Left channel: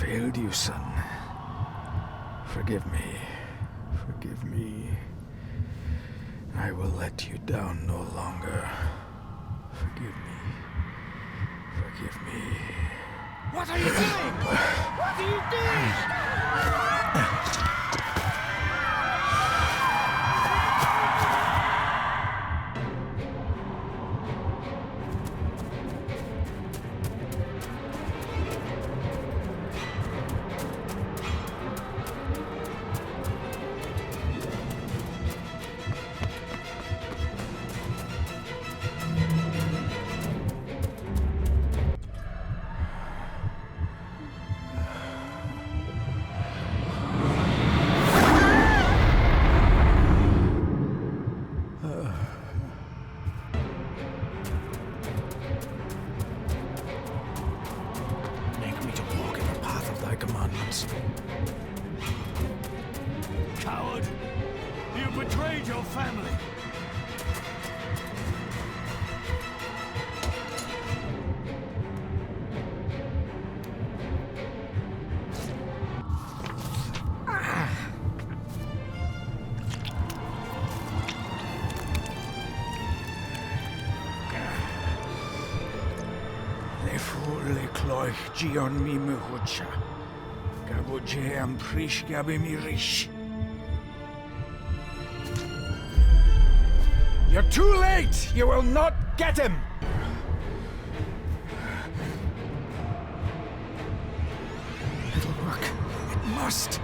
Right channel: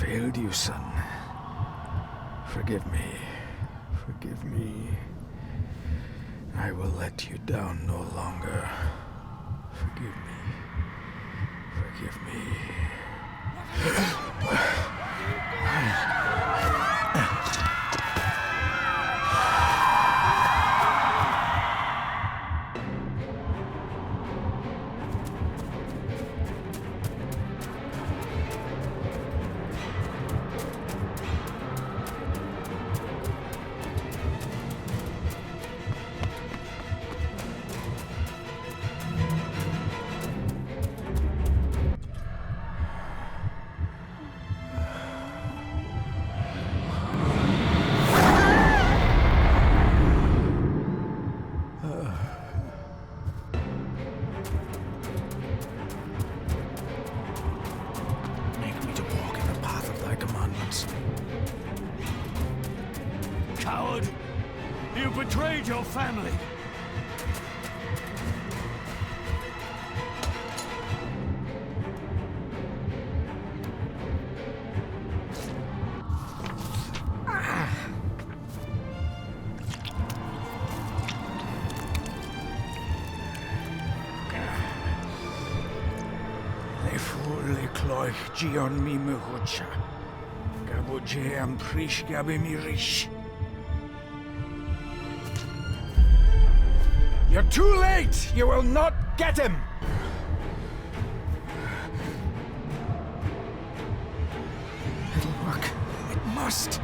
failed you, son. Forgive me. Forgive me. I will let you down no longer. Forgive me. Forgive me. What are you doing? What are you doing? Make me to walk in the path of thy commandments. Coward! You betrayed your family! Le fule cloich gion mi muhucha. Gaboje am prish gabe mi rish. You're too late! You will not get him! It'll work. It must.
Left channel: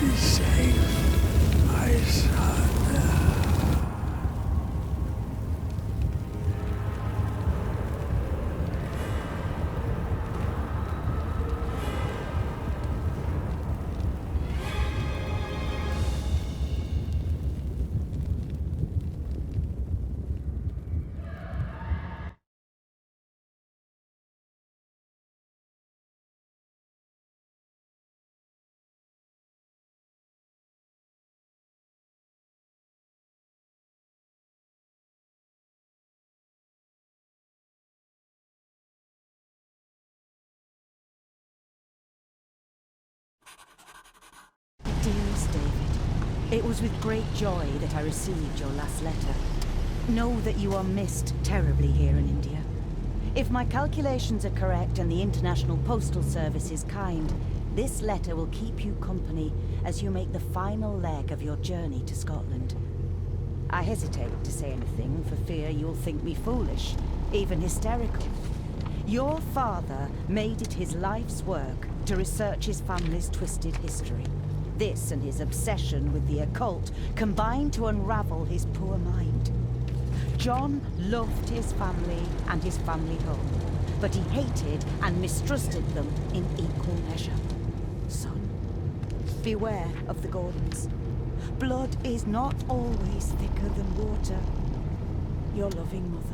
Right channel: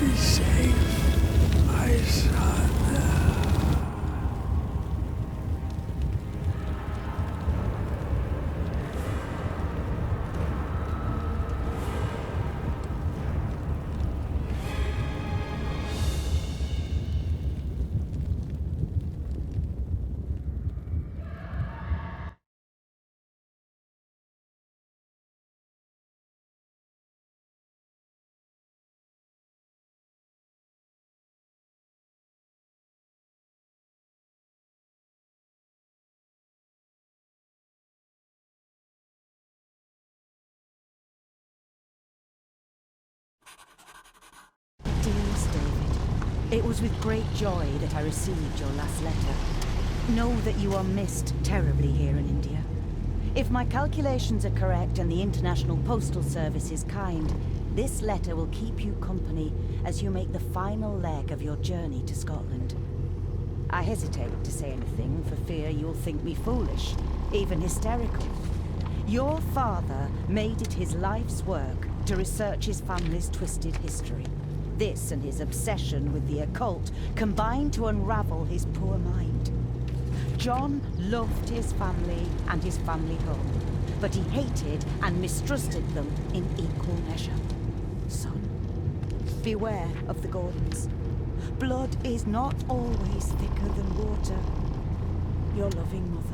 Be safe, my son. Dearest David, it was with great joy that I received your last letter. Know that you are missed terribly here in India. If my calculations are correct and the International Postal Service is kind, this letter will keep you company as you make the final leg of your journey to Scotland. I hesitate to say anything for fear you'll think me foolish, even hysterical. Your father made it his life's work to research his family's twisted history. This and his obsession with the occult combined to unravel his poor mind. John loved his family and his family home, but he hated and mistrusted them in equal measure. Son, beware of the Gordons. Blood is not always thicker than water. Your loving mother.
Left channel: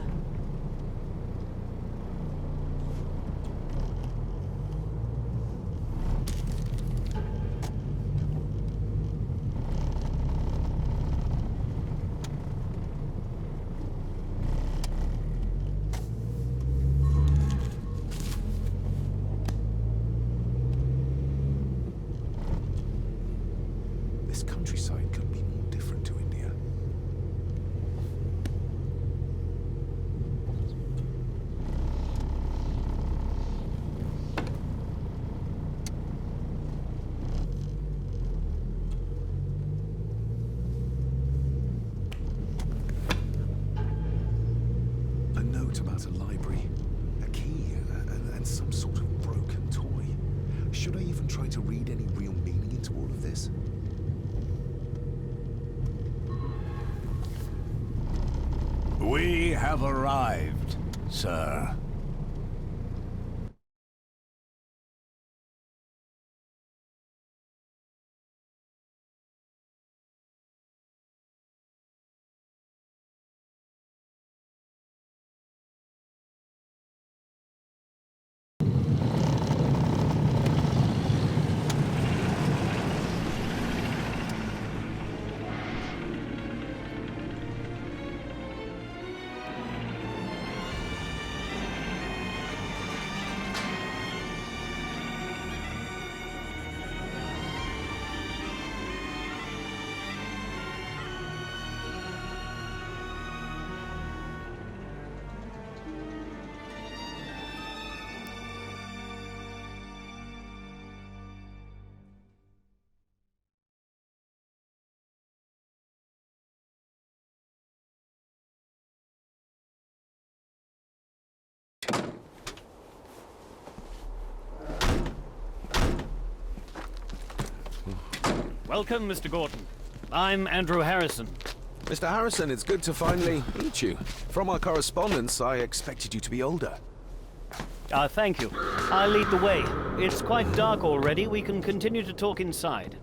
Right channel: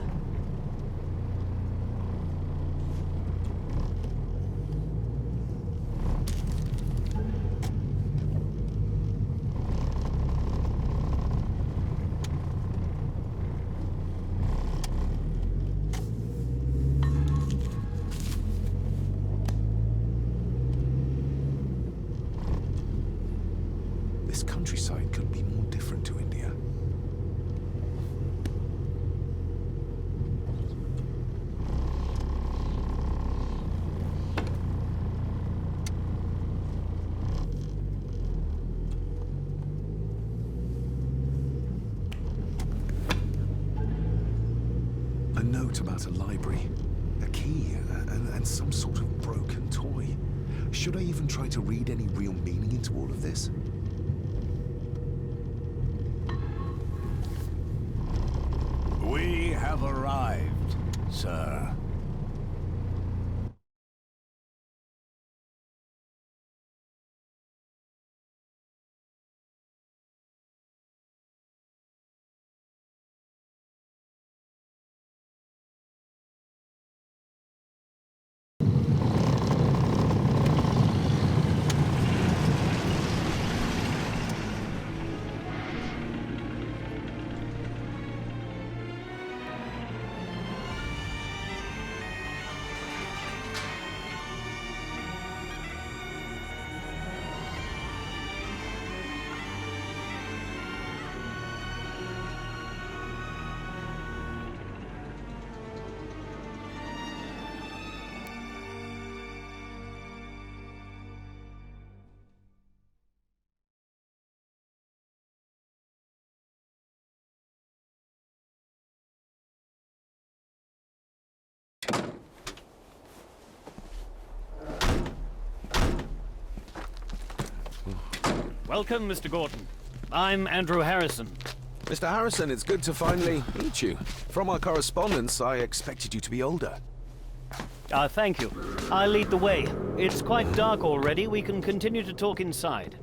This countryside could be more different to India. A note about a library, a key, and some sort of broken toy. Should I even try to read any real meaning into all of this? We have arrived, sir. Welcome, Mr. Gordon. I'm Andrew Harrison. Mr. Harrison, it's good to finally meet you. From our correspondence, I expected you to be older. Thank you. I'll lead the way. It's quite dark already. We can continue to talk inside.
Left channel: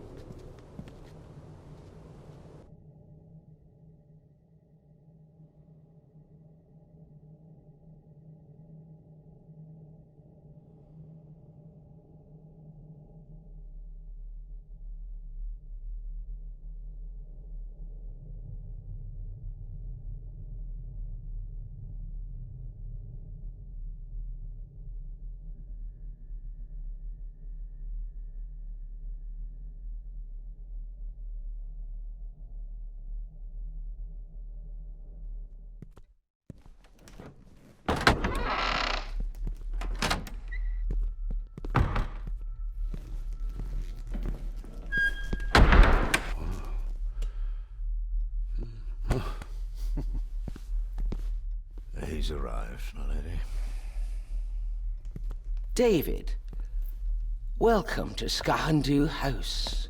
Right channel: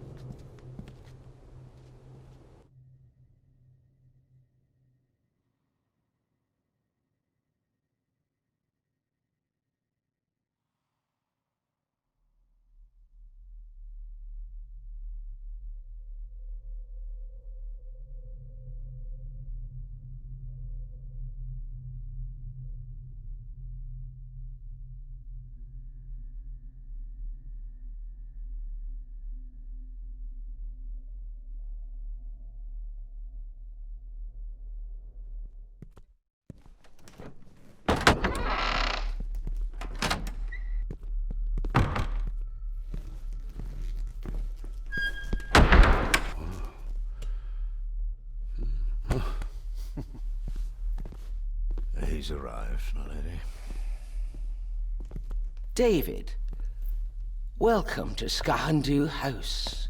He's arrived, my lady. David, welcome to Skahandu House.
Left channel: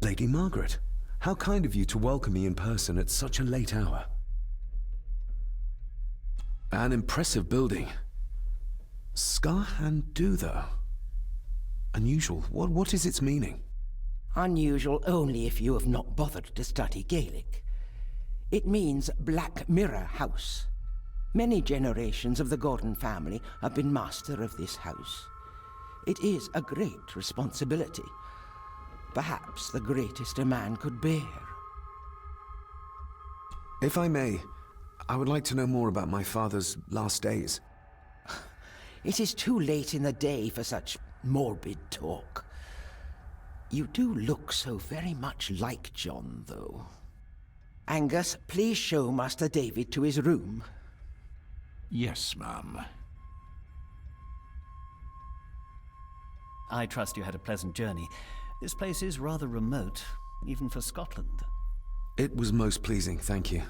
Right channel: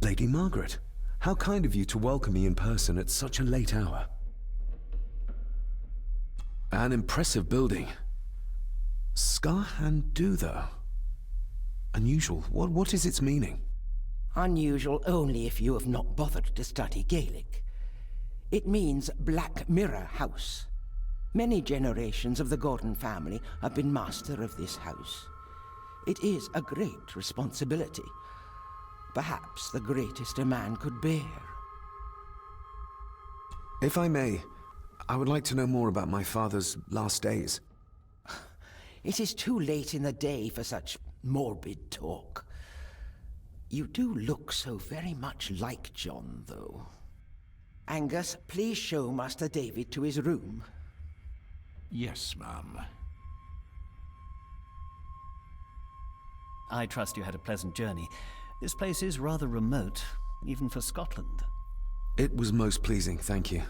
Lady Margaret, how kind of you to welcome me in person at such a late hour. An impressive building. Skahandu, though. Unusual. What is its meaning? Unusual only if you have not bothered to study Gaelic. It means Black Mirror House. Many generations of the Gordon family have been master of this house. It is a great responsibility. Perhaps the greatest a man could bear. If I may, I would like to know more about my father's last days. It is too late in the day for such morbid talk. You do look so very much like John, though. Angus, please show Master David to his room. Yes, ma'am. I trust you had a pleasant journey. This place is rather remote, even for Scotland. It was most pleasing, thank you.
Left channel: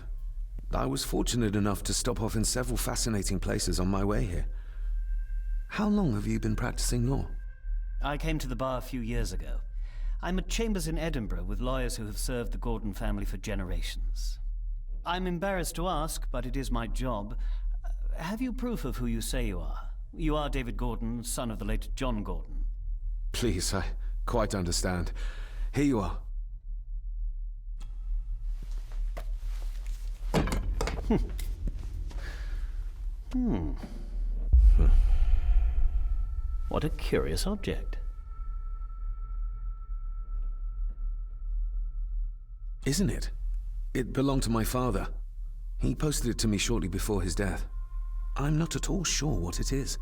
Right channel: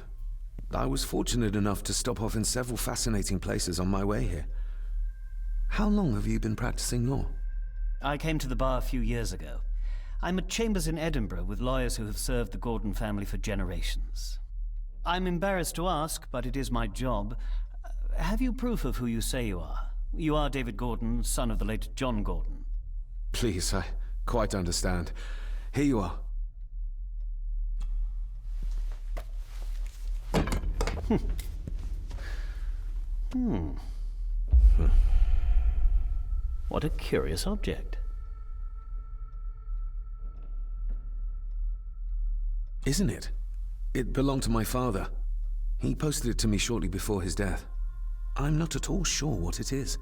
I was fortunate enough to stop off in several fascinating places on my way here. How long have you been practicing law? I came to the bar a few years ago. I'm at chambers in Edinburgh with lawyers who have served the Gordon family for generations. I'm embarrassed to ask, but it is my job. Have you proof of who you say you are? You are David Gordon, son of the late John Gordon. Please, I quite understand. Here you are. What a curious object. Isn't it? It belonged to my father. He posted it to me shortly before his death. I'm not at all sure what it is.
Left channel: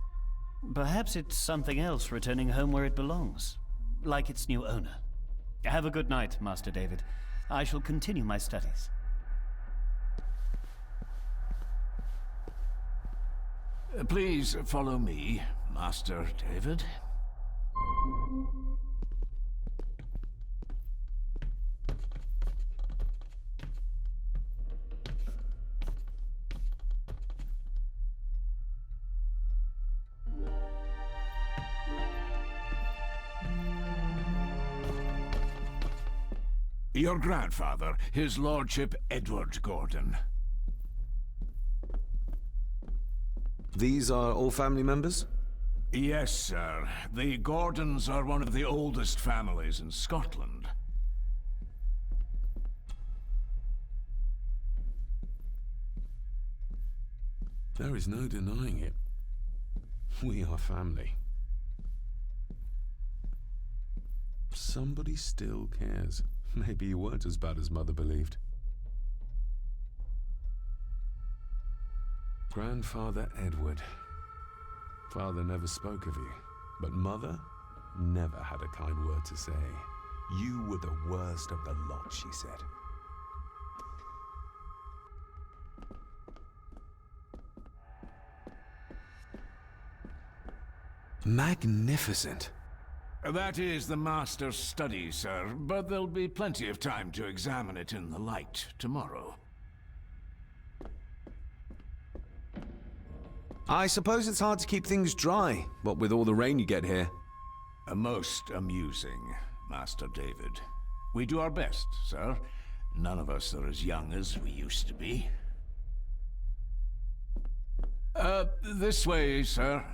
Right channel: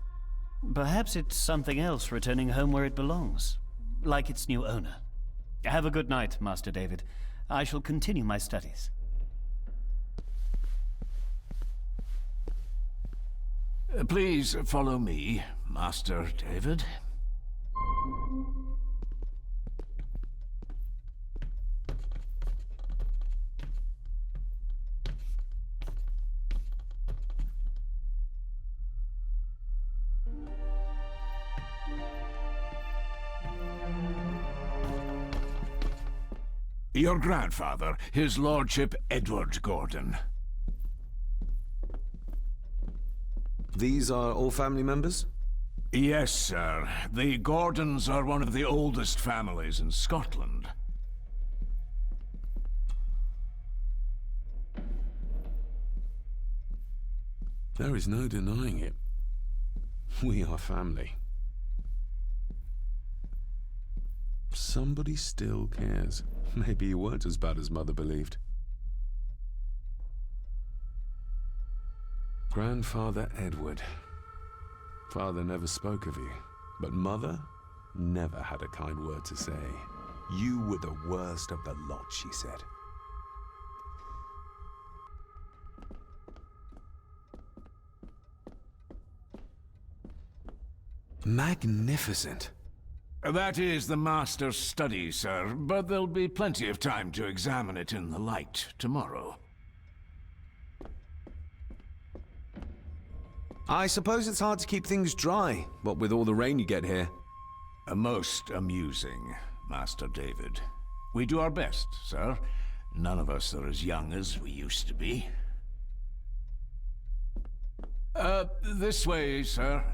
Perhaps it's something else returning home where it belongs, like its new owner. Have a good night, Master David. I shall continue my studies. Please follow me, Master David. Your grandfather, his lordship Edward Gordon. These are all family members? Yes, sir. The Gordons are one of the oldest families in Scotland. There is no denying it. We are family. Somebody still cares. Maybe you weren't as bad as Mother believed. Grandfather Edward. Father never spoke of you, but Mother never had a kind word to say. You were the worst of the lot, she said. Magnificent. That is the master's study, sir, but there'll be plenty of time to examine it in the light tomorrow. I suppose it's hard to keep things dry, what with all the rain you get here. Most amusing. Master David. We do our best, sir. None of us are as young as we used to be. This way, sir.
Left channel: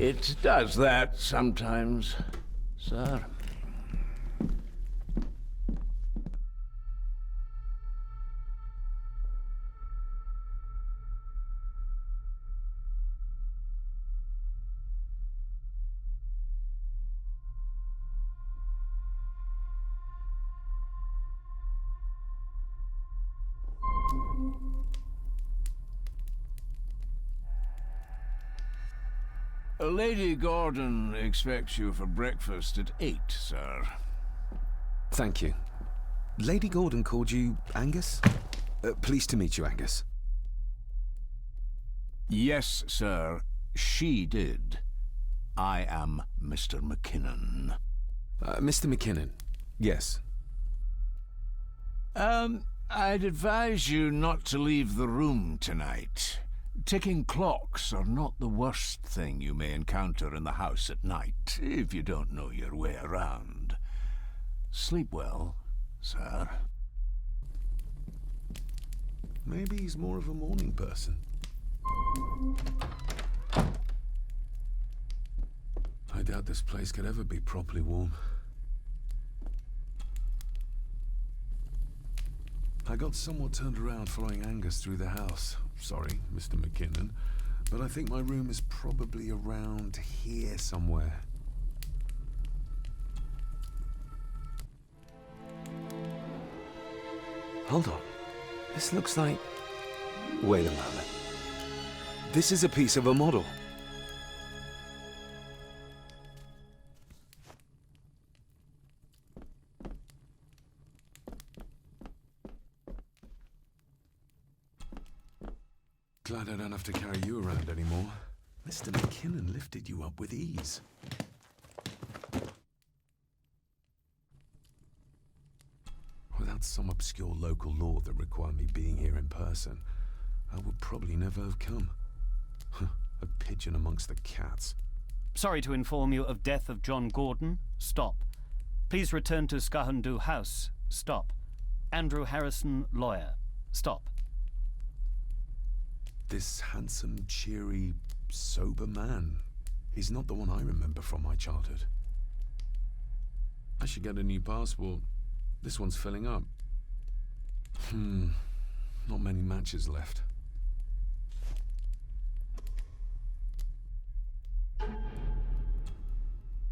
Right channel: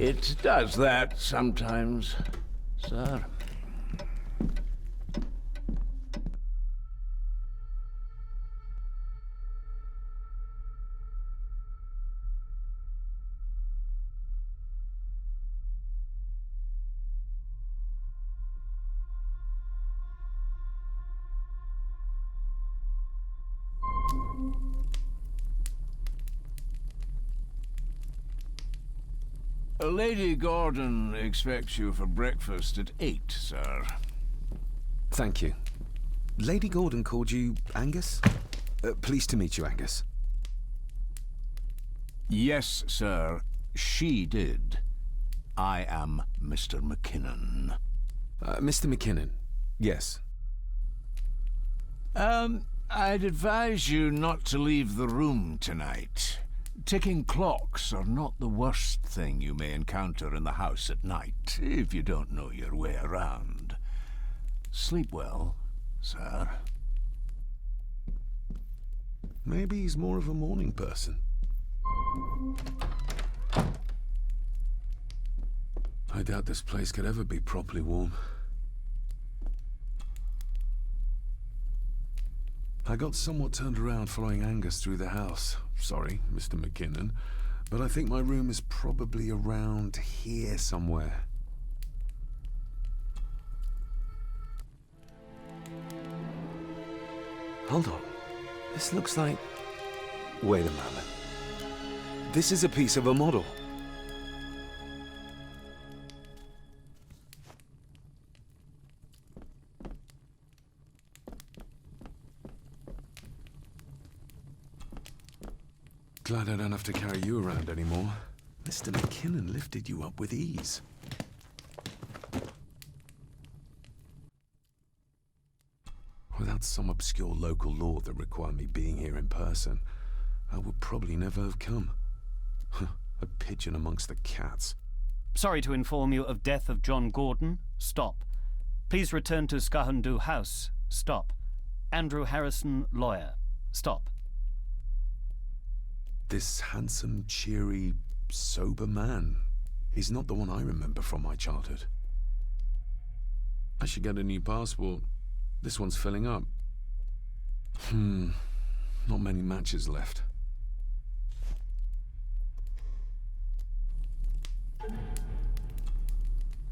It does that sometimes, sir. Lady Gordon expects you for breakfast at 8, sir. Thank you. Lady Gordon called you Angus? Pleased to meet you, Angus. Yes, sir. She did. I am Mr. McKinnon. Mr. McKinnon, yes. I'd advise you not to leave the room tonight. Ticking clocks are not the worst thing you may encounter in the house at night, if you don't know your way around. Sleep well, sir. Maybe he's more of a morning person. I doubt this place could ever be properly warm. I got somewhat turned around following Angus through the house. Sorry, Mr. McKinnon, but I think my room is probably around here somewhere. Hold on. This looks like... Wait a moment. This is a piece of a model. Glad I don't have to carry you around anymore. Mr. McKinnon lifted you up with ease. Without some obscure local law that required me being here in person, I would probably never have come. A pigeon amongst the cats. Sorry to inform you of death of John Gordon. Stop. Please return to Skahundu House. Stop. Andrew Harrison, lawyer. Stop. This handsome, cheery, sober man. He's not the one I remember from my childhood. I should get a new passport. This one's filling up. Not many matches left.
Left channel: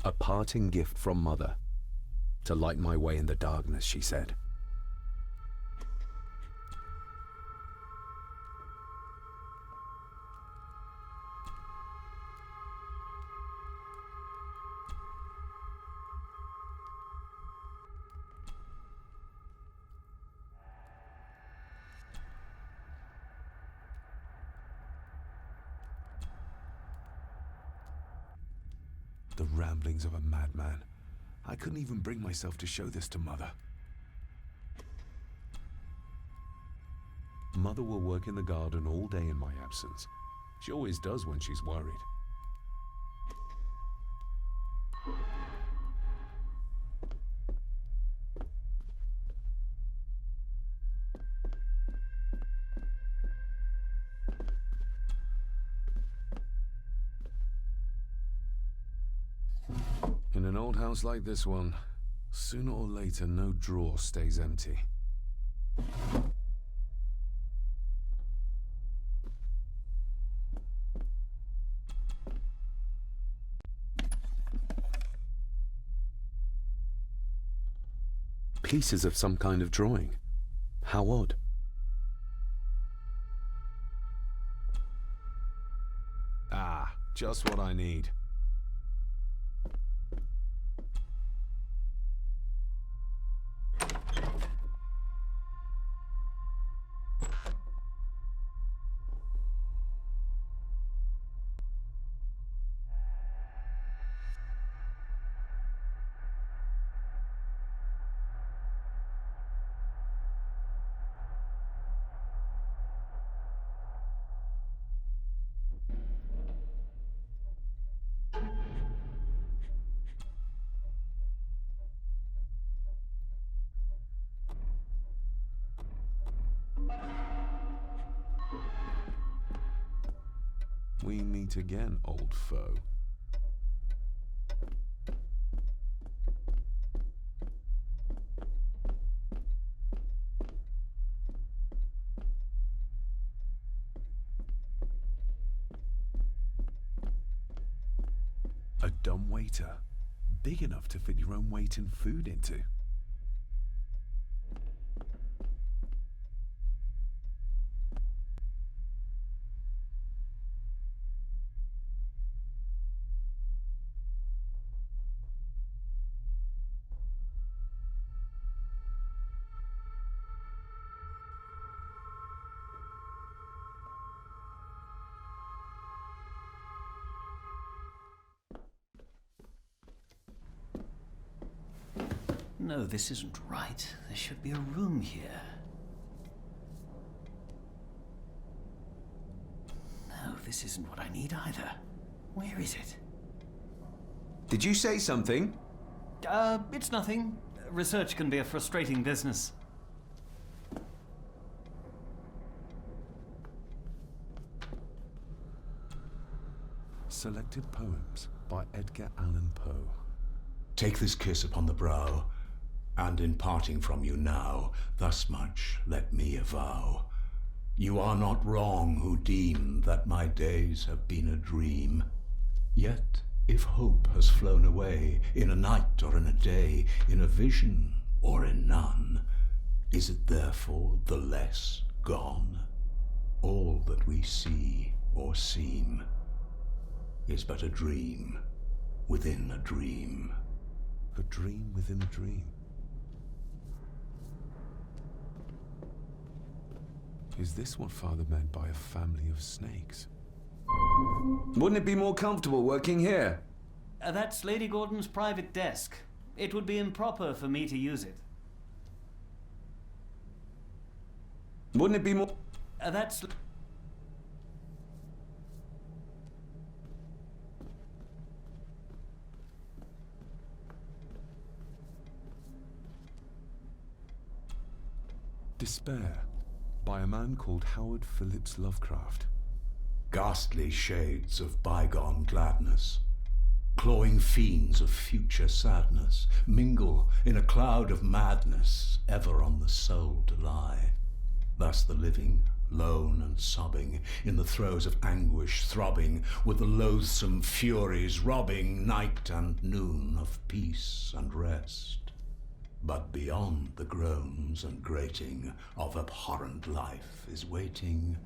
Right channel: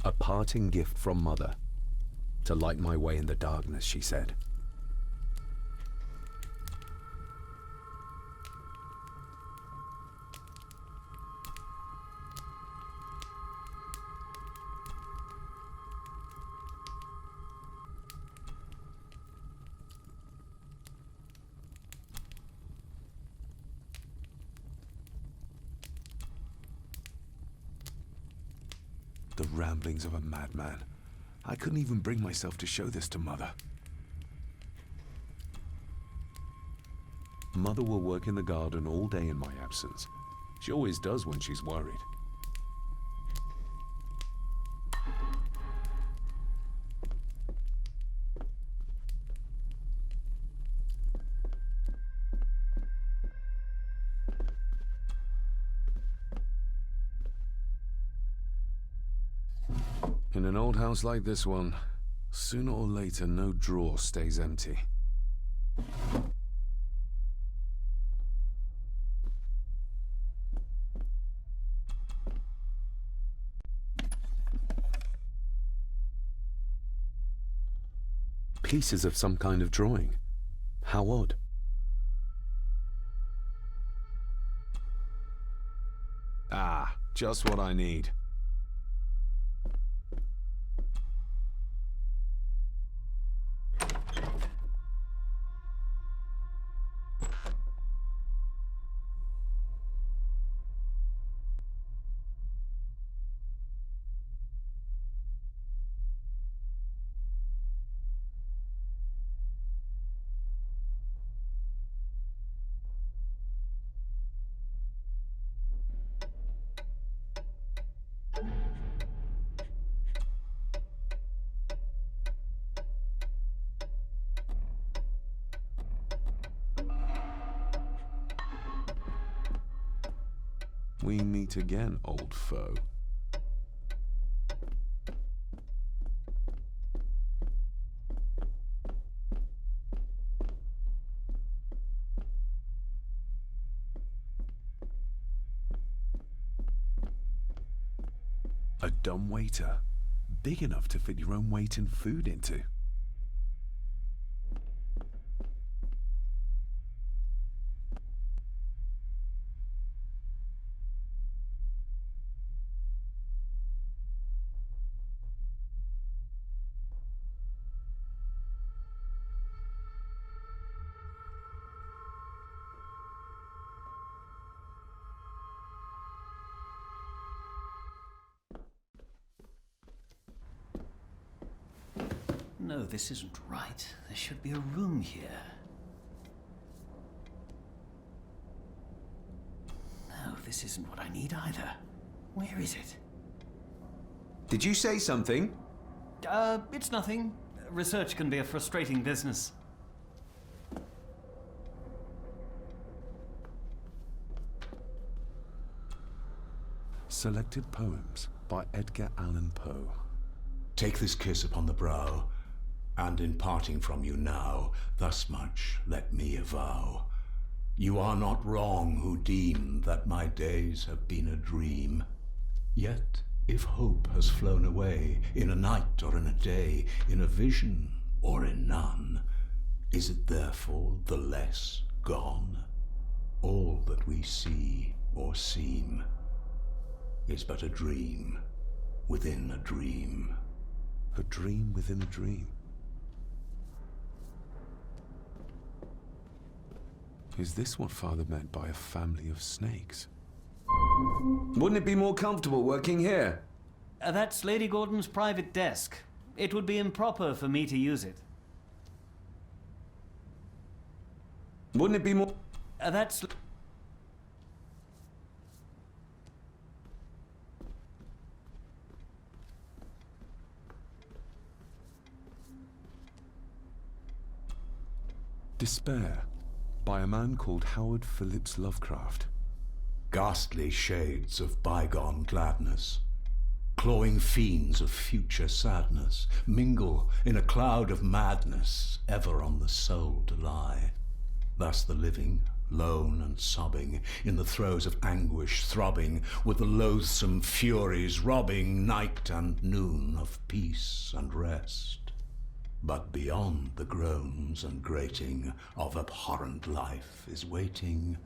A parting gift from Mother. To light my way in the darkness, she said. The ramblings of a madman. I couldn't even bring myself to show this to Mother. Mother will work in the garden all day in my absence. She always does when she's worried. In an old house like this one, sooner or later no drawer stays empty. Pieces of some kind of drawing. How odd. Ah, just what I need. We meet again, old foe. A dumb waiter, big enough to fit your own weight in food into. No, this isn't right. There should be a room here. No, this isn't what I need either. Where is it? Did you say something? It's nothing. Research can be a frustrating business. Selected Poems by Edgar Allan Poe. Take this kiss upon the brow, and in parting from you now, thus much let me avow. You are not wrong who deem that my days have been a dream. Yet, if hope has flown away, in a night or in a day, in a vision or in none, is it therefore the less gone? All that we see or seem is but a dream within a dream. A dream within a dream. Is this what Father meant by a family of snakes? Wouldn't it be more comfortable working here? That's Lady Gordon's private desk. It would be improper for me to use it. Wouldn't it be more... That's... Despair, by a man called Howard Phillips Lovecraft. Ghastly shades of bygone gladness, clawing fiends of future sadness, mingle in a cloud of madness, ever on the soul to lie. Thus the living, lone and sobbing, in the throes of anguish throbbing, with the loathsome furies robbing night and noon of peace and rest. But beyond the groans and grating of abhorrent life is waiting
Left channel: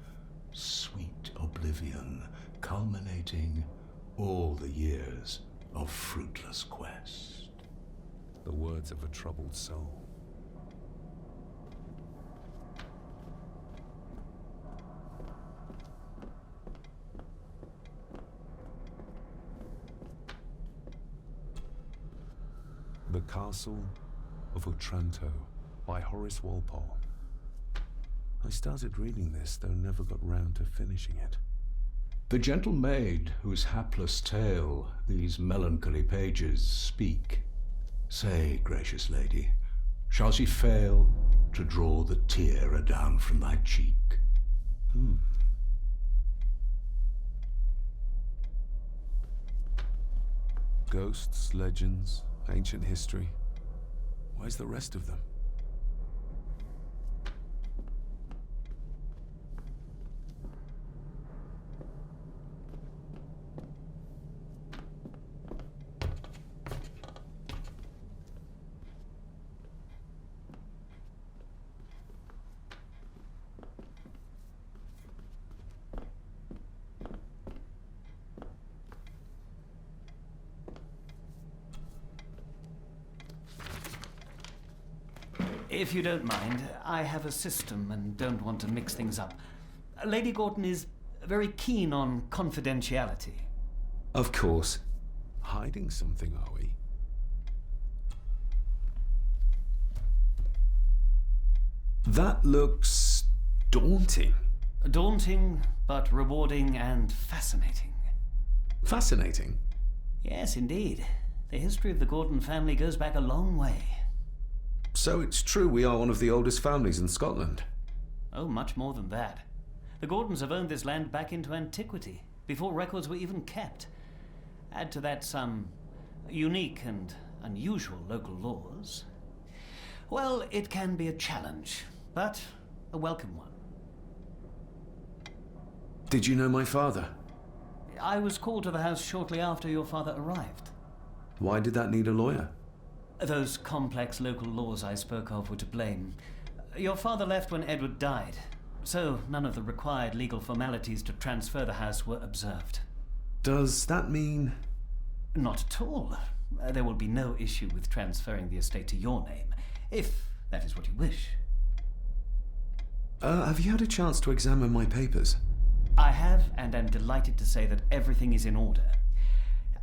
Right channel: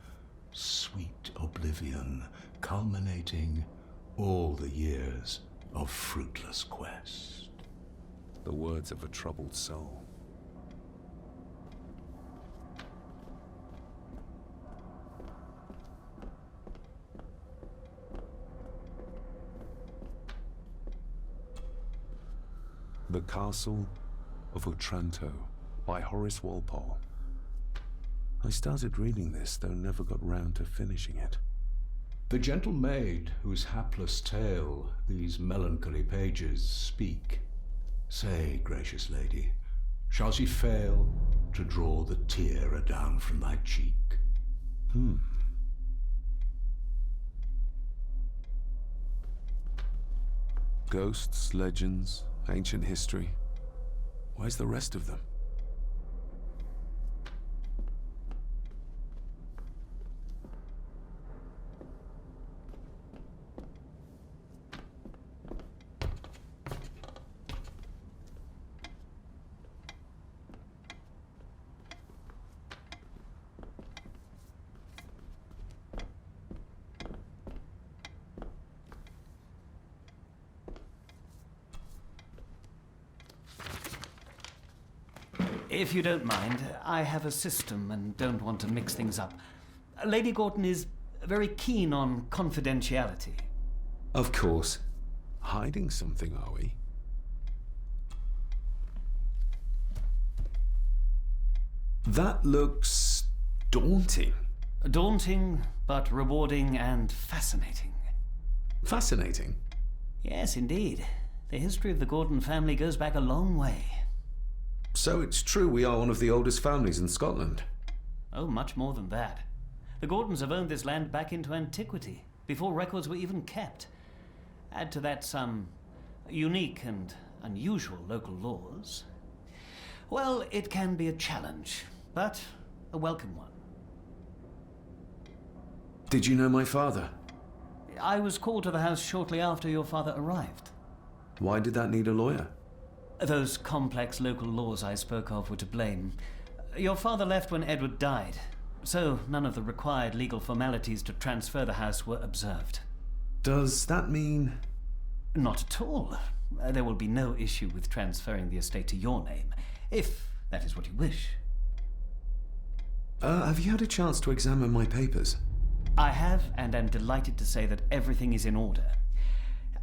sweet oblivion, culminating all the years of fruitless quest. The words of a troubled soul. The Castle of Otranto by Horace Walpole. I started reading this, though never got round to finishing it. The gentle maid whose hapless tale these melancholy pages speak, say, gracious lady, shall she fail to draw the tear adown from thy cheek? Ghosts, legends, ancient history. Where's the rest of them? If you don't mind, I have a system and don't want to mix things up. Lady Gordon is very keen on confidentiality. Of course. Hiding something, are we? That looks daunting. Daunting, but rewarding and fascinating. Fascinating. Yes, indeed. The history of the Gordon family goes back a long way. So it's true we are one of the oldest families in Scotland. Oh, much more than that. The Gordons have owned this land back into antiquity, before records were even kept. Add to that some unique and unusual local laws. Well, it can be a challenge, but a welcome one. Did you know my father? I was called to the house shortly after your father arrived. Why did that need a lawyer? Those complex local laws I spoke of were to blame. Your father left when Edward died, so none of the required legal formalities to transfer the house were observed. Does that mean... Not at all. There will be no issue with transferring the estate to your name, if that is what you wish. Have you had a chance to examine my papers? I have, and am delighted to say that everything is in order.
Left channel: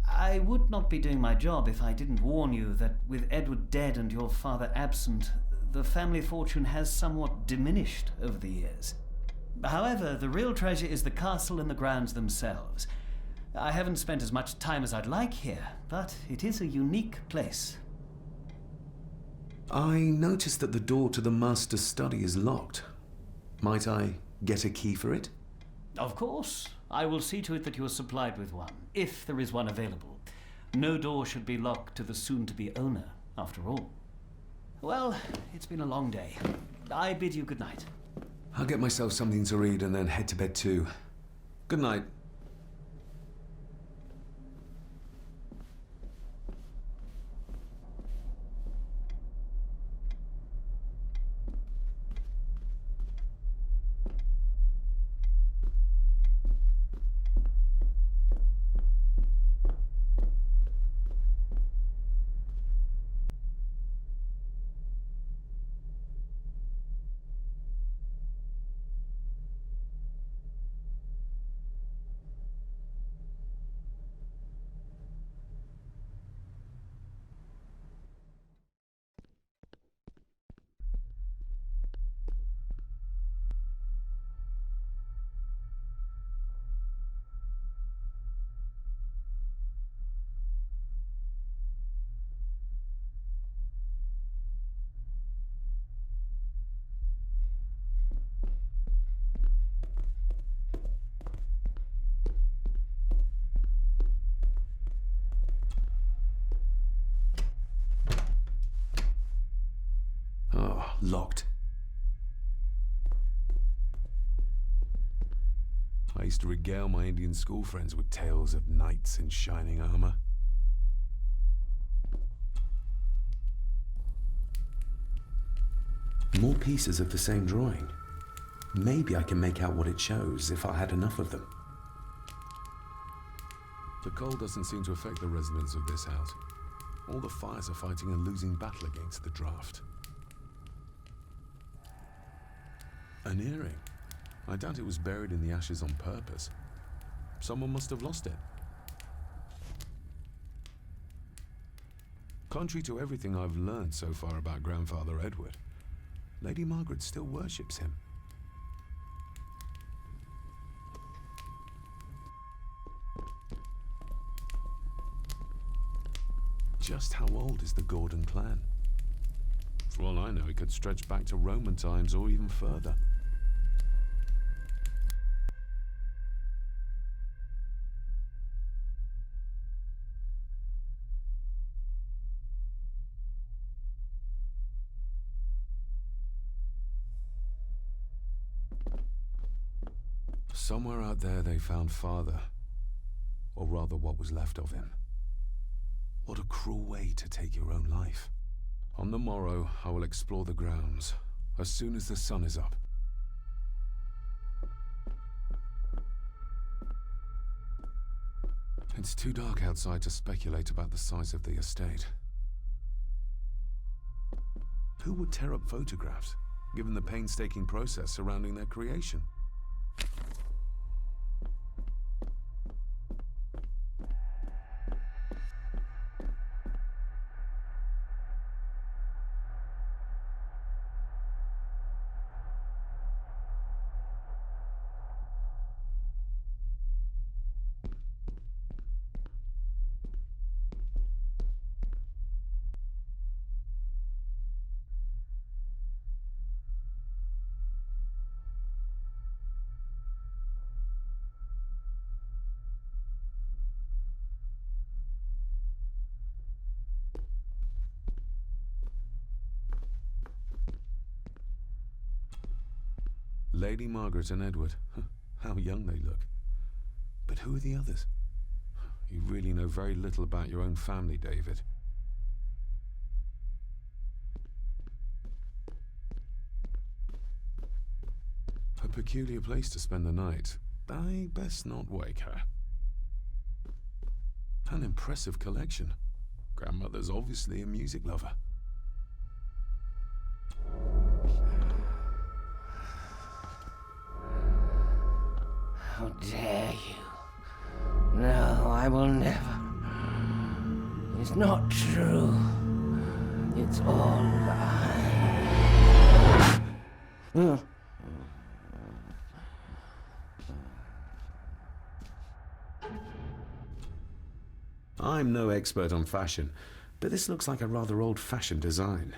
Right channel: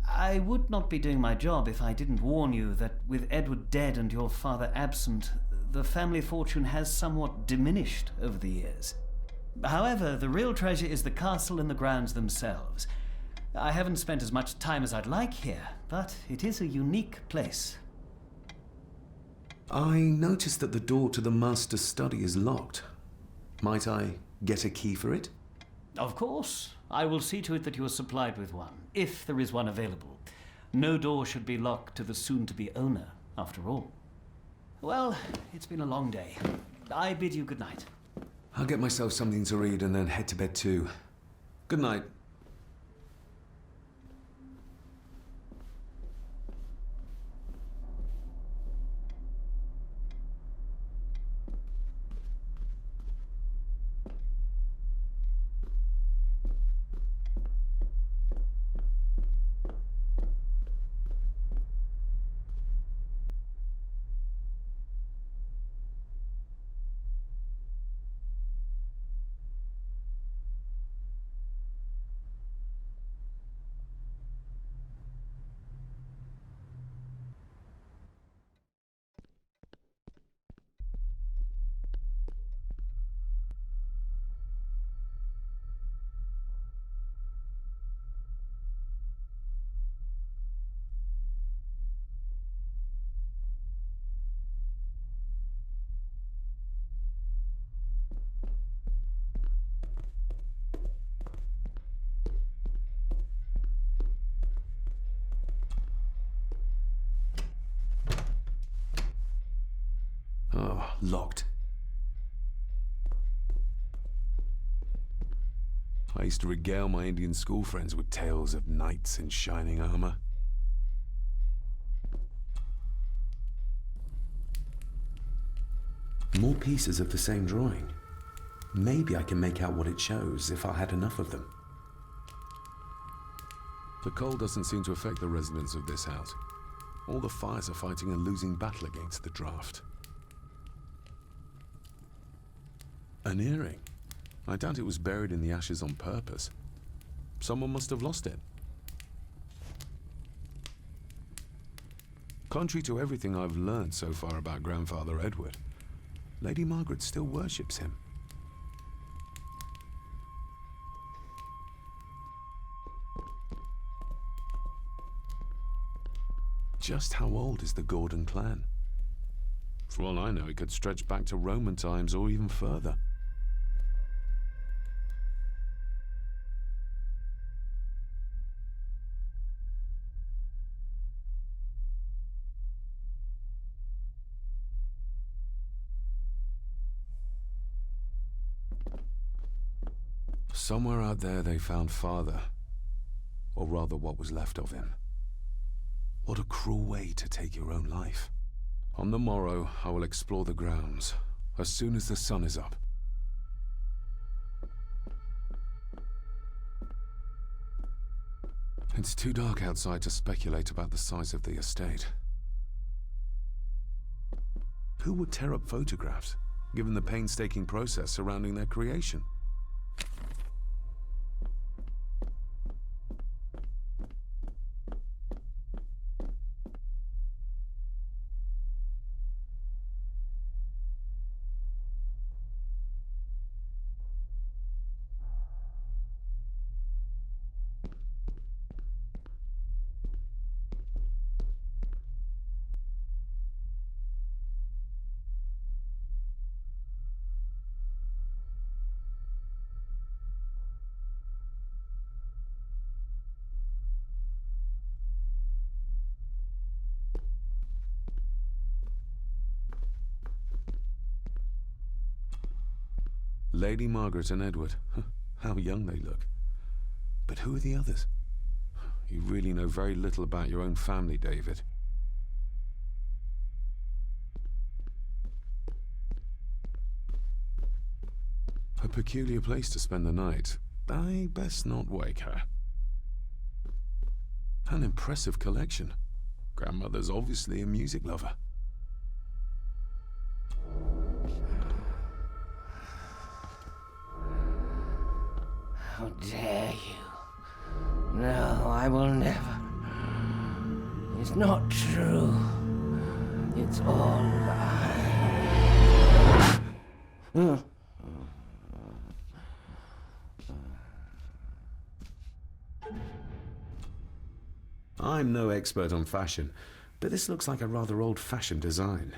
I would not be doing my job if I didn't warn you that with Edward dead and your father absent, the family fortune has somewhat diminished over the years. However, the real treasure is the castle and the grounds themselves. I haven't spent as much time as I'd like here, but it is a unique place. I noticed that the door to the master's study is locked. Might I get a key for it? Of course. I will see to it that you are supplied with one, if there is one available. No door should be locked to the soon-to-be owner, after all. Well, it's been a long day. I bid you good night. I'll get myself something to read and then head to bed too. Good night. Oh, locked. I used to regale my Indian school friends with tales of knights in shining armor. More pieces of the same drawing. Maybe I can make out what it shows if I had enough of them. The cold doesn't seem to affect the residents of this house. All the fires are fighting a losing battle against the draft. An earring. I doubt it was buried in the ashes on purpose. Someone must have lost it. Contrary to everything I've learned so far about Grandfather Edward, Lady Margaret still worships him. Just how old is the Gordon clan? For all I know, it could stretch back to Roman times or even further. Somewhere out there they found father, or rather what was left of him. What a cruel way to take your own life. On the morrow, I will explore the grounds, as soon as the sun is up. It's too dark outside to speculate about the size of the estate. Who would tear up photographs, given the painstaking process surrounding their creation? Lady Margaret and Edward. How young they look. But who are the others? You really know very little about your own family, David. A peculiar place to spend the night. I best not wake her. An impressive collection. Grandmother's obviously a music lover. How dare you? No, I will never. It's not true. It's all lies. I'm no expert on fashion, but this looks like a rather old-fashioned design.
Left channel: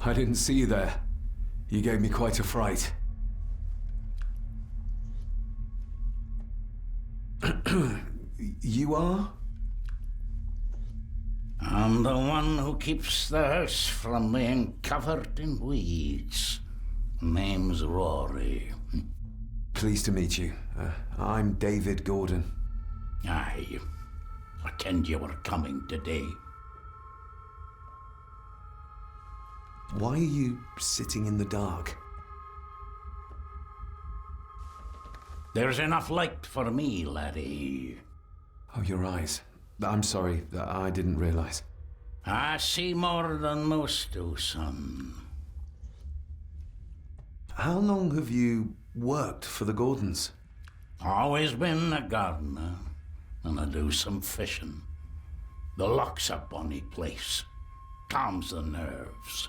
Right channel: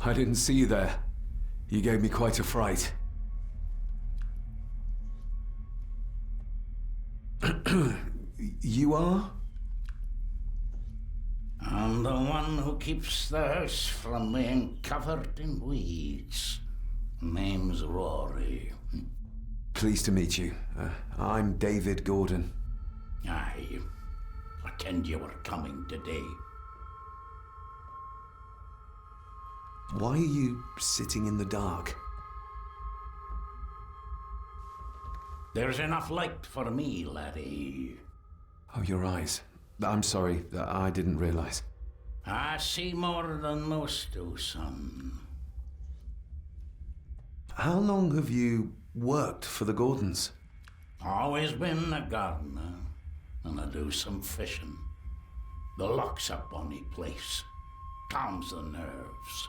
I didn't see you there. You gave me quite a fright. You are? I'm the one who keeps the house from being covered in weeds. Name's Rory. Pleased to meet you. I'm David Gordon. Aye. I kenned you were coming today. Why are you sitting in the dark? There's enough light for me, laddie. Oh, your eyes. I'm sorry, I didn't realize. I see more than most do, son. How long have you worked for the Gordons? Always been a gardener, and I do some fishing. The loch's a bonny place. Calms the nerves.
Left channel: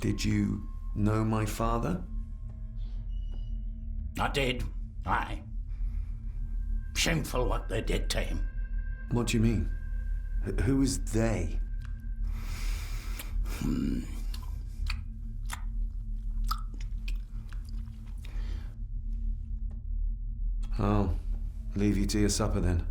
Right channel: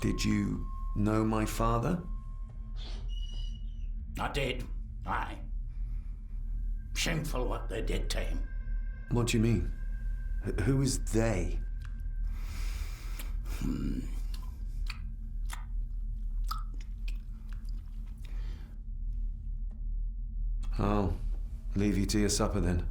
Did you know my father? I did, aye. Shameful what they did to him. What do you mean? Who is they? I'll leave you to your supper then.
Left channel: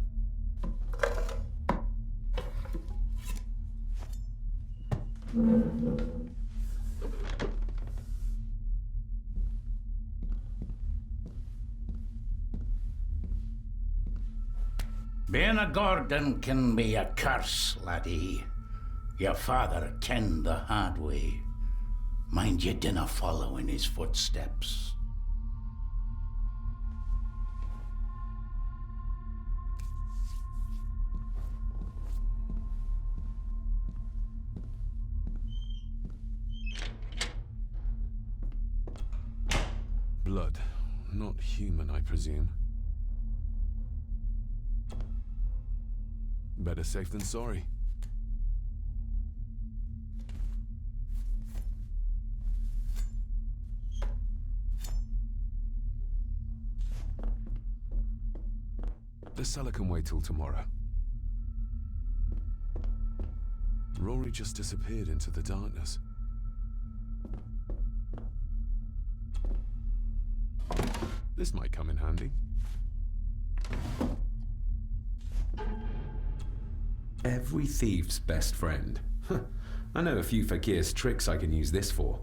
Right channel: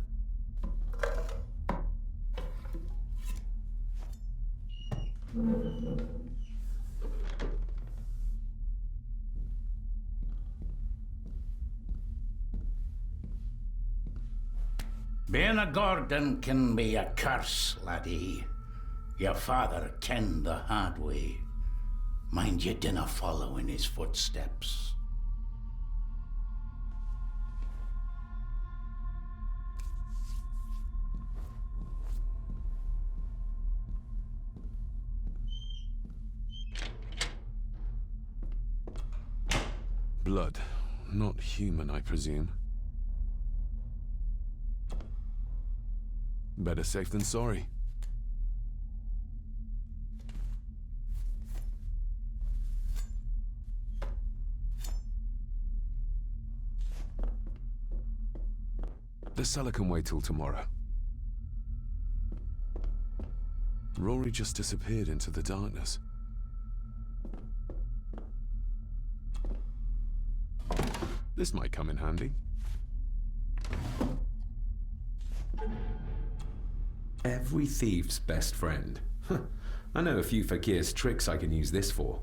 Being a Gordon can be a curse, laddie. Your father kenned the hard way. Mind you dinna follow in his footsteps. Blood. Not human, I presume. Better safe than sorry. The cellar can wait till tomorrow. Rory just disappeared into the darkness. This might come in handy. Every thief's best friend. I know a few fakir's tricks I can use this for.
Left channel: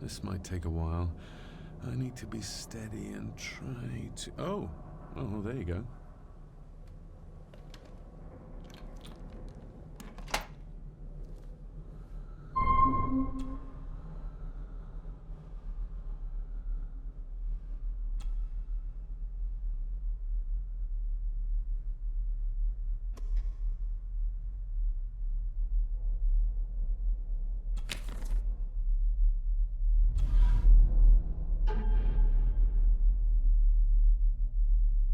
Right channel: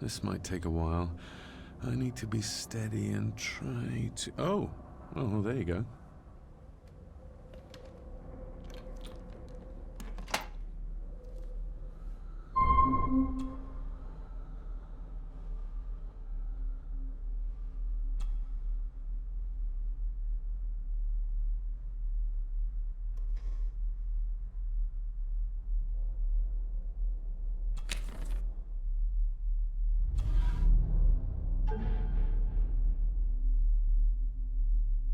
This might take a while. I need to be steady and try to... Oh, there you go.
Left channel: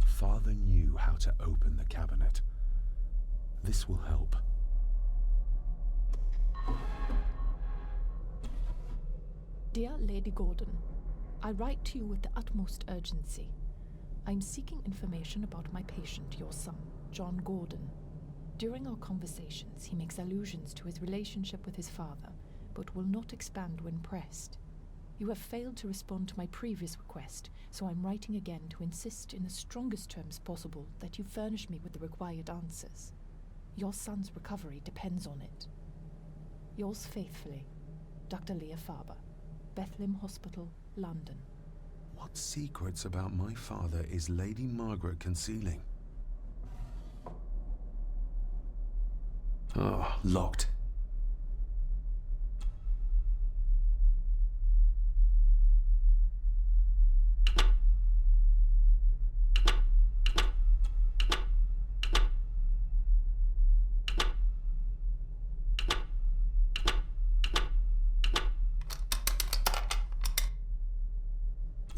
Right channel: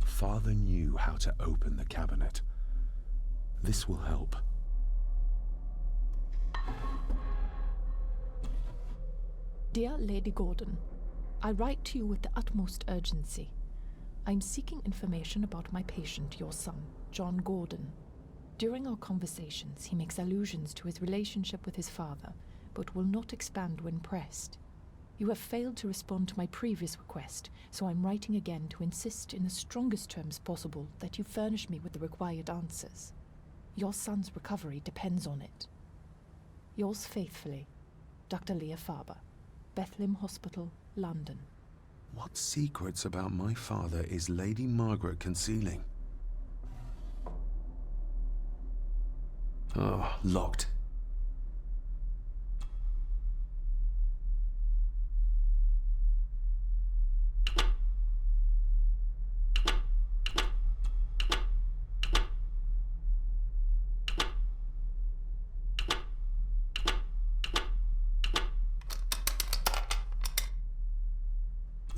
Father knew how to open the cabinet. This will help. Dear Lady Gordon, I write to you with the utmost urgency. I'm seeking information about my patient, your son, John Gordon. During our conversations, he makes allusions to his relationship with his father, but will not expand when pressed. You have failed to respond to my previous request, so I'm writing again to insist in the strongest terms possible that you furnish me with the required answers. Your son's recovery depends on it. Yours faithfully, Dr. Leah Farber, Bethlehem Hospital, London. What secrets about my father is Lady Margaret concealing? Oh, locked.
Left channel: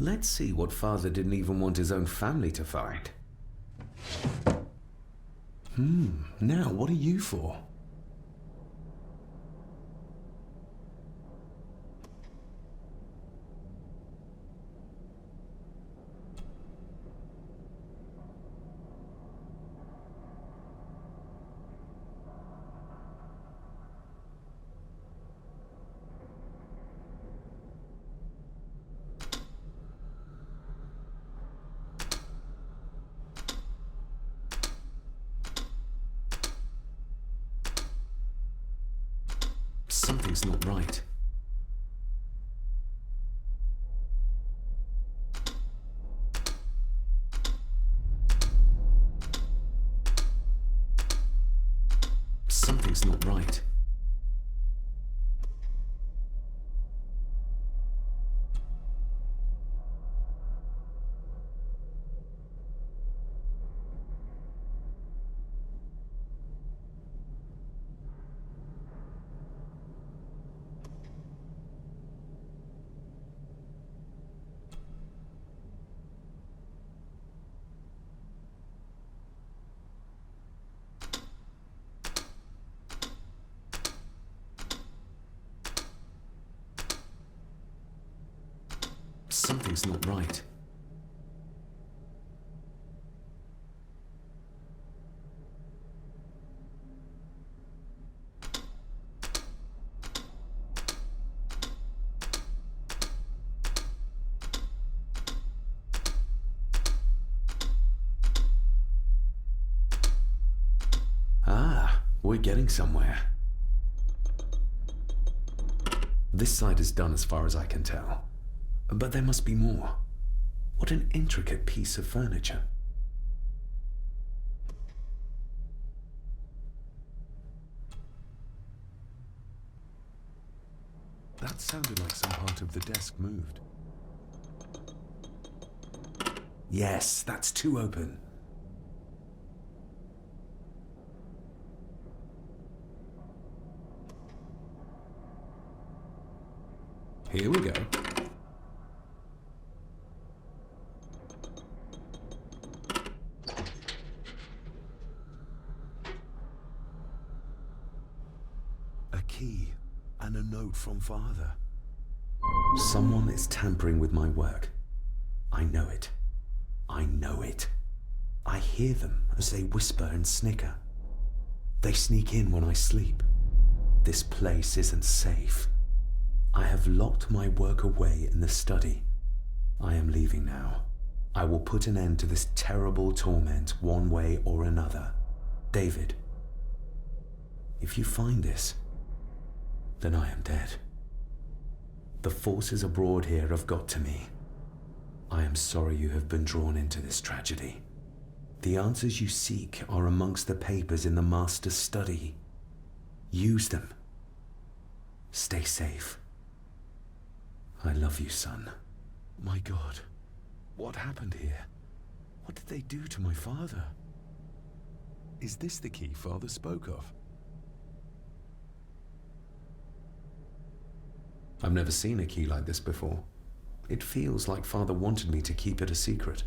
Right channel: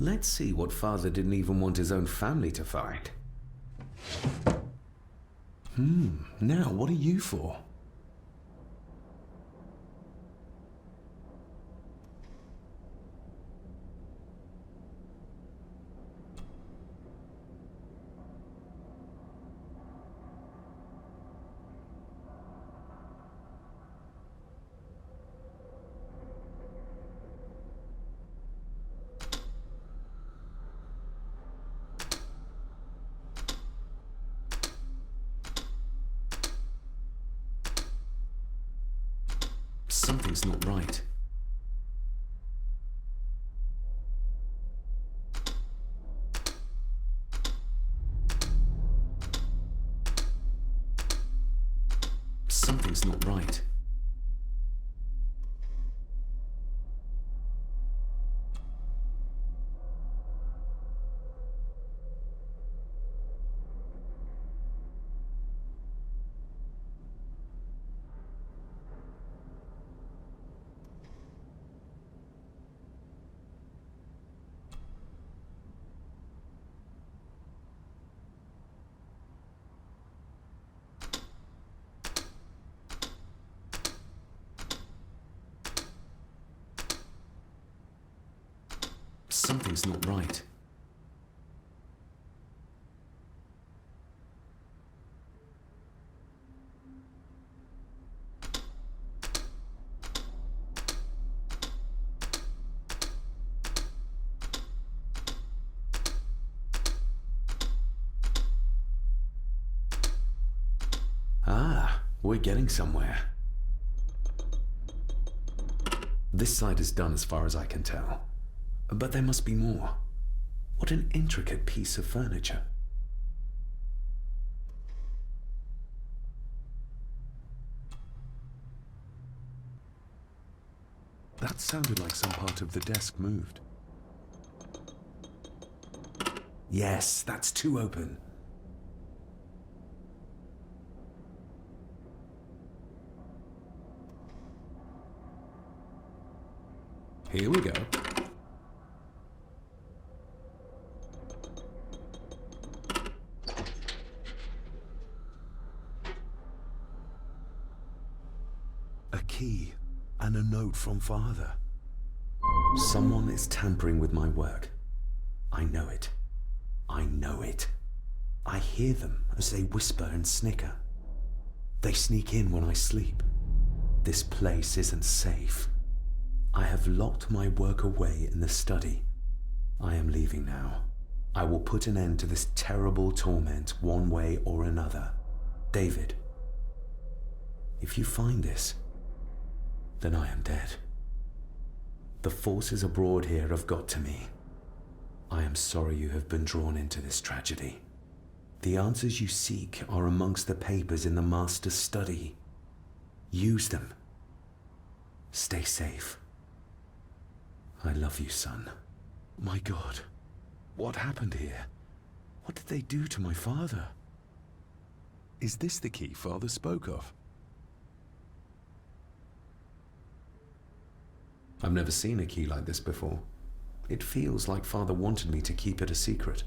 Let's see what father didn't even want his own family to find. Now what are you for? Something's not right. Something's not right. Something's not right. Ah, we're getting somewhere. This side is done as far as I can tell. But there must be more. What an intricate piece of furniture. That sounded like some part of the desk moved. Yes, that's two open. Here we go. A key and a note from Father. Someone is tampering with my work. I know it. I know it. I hear them as they whisper and snicker. They sneak in when I sleep. This place isn't safe. I have locked my work away in the study. I am leaving now. I will put an end to this terrible torment one way or another. David, if you find this, then I am dead. The forces abroad here have got to me. I am sorry you have been drawn into this tragedy. The answers you seek are amongst the papers in the Master's study. Use them. Stay safe. I love you, son. My God, what happened here? What did they do to my father? Is this the key Father spoke of? I've never seen a key like this before. It feels like Father wanted me to keep it a secret.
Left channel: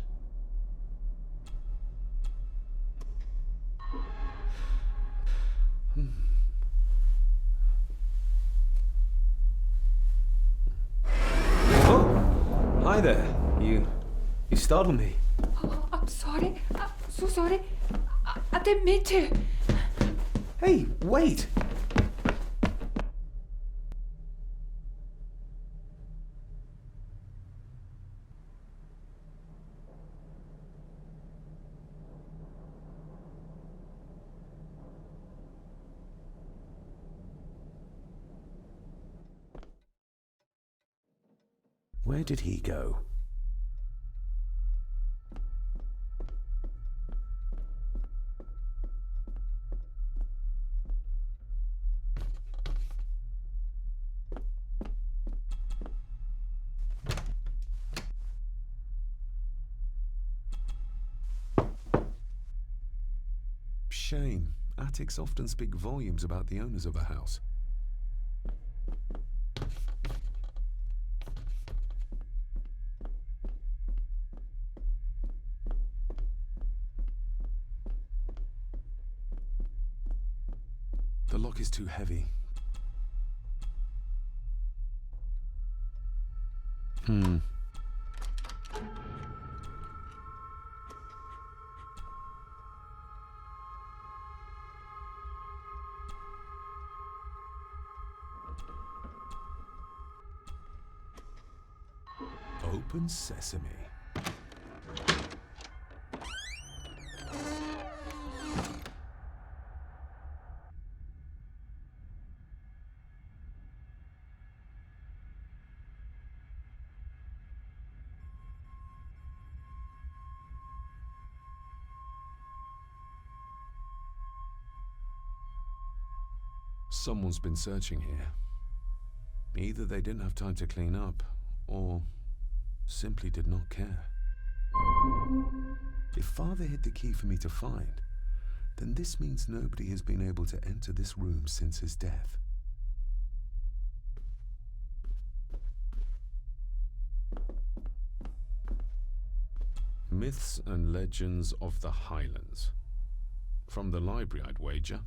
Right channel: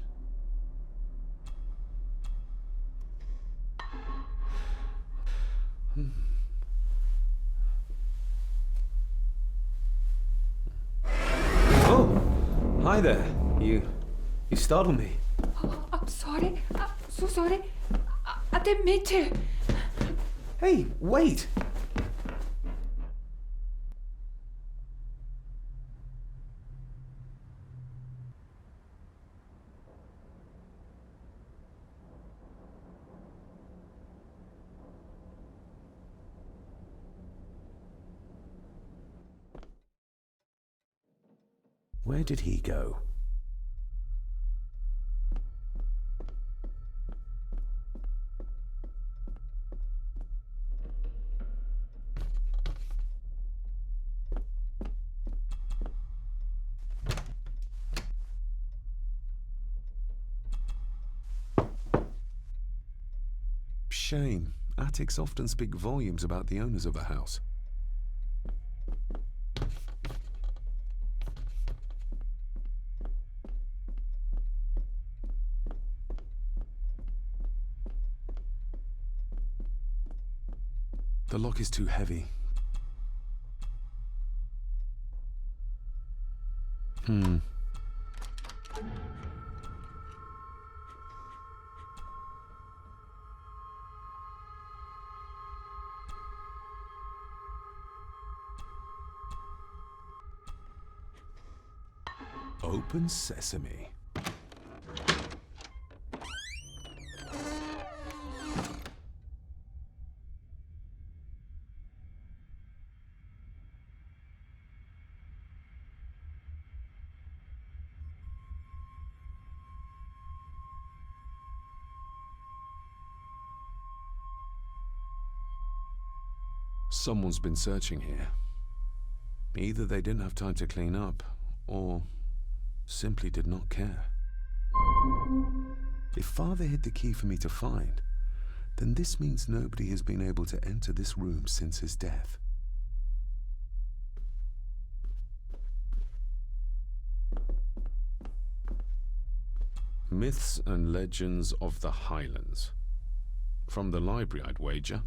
Oh! Hi there. You startled me. Oh, I'm sorry. I'm so sorry. I didn't mean to. Hey, wait! Where did he go? Shame. Attics often speak volumes about the owners of a house. The lock is too heavy. Open sesame. Someone's been searching here. Either they didn't have time to clean up, or simply did not care. If Father hid the key for me to find, then this means nobody has been able to enter this room since his death. Myths and Legends of the Highlands. From the library, I'd wager.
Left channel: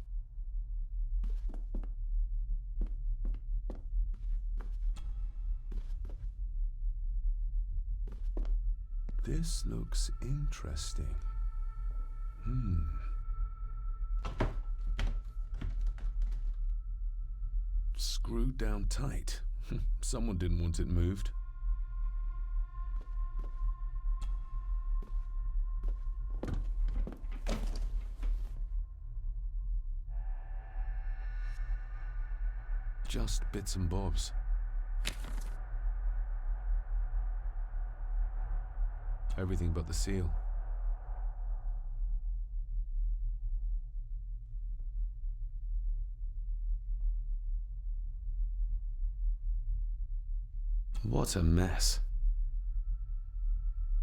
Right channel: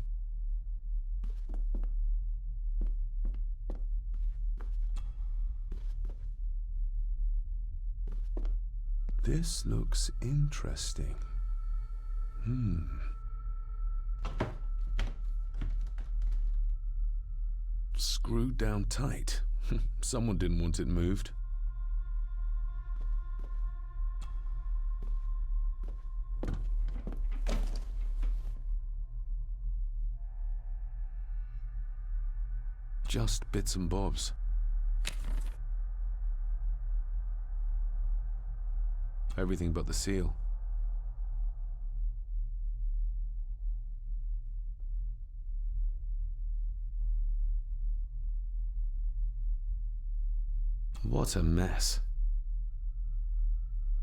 This looks interesting. Screwed down tight. Someone didn't want it moved. Just bits and bobs. Everything but the seal. What a mess.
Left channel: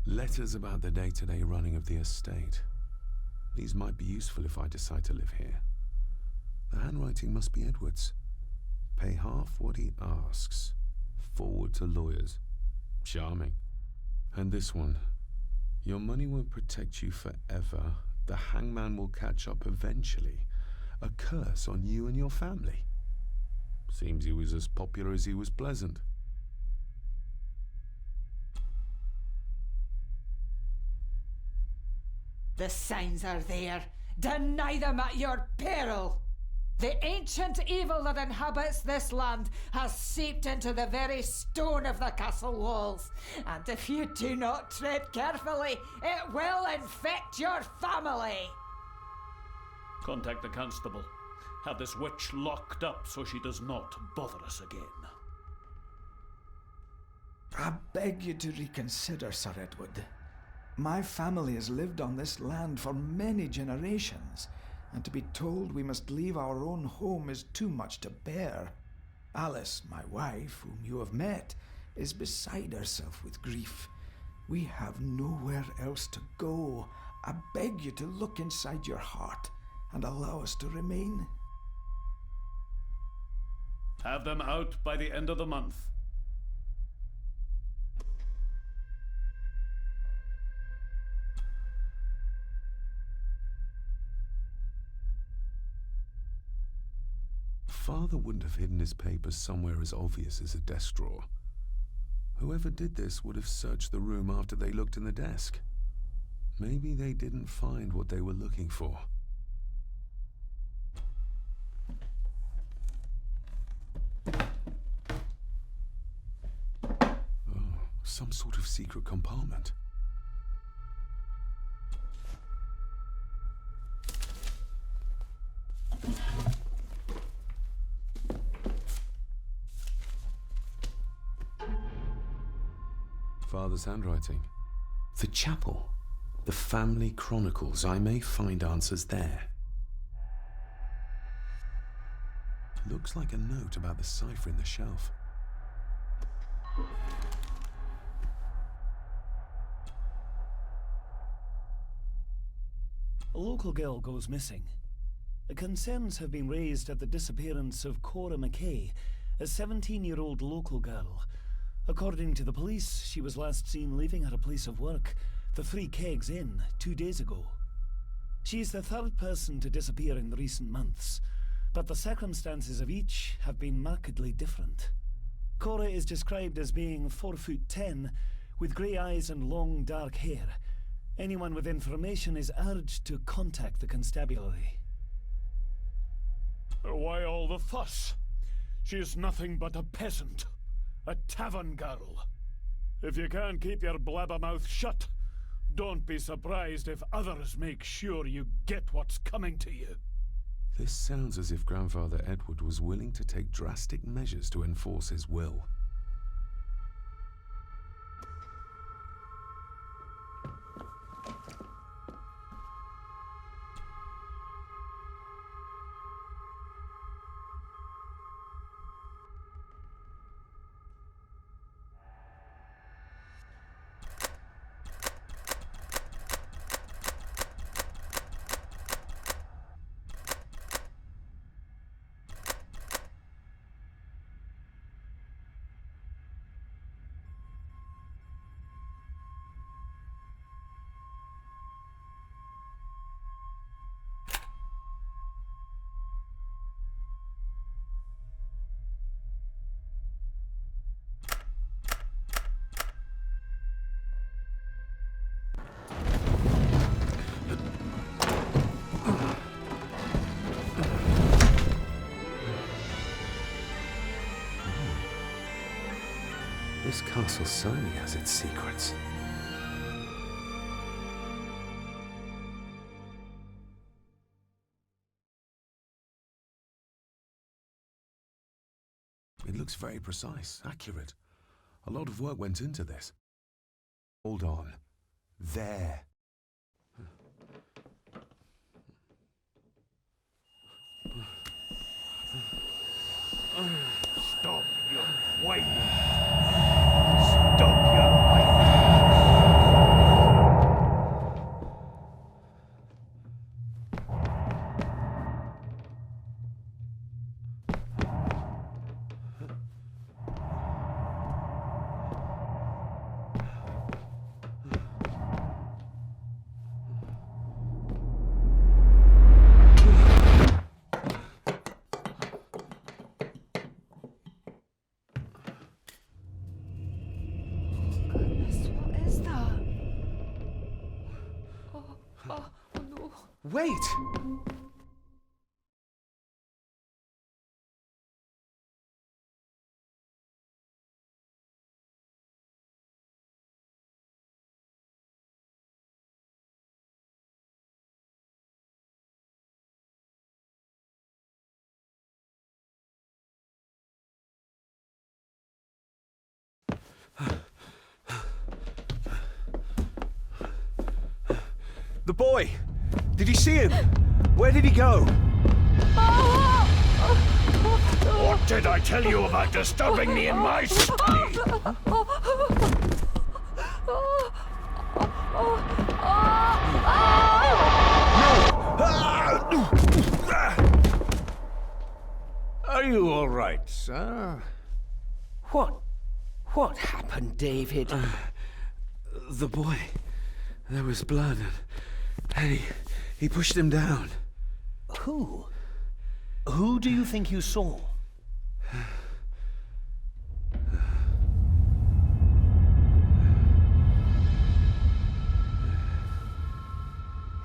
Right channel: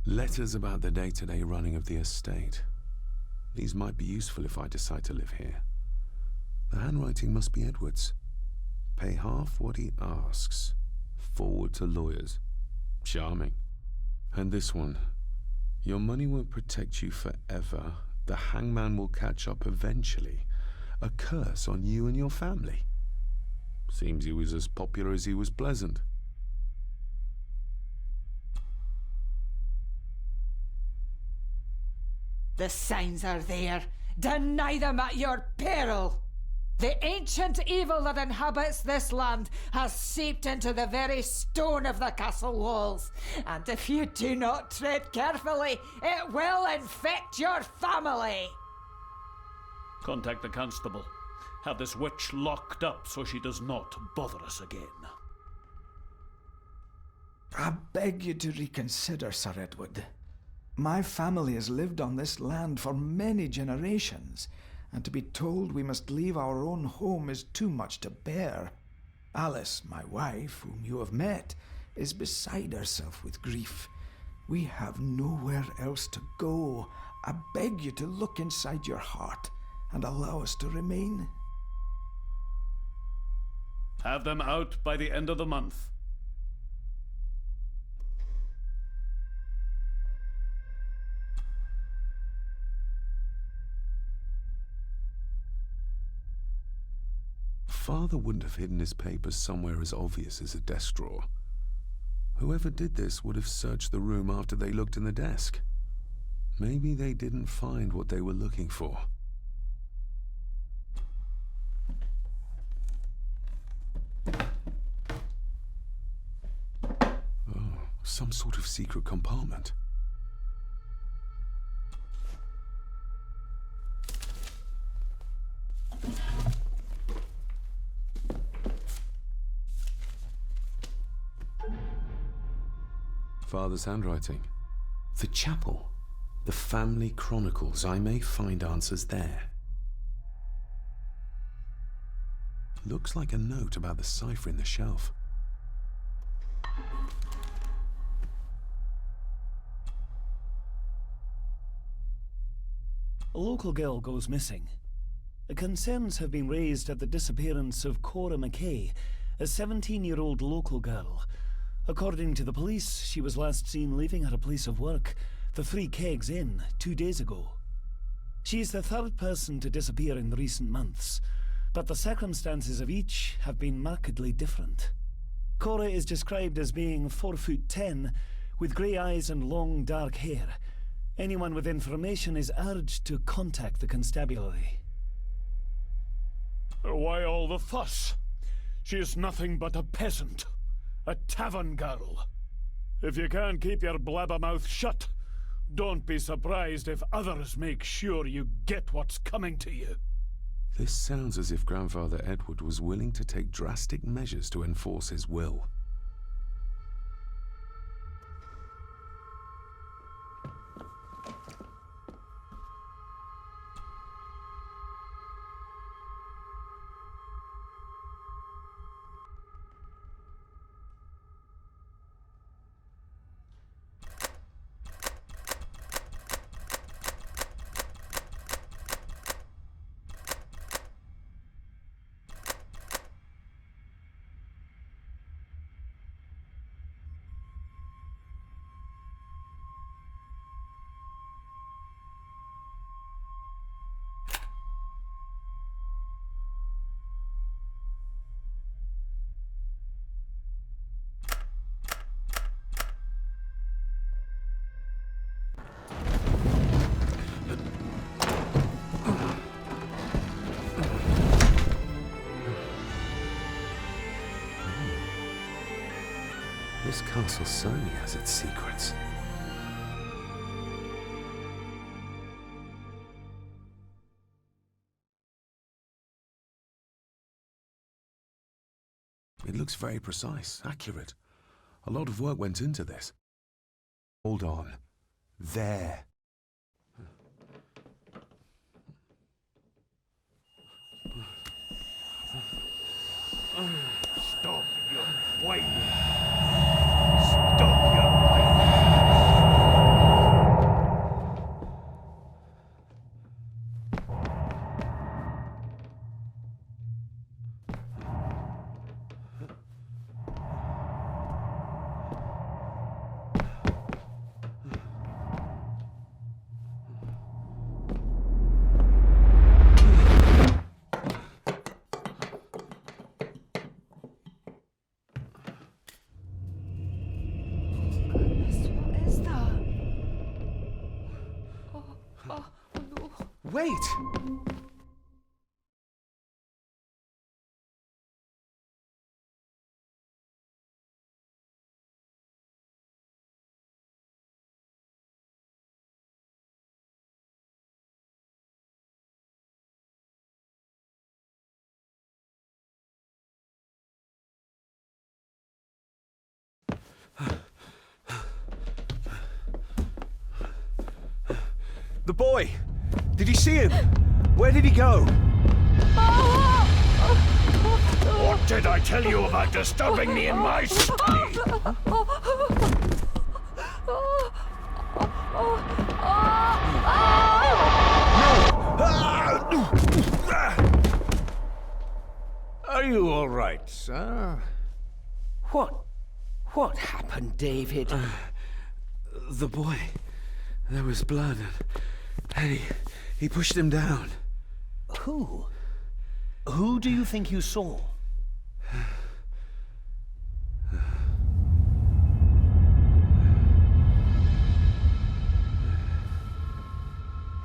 Letters about the day-to-day running of the estate. These might be useful if I decide to live here. The handwriting must be Edward's. Pay half what he asks. Forward to lawyers. Charming. And this one. Your money won't protect you forever. The hangman will catch up eventually. A curse on you and your family. Seems he was as popular as he was pleasant. The signs are there. Deny them at your peril. The ancient evil that inhabits this land has seeped into the very stone of the castle walls, and if you do not tread carefully, it will infect your family. Contact the constable. Have this witch locked up so she does not bother us again. I beg you to reconsider, Sir Edward. My family has lived on this land for many generations, and to be told we must leave our own home is too much to bear. Alice, my wife, whom you have met, is beside herself with grief. We have nowhere else to go. I beg you to look inside your heart and allow us to remain. Have them out by the end of the month. Father wouldn't have hidden his papers somewhere as obvious as a desk drawer. Whoever did this would have searched the room after they looked in the desk. Maybe they didn't find what they were looking for. Oh, some sort of secret compartment. Father's handwriting. The chapel. The family chronicles. I may find answers there. Looks like a note about the cipher in the shelf. A local girl goes missing. Concerns have been raised at the disappearance of Cora McKay, a 17-year-old local girl. According to the police, she was last seen leaving her place of work, the Three Kegs Inn, 2 days ago. She is the third person to disappear in recent months, but the circumstances of each have been markedly different. Cora is described as being 4'10", with grey eyes and long dark hair. Anyone with information is urged to contact the constabulary. Why all the fuss? She is nothing but a peasant. A tavern girl. If you can't keep your blabbermouth shut, don't be surprised if others make sure you get what's coming to you. This sounds as if Grandfather Edward was willing to take drastic measures to enforce his will. This castle certainly has its secrets. It looks very precise, accurate. A lot of work went into this. Hold on. There. Stop your whining. Stop your whining. Wait! The boy! Did you see him? Where did he go? What did I tell you about disturbing me in my study? Are you all right, sir? What happened, David? The boy. There was blood, and he pushed him down. Who? Who do you think you saw?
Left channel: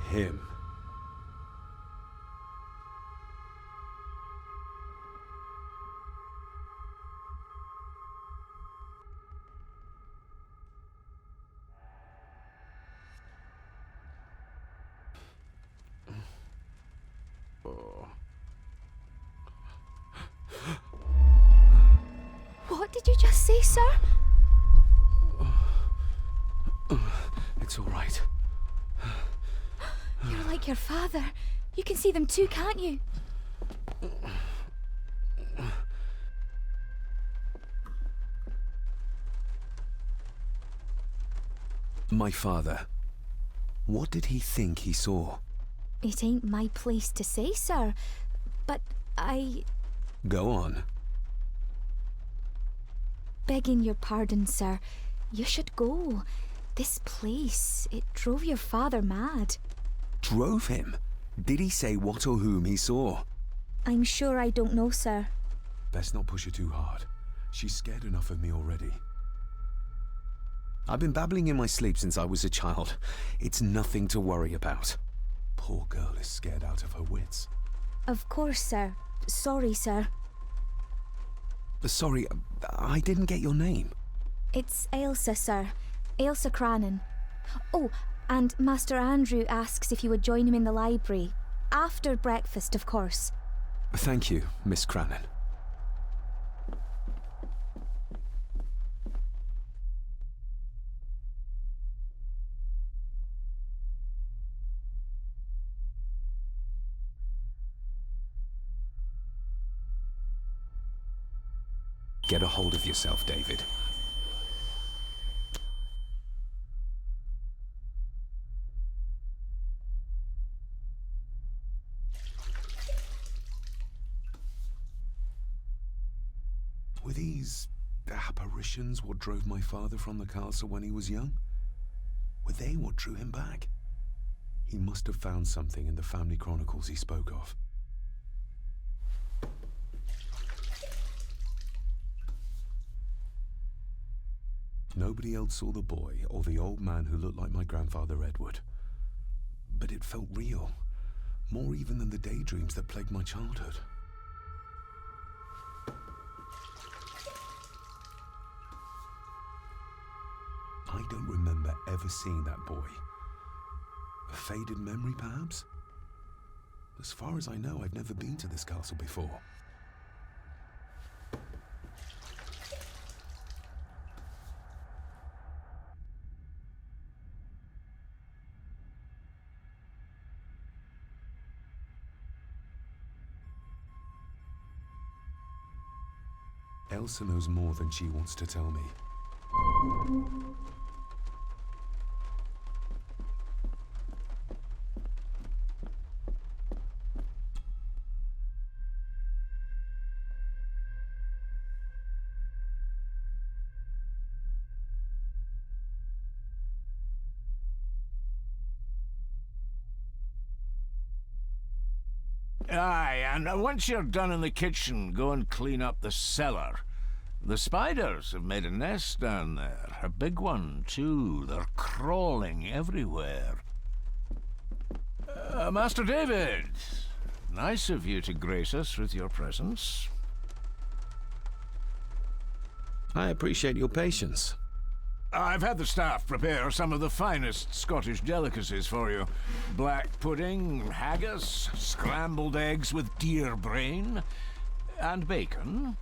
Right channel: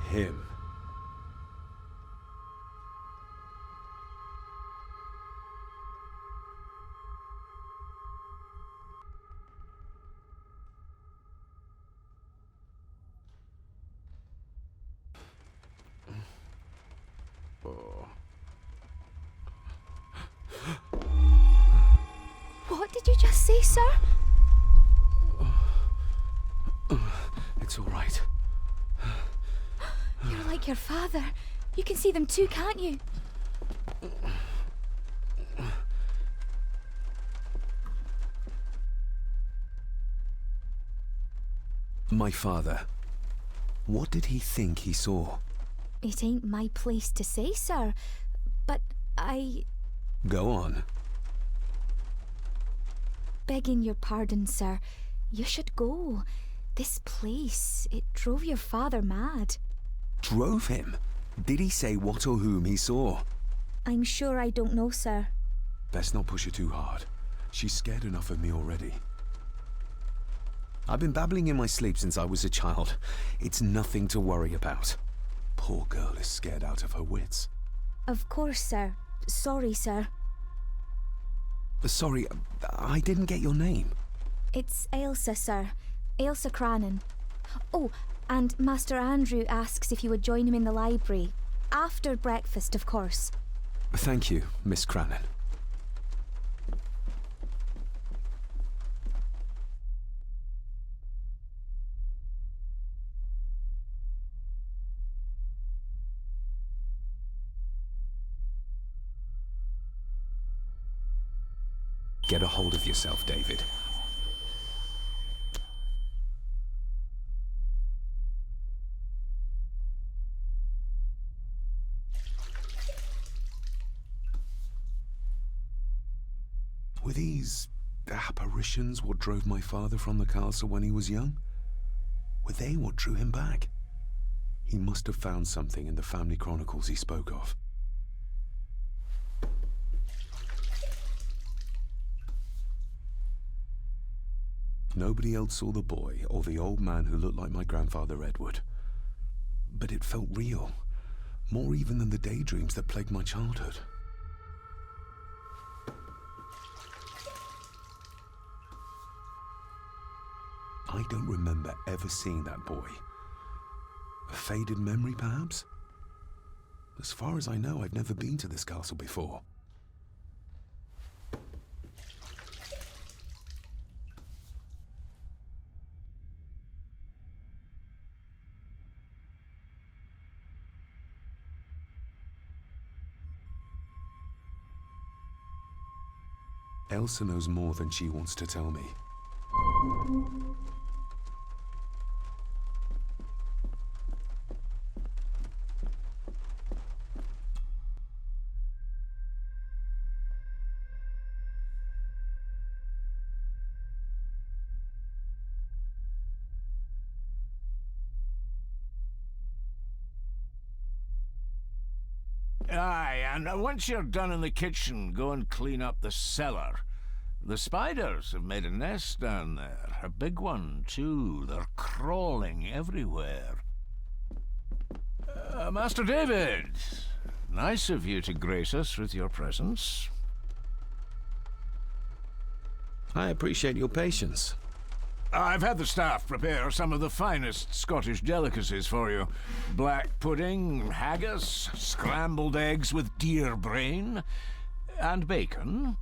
Him. What did you just say, sir? It's all right. You're like your father. You can see them too, can't you? My father. What did he think he saw? It ain't my place to say, sir. But Go on. Begging your pardon, sir. You should go. This place, it drove your father mad. Drove him? Did he say what or whom he saw? I'm sure I don't know, sir. Best not push her too hard. She's scared enough of me already. I've been babbling in my sleep since I was a child. It's nothing to worry about. Poor girl is scared out of her wits. Of course, sir. Sorry, sir. Sorry, I didn't get your name. It's Ailsa, sir. Ailsa Crannan. Oh, and Master Andrew asks if you would join him in the library. After breakfast, of course. Thank you, Miss Crannan. Get a hold of yourself, David. Were these apparitions what drove my father from the castle when he was young? Were they what drew him back? He must have found something in the family chronicles he spoke of. Nobody else saw the boy or the old man who looked like my grandfather Edward. But it felt real, more even than the daydreams that plagued my childhood. Nobody else saw the boy or the old man who looked like my grandfather Edward. But it felt real, more even than the daydreams that plagued my childhood. I don't remember ever seeing that boy. A faded memory, perhaps? As far as I know, I've never been to this castle before. Elsa knows more than she wants to tell me. Aye, and once you're done in the kitchen, go and clean up the cellar. The spiders have made a nest down there. A big one, too. They're crawling everywhere. Master David, nice of you to grace us with your presence. I appreciate your patience. I've had the staff prepare some of the finest Scottish delicacies for you. Black pudding, haggis, scrambled eggs with deer brain, and bacon.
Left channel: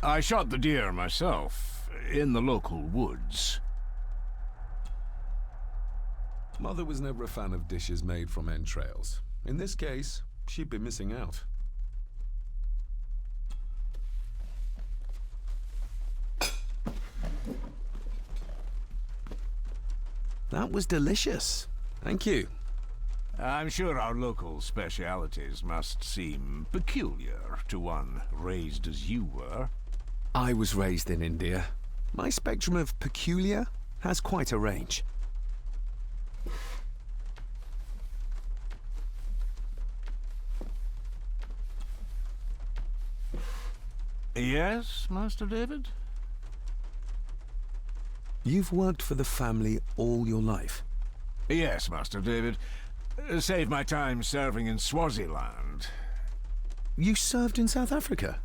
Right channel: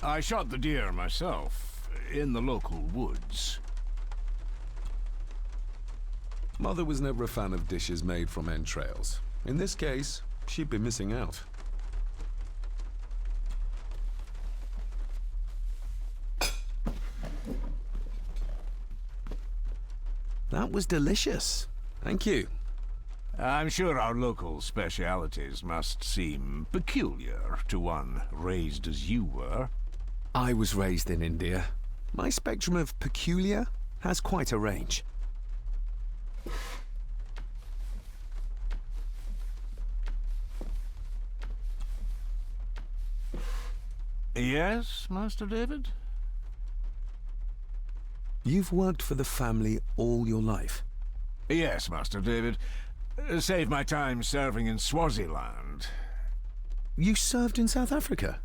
I shot the deer myself, in the local woods. Mother was never a fan of dishes made from entrails. In this case, she'd be missing out. That was delicious. Thank you. I'm sure our local specialities must seem peculiar to one raised as you were. I was raised in India. My spectrum of peculiar has quite a range. Yes, Master David? You've worked for the family all your life? Yes, Master David. Save my time serving in Swaziland. You served in South Africa?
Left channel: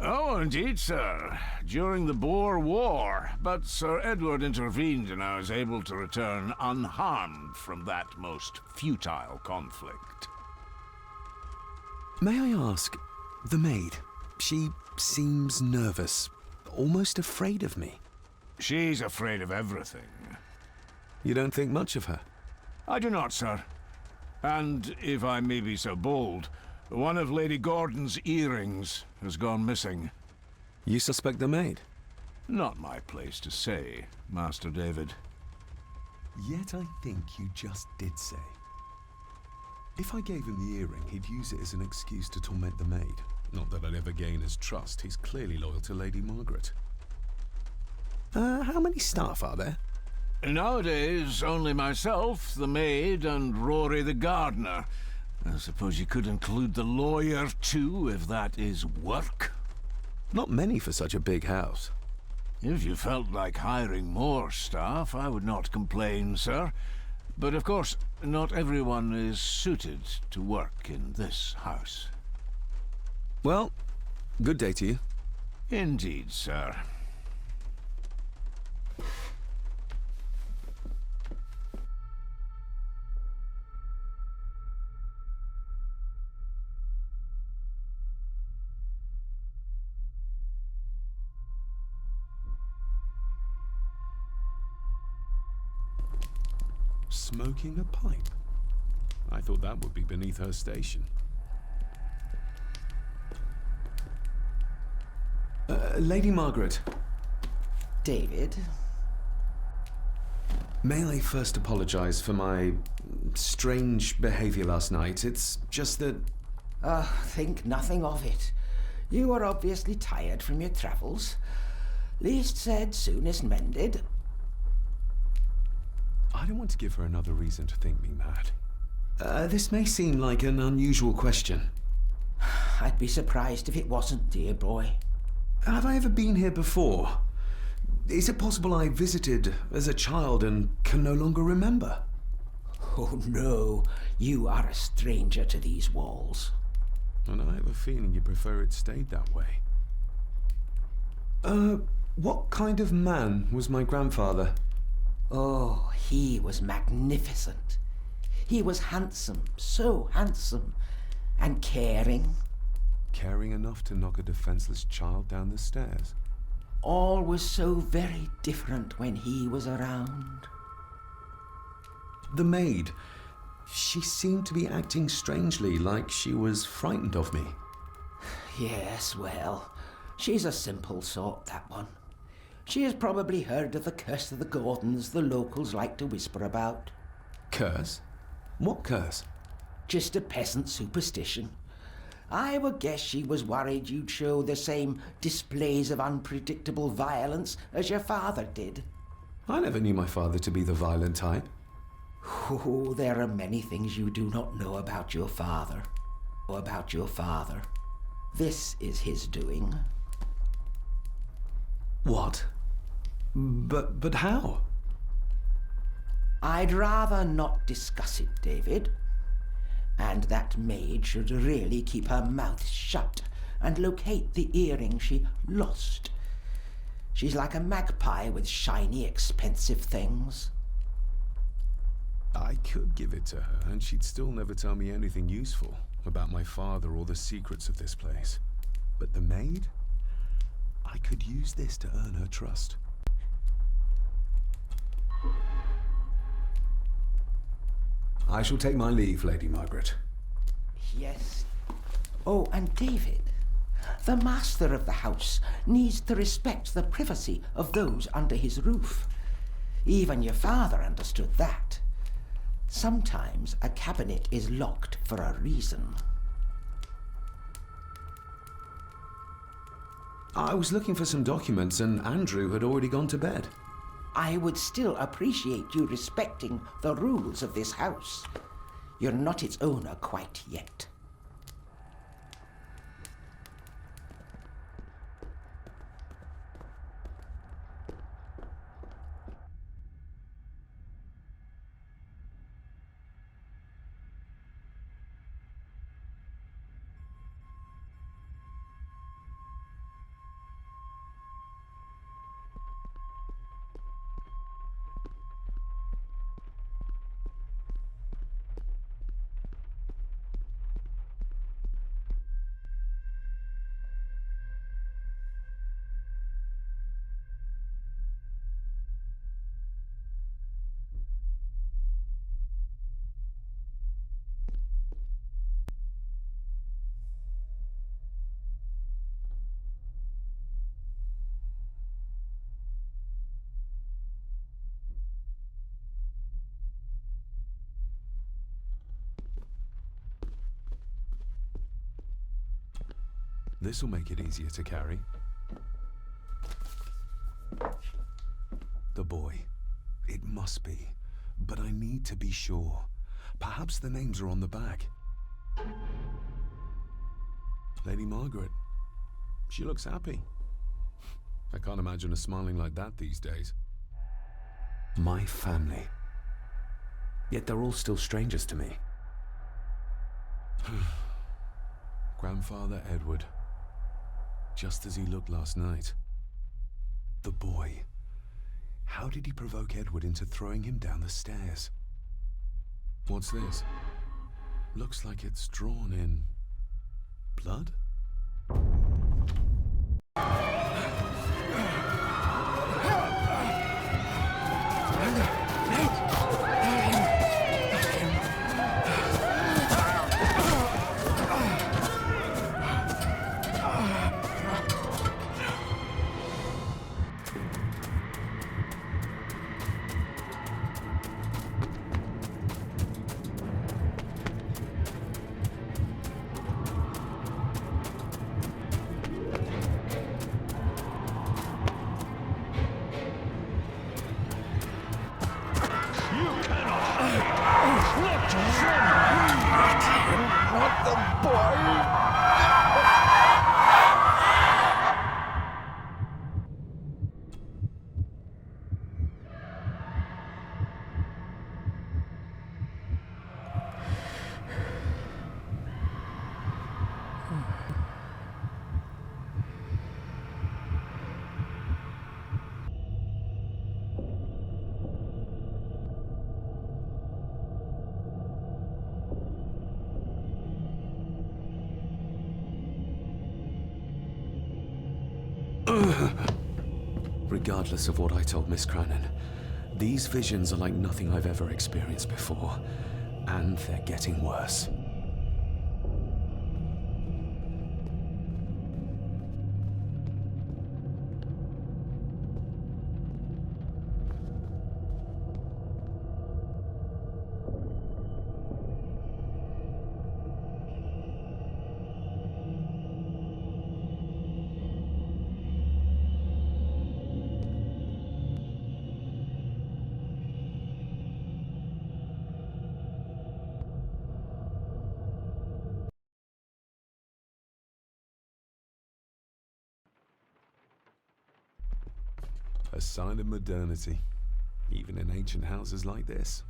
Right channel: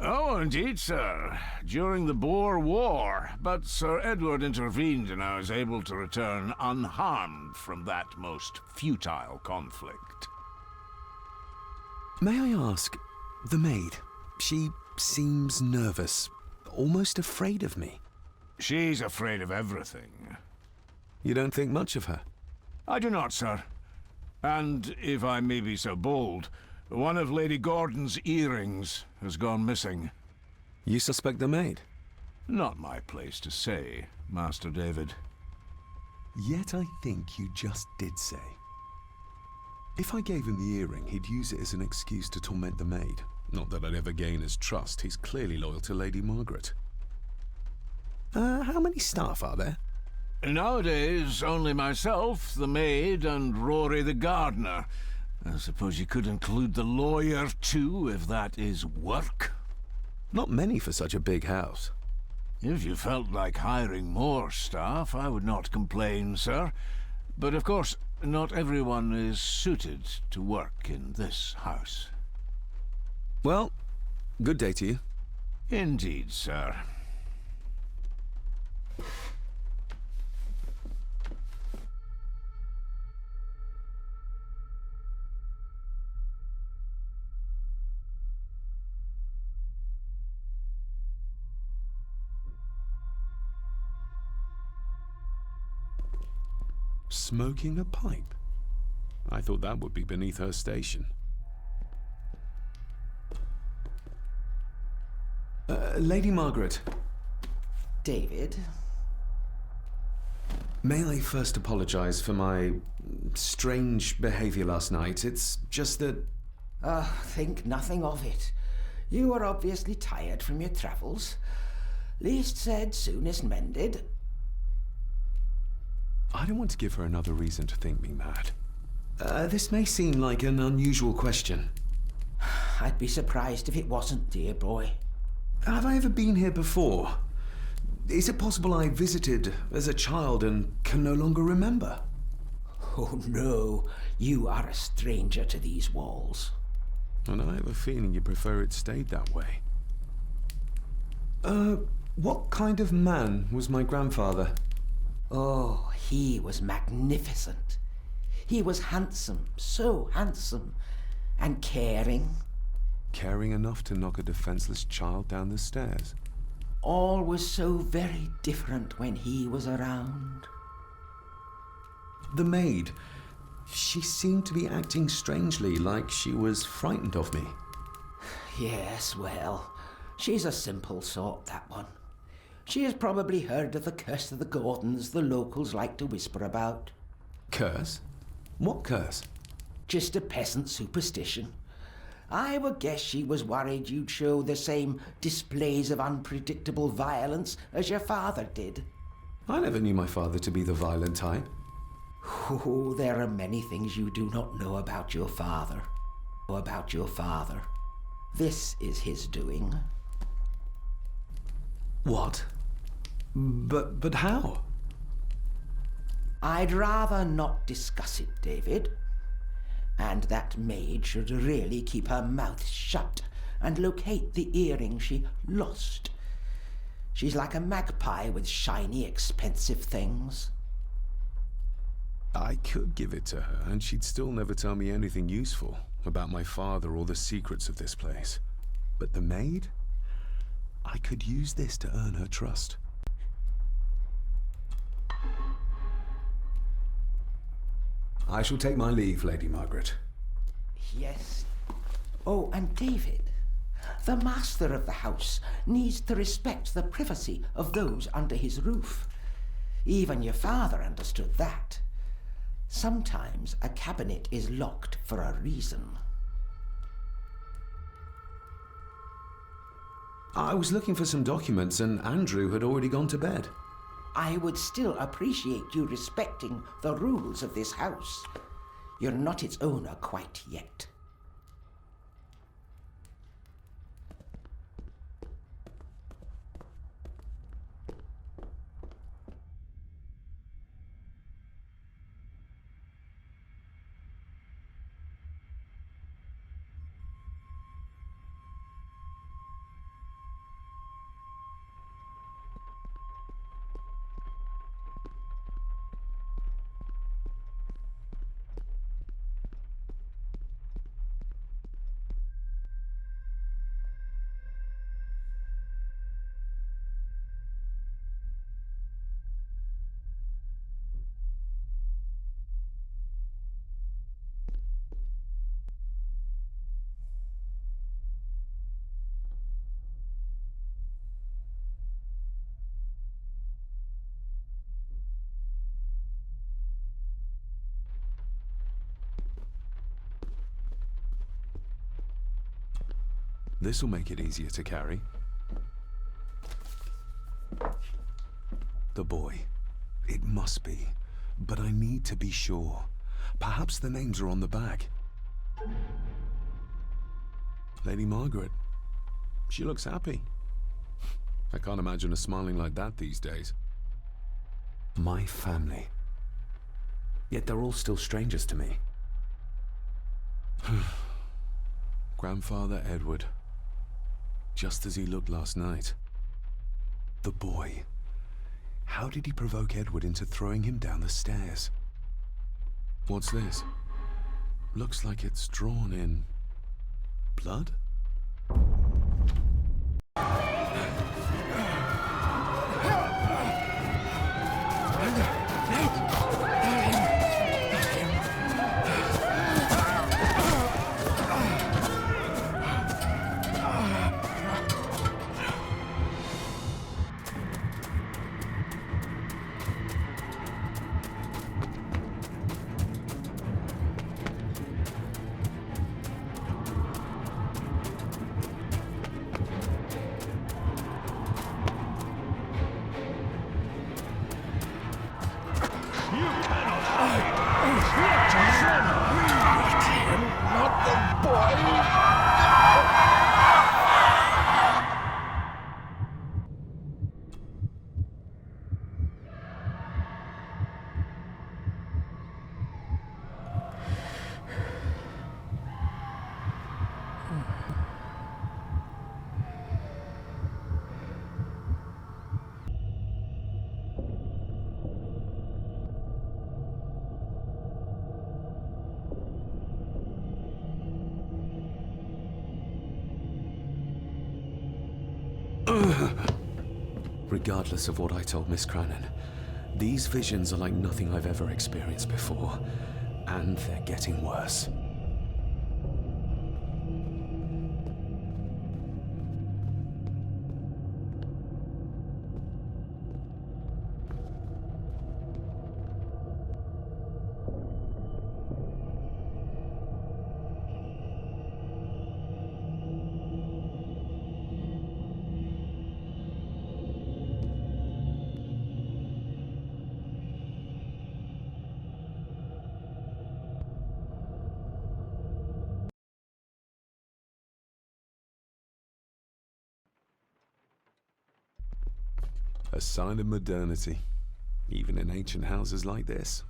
Oh, indeed, sir. During the Boer War. But Sir Edward intervened and I was able to return unharmed from that most futile conflict. May I ask, the maid, she seems nervous, almost afraid of me. She's afraid of everything. You don't think much of her? I do not, sir. And, if I may be so bold, one of Lady Gordon's earrings has gone missing. You suspect the maid? Not my place to say, Master David. Yet I think you just did say. If I gave him the earring, he'd use it as an excuse to torment the maid. Not that I'd ever gain his trust. He's clearly loyal to Lady Margaret. How many staff are there? Nowadays, only myself, the maid, and Rory the gardener. I suppose you could include the lawyer, too, if that is work. Not many for such a big house. If you felt like hiring more staff, I would not complain, sir. But of course, not everyone is suited to work in this house. Well, good day to you. Indeed, sir. Smoking a pipe? I thought that would be beneath her station. Lady Margaret. David? May I first apologize for my strange behavior last night? It's just that... Think nothing of it. You are obviously tired from your travels. Least said, soonest mended. I don't want to give her another reason to think me mad. This may seem like an unusual question. I'd be surprised if it wasn't, dear boy. Have I ever been here before? Is it possible I visited as a child and can no longer remember? Oh no, you are a stranger to these walls. And I have a feeling you prefer it stayed that way. What kind of man was my grandfather? Oh, he was magnificent. He was handsome, so handsome, and caring. Caring enough to knock a defenseless child down the stairs. All was so very different when he was around. The maid. She seemed to be acting strangely, like she was frightened of me. Yes, well, she's a simple sort, that one. She has probably heard of the curse of the Gordons the locals like to whisper about. Curse? What curse? Just a peasant superstition. I would guess she was worried you'd show the same displays of unpredictable violence as your father did. I never knew my father to be the violent type. Oh, there are many things you do not know about your father. This is his doing. What? But how? I'd rather not discuss it, David. And that maid should really keep her mouth shut and locate the earring she lost. She's like a magpie with shiny, expensive things. I could give it to her, and she'd still never tell me anything useful about my father or the secrets of this place. But the maid? I could use this to earn her trust. I shall take my leave, Lady Margaret. Yes. Oh, and David, the master of the house needs to respect the privacy of those under his roof. Even your father understood that. Sometimes a cabinet is locked for a reason. I was looking for some documents, and Andrew had already gone to bed. I would still appreciate you respecting the rules of this house. You're not its owner quite yet. This'll make it easier to carry. The boy. It must be. But I need to be sure. Perhaps the names are on the back. Lady Margaret. She looks happy. I can't imagine her smiling like that these days. My family. Yet they're all still strangers to me. Grandfather Edward. Just as he looked last night. The boy. How did he provoke Edward into throwing him down the stairs? What's this? Looks like it's drawn in blood? Regardless of what I told Miss Cranon, these visions are like nothing I've ever experienced before. And they're getting worse. A sign of modernity, even in ancient houses like this.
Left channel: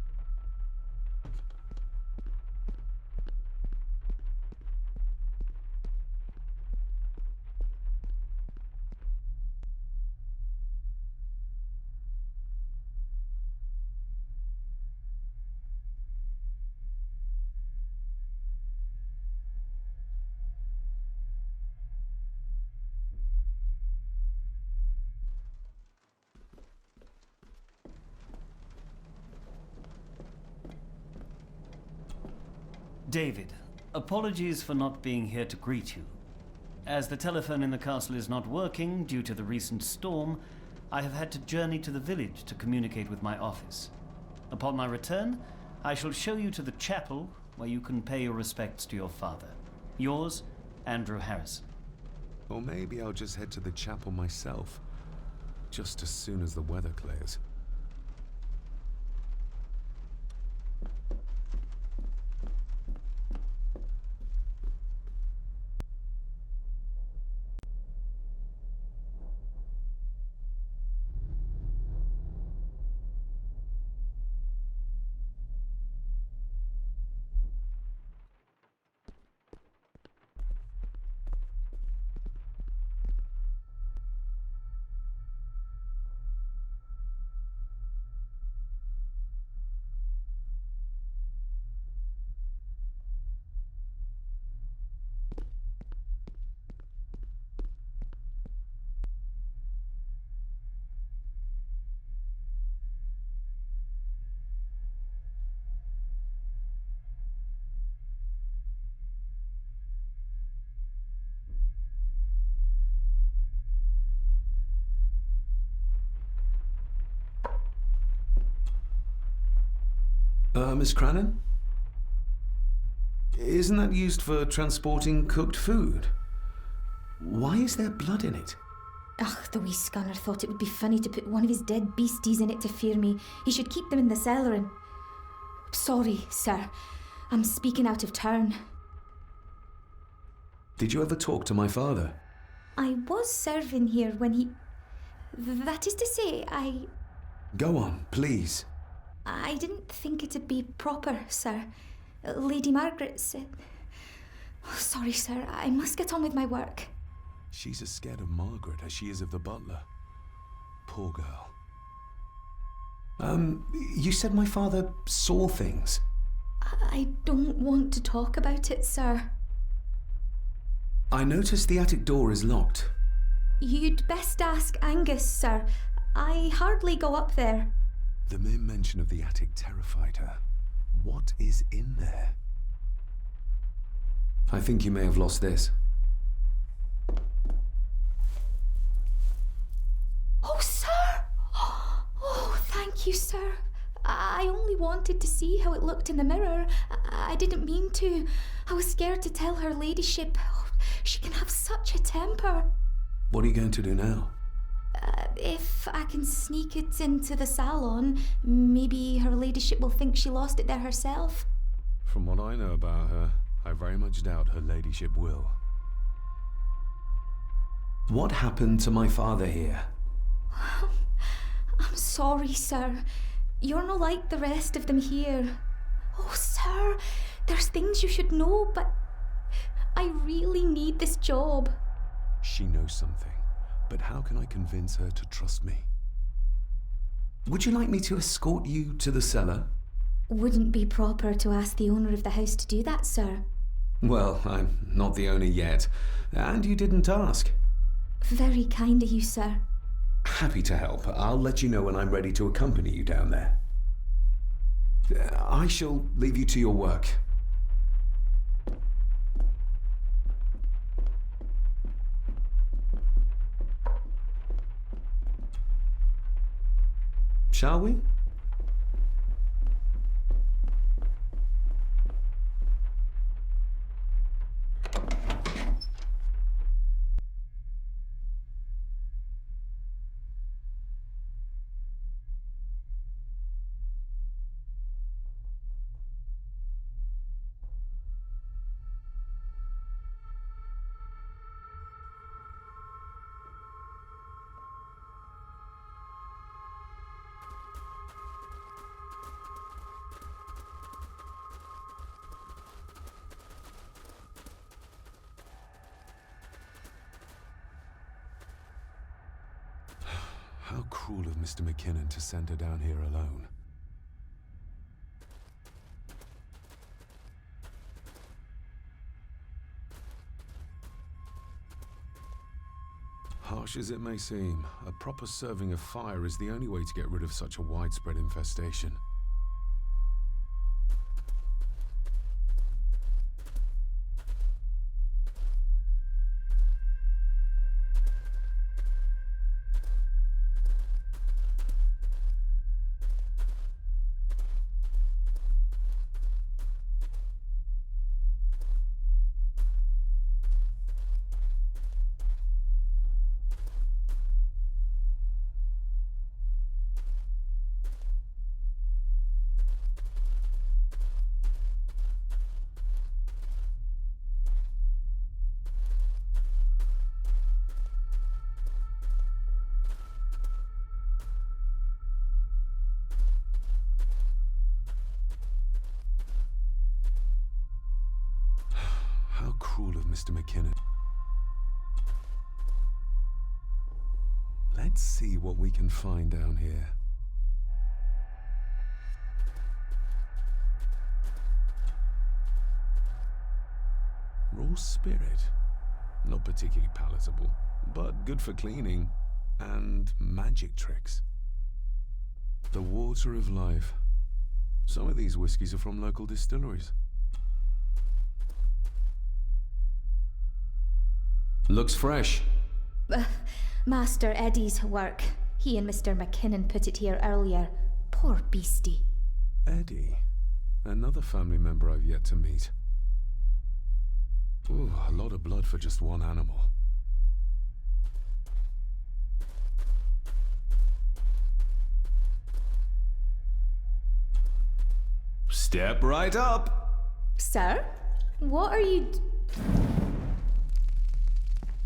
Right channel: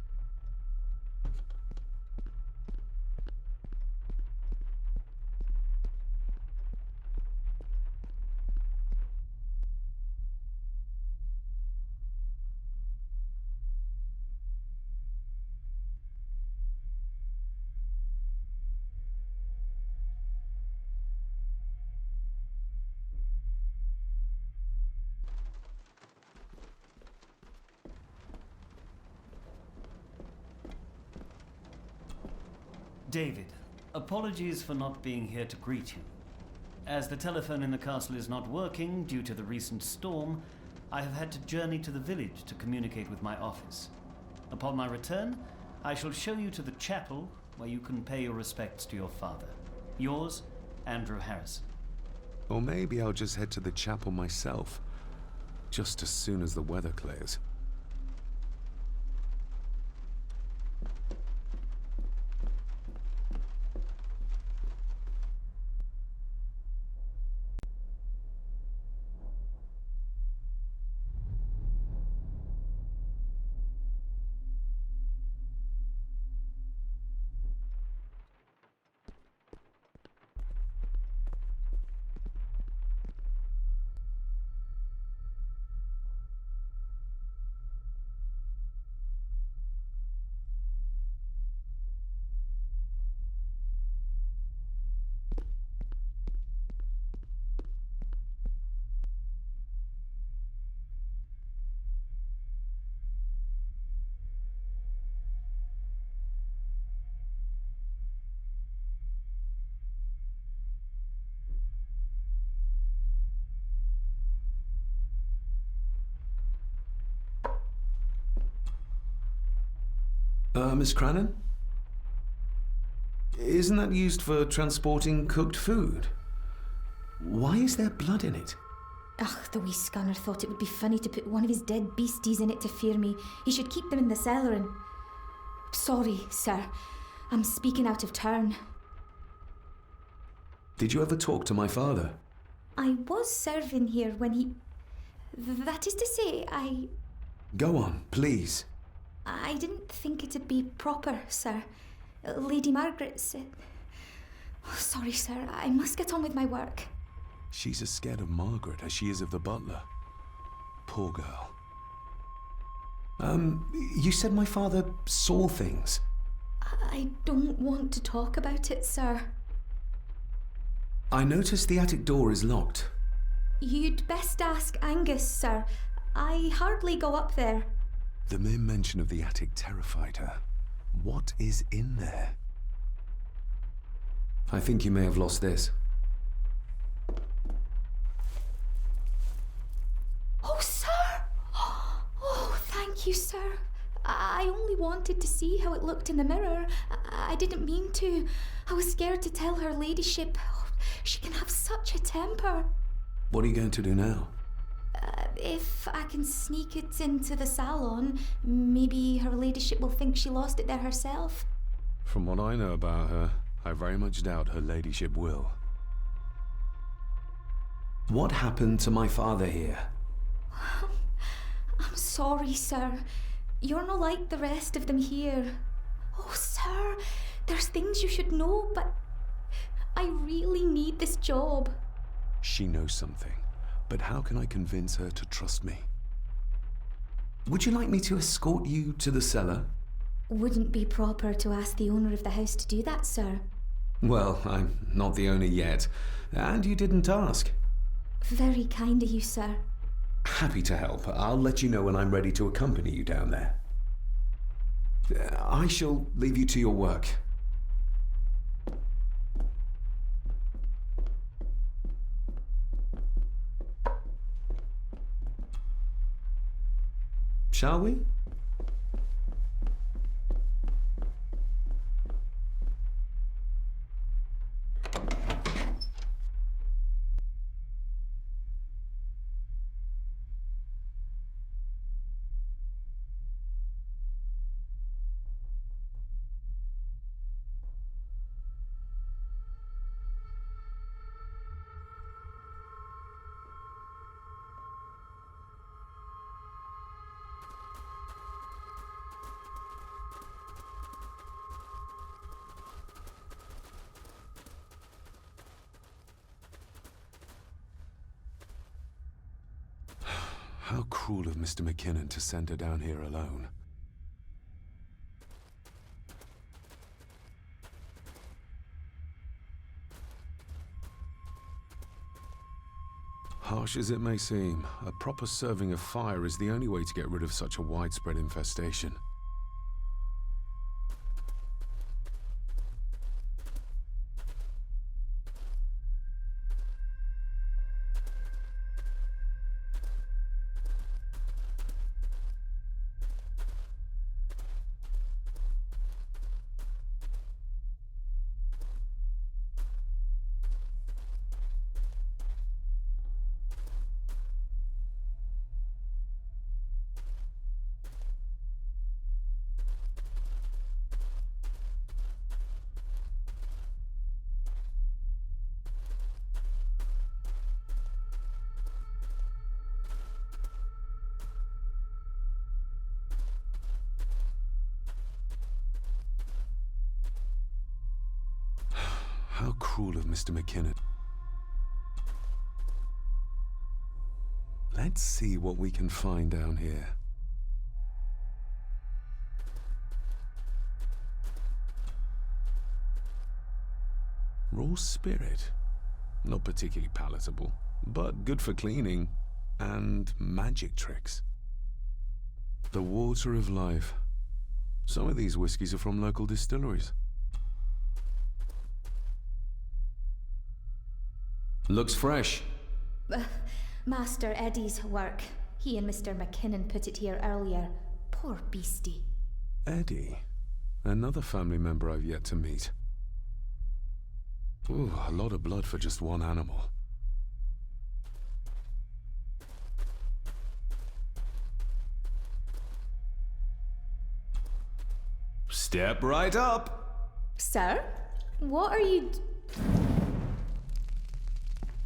David, apologies for not being here to greet you. As the telephone in the castle is not working due to the recent storm, I have had to journey to the village to communicate with my office. Upon my return, I shall show you to the chapel where you can pay your respects to your father. Yours, Andrew Harrison. Or maybe I'll just head to the chapel myself, just as soon as the weather clears. Miss Cranon? Isn't that used for transporting cooked food? Why is there blood in it? Ugh, the wee scunner thought it would be funny to put one of his dead beasties in it to fear me. He should keep them in the cellar and... Sorry, sir. I'm speaking out of turn. Did you ever talk to my father? I was serving here when he... That is to say, Go on, please. I didn't think it'd be proper, sir. Lady Margaret said... Oh, sorry, sir. I must get on with my work. She's as scared of Margaret as she is of the butler. Poor girl. You said my father saw things. I don't want to talk about it, sir. I noticed the attic door is locked. You'd best ask Angus, sir. I hardly go up there. The mere mention of the attic terrified her. What is in there? I think you may have lost this. Oh, sir! Oh, thank you, sir. I only wanted to see how it looked in the mirror. I didn't mean to. I was scared to tell her ladyship. Oh, she can have such a temper. What are you going to do now? If I can sneak it into the salon, maybe her ladyship will think she lost it there herself. From what I know about her, I very much doubt her ladyship will. What happened to my father here? I'm sorry, sir. You're not like the rest of them here. Oh, sir, there's things you should know, but I really need this job. She knows something. But how can I convince her to trust me? Would you like me to escort you to the cellar? Wouldn't be proper to ask the owner of the house to do that, sir. Well, I'm not the owner yet, and you didn't ask. Very kind of you, sir. Happy to help. I'll let you know when I'm ready to accompany you down there. I shall leave you to your work. Shall we? How cruel of Mr. McKinnon to send her down here alone. Harsh as it may seem, a proper serving of fire is the only way to get rid of such a widespread infestation. How cruel of Mr. McKinnon. Let's see what we can find down here. Raw spirit. Not particularly palatable, but good for cleaning. And magic tricks. The water of life. Some of these whiskies are from local distilleries. Looks fresh. Master Eddie's work. He and Mr. McKinnon put it here earlier. Poor beastie. Eddie? Another family member I've yet to meet. Ooh, a lot of blood for just one animal. Step right up! Sir? What are you...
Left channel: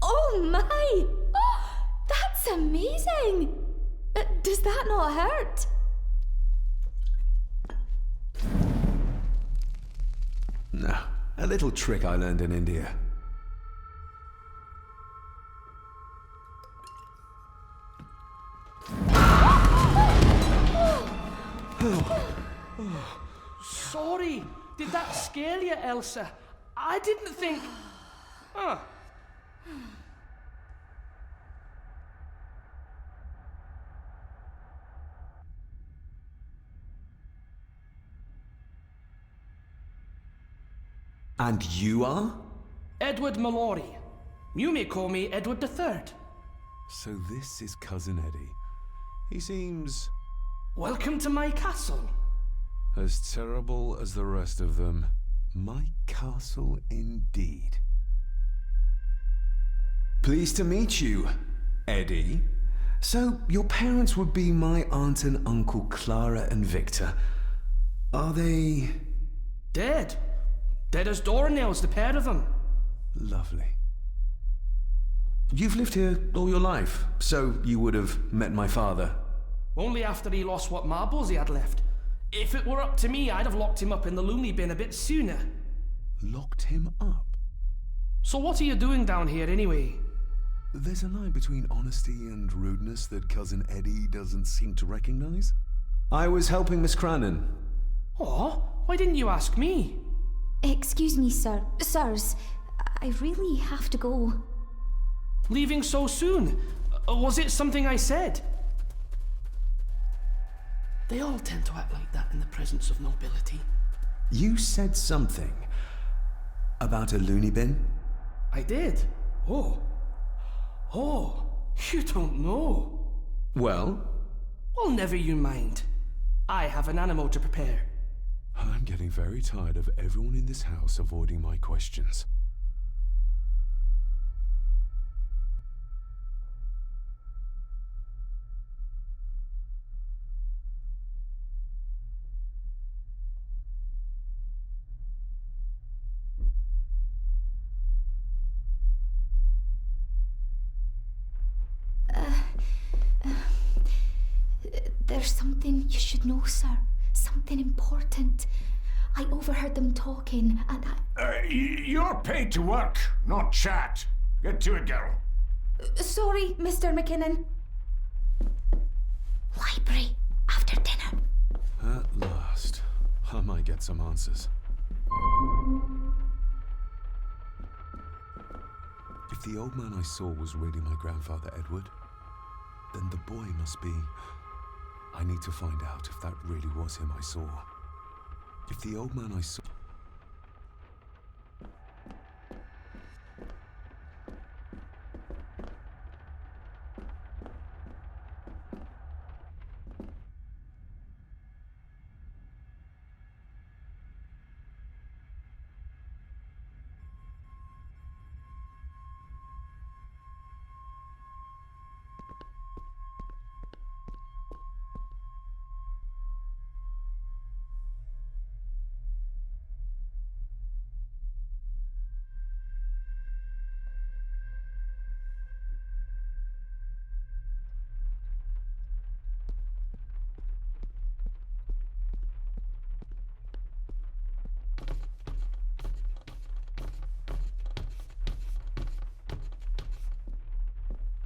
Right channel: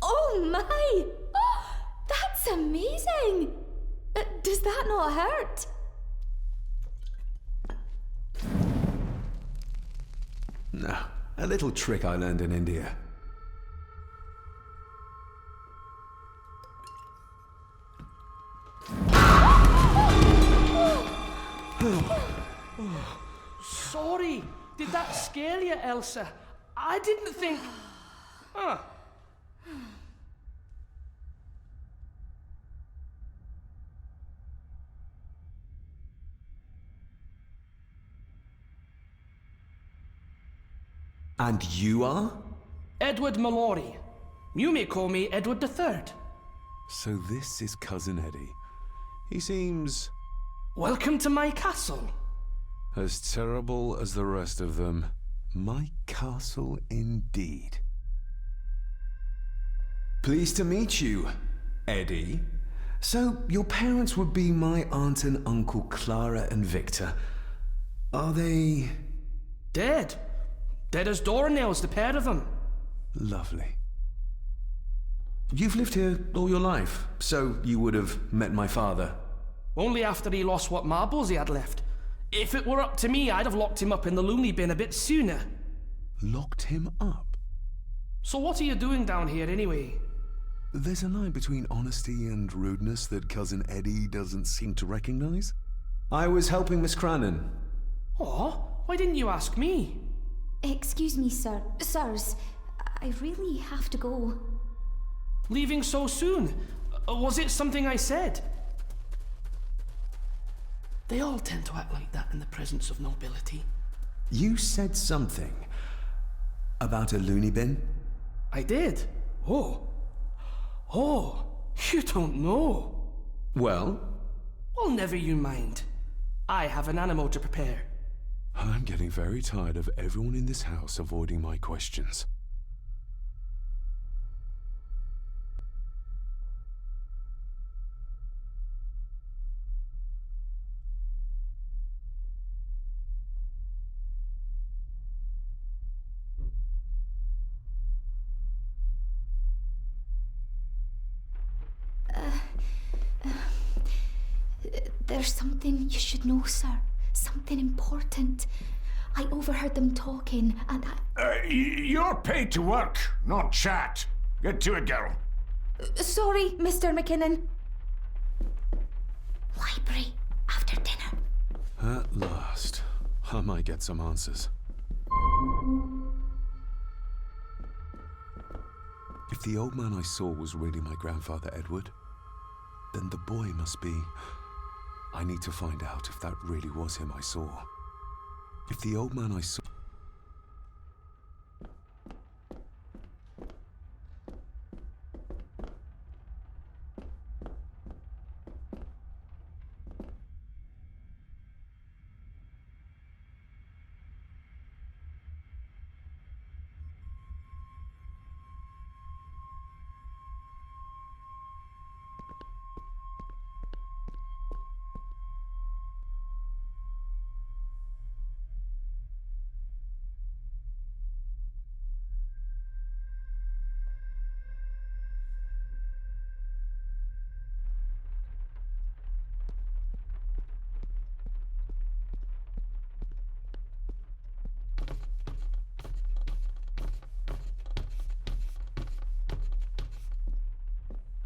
Oh my! Oh, that's amazing! Does that not hurt? No, a little trick I learned in India. Sorry, did that scare you, Elsa? I didn't think... Huh. And you are? Edward Mallory. You may call me Edward III. So this is Cousin Eddie. He seems... Welcome to my castle. as terrible as the rest of them. My castle indeed. Pleased to meet you, Eddie. So, your parents would be my aunt and uncle Clara and Victor. Are they... Dead. Dead as doornails, the pair of them. Lovely. You've lived here all your life, so you would have met my father. Only after he lost what marbles he had left. If it were up to me, I'd have locked him up in the loony bin a bit sooner. Locked him up? So what are you doing down here anyway? There's a line between honesty and rudeness that Cousin Eddie doesn't seem to recognize. I was helping Miss Crannan. Oh, why didn't you ask me? Excuse me, sir. Sirs, I really have to go. Leaving so soon? Was it something I said? They all tend to act like that in the presence of nobility. You said something about a loony bin? I did. Oh. Oh, you don't know. Well? Well, never you mind. I have an animal to prepare. I'm getting very tired of everyone in this house avoiding my questions. There's something you should know, sir. Something important. I overheard them talking, and You're paid to work, not chat. Get to it, girl. Sorry, Mr. McKinnon. Library, after dinner. At last. I might get some answers. If the old man I saw was really my grandfather Edward, then the boy must be... I need to find out if that really was him I saw. If the old man I saw...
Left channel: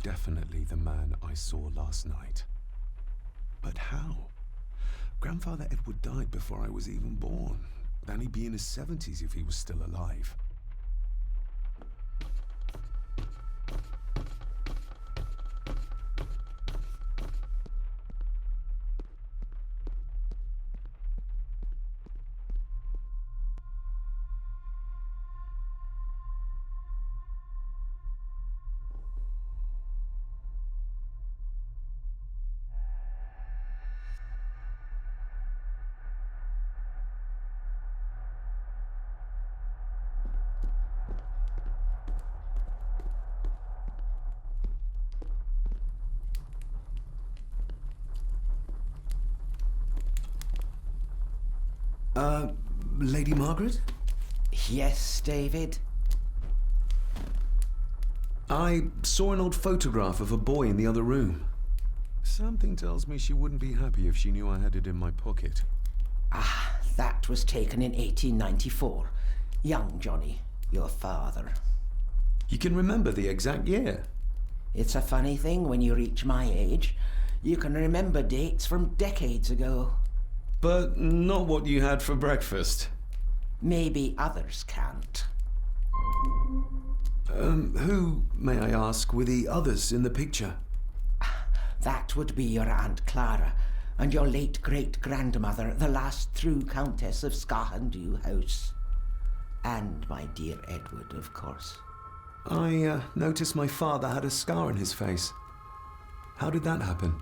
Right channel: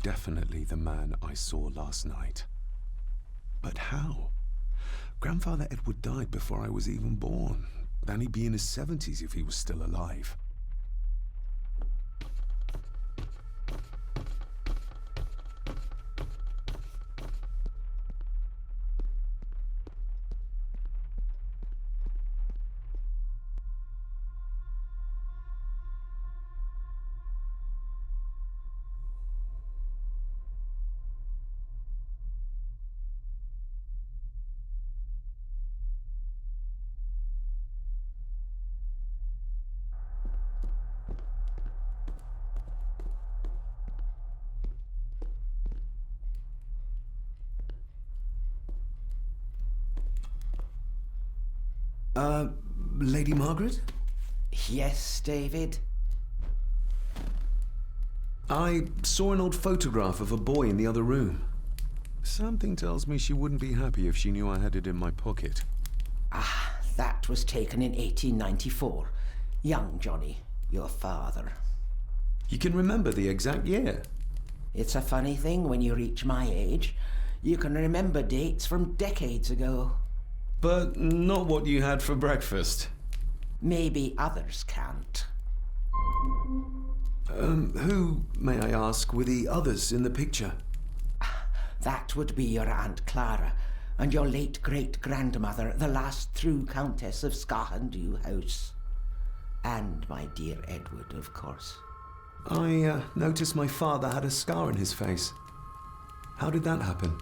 Definitely the man I saw last night. But how? Grandfather Edward died before I was even born. Then he'd be in his 70s if he was still alive. Lady Margaret? Yes, David? I saw an old photograph of a boy in the other room. Something tells me she wouldn't be happy if she knew I had it in my pocket. Ah, that was taken in 1894. Young Johnny, your father. You can remember the exact year? It's a funny thing when you reach my age. You can remember dates from decades ago. But not what you had for breakfast. Maybe others can't. Who, may I ask, were the others in the picture? That would be your Aunt Clara and your late great-grandmother, the last true Countess of Scahandew House. And my dear Edward, of course. I noticed my father had a scar on his face. How did that happen?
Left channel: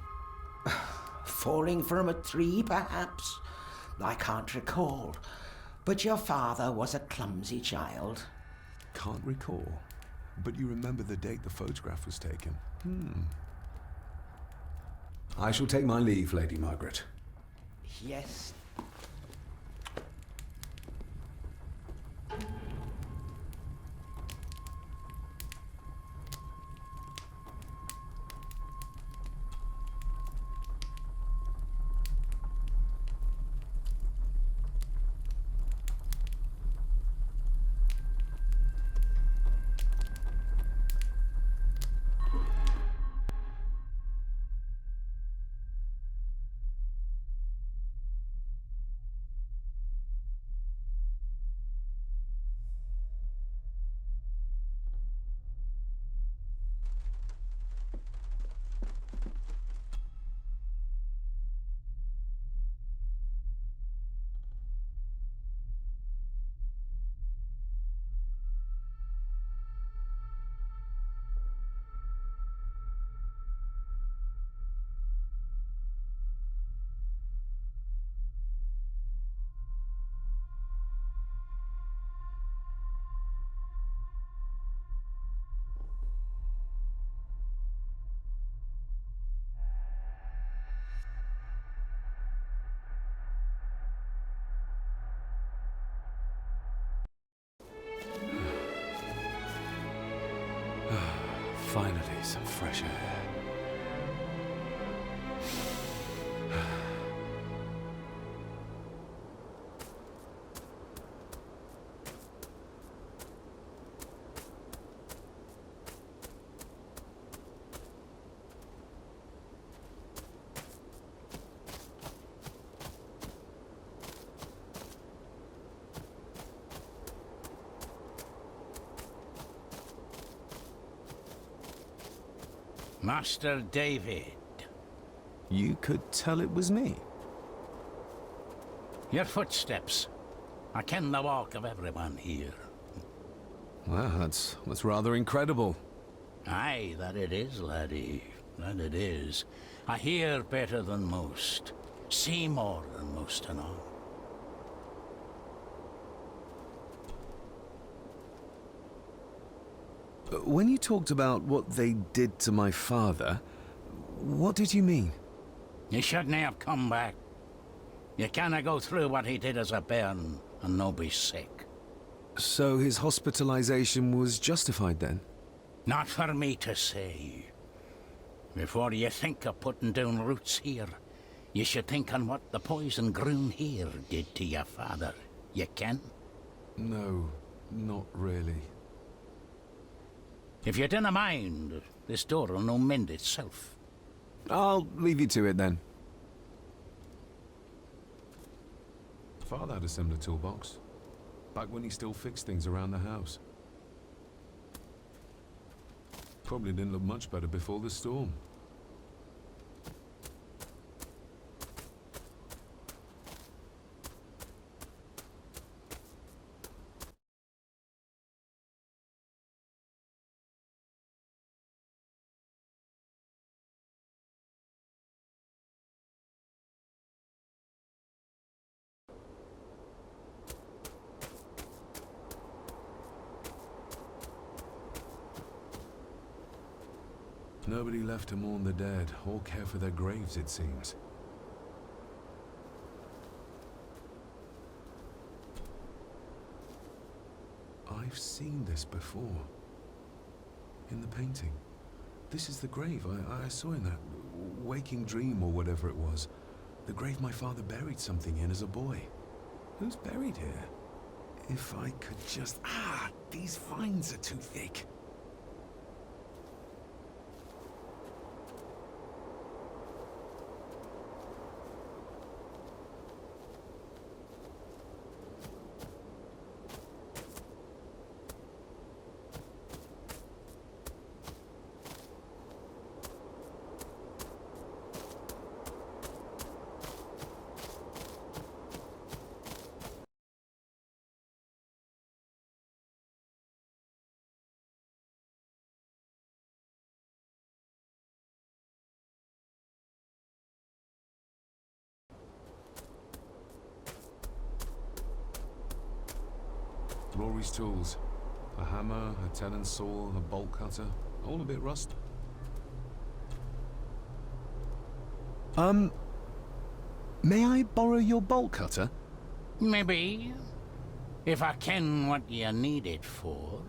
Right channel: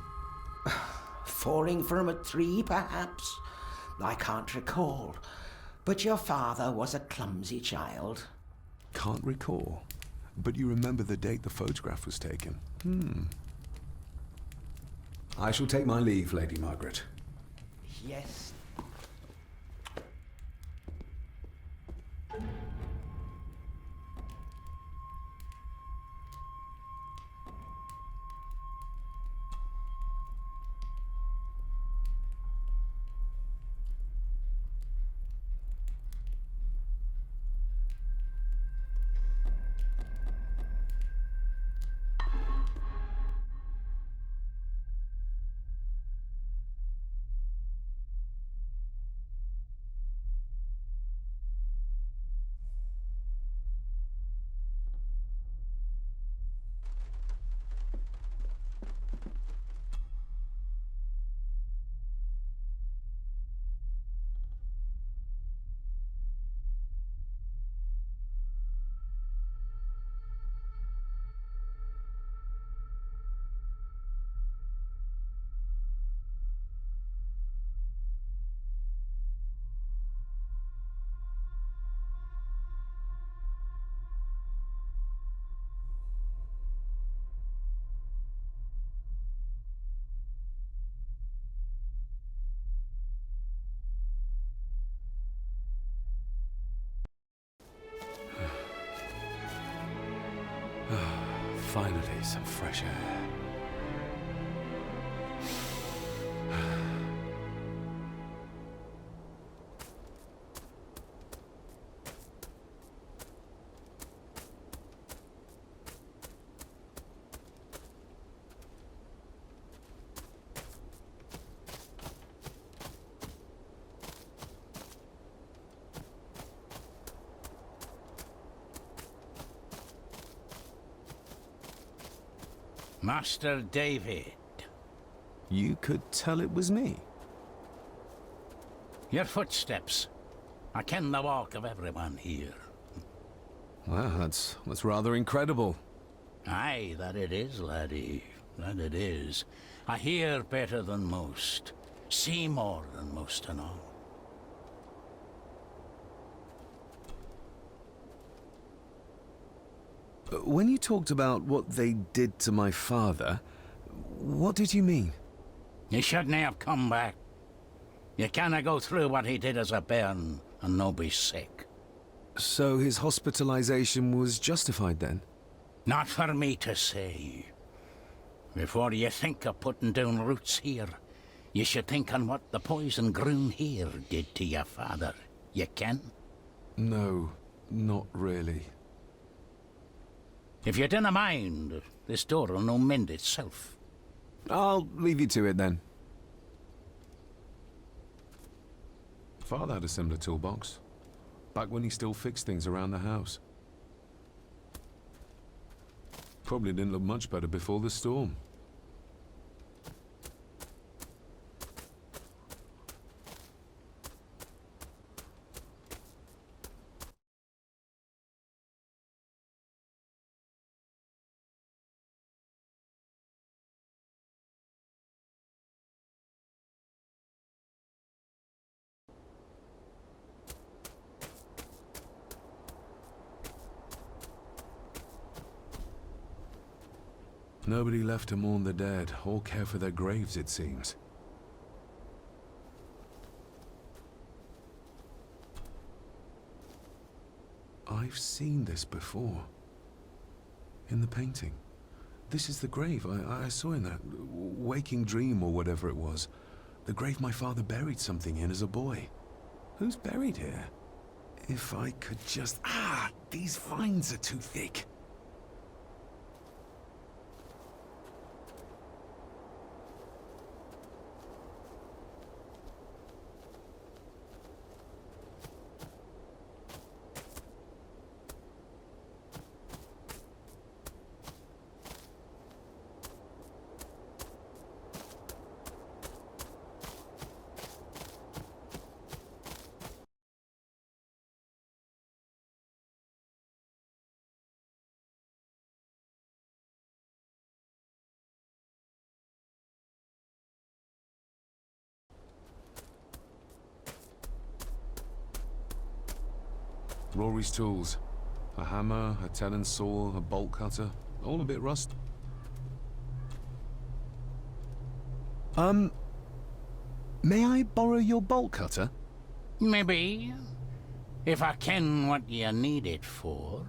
Falling from a tree, perhaps? I can't recall. But your father was a clumsy child. Can't recall. But you remember the date the photograph was taken. I shall take my leave, Lady Margaret. Yes. Finally, some fresh air. Master David. You could tell it was me. Your footsteps. I ken the walk of everyone here. Well, that's rather incredible. Aye, that it is, laddie. That it is. I hear better than most. See more than most and all. When you talked about what they did to my father, what did you mean? You shouldn't have come back. You canna go through what he did as a bairn and no be sick. So his hospitalization was justified then? Not for me to say. Before you think of putting down roots here, you should think on what the poison grown here did to your father. You can? No, not really. If you dinna mind, this door will no mend itself. I'll leave you to it then. Father had a similar toolbox, back when he still fixed things around the house. Probably didn't look much better before the storm. Nobody left to mourn the dead or care for their graves, it seems. I've seen this before. In the painting. This is the grave I saw in that waking dream or whatever it was. The grave my father buried something in as a boy. Who's buried here? If I could just... these vines are too thick. Rory's tools. A hammer, a tenon saw, a bolt cutter. All a bit rust. May I borrow your bolt cutter? Maybe. If I ken what you need it for.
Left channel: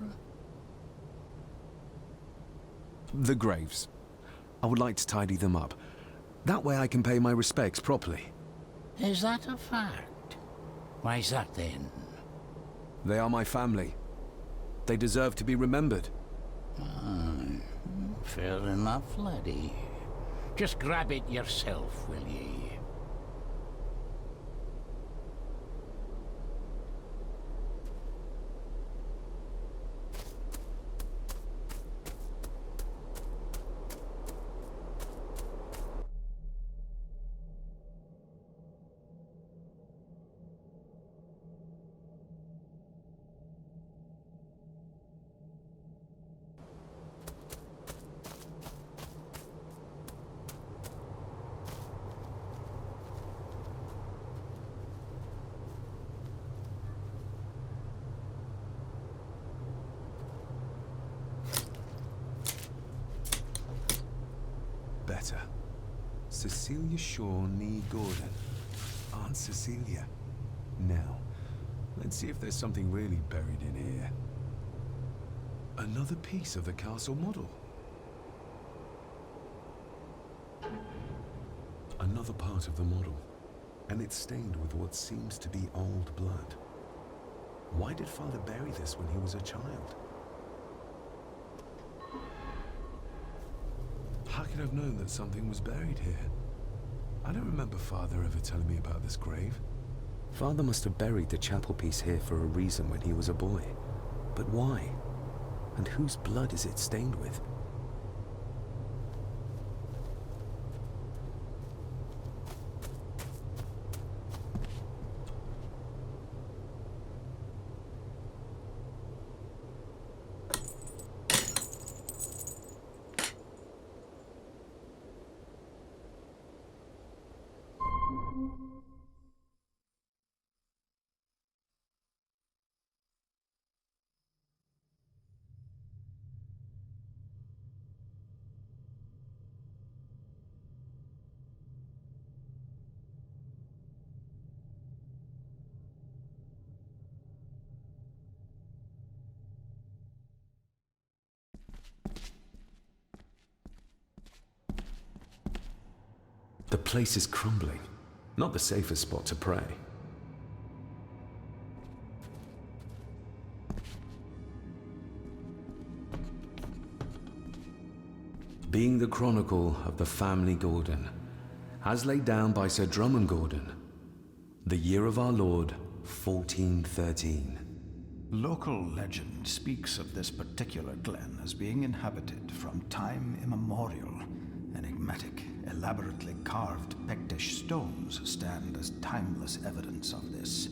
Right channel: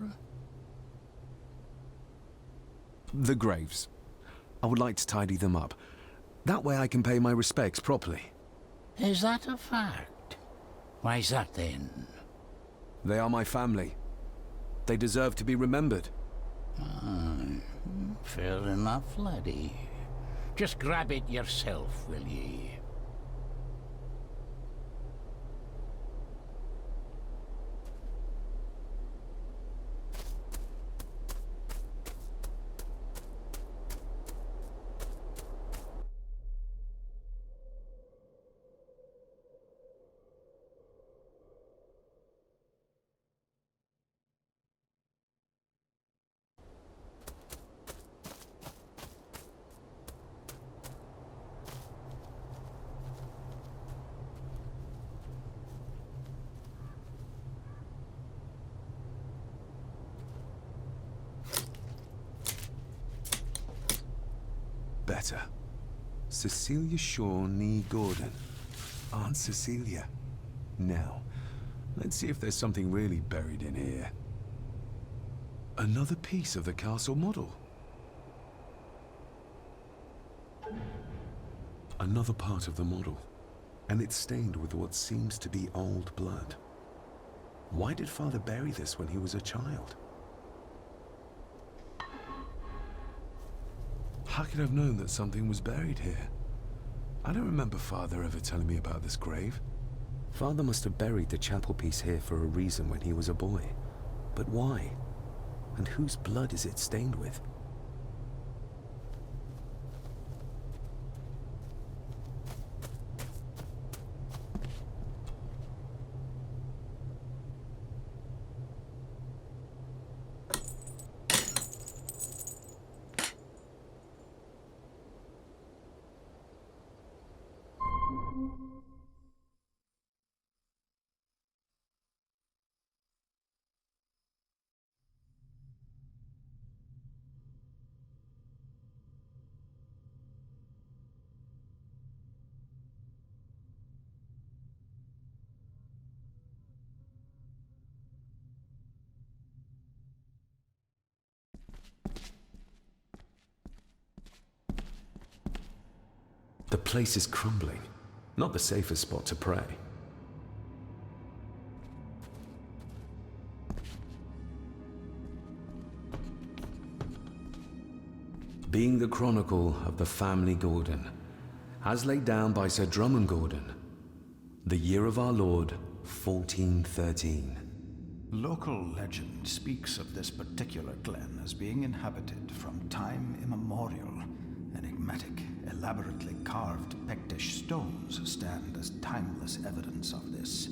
The graves. I would like to tidy them up. That way I can pay my respects properly. Is that a fact? Why's that then? They are my family. They deserve to be remembered. Fair enough, laddie. Just grab it yourself, will ye? Better. Cecilia Shaw Nee Gordon. Aunt Cecilia. Now, let's see if there's something really buried in here. Another piece of the castle model. Another part of the model, and it's stained with what seems to be old blood. Why did Father bury this when he was a child? How could I have known that something was buried here? I don't remember Father ever telling me about this grave. Father must have buried the chapel piece here for a reason when he was a boy. But why? And whose blood is it stained with? The place is crumbling. Not the safest spot to pray. Being the chronicle of the family Gordon, as laid down by Sir Drummond Gordon, the year of our Lord, 1413. Local legend speaks of this particular glen as being inhabited from time immemorial. Enigmatic, elaborately carved Pictish stones stand as timeless evidence of this.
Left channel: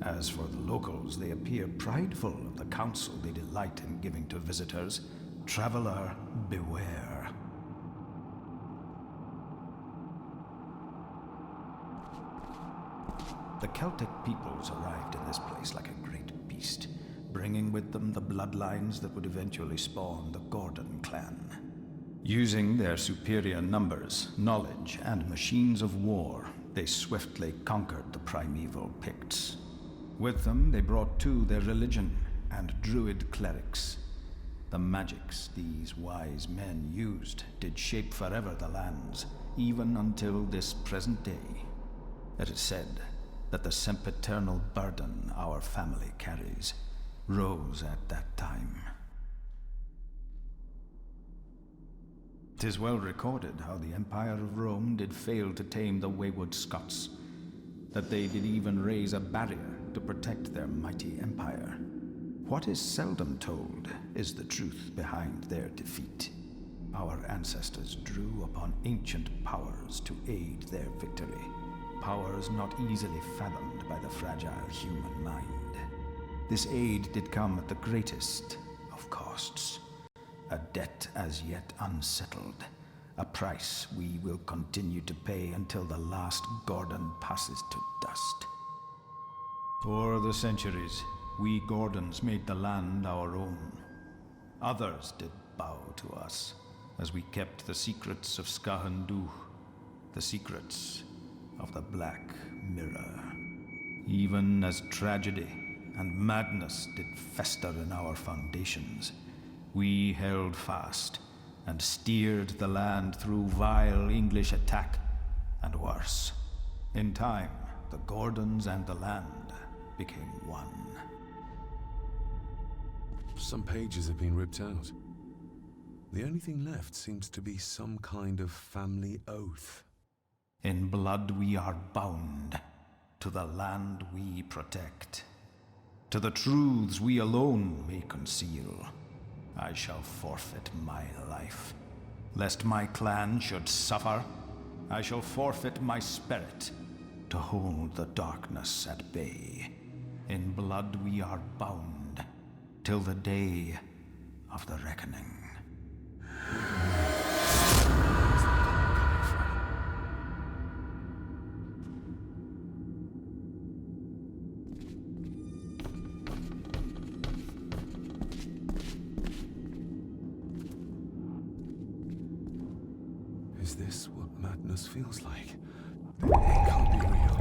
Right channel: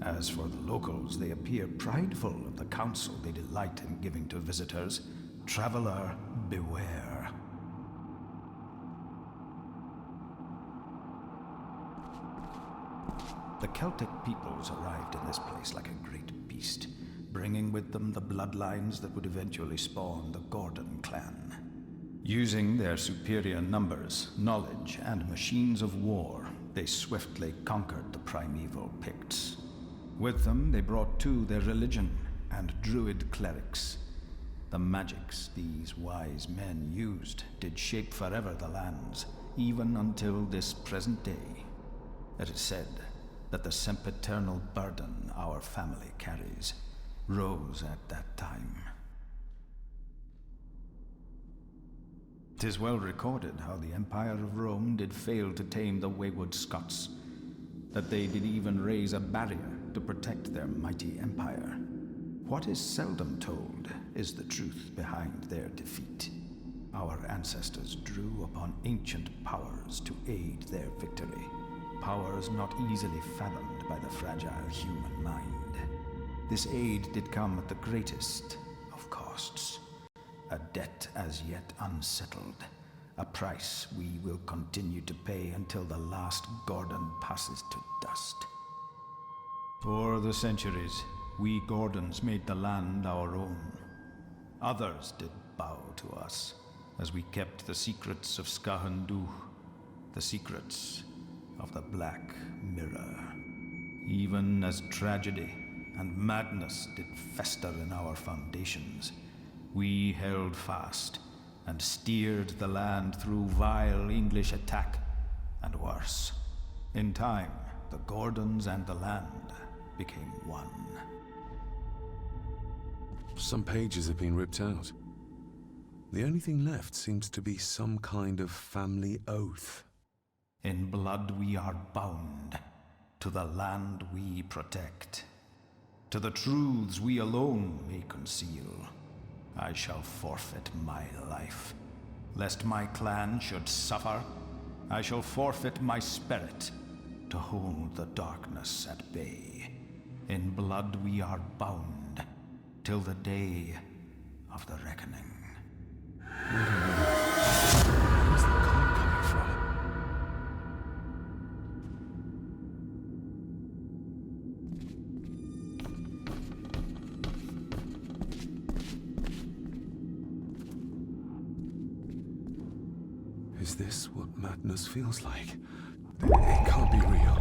As for the locals, they appear prideful of the counsel they delight in giving to visitors. Traveler, beware. The Celtic peoples arrived in this place like a great beast, bringing with them the bloodlines that would eventually spawn the Gordon clan. Using their superior numbers, knowledge, and machines of war, they swiftly conquered the primeval Picts. With them, they brought too their religion and druid clerics. The magics these wise men used did shape forever the lands, even until this present day. It is said that the sempiternal burden our family carries rose at that time. 'Tis well recorded how the Empire of Rome did fail to tame the wayward Scots, that they did even raise a barrier to protect their mighty empire. What is seldom told is the truth behind their defeat. Our ancestors drew upon ancient powers to aid their victory, powers not easily fathomed by the fragile human mind. This aid did come at the greatest of costs. A debt as yet unsettled, a price we will continue to pay until the last Gordon passes to dust. For the centuries, we Gordons made the land our own. Others did bow to us, as we kept the secrets of Skahandu, the secrets of the Black Mirror. Even as tragedy and madness did fester in our foundations, we held fast and steered the land through vile English attack and worse. In time, the Gordons and the land became one. Some pages have been ripped out. The only thing left seems to be some kind of family oath. In blood we are bound to the land we protect, to the truths we alone may conceal. I shall forfeit my life. Lest my clan should suffer, I shall forfeit my spirit to hold the darkness at bay. In blood we are bound till the day of the reckoning. Wait a minute. Where's the call coming from? Is this what madness feels like? It can't be real.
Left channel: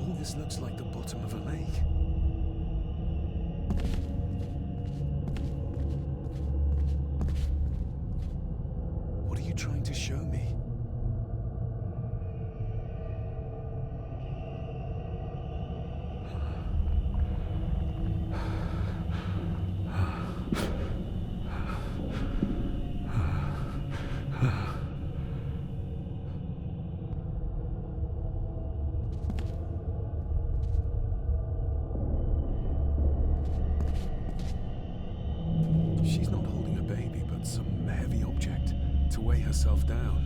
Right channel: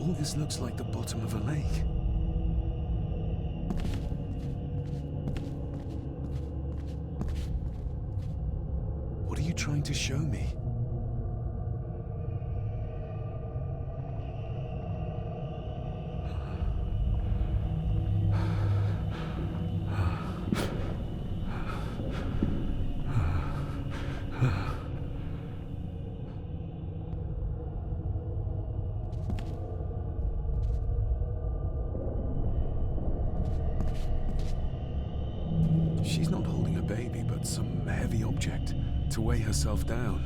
All this looks like the bottom of a lake. What are you trying to show me? She's not holding a baby, but some heavy object to weigh herself down.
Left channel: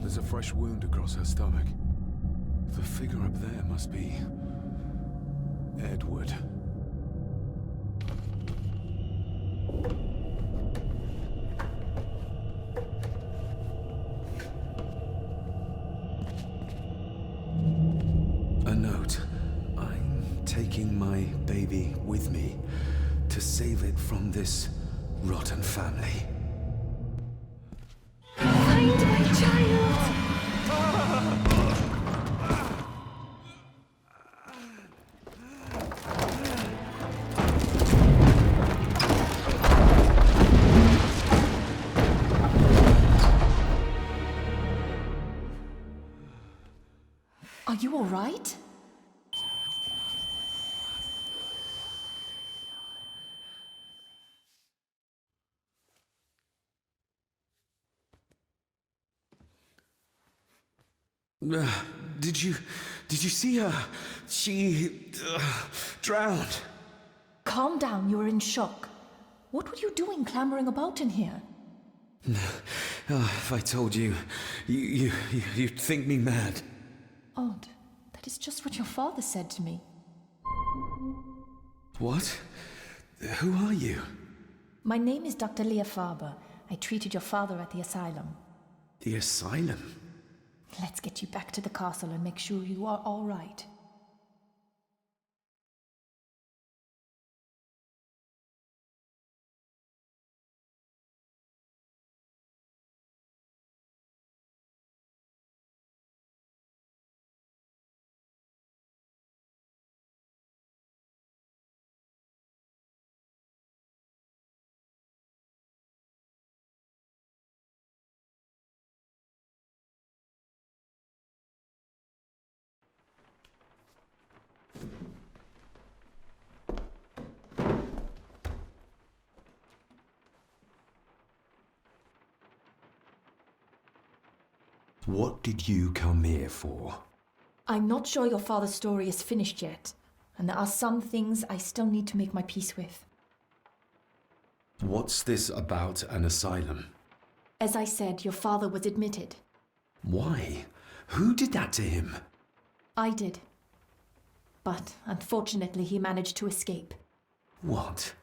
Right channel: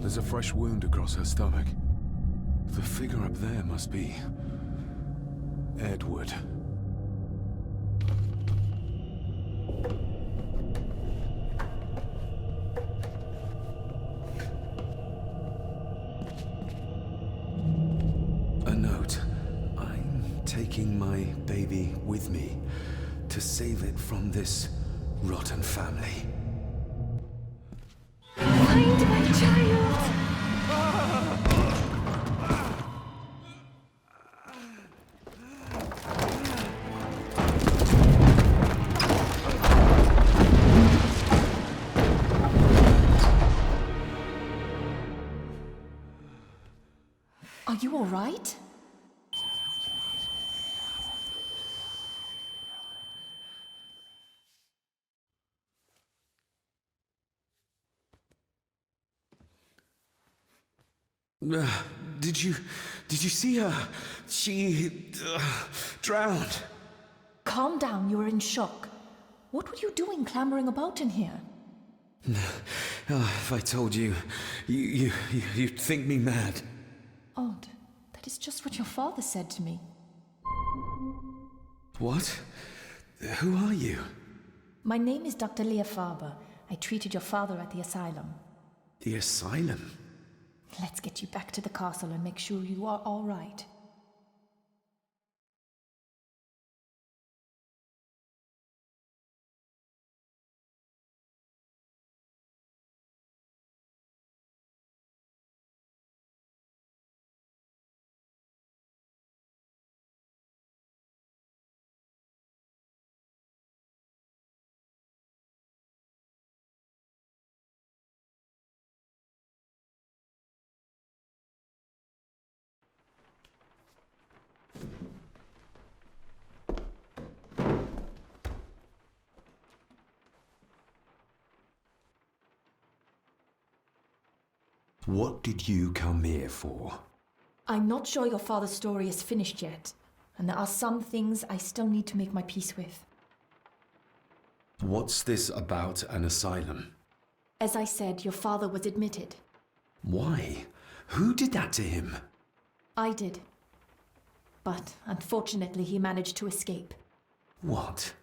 There's a fresh wound across her stomach. The figure up there must be Edward. A note. I'm taking my baby with me to save it from this rotten family. Find my child! Are you all right? Did you see her? She drowned. Calm down, you were in shock. What were you doing clambering about in here? If I told you, you'd think me mad. Odd. That is just what your father said to me. What? Who are you? My name is Dr. Leah Farber. I treated your father at the asylum. The asylum? Let's get you back to the castle and make sure you are all right. What did you come here for? I'm not sure your father's story is finished yet, and there are some things I still need to make my peace with. What's this about an asylum? As I said, your father was admitted. Why? Who did that to him? I did. But unfortunately, he managed to escape. What?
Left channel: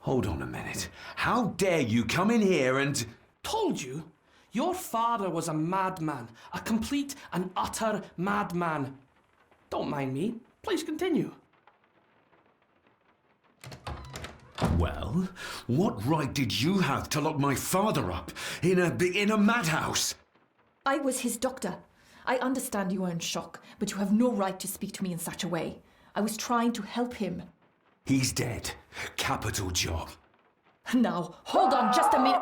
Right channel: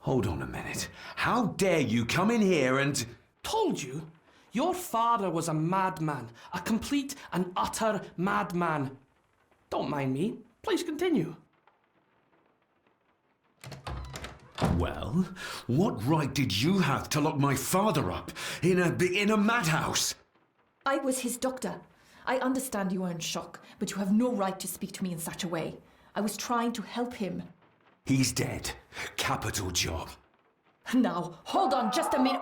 Hold on a minute. How dare you come in here and... Told you? Your father was a madman. A complete and utter madman. Don't mind me. Please continue. Well, what right did you have to lock my father up in a madhouse? I was his doctor. I understand you are in shock, but you have no right to speak to me in such a way. I was trying to help him. He's dead. Capital job. Now, hold on just a minute.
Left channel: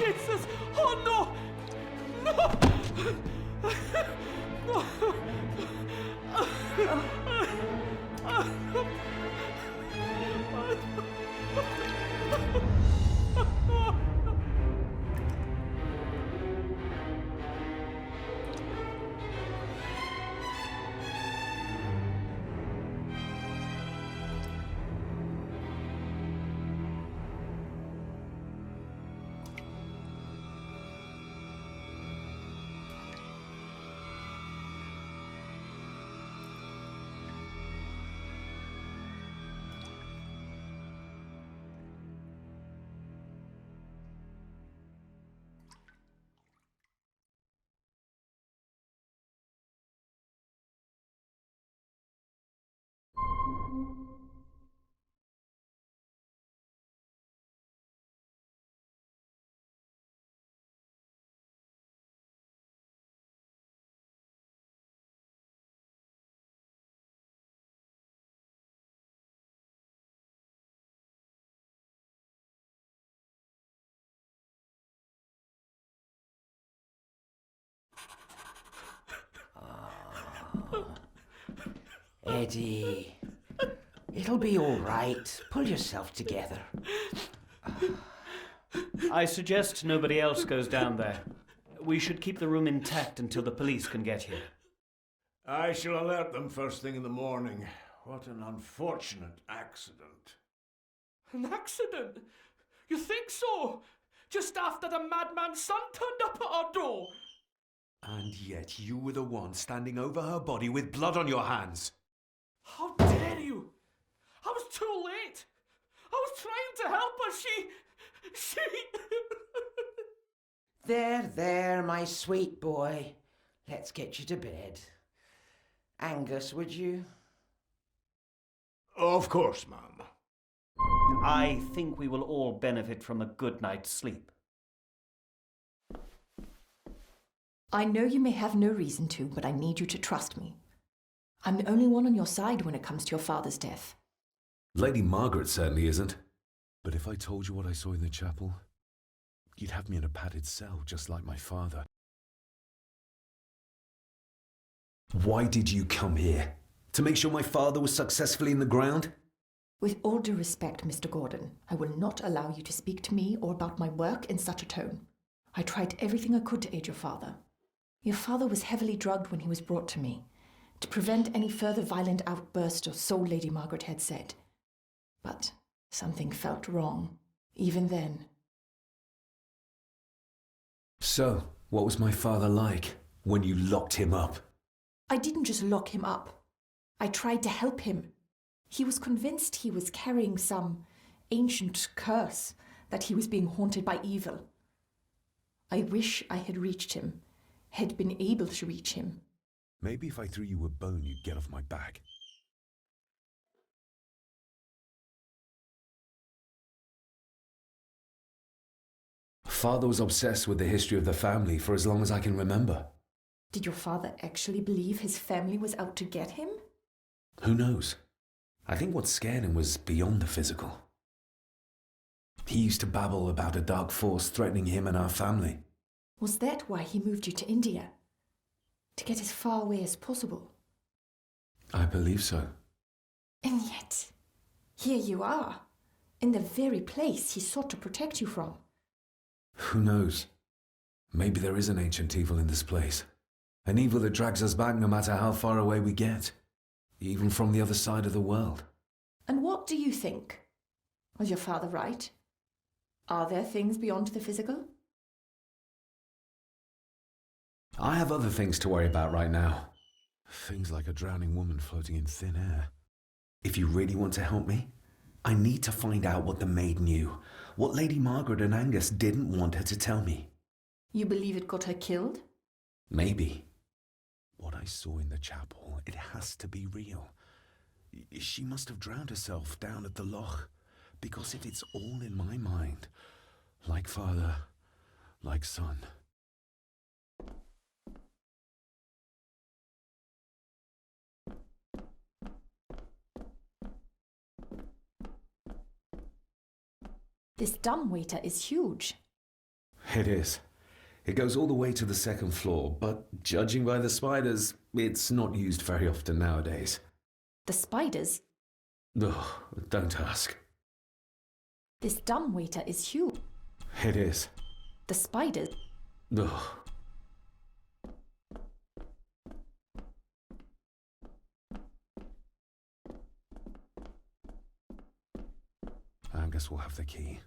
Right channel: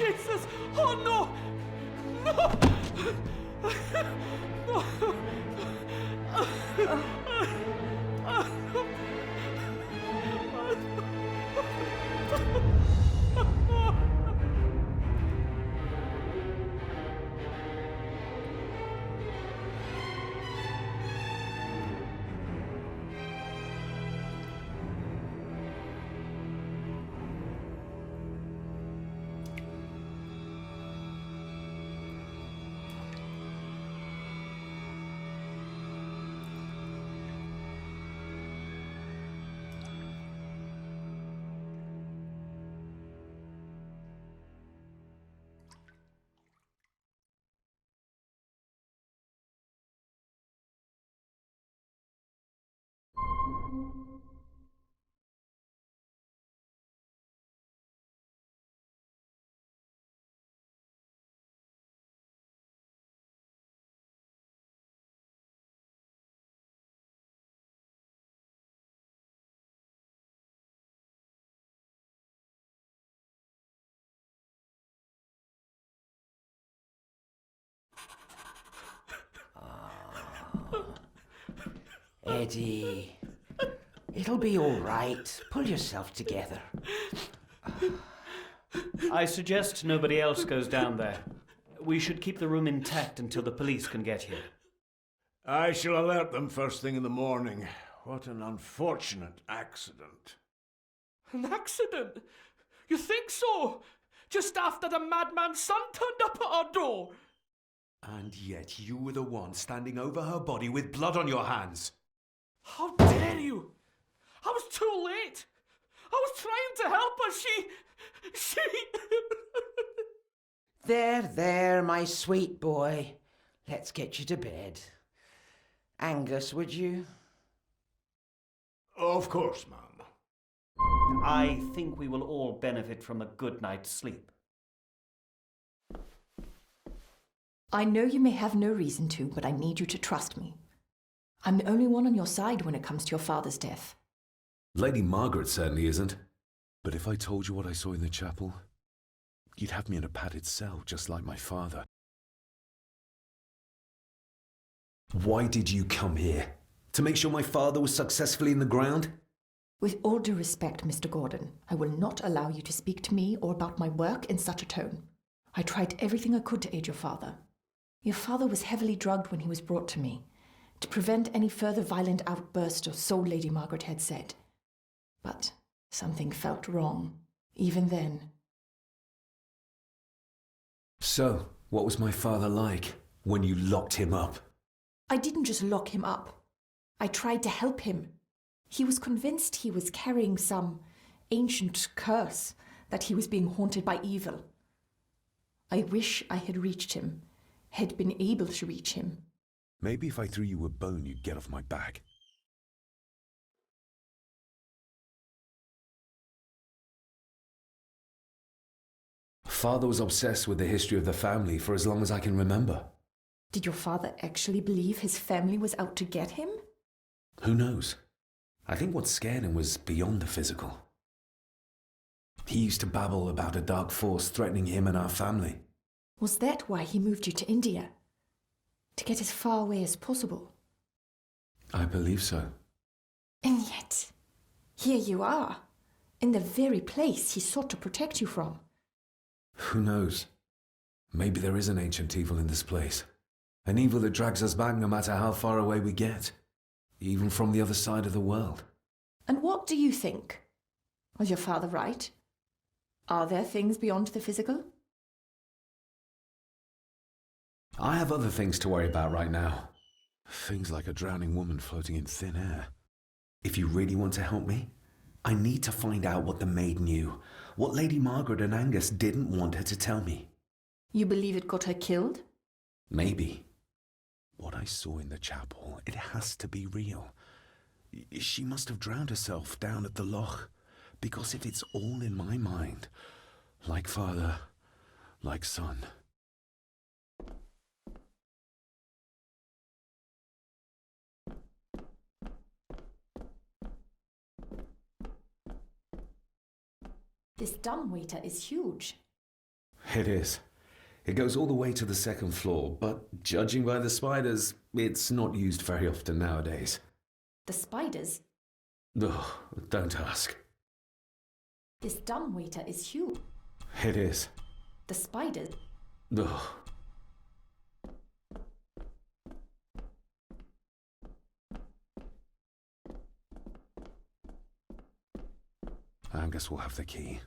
Jesus! Oh no! No! Eddie, it'll be all right. Pull yourself together. I suggest nobody else goes down there. We should keep the room intact until the police can get here. I shall alert them first thing in the morning. What an unfortunate accident. An accident? You think so? Just after the madman's son turned up at our door? And yet you were the one standing over her body with blood on your hands. How dare you! I was too late! I was trying to help her, she... There, my sweet boy. Let's get you to bed. Angus, would you? Of course, ma'am. I think we will all benefit from a good night's sleep. I know you may have no reason to, but I need you to trust me. I'm the only one on your side when it comes to your father's death. Lady Margaret certainly isn't. But if I told you what I saw in the chapel, you'd have me in a padded cell, just like my father. Why did you come here? To make sure my father was successfully in the ground? With all due respect, Mr. Gordon, I will not allow you to speak to me or about my work in such a tone. I tried everything I could to aid your father. Your father was heavily drugged when he was brought to me, to prevent any further violent outburst, or so Lady Margaret had said. But something felt wrong, even then. So, what was my father like when you locked him up? I didn't just lock him up. I tried to help him. He was convinced he was carrying some ancient curse, that he was being haunted by evil. I wish I had reached him, had been able to reach him. Maybe if I threw you a bone, you'd get off my back. Father was obsessed with the history of the family for as long as I can remember. Did your father actually believe his family was out to get him? Who knows? I think what scared him was beyond the physical. He used to babble about a dark force threatening him and our family. Was that why he moved you to India? To get as far away as possible? I believe so. And yet, here you are, in the very place he sought to protect you from. Who knows? Maybe there is an ancient evil in this place. An evil that drags us back no matter how far away we get. Even from the other side of the world. And what do you think? Was your father right? Are there things beyond the physical? I have other things to worry about right now. Things like a drowning woman floating in thin air. If you really want to help me, I need to find out what the maid knew. What Lady Margaret and Angus didn't want her to tell me. You believe it got her killed? Maybe. What I saw in the chapel, it has to be real. She must have drowned herself down at the loch. Because if it's all in my mind, like father, like son. This dumbwaiter is huge. It is. It goes all the way to the second floor, but judging by the spiders, it's not used very often nowadays. The spiders? Ugh, don't ask. This dumbwaiter is huge. It is. The spiders? Ugh. I guess we'll have the key.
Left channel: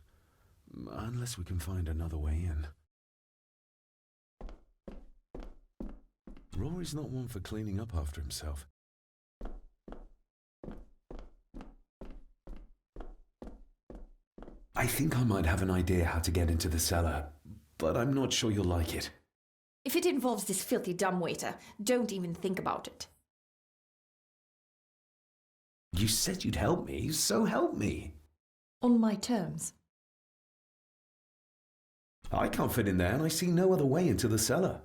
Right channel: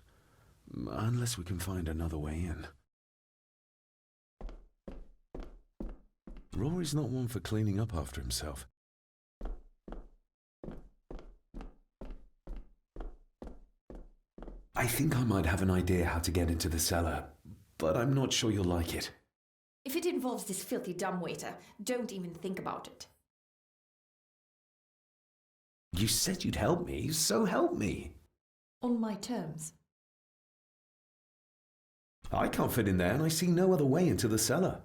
Unless we can find another way in. Rory's not one for cleaning up after himself. I think I might have an idea how to get into the cellar, but I'm not sure you'll like it. If it involves this filthy dumbwaiter, don't even think about it. You said you'd help me, so help me. On my terms. I can't fit in there, and I see no other way into the cellar.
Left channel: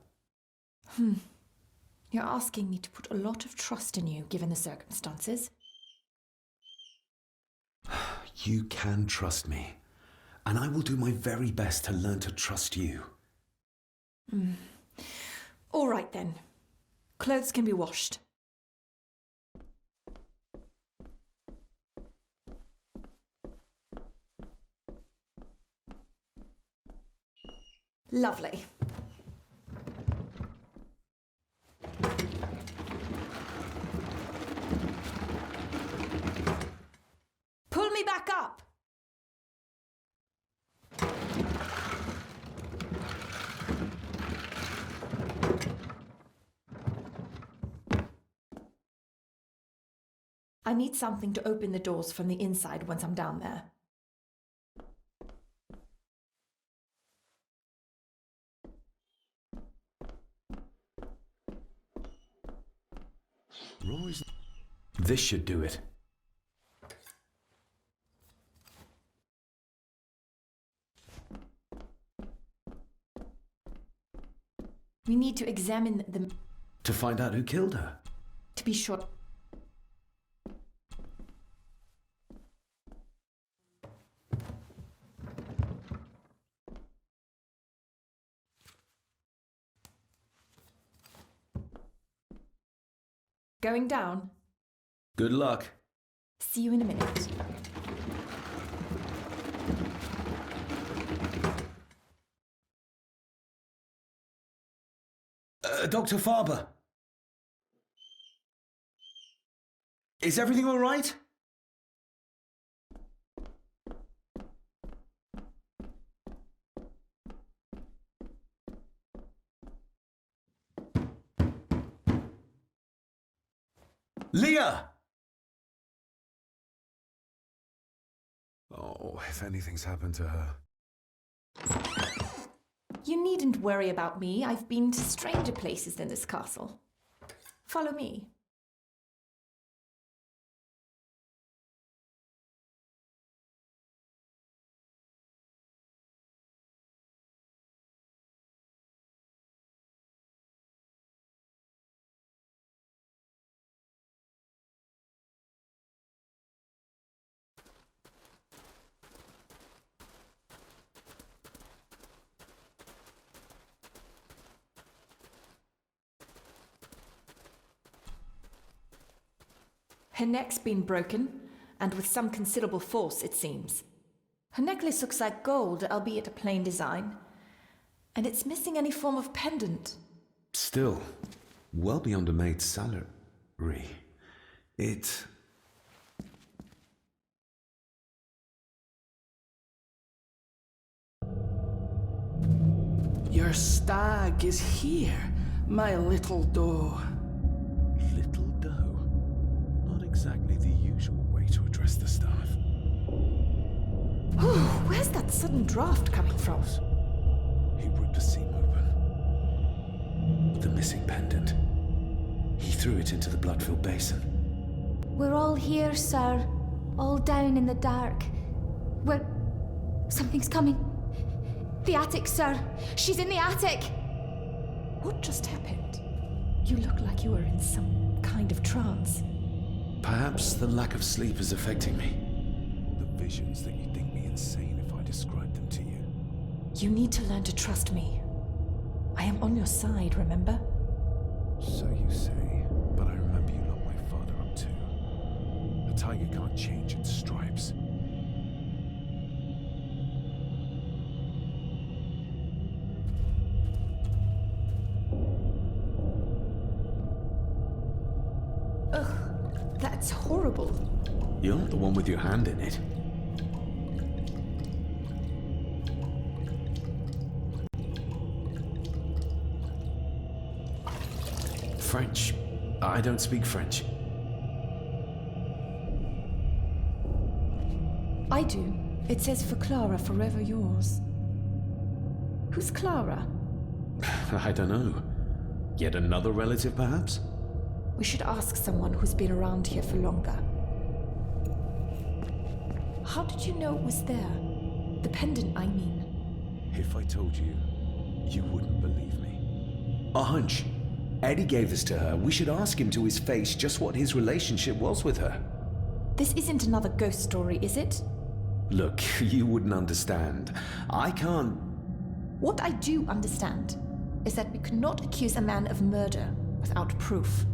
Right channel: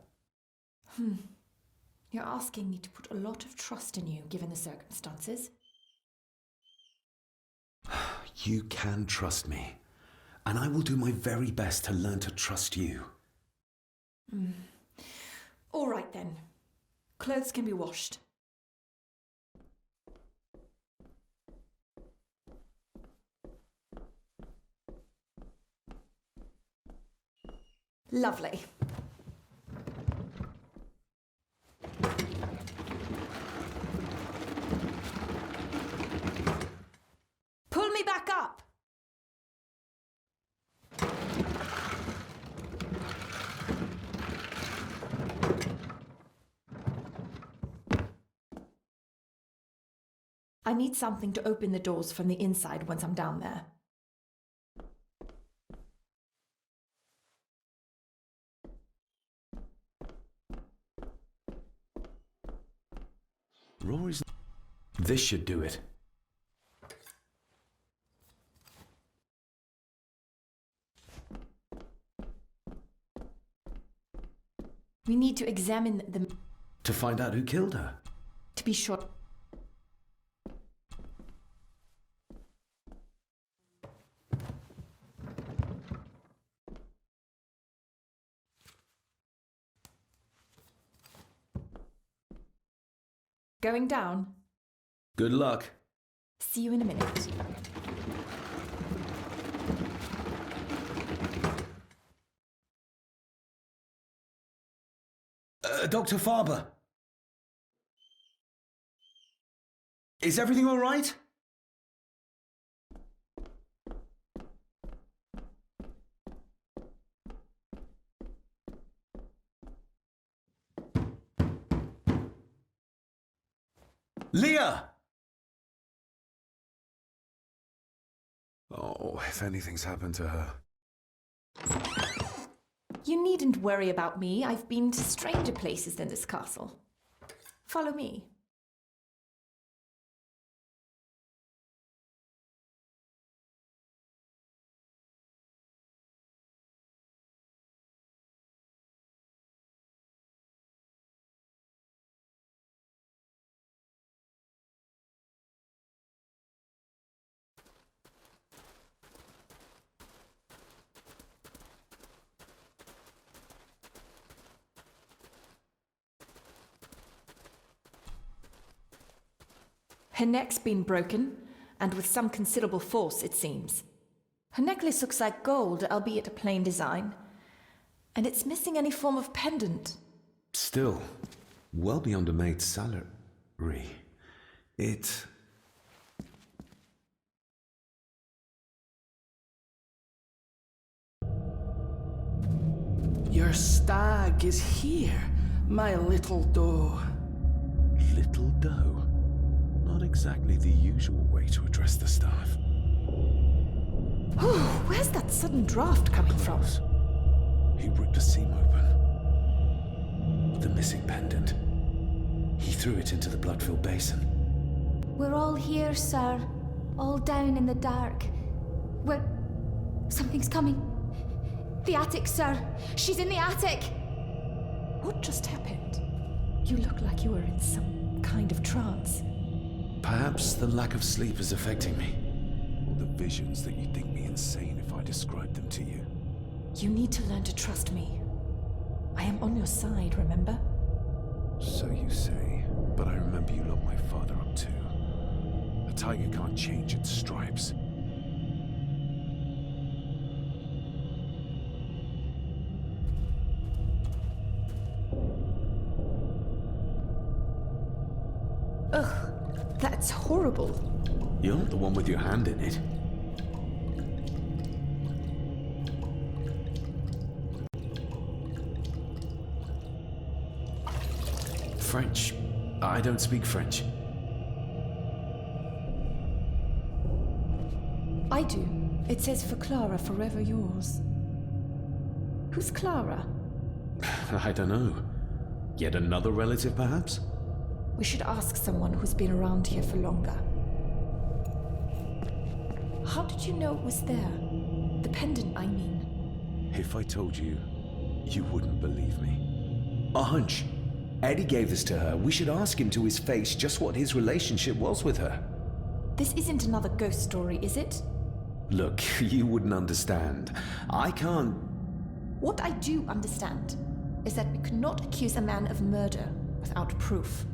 You're asking me to put a lot of trust in you, given the circumstances. You can trust me, and I will do my very best to learn to trust you. All right, then. Clothes can be washed. Lovely. Pull me back up! I need something to open the doors from the inside once I'm down there. Rory's... This should do it. We need to examine the... To find out who killed her? To be sure... Going down? Good luck. See you in a minute. Dr. Farber. Is everything all right? Leah! Oh, if anything's happened to her. You needn't worry about me. I've been to stranger places than this castle. Follow me. Her neck's been broken, and with some considerable force, it seems. Her necklace looks like gold, albeit a plain design. And it's missing any form of pendant. Still, well beyond a maid's salary. It... Your stag is here, my little doe. Little doe? Not exactly the usual way to address the staff. Oh, where's that sudden draft coming from? He ripped a seam open. The missing pendant. He threw it into the blood-filled basin. We're all here, sir. All down in the dark. Something's coming. The attic, sir. She's in the attic. What just happened? You look like you were in some kind of trance. Perhaps the lack of sleep is affecting me. Or the visions that you'd think me insane if I described them to you. You need to learn to trust me. I am on your side, remember? So you say, but I remember you locked my father up too. A tiger can't change its stripes. Ugh, that's horrible. You're not the one with your hand in it. French. I don't speak French. I do. It says for Clara, forever yours. Who's Clara? I don't know. Yet another relative, perhaps? We should ask someone who's been around here for longer. How did you know it was there? The pendant, I mean. If I told you, you wouldn't believe me. A hunch. Eddie gave this to her. We should ask him to his face just what his relationship was with her. This isn't another ghost story, is it? Look, you wouldn't understand. I can't... What I do understand is that we could not accuse a man of murder without proof.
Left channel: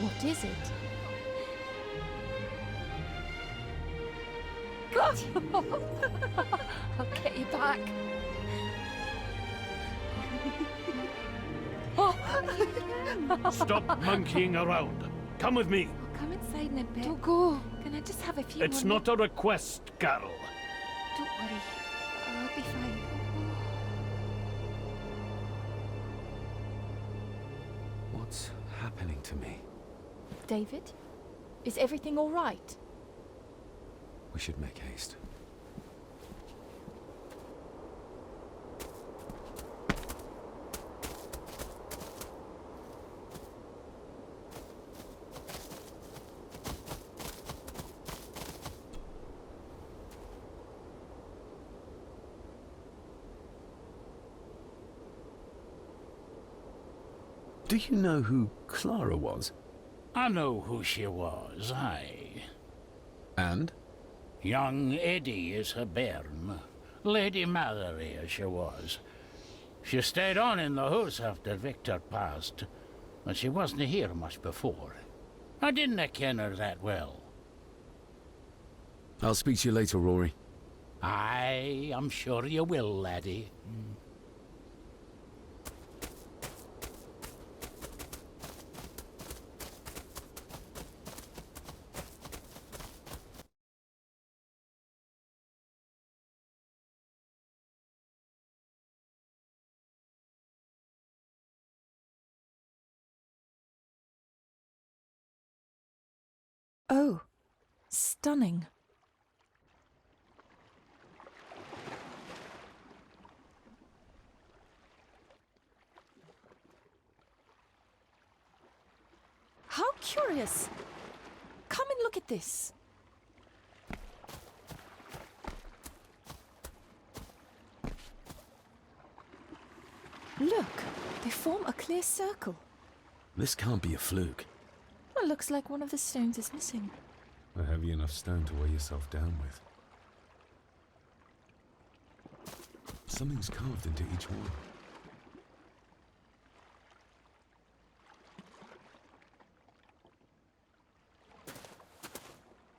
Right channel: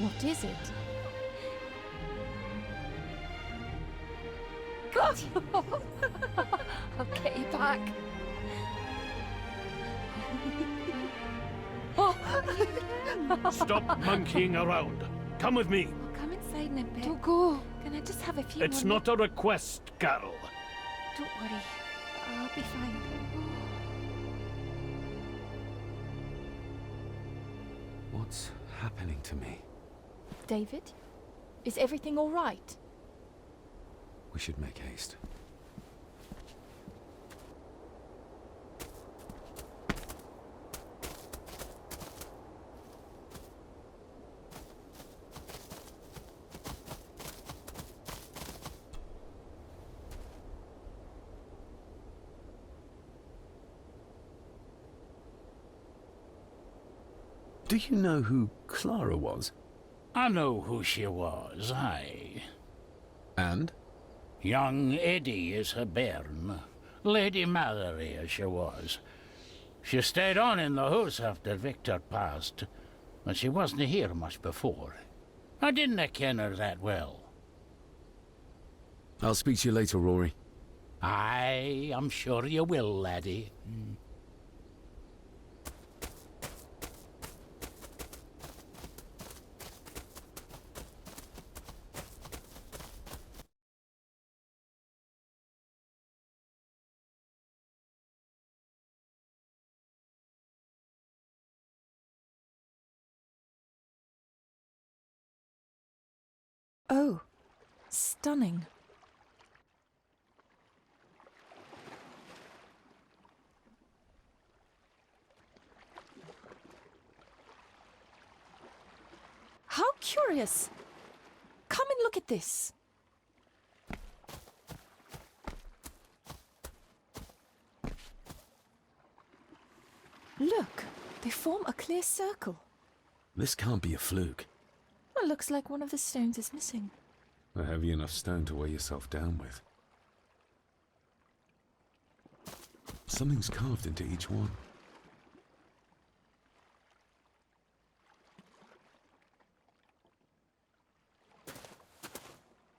What is it? I'll get you back. Stop monkeying around. Come with me. I'll come inside in a bit. Don't go. Can I just have a few It's more not a request, Carol. Don't worry. I'll be fine. What's happening to me? David? Is everything all right? We should make haste. Do you know who Clara was? I know who she was, aye. And? Young Eddie is her bairn. Lady Mallory, as she was. She stayed on in the house after Victor passed, but she wasn't here much before. I didn't ken her that well. I'll speak to you later, Rory. Aye, I'm sure you will, laddie. Oh, stunning. How curious. Come and look at this. Look, they form a clear circle. This can't be a fluke. Well, looks like one of the stones is missing. A heavy enough stone to weigh yourself down with. Something's carved into each one.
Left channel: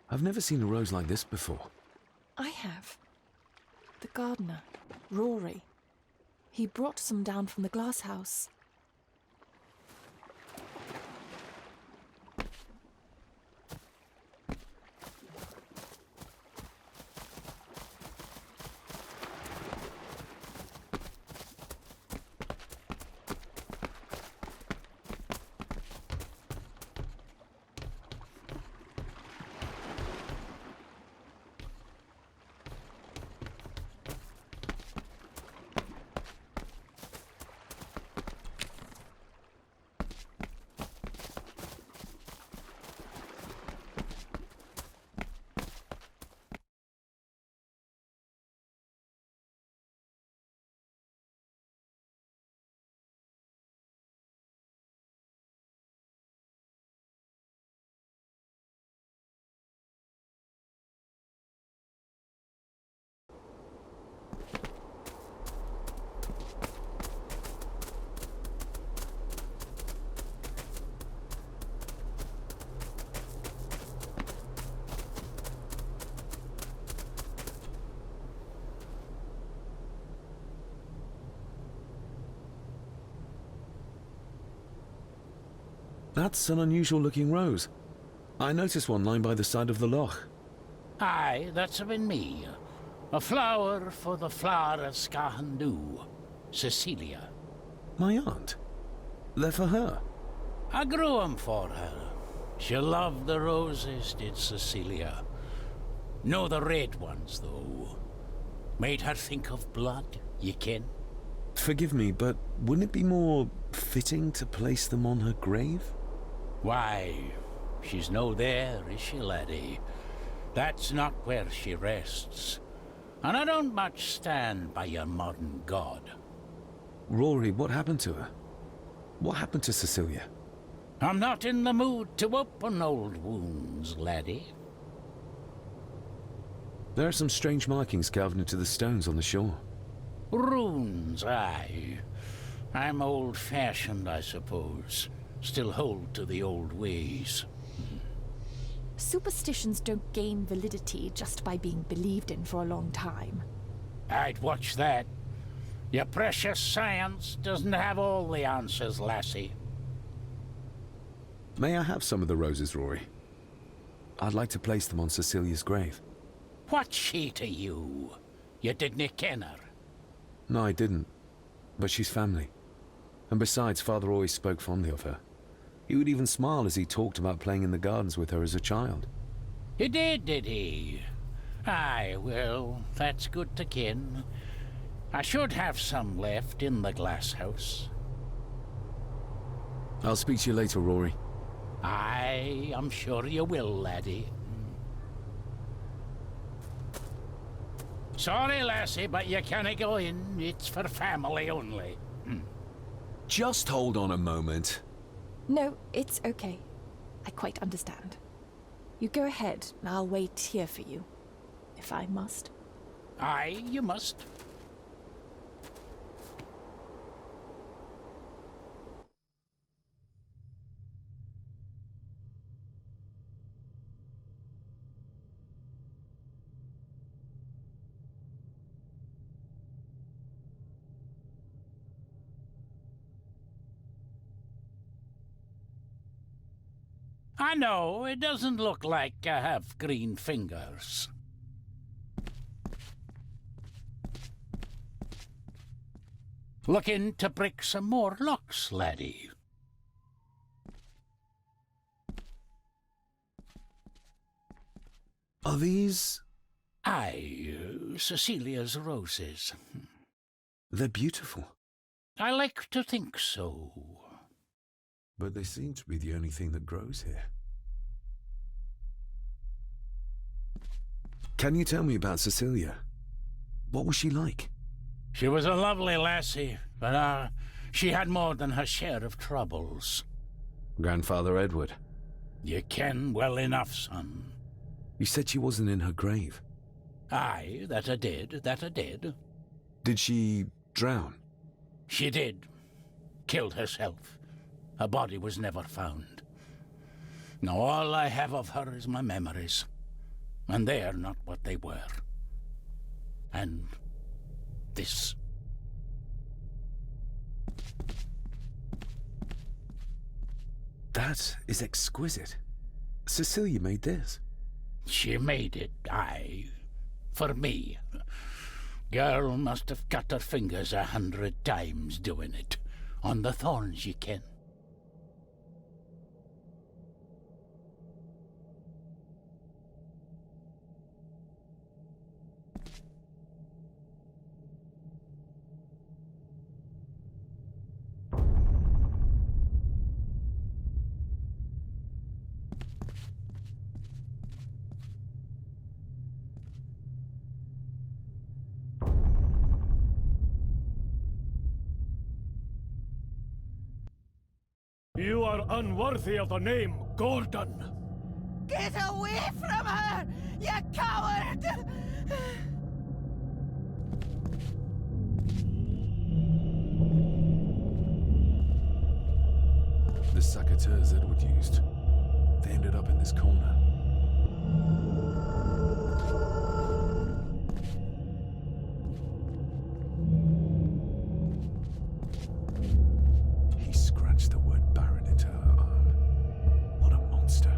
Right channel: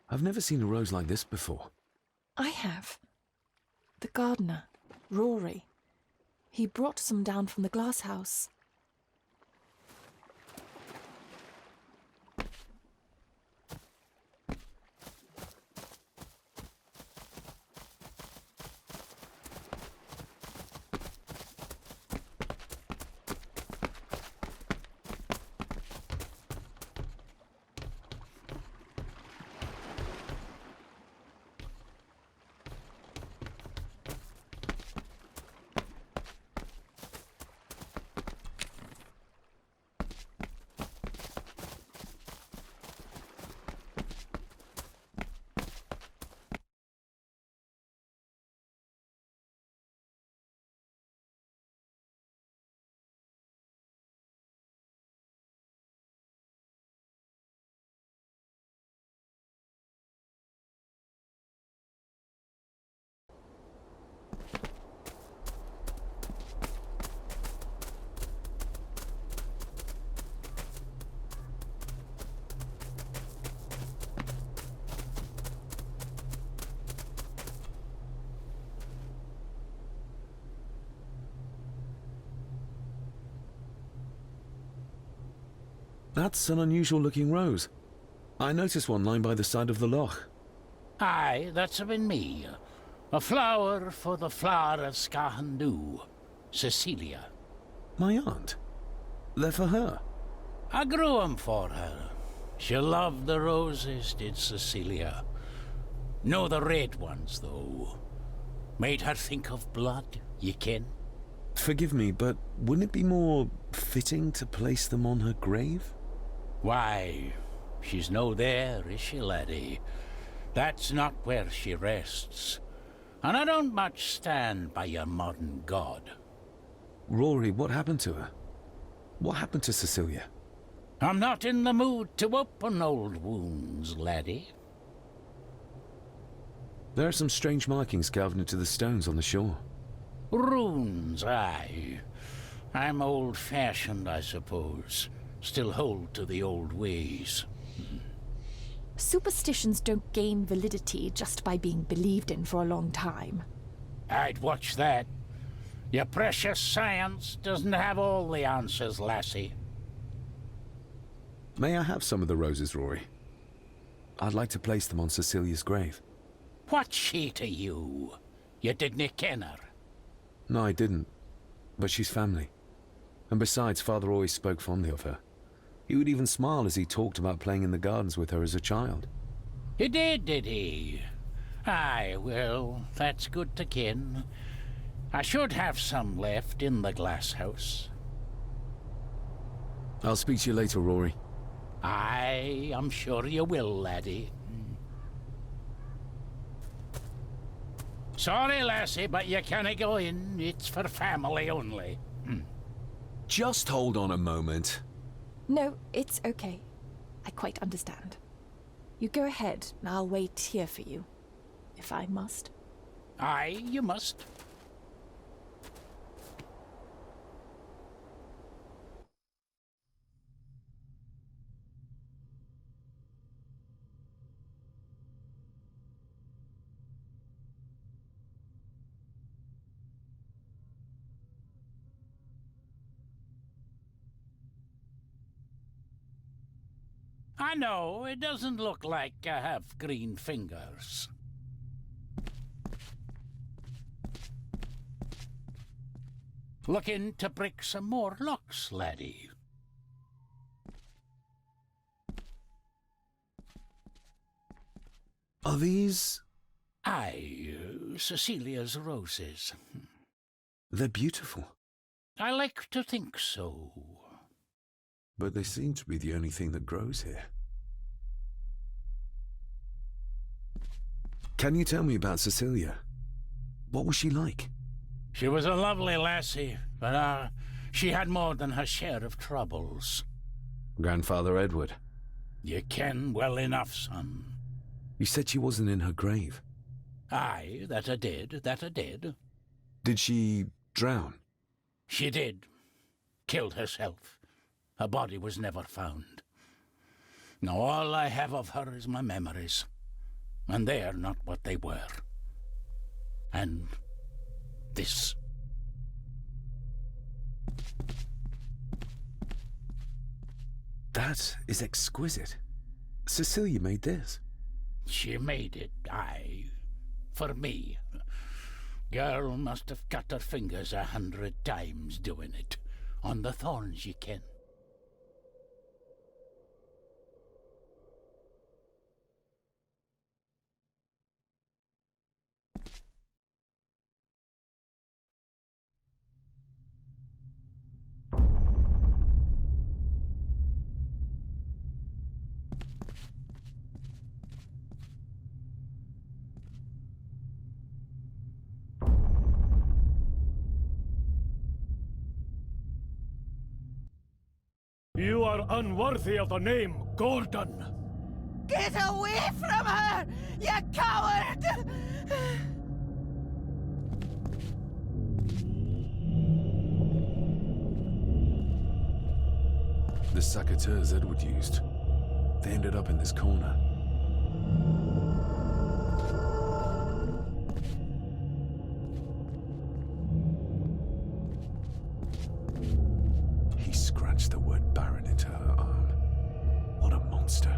I've never seen a rose like this before. I have. The gardener, Rory. He brought some down from the glass house. That's an unusual looking rose. I noticed one lying by the side of the loch. Aye, that's been me. A flower for the flower of Scahandu, Cecilia. My aunt? They're for her? I grew 'em for her. She loved the roses, did Cecilia. No the red ones, though. Made her think of blood, ye ken. Forgive me, but wouldn't it be more fitting to place them on her grave? Why, she's no there, is she, laddie? That's not where she rests. And I don't much stand by your modern god. Rory, what happened to her? What happened to Cecilia? I'm not in the mood to open old wounds, laddie. There are some strange markings carved into the stones on the shore. Runes, aye. I'm old-fashioned, I suppose. Still hold to the old ways. Superstitions don't gain validity just by being believed in for a long time. I'd watch that. Your precious science doesn't have all the answers, lassie. May I have some of the roses, Rory? I'd like to place them on Cecilia's grave. What's she to you? You didn't ken her? No, I didn't. But she's family. And besides, Father always spoke fondly of her. He would even smile as he talked about playing in the gardens with her as a child. He did he? Aye, well, that's good to ken. I should have some left in the glass house. I'll speak to you later, Rory. Aye, I'm sure you will, laddie. Sorry, lassie, but you can't go in. It's for family only. Just hold on a moment. No, it's okay. I quite understand. You go ahead, and I'll wait here for you, if I must. Aye, you must. I know, it doesn't look like I have green fingers. Looking to break some more locks, laddie. Are these... Aye, Cecilia's roses. They're beautiful. I like to think so. But they seem to be the only thing that grows here. Can you tell me about Cecilia? What was she like? She was a lovely lassie, but she had more than her share of troubles. Grandfather Edward. You ken well enough, son. You said she wasn't in her grave. Aye, that I did. Did she drown? She did. Killed herself. Her body was never found. Now all I have of her is my memories. And they are not what they were. And this. That is exquisite. Cecilia made this. She made it, aye. For me. Girl must have cut her fingers 100 times doing it. On the thorns, ye ken. You are unworthy of the name Gordon. Get away from her, you coward! The secateurs Edward used. They ended up in this corner. He scratched the word Baron into her arm. What a monster.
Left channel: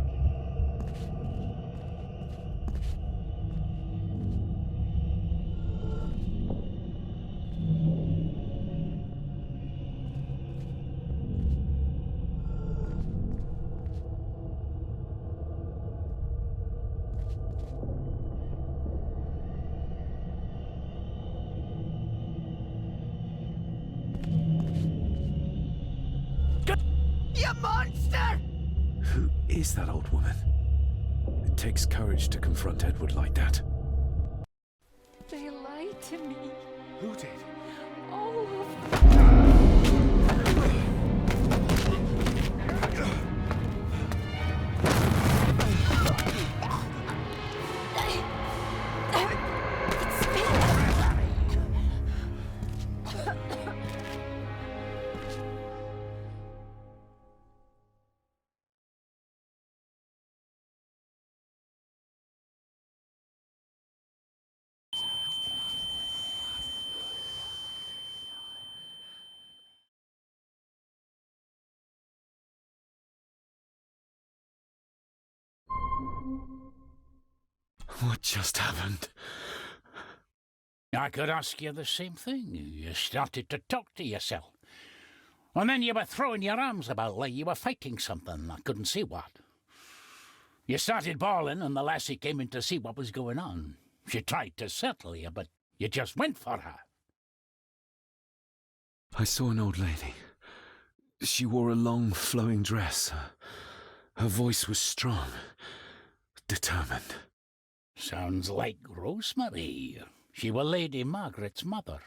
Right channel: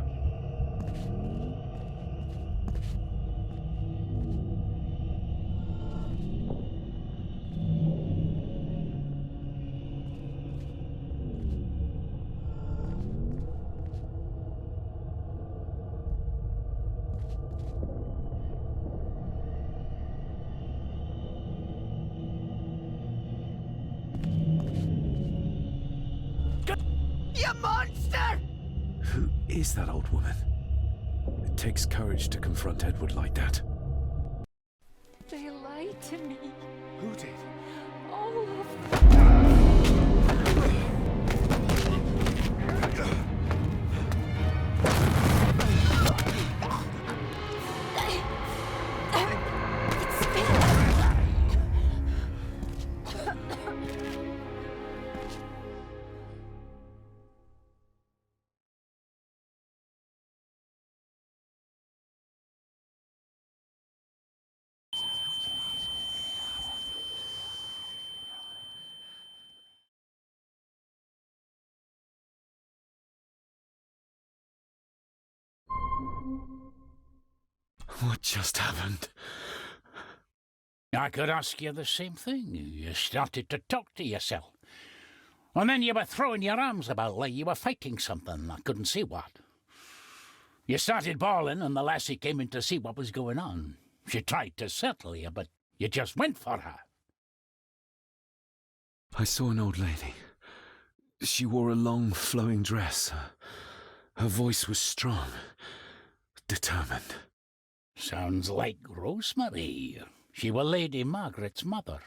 You monster! Who is that old woman? It takes courage to confront Edward like that. They lied to me. Who did? All of them. What just happened? I could ask you the same thing. You started to talk to yourself. And then you were throwing your arms about like you were fighting something. I couldn't see what. You started bawling and the lassie came in to see what was going on. She tried to settle you, but you just went for her. I saw an old lady. She wore a long, flowing dress. Her voice was strong, determined. Sounds like Rosemary. She were Lady Margaret's mother.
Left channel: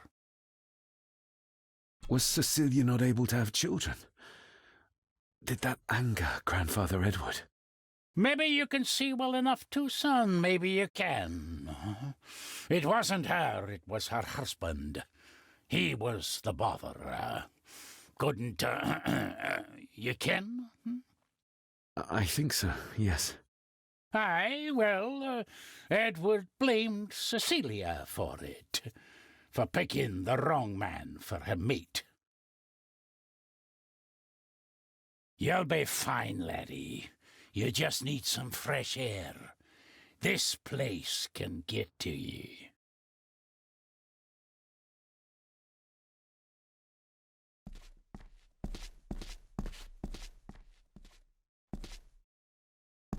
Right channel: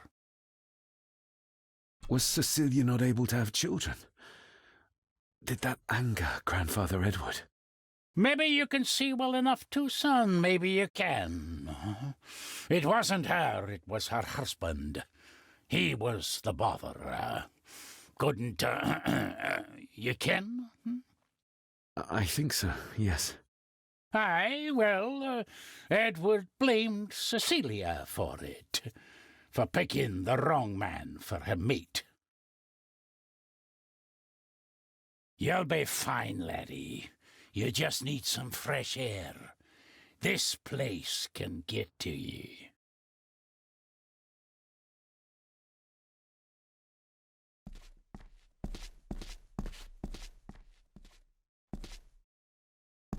Was Cecilia not able to have children? Did that anger Grandfather Edward? Maybe you can see well enough too, son. Maybe you can. It wasn't her, it was her husband. He was the bother. Couldn't, you ken? I think so, yes. Aye, well, Edward blamed Cecilia for it, for picking the wrong man for her mate. You'll be fine, laddie. You just need some fresh air. This place can get to ye.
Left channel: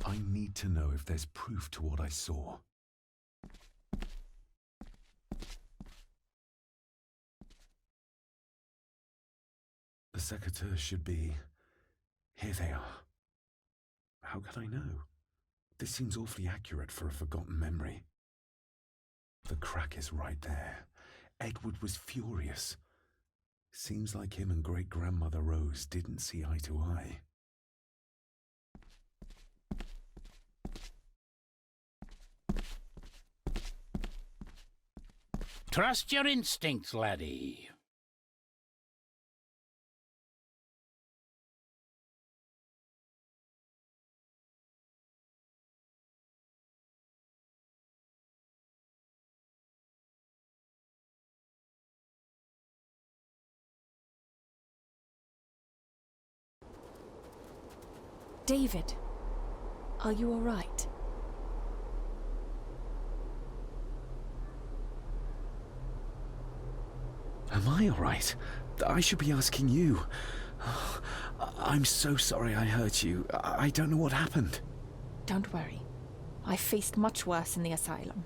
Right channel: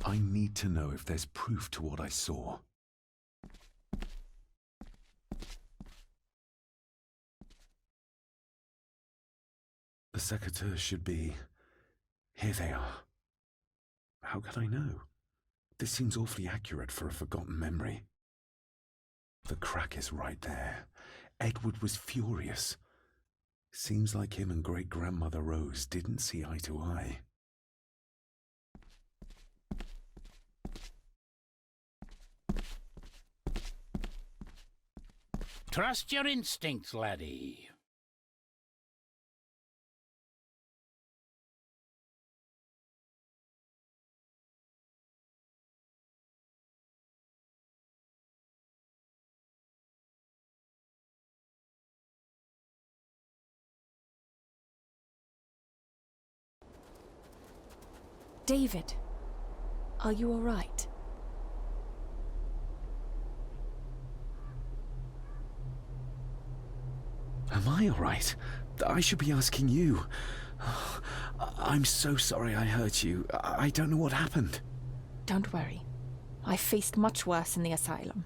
I need to know if there's proof to what I saw. The secateurs should be... Here they are. How could I know? This seems awfully accurate for a forgotten memory. The crack is right there. Edward was furious. Seems like him and great-grandmother Rose didn't see eye to eye. Trust your instincts, laddie. David, are you all right? Am I all right? I should be asking you. I'm so sorry I hurt you. I don't know what happened. Don't worry. I faced much worse in the asylum.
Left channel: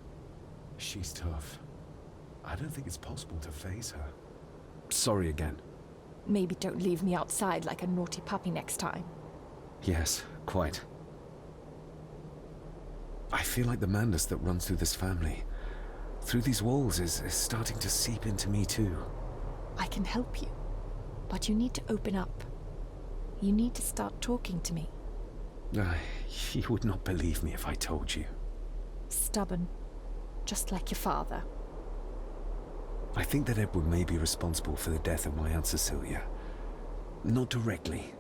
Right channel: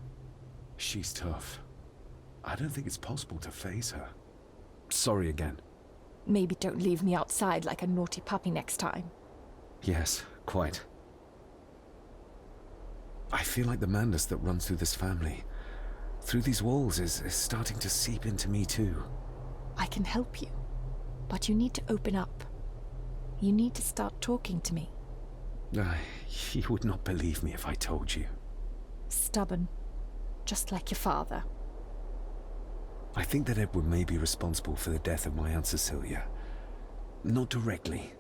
She's tough. I don't think it's possible to face her. Sorry again. Maybe don't leave me outside like a naughty puppy next time. Yes, quite. I feel like the madness that runs through this family, through these walls, is starting to seep into me too. I can help you, but you need to open up. You need to start talking to me. You would not believe me if I told you. Stubborn, just like your father. I think that Edward may be responsible for the death of my Aunt Cecilia. Not directly.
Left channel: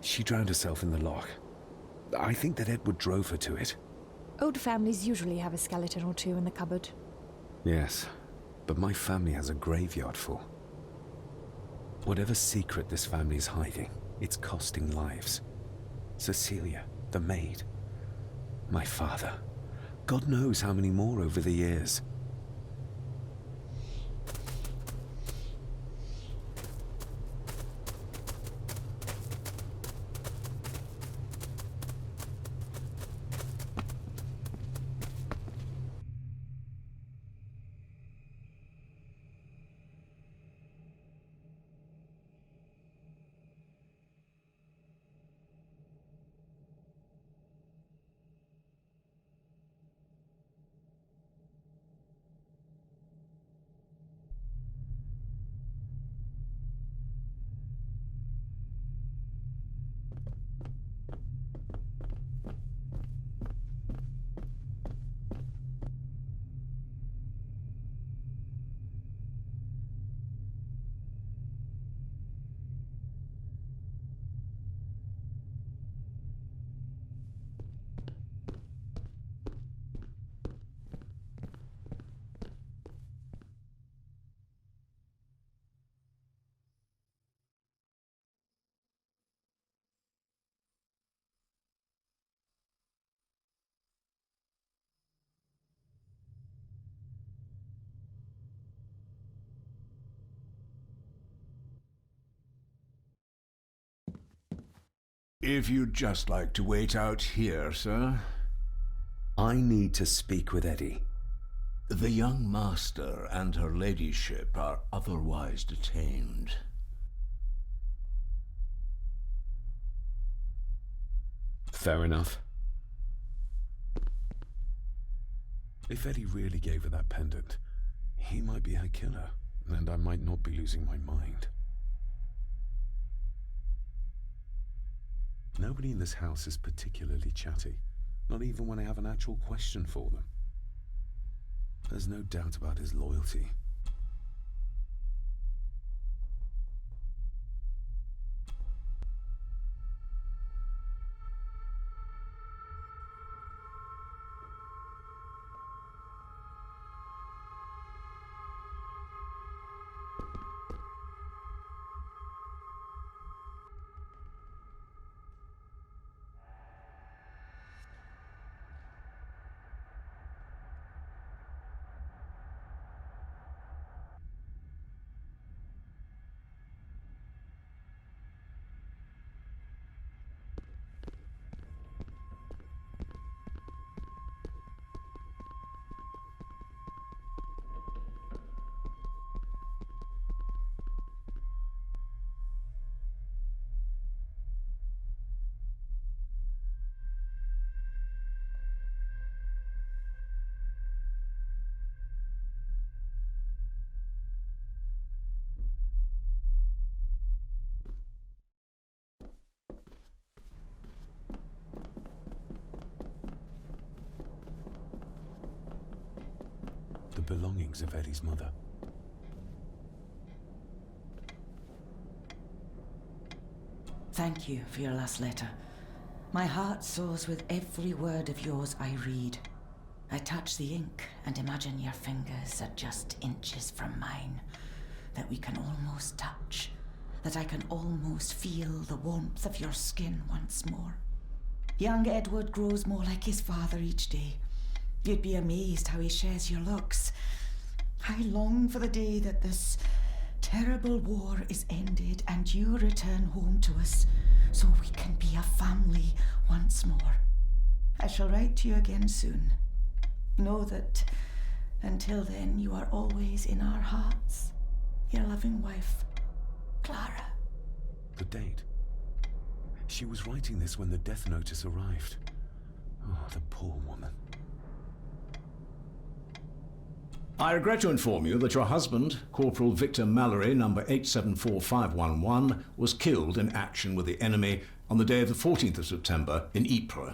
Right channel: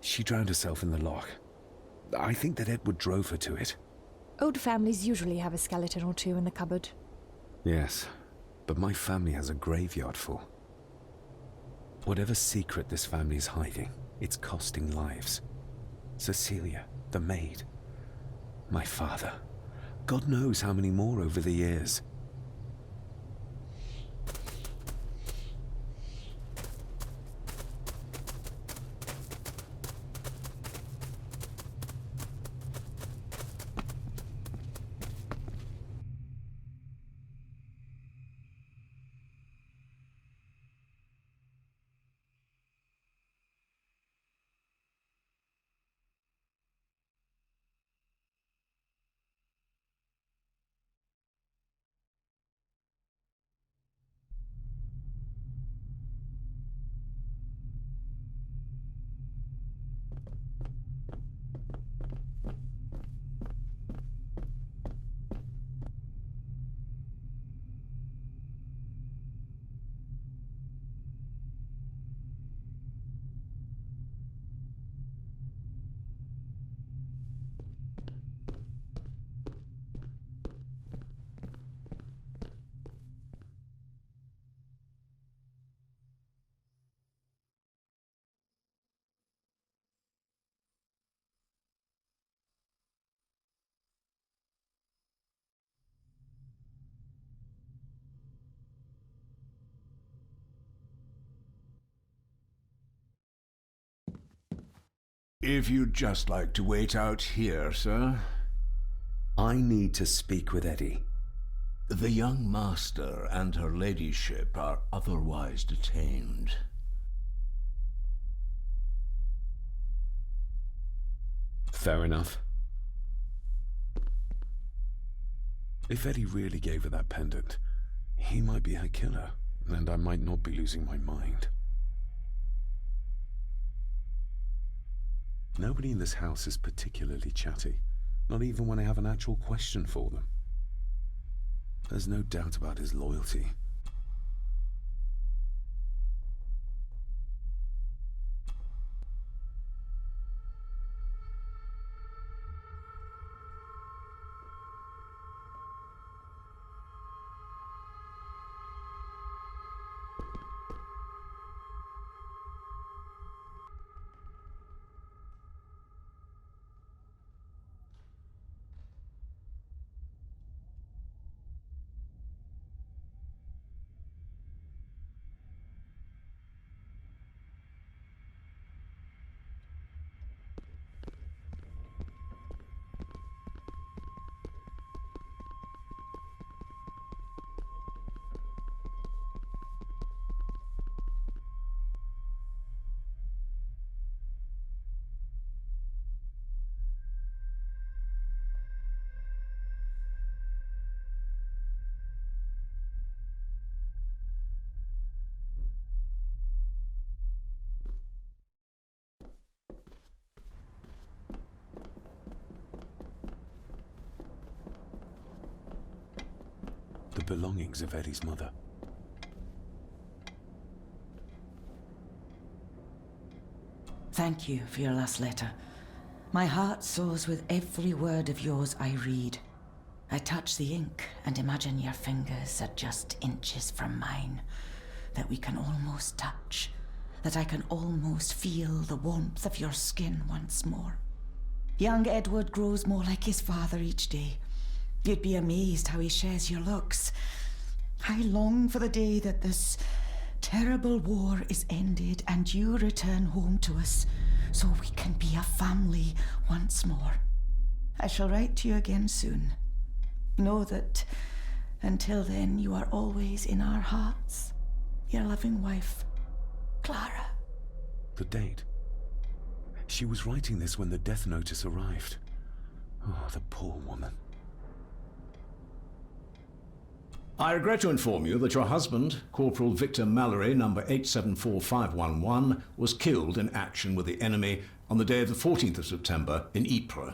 She drowned herself in the loch. I think that Edward drove her to it. Old families usually have a skeleton or two in the cupboard. Yes, but my family has a graveyard full. Whatever secret this family is hiding, it's costing lives. Cecilia, the maid, my father. God knows how many more over the years. If you'd just like to wait out here, sir. I need to speak with Eddie. The young master and her ladyship are otherwise detained. Fair enough. If Eddie really gave her that pendant, he might be her killer, and I might not be losing my mind. Nobody in this house is particularly chatty, not even when I have an actual question for them. There's no doubt about his loyalty. belongings of Eddie's mother. Thank you for your last letter. My heart soars with every word of yours I read. I touch the ink and imagine your fingers are just inches from mine, that we can almost touch, that I can almost feel the warmth of your skin once more. Young Edward grows more like his father each day. You'd be amazed how he shares your looks. I long for the day that this terrible war is ended and you return home to us so we can be a family once more. I shall write to you again soon. Know that until then you are always in our hearts. Your loving wife, Clara. The date. She was writing this when the death notice arrived. Oh, the poor woman. I regret to inform you that your husband, Corporal Victor Mallory, number 874511, was killed in action with the enemy on the day of the 14th of September in Ypres.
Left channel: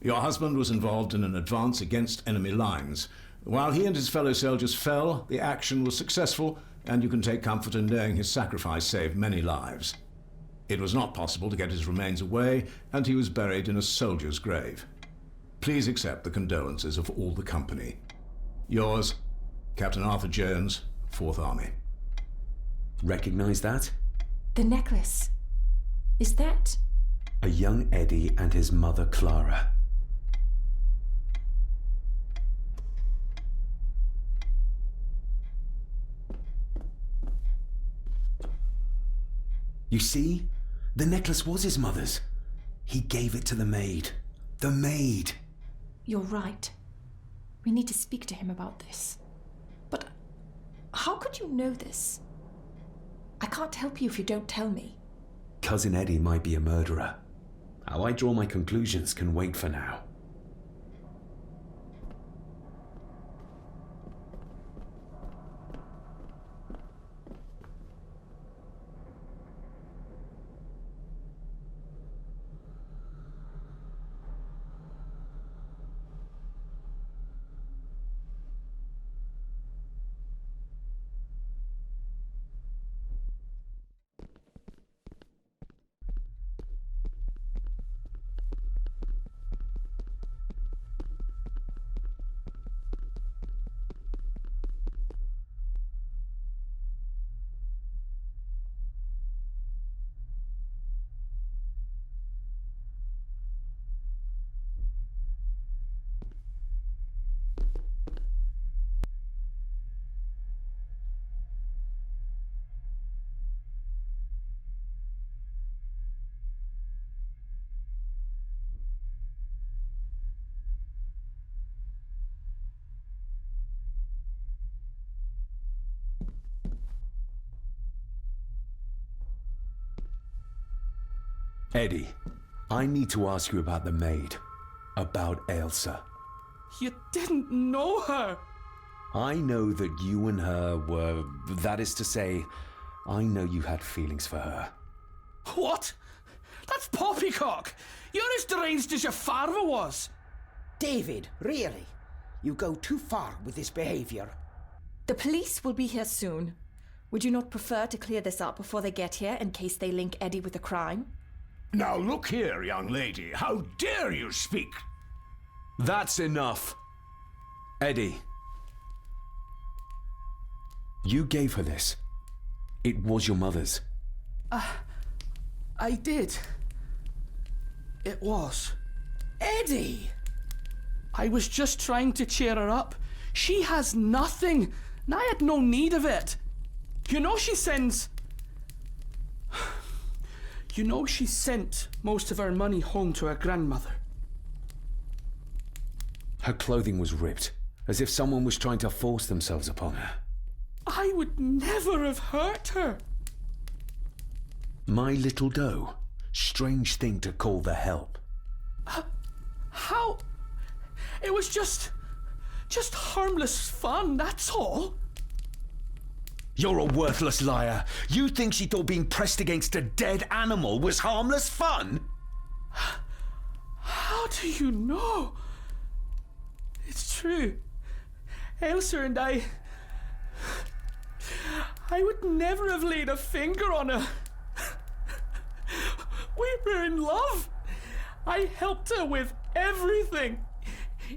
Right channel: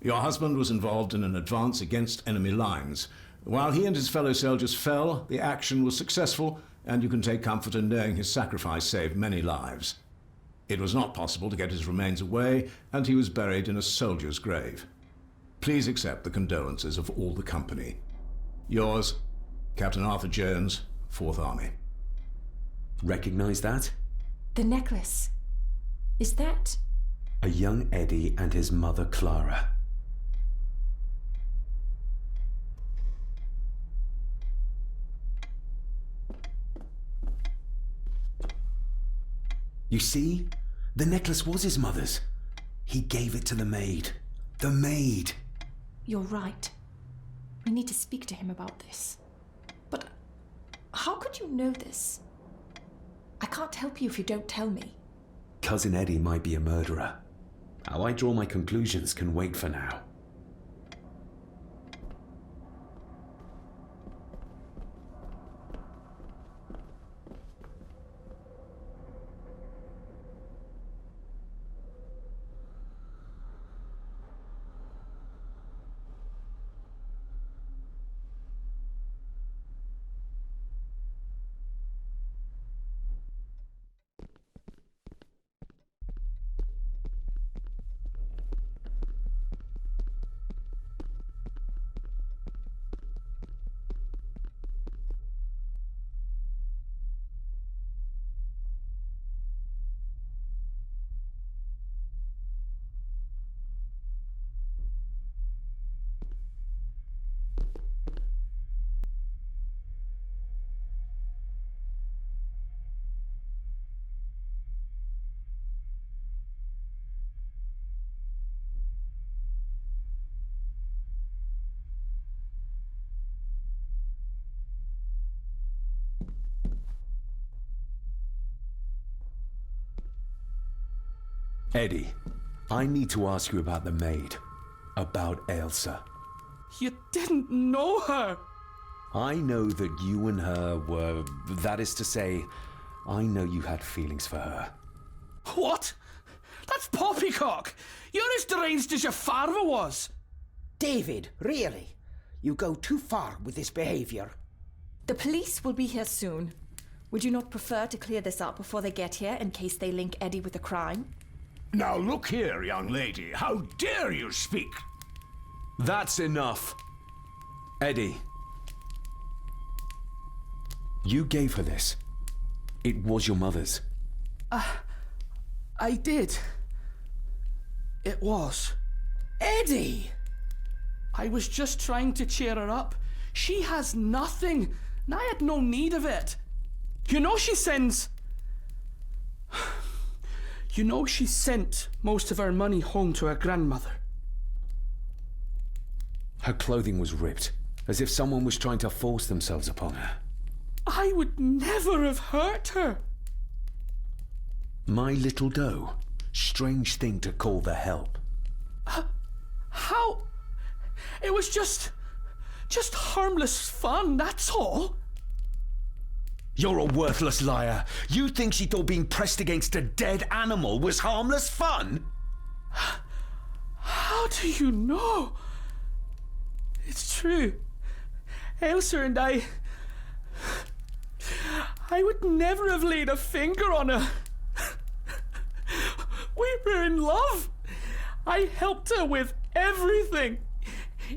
Your husband was involved in an advance against enemy lines. While he and his fellow soldiers fell, the action was successful, and you can take comfort in knowing his sacrifice saved many lives. It was not possible to get his remains away, and he was buried in a soldier's grave. Please accept the condolences of all the company. Yours, Captain Arthur Jones, 4th Army. Recognize that? The necklace. Is that... A young Eddie and his mother Clara. You see? The necklace was his mother's. He gave it to the maid. The maid! You're right. We need to speak to him about this. But how could you know this? I can't help you if you don't tell me. Cousin Eddie might be a murderer. How I draw my conclusions can wait for now. Eddie, I need to ask you about the maid. About Ailsa. You didn't know her! I know that you and her were... That is to say, I know you had feelings for her. What? That's poppycock! You're as deranged as your father was! David, really? You go too far with this behavior. The police will be here soon. Would you not prefer to clear this up before they get here in case they link Eddie with the crime? Now look here, young lady. How dare you speak? That's enough. Eddie. You gave her this. It was your mother's. I did. It was. Eddie! I was just trying to cheer her up. She has nothing, and I had no need of it. You know she sends... You know she sent most of her money home to her grandmother. Her clothing was ripped, as if someone was trying to force themselves upon her. I would never have hurt her. My little doe. Strange thing to call the help. How? It was just harmless fun, that's all. You're a worthless liar. You think she thought being pressed against a dead animal was harmless fun? How do you know? It's true. Ailsa and I would never have laid a finger on her. We were in love. I helped her with everything,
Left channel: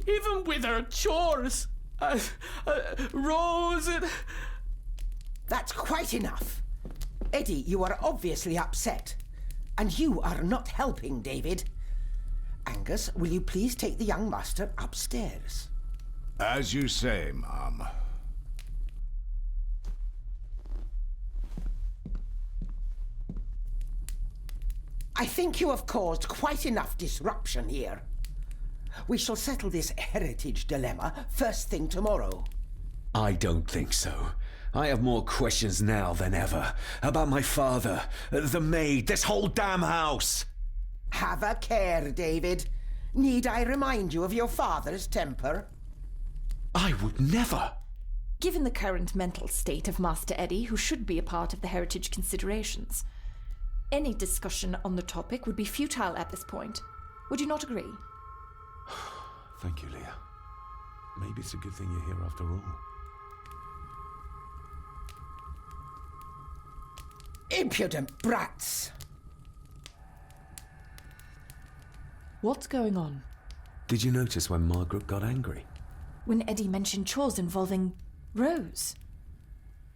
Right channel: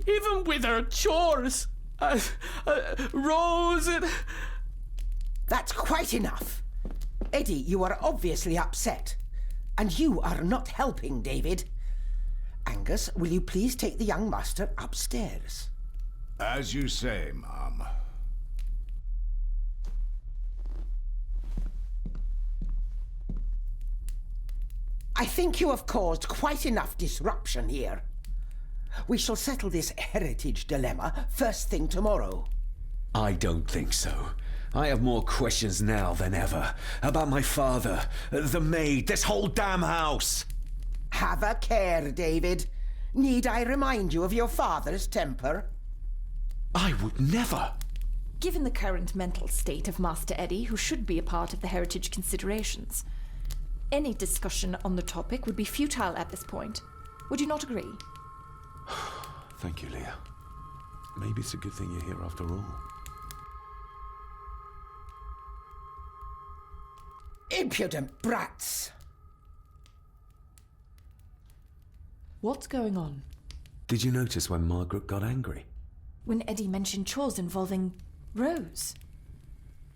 even with her chores. Rose and... That's quite enough. Eddie, you are obviously upset. And you are not helping, David. Angus, will you please take the young master upstairs? As you say, Mom. I think you have caused quite enough disruption here. We shall settle this heritage dilemma first thing tomorrow. I don't think so. I have more questions now than ever. About my father, the maid, this whole damn house. Have a care, David. Need I remind you of your father's temper? I would never. Given the current mental state of Master Eddie, who should be a part of the heritage considerations, any discussion on the topic would be futile at this point. Would you not agree? Thank you, Leah. Maybe it's a good thing you're here after all. Impudent brats! What's going on? Did you notice when Margaret got angry? When Eddie mentioned chores involving Rose.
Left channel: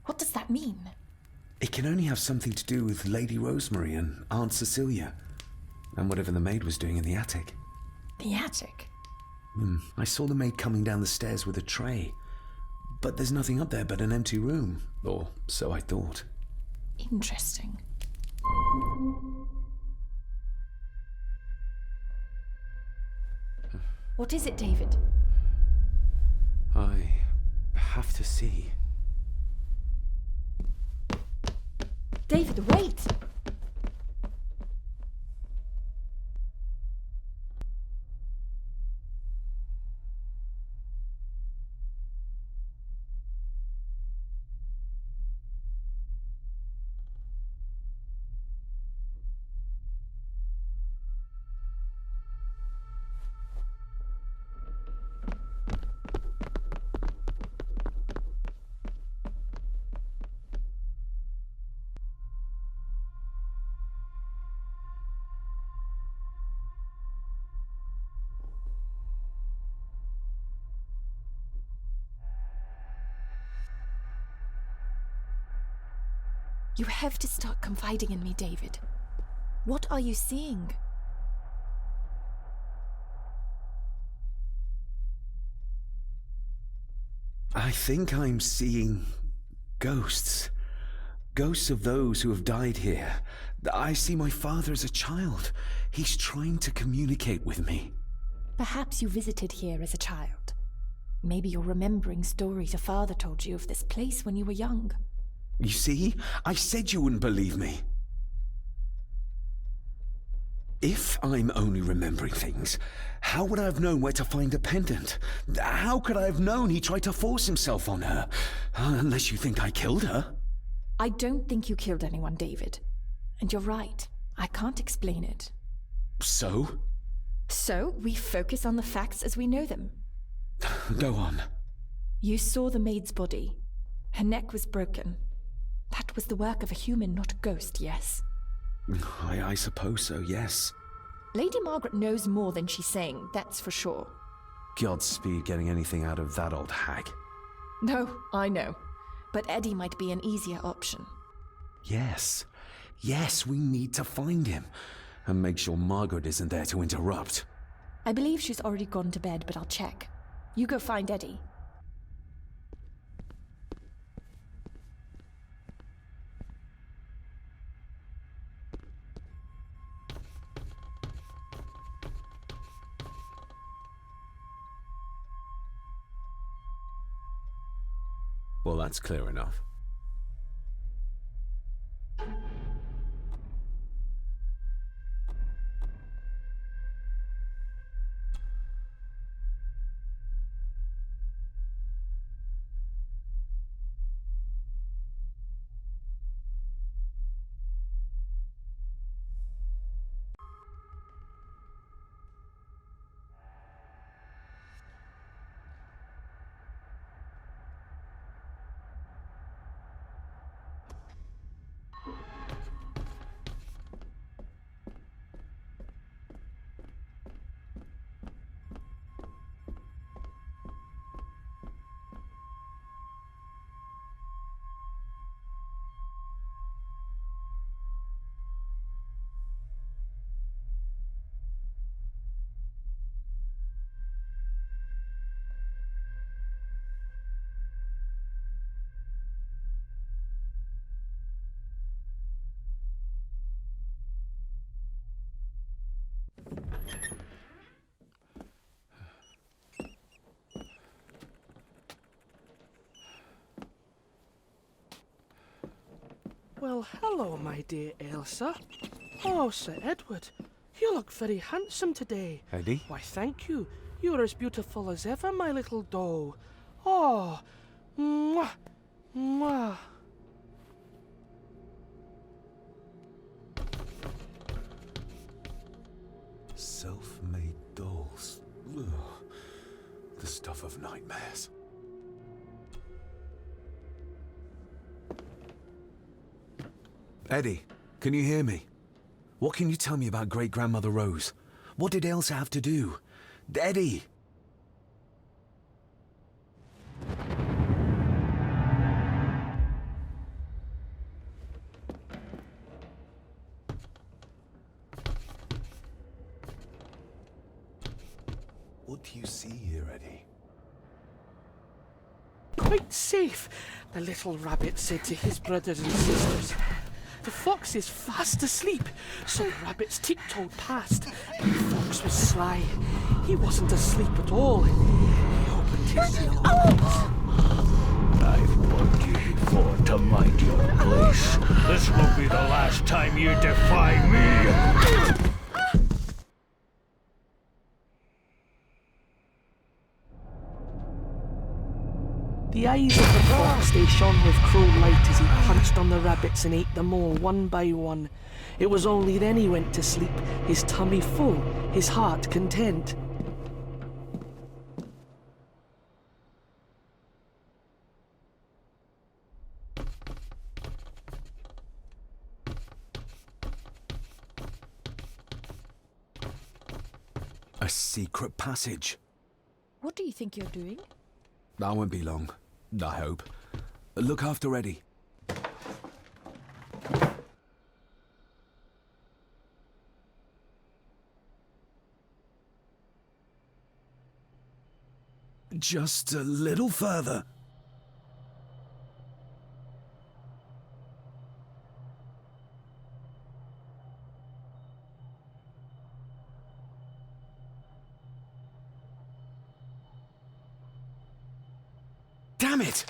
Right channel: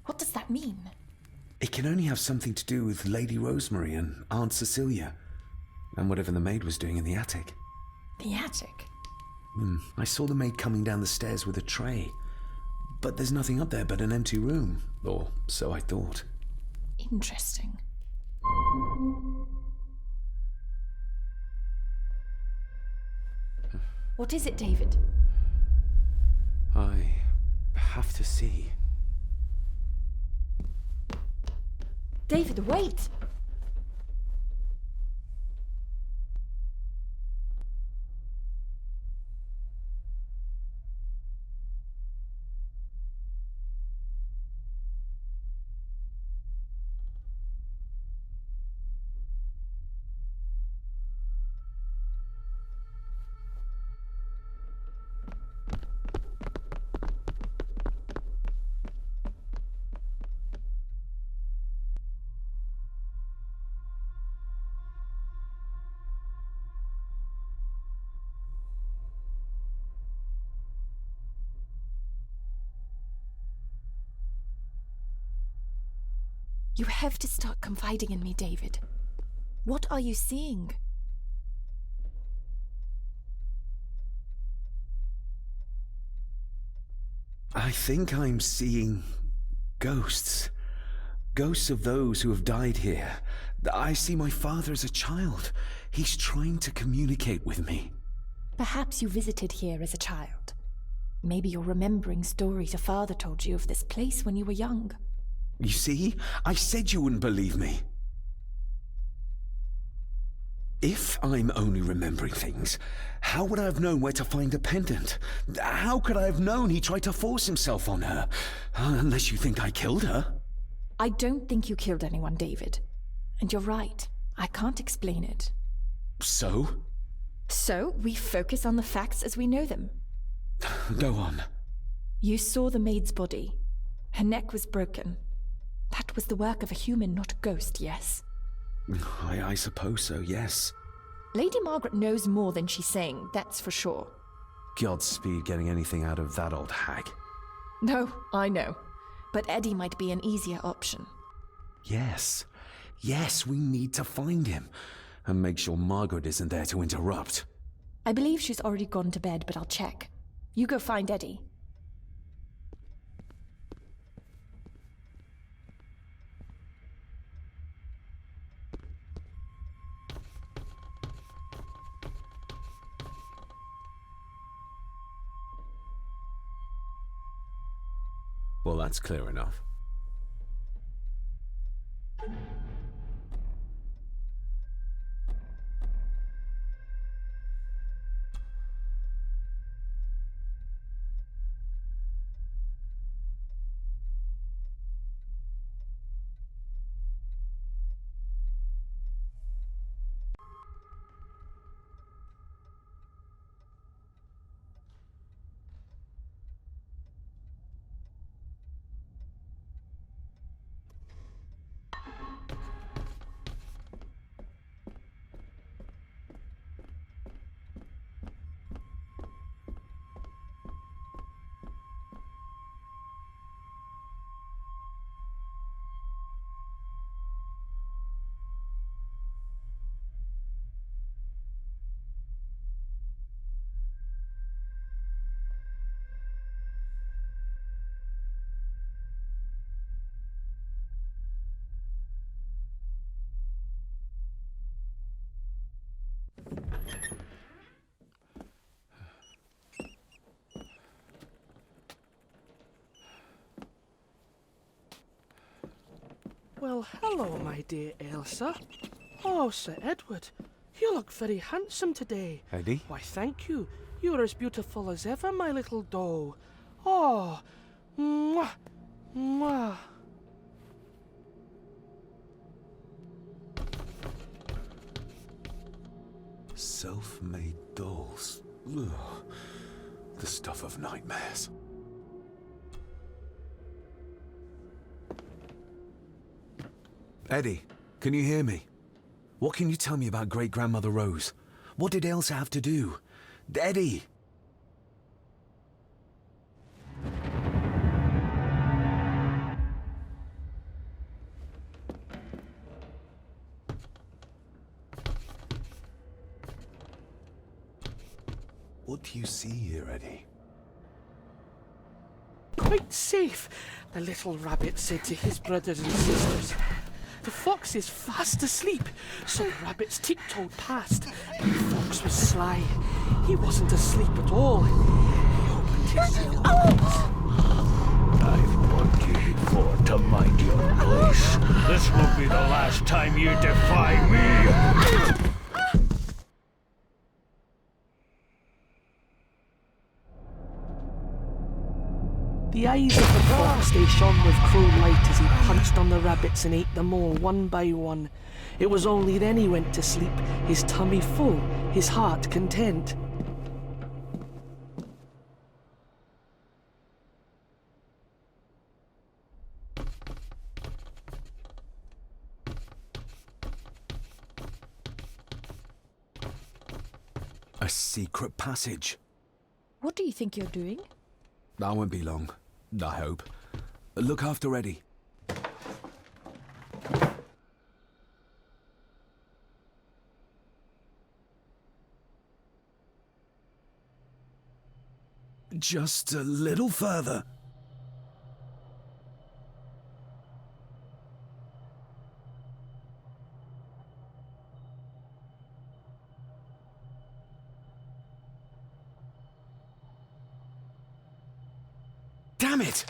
What does that mean? It can only have something to do with Lady Rosemary and Aunt Cecilia, and whatever the maid was doing in the attic. The attic? I saw the maid coming down the stairs with a tray, but there's nothing up there but an empty room, or so I thought. Interesting. What is it, David? I have to see. David, wait! You have to start confiding in me, David. What are you seeing? I think I'm seeing ghosts. Ghosts of those who have died here. I see my father as a child. He's trying to communicate with me. Perhaps you visited here as a child. Maybe you're remembering stories your father told you of this place when you were young. You see? I said you wouldn't believe me. If I'm only remembering things, how would I have known where to find a pendant? How could I have known he tried to force himself on her? Unless you think I killed her. I don't think you killed anyone, David. And you're right. I can't explain it. So? So, we focus on the facts as we know them. Go on. You saw the maid's body. Her neck was broken. That was the work of a human, not a ghost, yes? I suppose so, yes. Lady Margaret knows more than she's saying, that's for sure. Godspeed getting anything out of that old hag. No, I know. But Eddie might be an easier option. Yes. Yes, we need to find him. And make sure Margaret isn't there to interrupt. I believe she's already gone to bed, but I'll check. You go find Eddie. Well, that's clear enough. Well, hello, my dear Elsa. Oh, Sir Edward, you look very handsome today. Eddie? Why, thank you. You're as beautiful as ever, my little doll. Oh, mwah, mwah. Self-made dolls. Ugh. The stuff of nightmares. Eddie, can you hear me? What can you tell me about great-grandmother Rose? What did Elsa have to do? Eddie! What do you see here, Eddie? Quite safe, the little rabbit said to his brothers and sisters. The fox is fast asleep, so the rabbits tiptoed past, but the fox was sly. He wasn't asleep at all. He opened his yellow eyes. I've warned you before to mind your place. This will be the last time you defy me! The eyes of the fox, they shone with cruel light as he punched on the rabbits and ate them all one by one. It was only then he went to sleep, his tummy full, his heart content. A secret passage. What do you think you're doing? That won't be long, I hope. Look after Eddie. Just a little further. Damn it!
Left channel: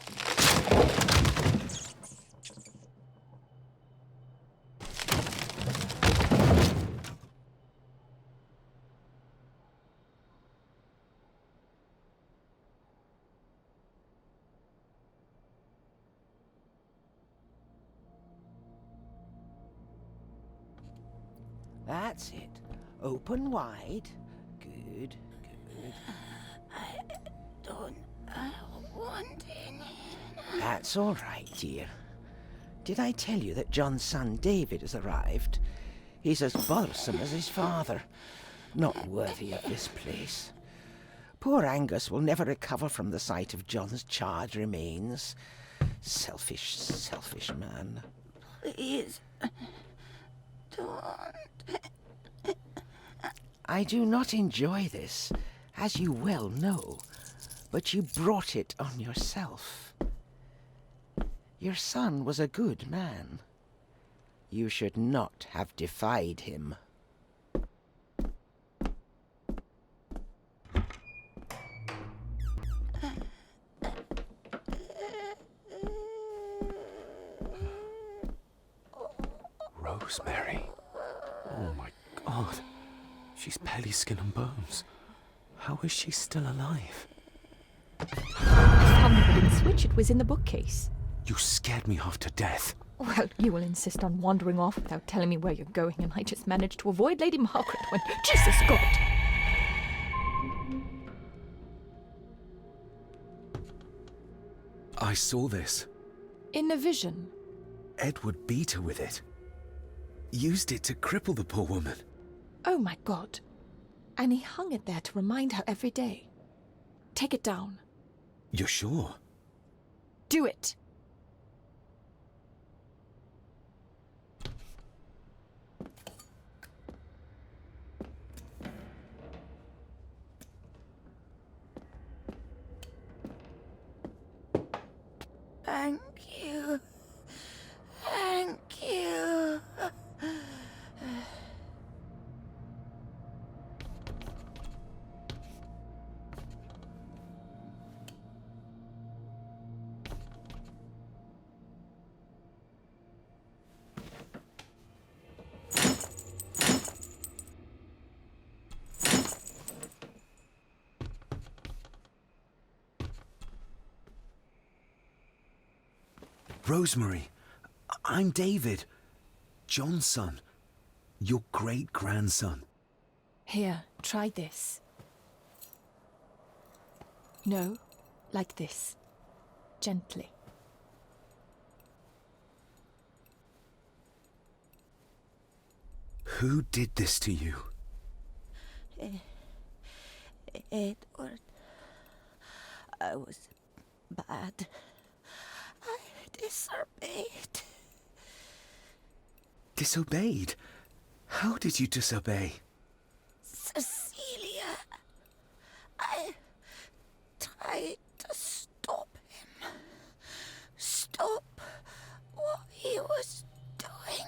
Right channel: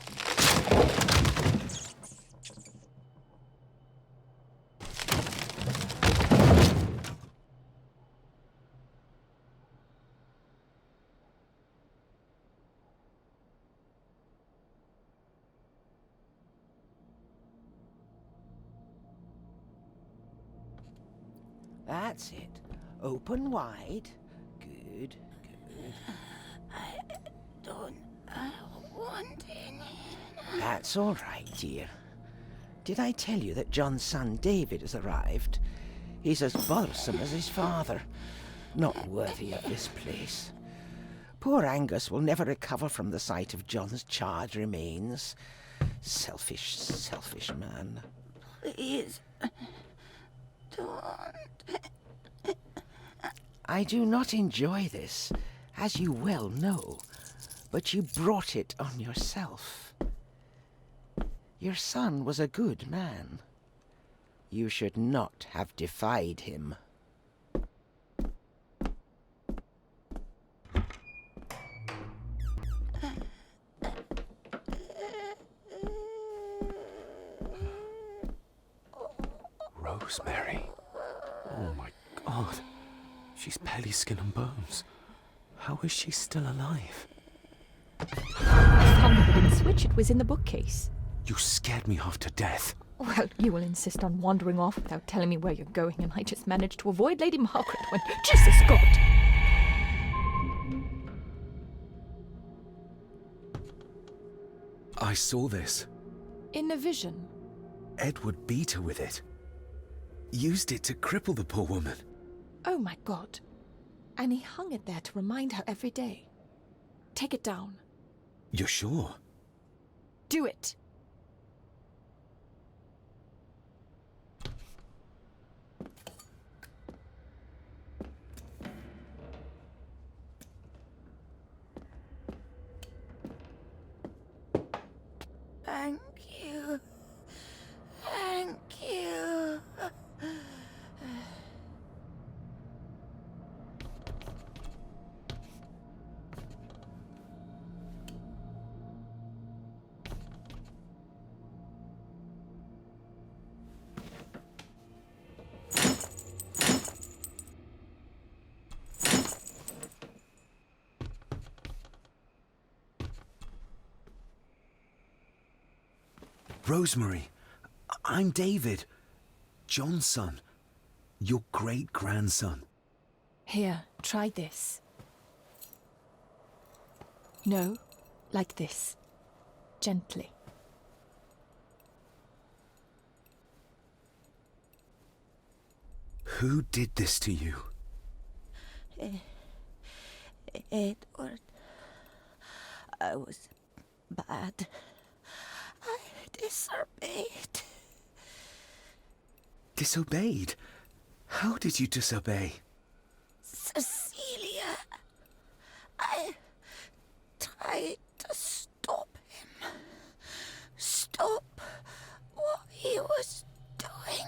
That's it. Open wide. Good, good. I don't want any. That's all right, dear. Did I tell you that John's son David has arrived? He's as bothersome as his father. Not worthy of this place. Poor Angus will never recover from the sight of John's charred remains. Selfish, selfish man. Please, don't. I do not enjoy this, as you well know, but you brought it on yourself. Your son was a good man. You should not have defied him. Rosemary. Oh my God. She's barely skin and bones. How is she still alive? I found the hidden switch. It was in the bookcase. You scared me half to death. Well, you will insist on wandering off without telling me where you're going, and I just managed to avoid Lady Margaret when... Jesus God! I saw this. In a vision. Edward beat her with it. Used it to cripple the poor woman. Oh my God. And he hung it there to remind her every day. Take it down. You're sure? Do it. Thank you. Thank you. Rosemary, I'm David, John's son, your great-grandson. Here, try this. No, like this. Gently. Who did this to you? Edward. I was bad. I disobeyed. Disobeyed? How did you disobey? Cecilia. I tried to stop him. Stop what he was doing.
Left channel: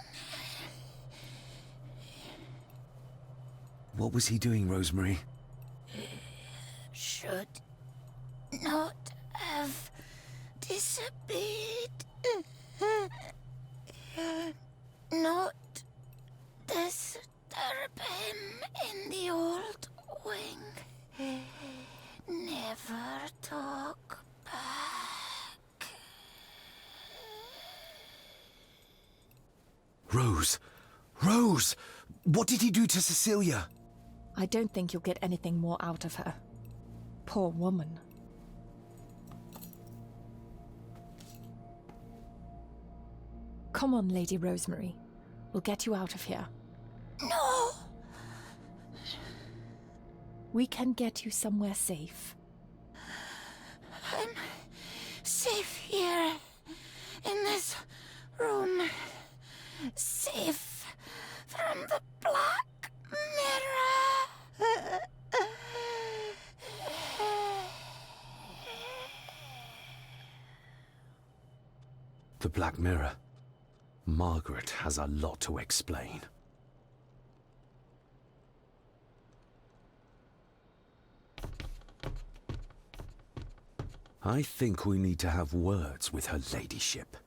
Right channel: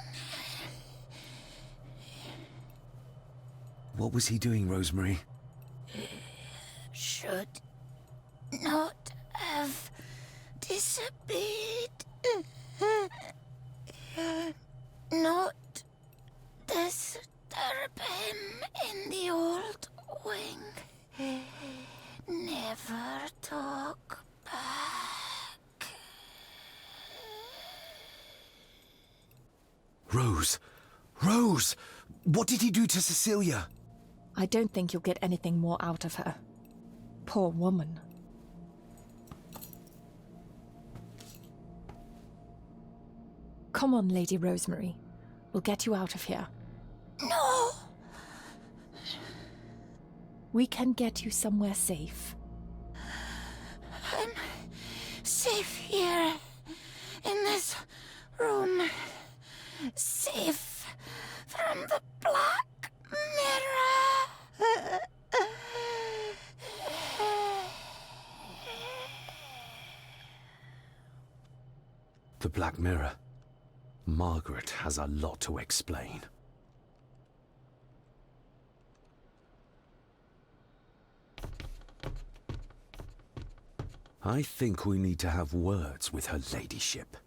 What was he doing, Rosemary? Should not have disobeyed. Not disturb him in the old wing. Never talk back. Rose! Rose! What did he do to Cecilia? I don't think you'll get anything more out of her. Poor woman. Come on, Lady Rosemary. We'll get you out of here. No! We can get you somewhere safe. I'm safe here, in this room. Safe from the Black Mirror. The Black Mirror. Margaret has a lot to explain. I think we need to have words with her ladyship.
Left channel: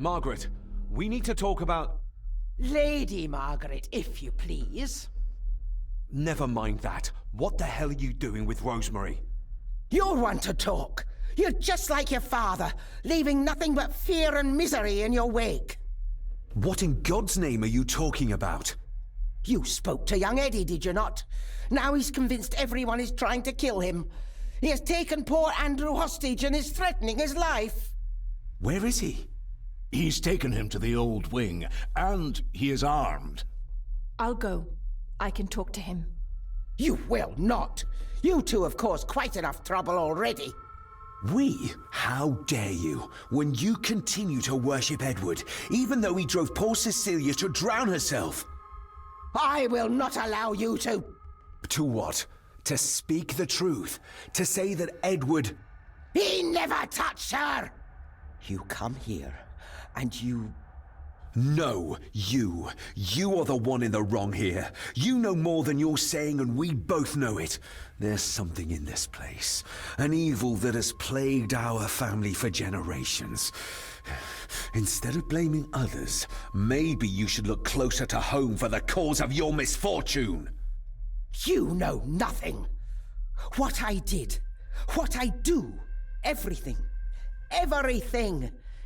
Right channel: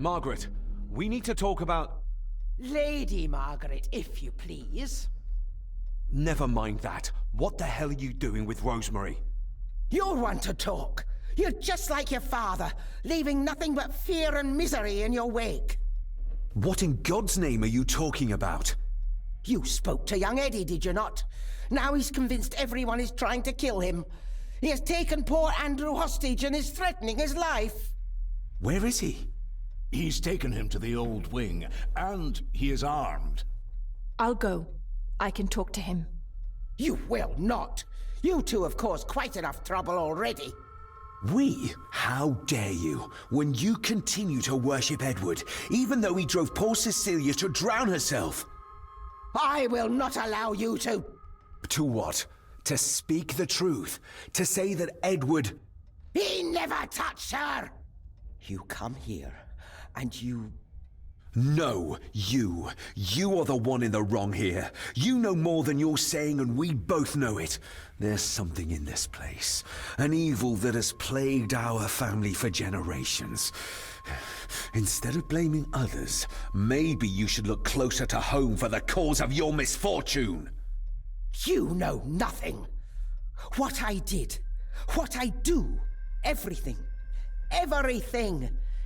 Margaret, we need to talk about... Lady Margaret, if you please. Never mind that. What the hell are you doing with Rosemary? You'll want to talk. You're just like your father, leaving nothing but fear and misery in your wake. What in God's name are you talking about? You spoke to young Eddie, did you not? Now he's convinced everyone is trying to kill him. He has taken poor Andrew hostage and is threatening his life. Where is he? He's taken him to the old wing, and he is armed. I'll go. I can talk to him. You will not. You two have caused quite enough trouble already. We? How dare you, when you continue to worship Edward, even though he drove poor Cecilia to drown herself? I will not allow you to... To what? To speak the truth? To say that Edward... He never touched her! You come here, and you... No, you. You are the one in the wrong here. You know more than you're saying, and we both know it. There's something in this place. An evil that has plagued our family for generations. Instead of blaming others, maybe you should look closer to home for the cause of your misfortune. You know nothing. What I did, what I do, everything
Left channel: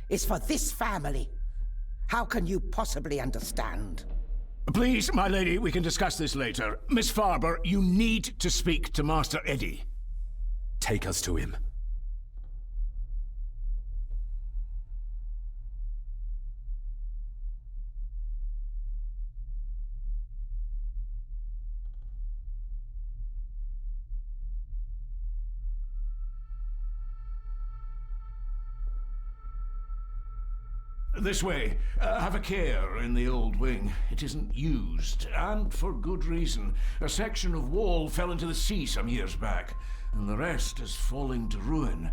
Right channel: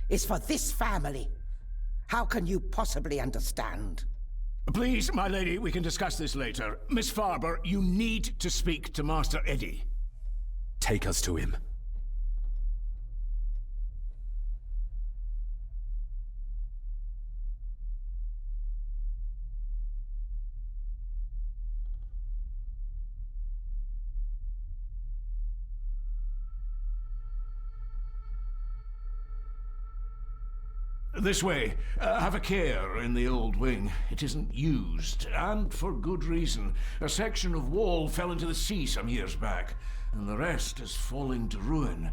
is for this family. How can you possibly understand? Please, my lady, we can discuss this later. Miss Farber, you need to speak to Master Eddie. Take us to him. This way. Have a care in the old wing. It isn't used, and for good reason. A section of wall fell into the sea some years back, and the rest is falling to ruin.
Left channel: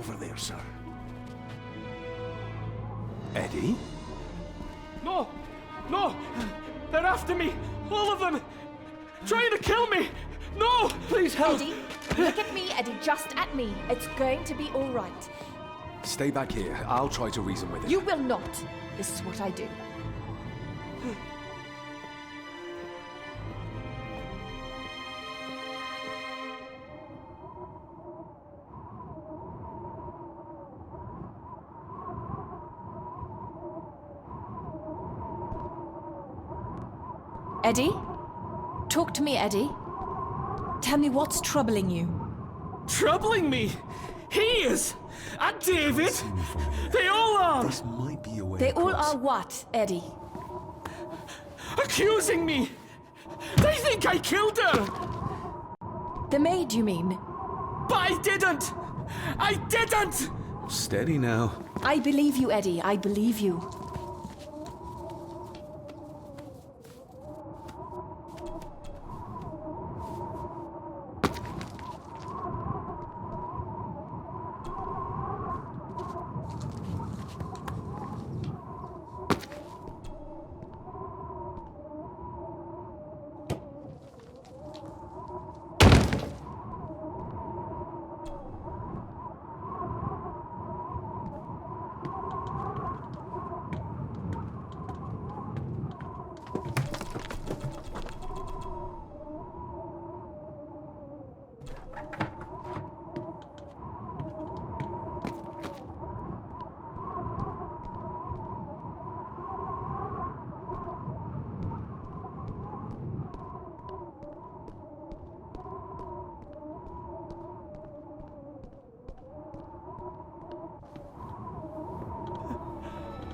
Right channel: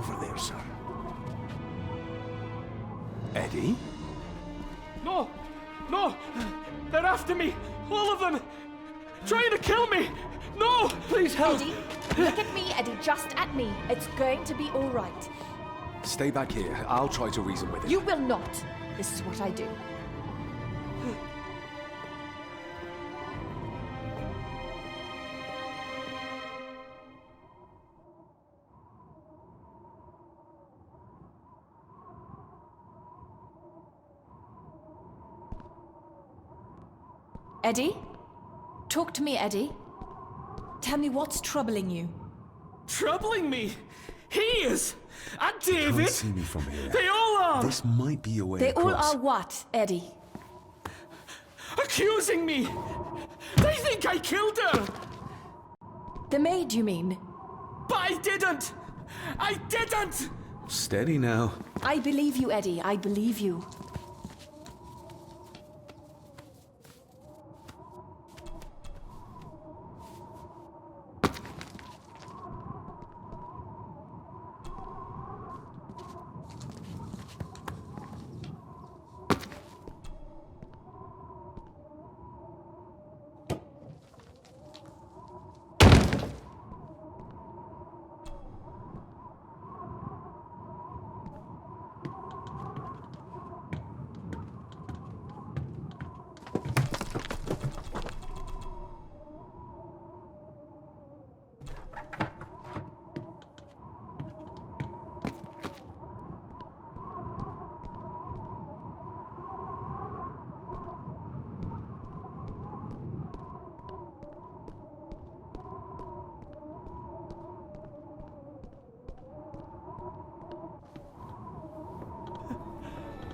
over there, sir. Eddie? No! No! They're after me! All of them! Trying to kill me! No! Please help! Eddie, look at me, Eddie, just at me. It's going to be all right. Stay back here. I'll try to reason with it. You will not. This is what I do. Eddie? Talk to me, Eddie. Tell me what's troubling you. Troubling me? He is! And David! Can't see me from here. They all are! This might be a way They all across. are what, Eddie? Accusing me! They think I killed her! The maid, you mean? But I didn't! I didn't! Steady now. I believe you, Eddie. I believe you.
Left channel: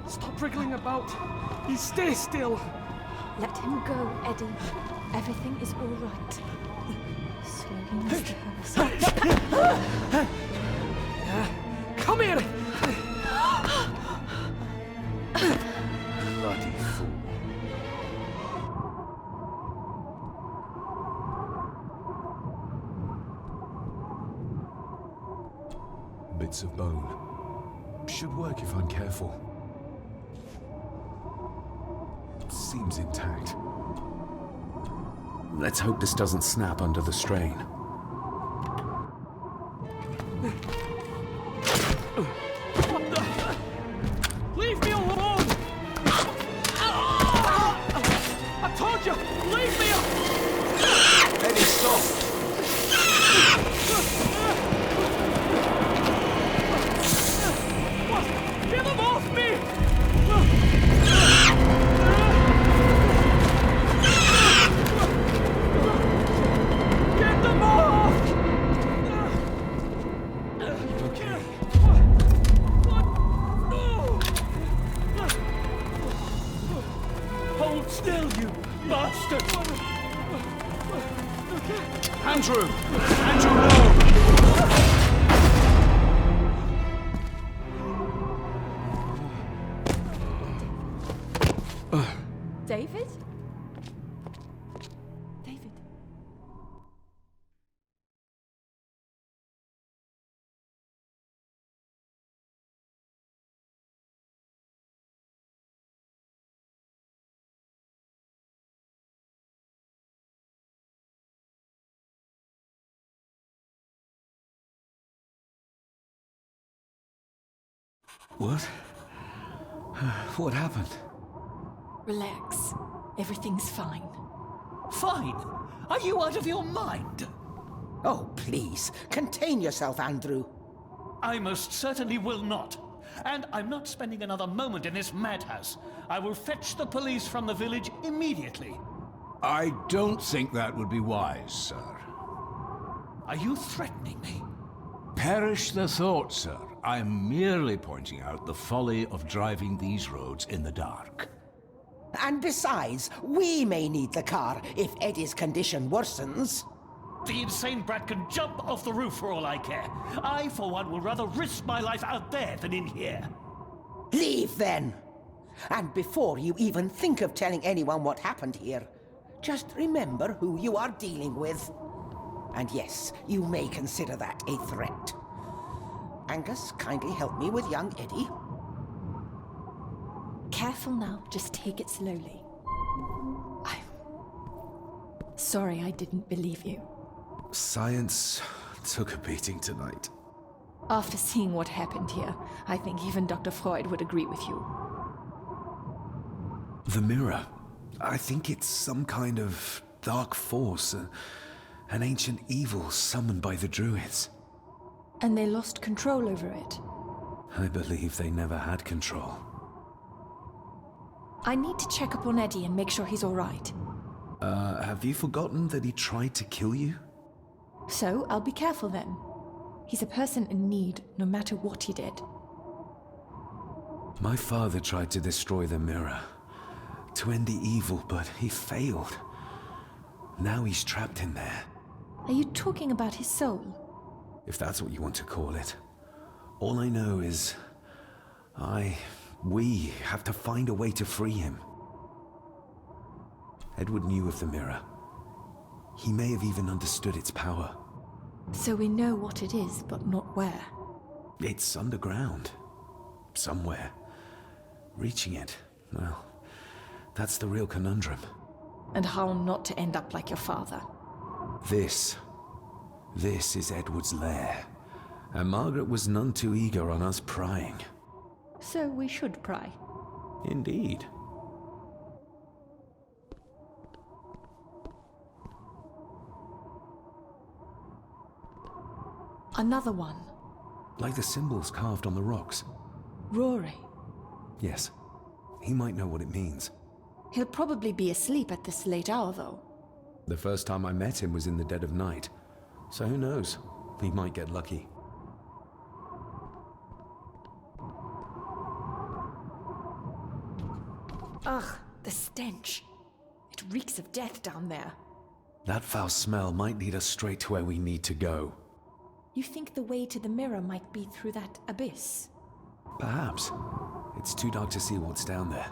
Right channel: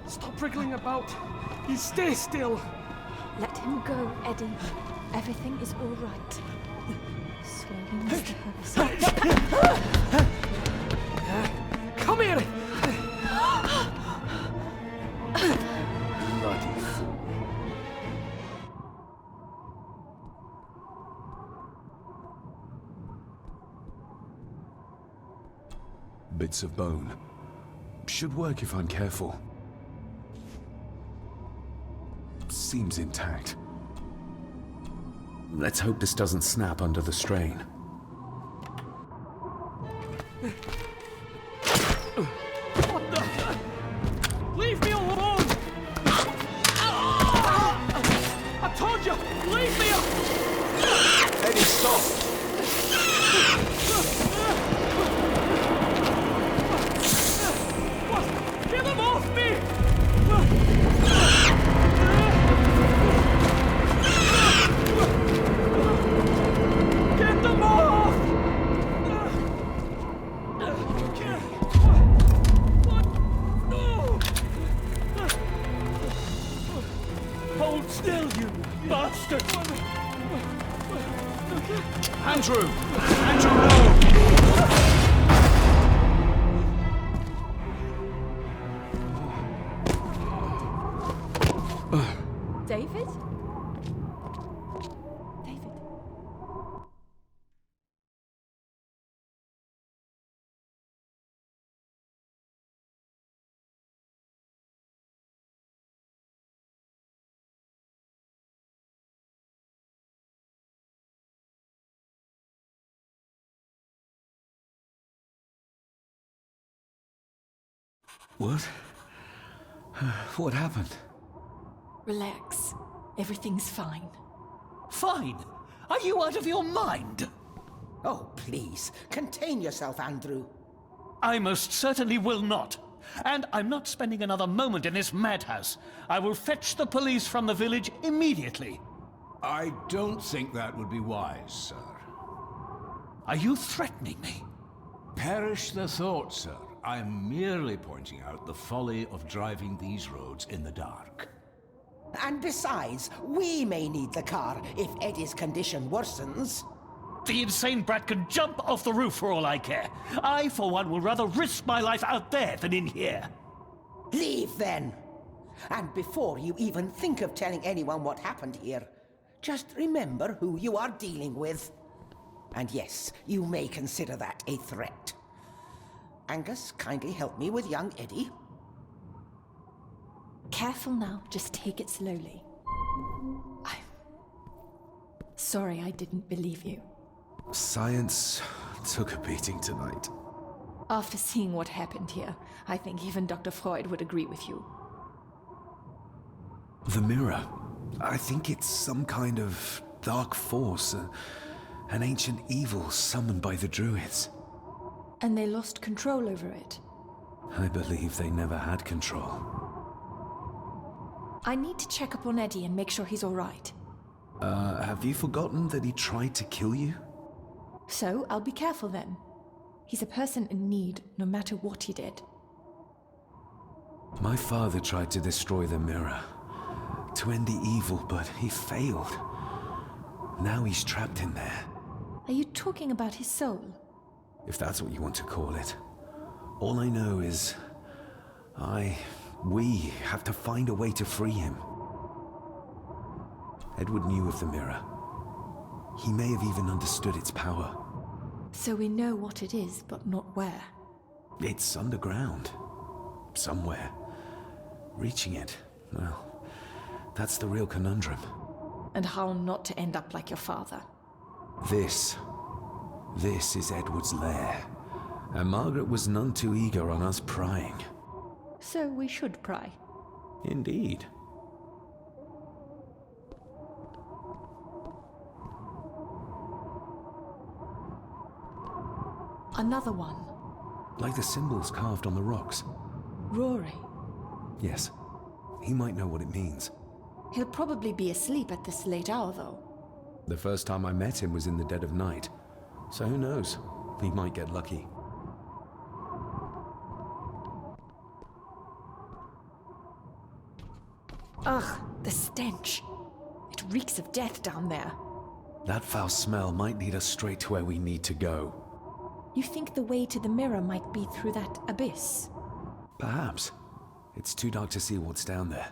Stop wriggling about. You stay still. Let him go, Eddie. Everything is all right. Slowly, Mr. Harris. Come here! Bloody fool. Bits of bone. Should work if I'm careful. Seems intact. Let's hope this doesn't snap under the strain. What the? Leave me alone! I told you, leave me alone! Eddie, stop! What? Get them off me! Get them off! Okay. Hold still, you bastard! Andrew! Andrew, no! David? David? What? What happened? Relax. Everything's fine. Fine? Are you out of your mind? Oh, please, contain yourself, Andrew. I most certainly will not. And I'm not spending another moment in this madhouse. I will fetch the police from the village immediately. I don't think that would be wise, sir. Are you threatening me? Perish the thought, sir. I'm merely pointing out the folly of driving these roads in the dark. And besides, we may need the car if Eddie's condition worsens. The insane brat can jump off the roof for all I care. I, for one, will rather risk my life out there than in here. Leave, then. And before you even think of telling anyone what happened here, just remember who you are dealing with. And yes, you may consider that a threat. Angus, kindly help me with young Eddie. Careful now, just take it slowly. I'm sorry I didn't believe you. Science took a beating tonight. After seeing what happened here, I think even Dr. Freud would agree with you. The mirror. I think it's some kind of dark force, an ancient evil summoned by the druids. And they lost control over it. I believe they never had control. I need to check up on Eddie and make sure he's all right. Have you forgotten that he tried to kill you? So, I'll be careful then. He's a person in need, no matter what he did. My father tried to destroy the mirror, to end the evil, but he failed. Now he's trapped in there. Are you talking about his soul? If that's what you want to call it. All I know is... we have to find a way to free him. Edward knew of the mirror. He may have even understood its power. So we know what it is, but not where. It's underground. Somewhere. Reaching it, well, that's the real conundrum. And how not to end up like your father. This is Edward's lair. And Margaret was none too eager on us prying. So we should pry. Indeed. Another one. Like the symbols carved on the rocks. Rory. Yes. He might know what it means. He'll probably be asleep at this late hour, though. The first time I met him was in the dead of night. So who knows? He might get lucky. Ugh, the stench. It reeks of death down there. That foul smell might lead us straight to where we need to go. You think the way to the mirror might be through that abyss? Perhaps. It's too dark to see what's down there.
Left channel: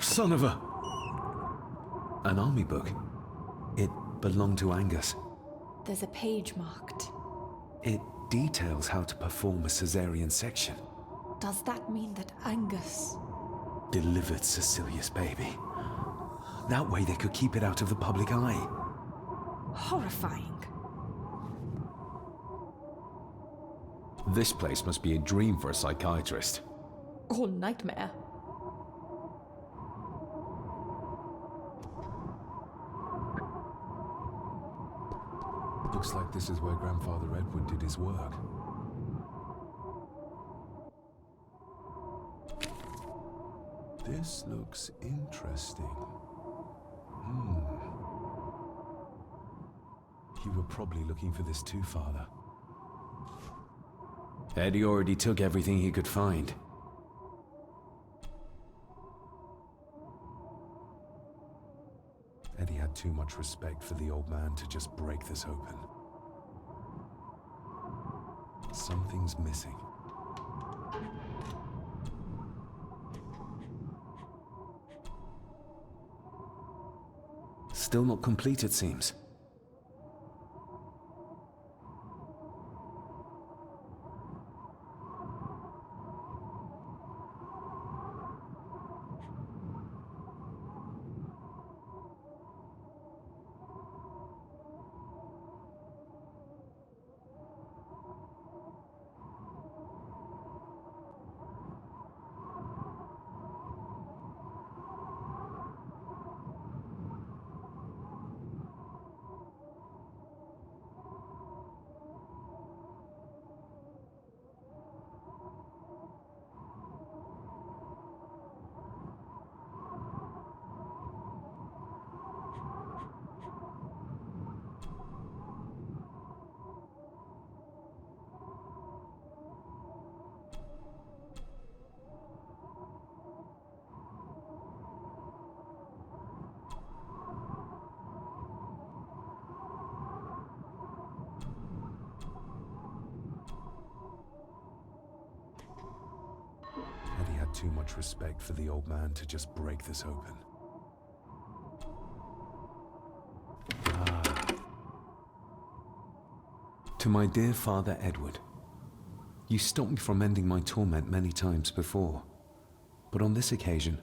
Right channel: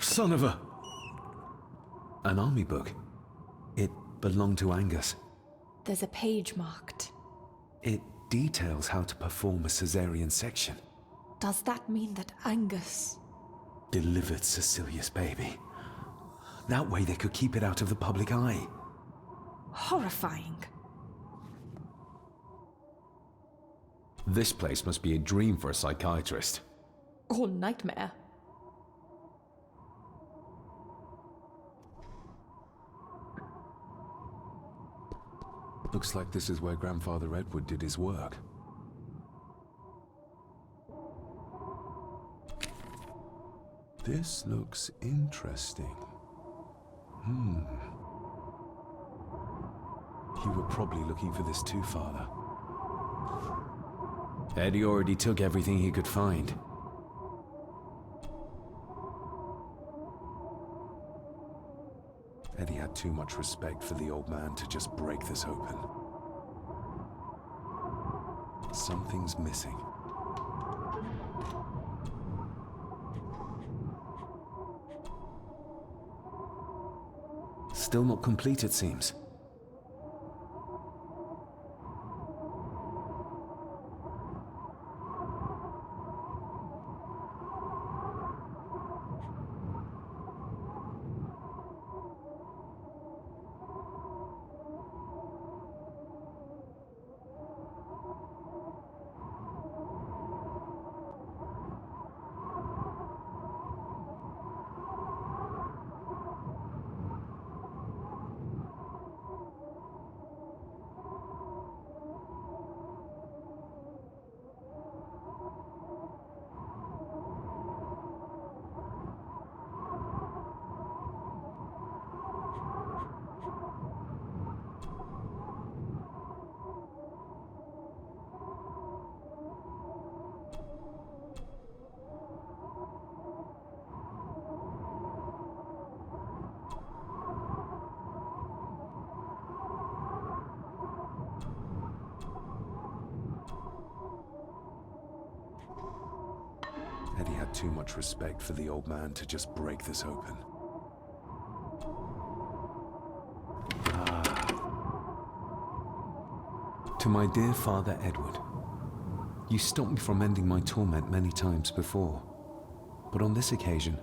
Son of a... An army book. It belonged to Angus. There's a page marked. It details how to perform a cesarean section. Does that mean that Angus... delivered Cecilia's baby? That way they could keep it out of the public eye. Horrifying. This place must be a dream for a psychiatrist. Or nightmare. Looks like this is where Grandfather Edward did his work. This looks interesting. You were probably looking for this too, Father. Eddie already took everything he could find. Eddie had too much respect for the old man to just break this open. Something's missing. Still not complete, it seems. had too much respect for the old man to just break this open. To my dear Father Edward, you stopped me from ending my torment many times before, but on this occasion,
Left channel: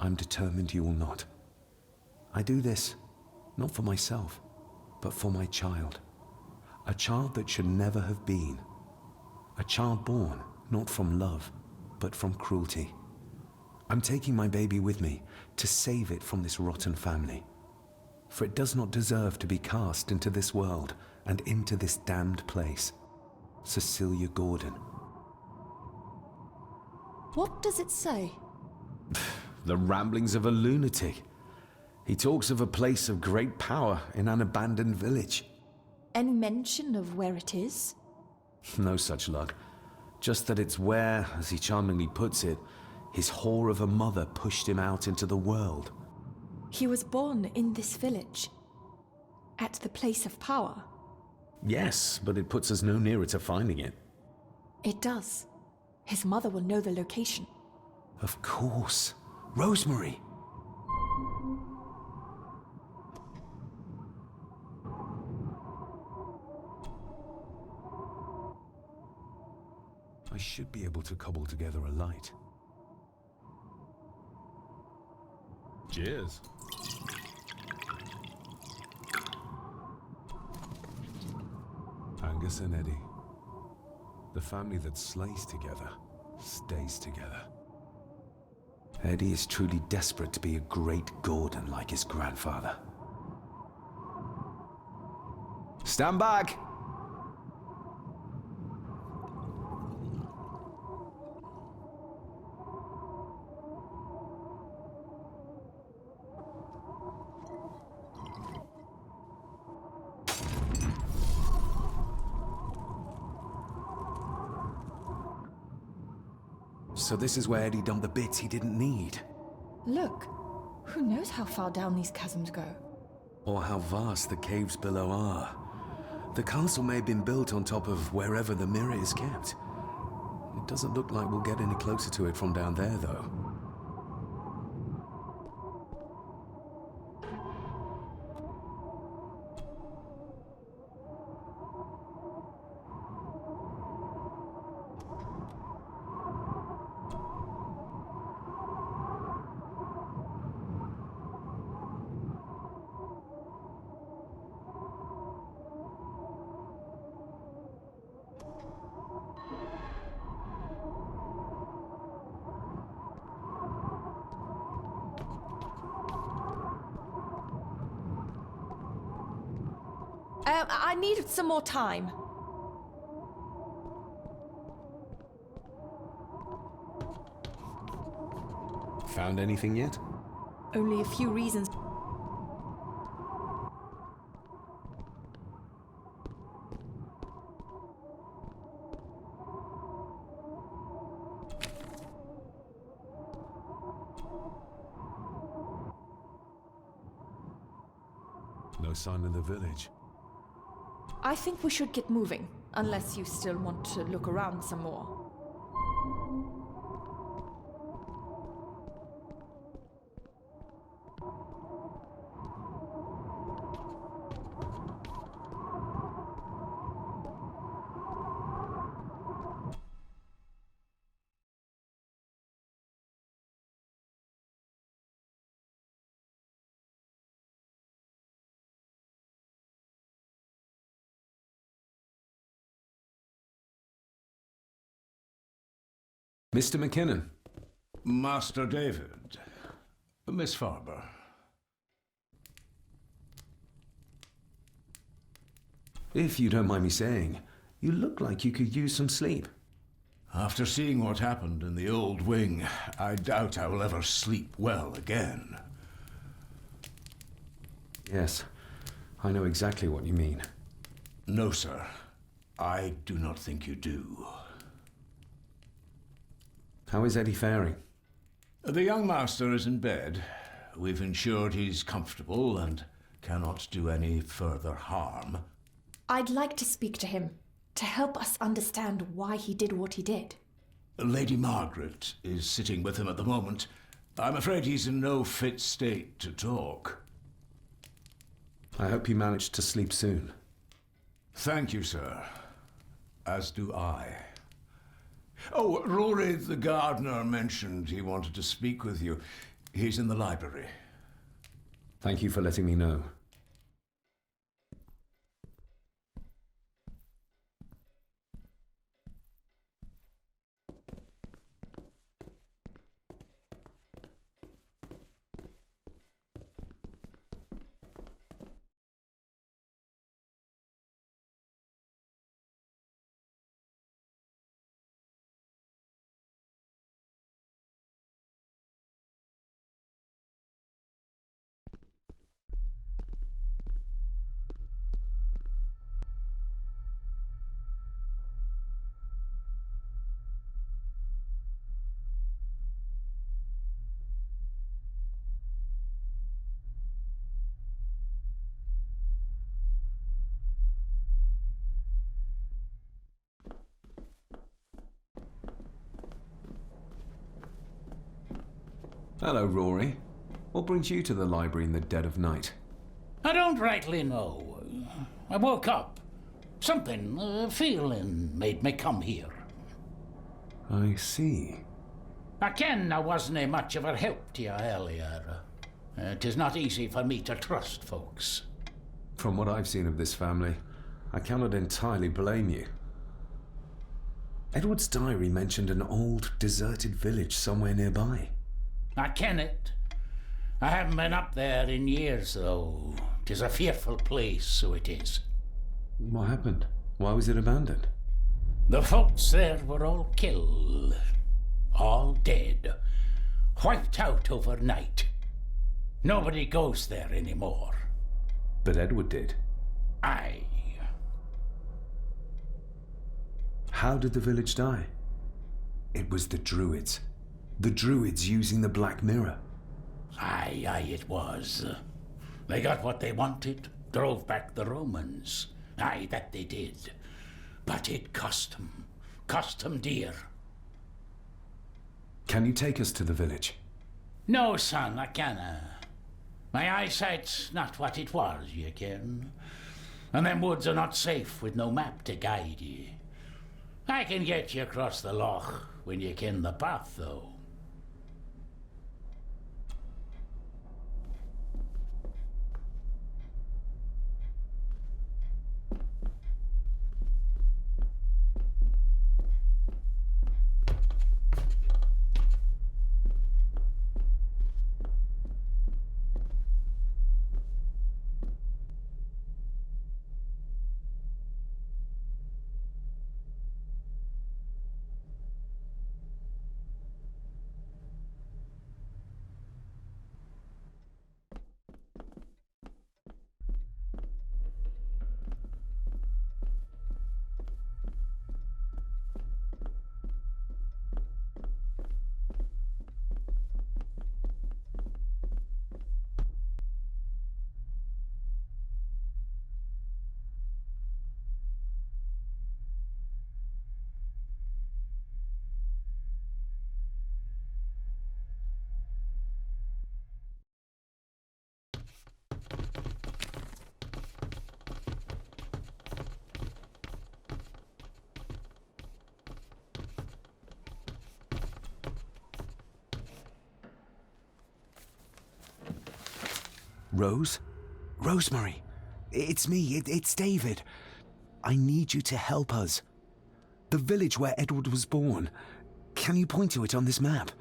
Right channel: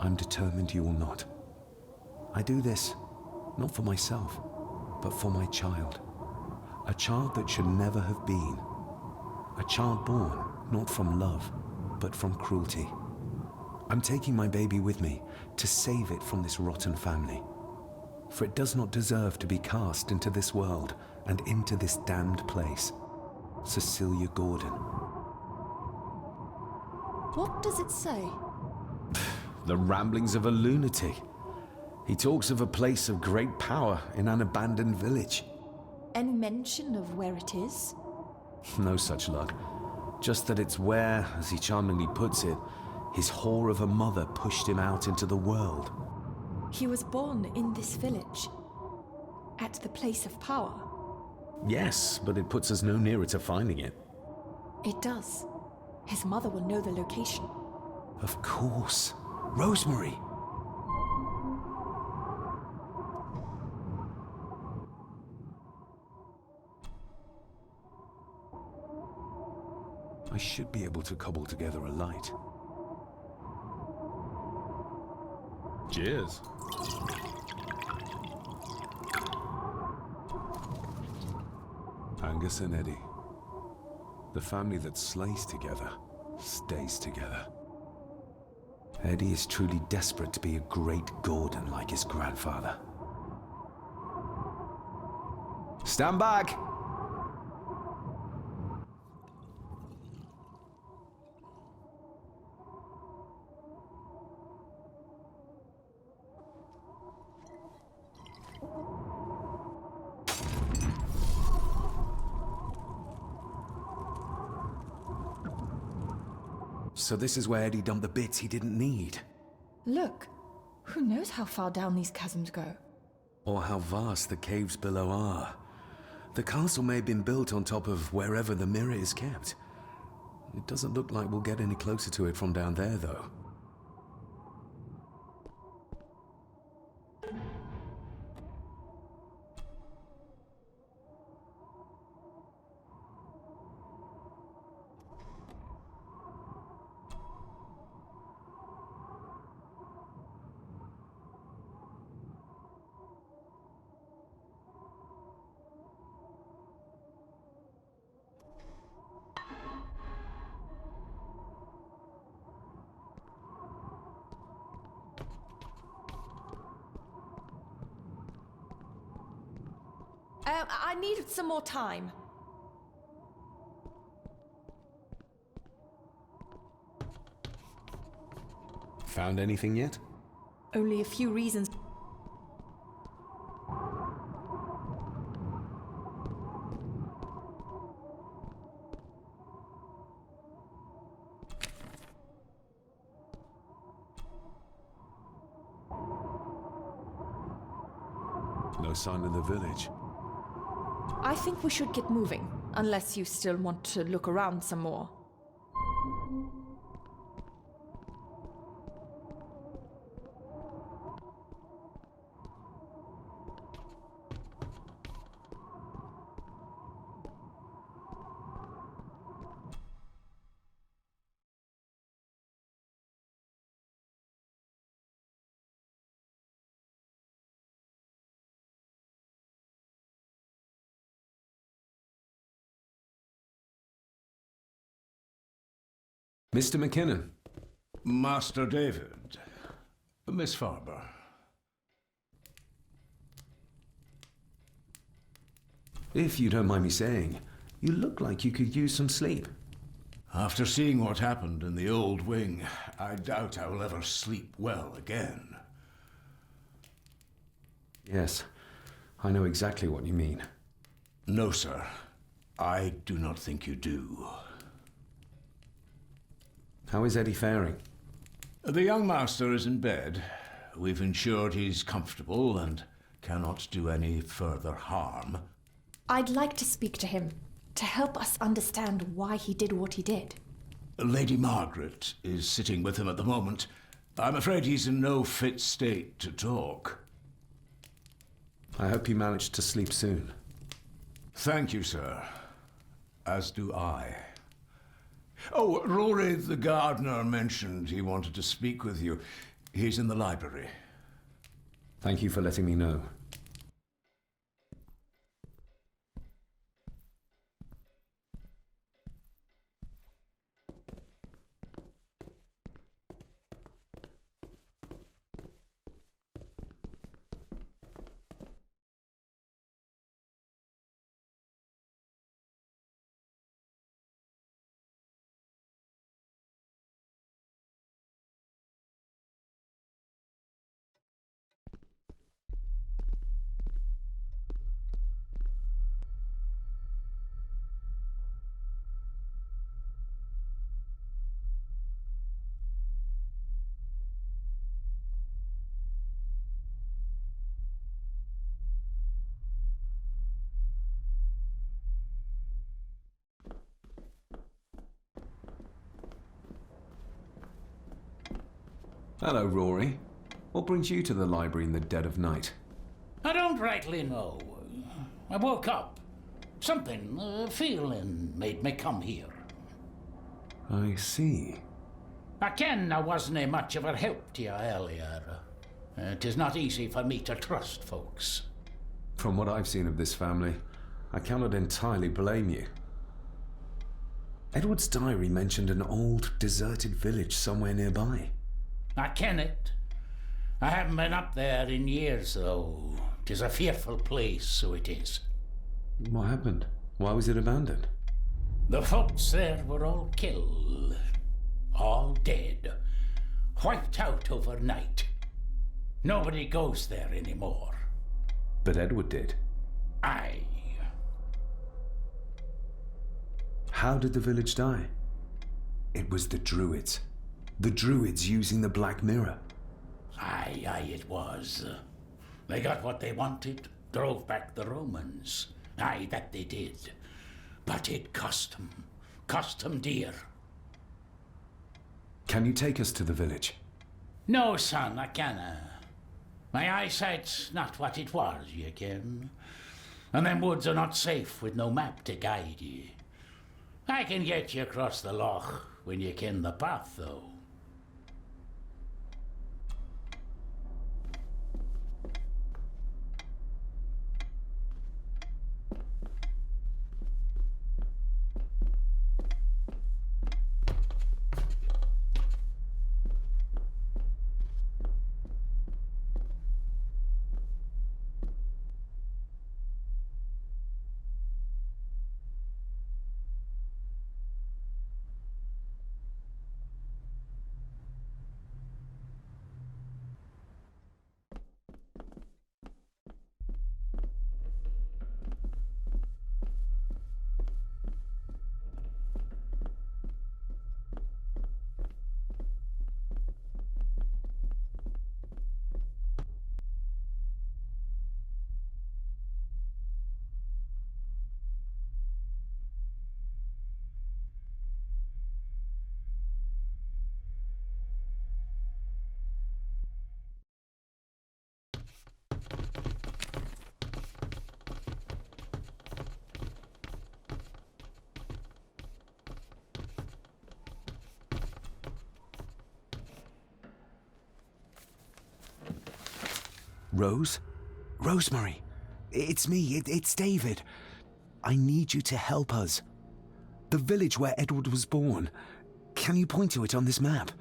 I'm determined you will not. I do this, not for myself, but for my child. A child that should never have been. A child born, not from love, but from cruelty. I'm taking my baby with me to save it from this rotten family. For it does not deserve to be cast into this world and into this damned place. Cecilia Gordon. What does it say? The ramblings of a lunatic. He talks of a place of great power in an abandoned village. Any mention of where it is? No such luck. Just that it's where, as he charmingly puts it, his whore of a mother pushed him out into the world. He was born in this village. At the place of power. Yes, but it puts us no nearer to finding it. It does. His mother will know the location. Of course. Rosemary! I should be able to cobble together a light. Cheers. Angus and Eddie. The family that slays together, stays together. Eddie is truly desperate to be a great Gordon like his grandfather. Stand back! So this is where Eddie dumped the bits he didn't need. Look, who knows how far down these chasms go? Or how vast the caves below are. The castle may have been built on top of wherever the mirror is kept. It doesn't look like we'll get any closer to it from down there, though. I needed some more time. Found anything yet? Only a few reasons. No sign in the village. I think we should get moving, unless you still want to look around some more. Mr. McKinnon. Master David. Miss Farber. If you don't mind me saying, you look like you could use some sleep. After seeing what happened in the old wing, I doubt I will ever sleep well again. Yes, I know exactly what you mean. No, sir. I do not think you do. How is Eddie faring? The young master is in bed. We've ensured he's comfortable and cannot do any further harm. I'd like to speak to him, to help us understand why he did what he did. Lady Margaret is sitting with him at the moment. I'm afraid he's in no fit state to talk. I hope you managed to sleep soon. Thank you, sir. As do I. Oh, Rory the gardener mentioned he wanted to speak with you. He's in the library. Thank you for letting me know. Hello, Rory. What brings you to the library in the dead of night? I don't rightly know. I woke up. Something, a feeling, made me come here. I see. I ken I wasn't much of a help to you earlier. It is not easy for me to trust folks. From what I've seen of this family, I cannot entirely blame you. Edward's diary mentioned an old, deserted village somewhere nearby. I ken it. I haven't been up there in years, though. 'Tis a fearful place, so it is. What happened? Why was it abandoned? The folks there were all killed. All dead. Wiped out overnight. Nobody goes there anymore. But Edward did. Aye. How did the village die? It was the Druids. The Druids using the Black Mirror. Aye, it was. They got what they wanted, drove back the Romans. Aye, that they did. But it cost them dear. Can you take us to the village? No, son, I canna. My eyesight's not what it was, you ken. And them woods are not safe with no map to guide ye. I can get you across the loch when you ken the path, though. Rose? Rosemary! It's me, it's David. I need you to help us. The village where Edward was born. Can you point to it on this map?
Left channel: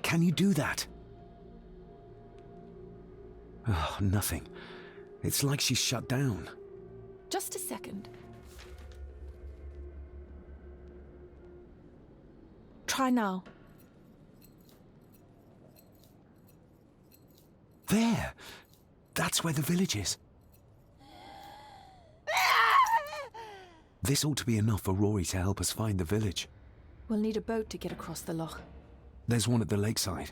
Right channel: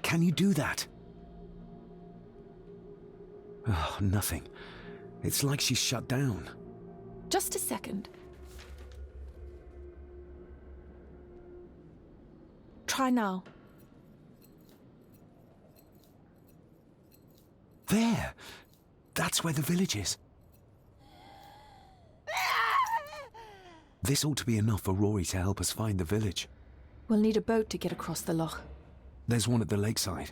Can you do that? Oh, nothing. It's like she's shut down. Just a second. Try now. There! That's where the village is. This ought to be enough for Rory to help us find the village. We'll need a boat to get across the loch. There's one at the lakeside.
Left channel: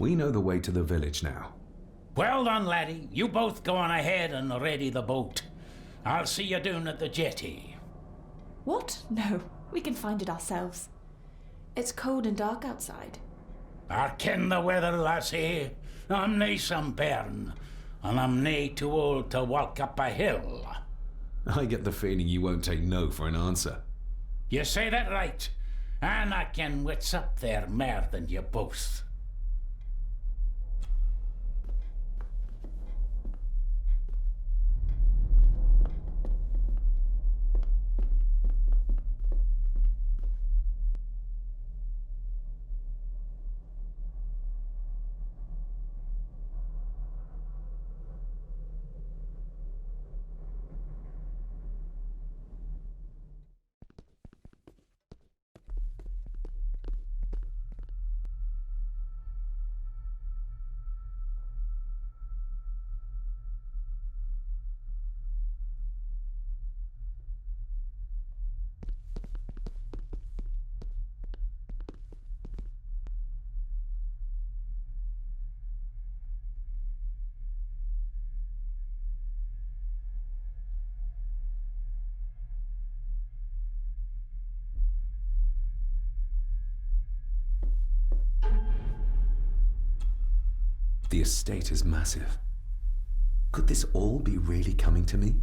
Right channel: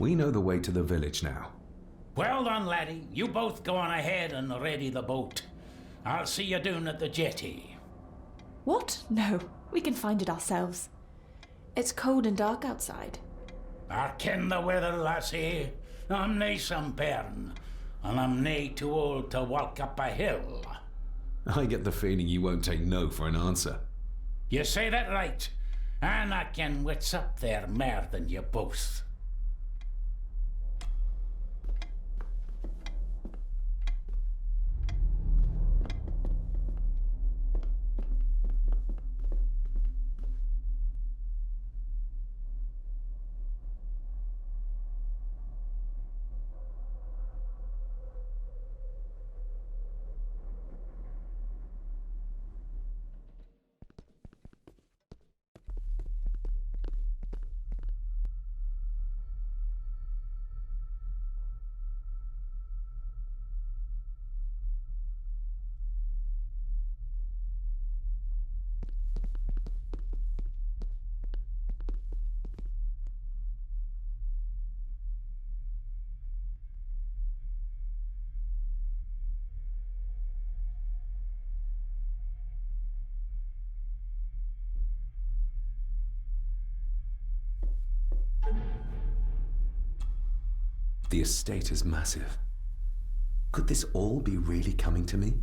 We know the way to the village now. Well done, laddie. You both go on ahead and ready the boat. I'll see you down at the jetty. What? No, we can find it ourselves. It's cold and dark outside. I ken the weather, lassie. I'm nae some bairn, and I'm nae too old to walk up a hill. I get the feeling you won't take no for an answer. You say that right, and I ken what's up there mair than you both. The estate is massive. Could this all be really coming to me?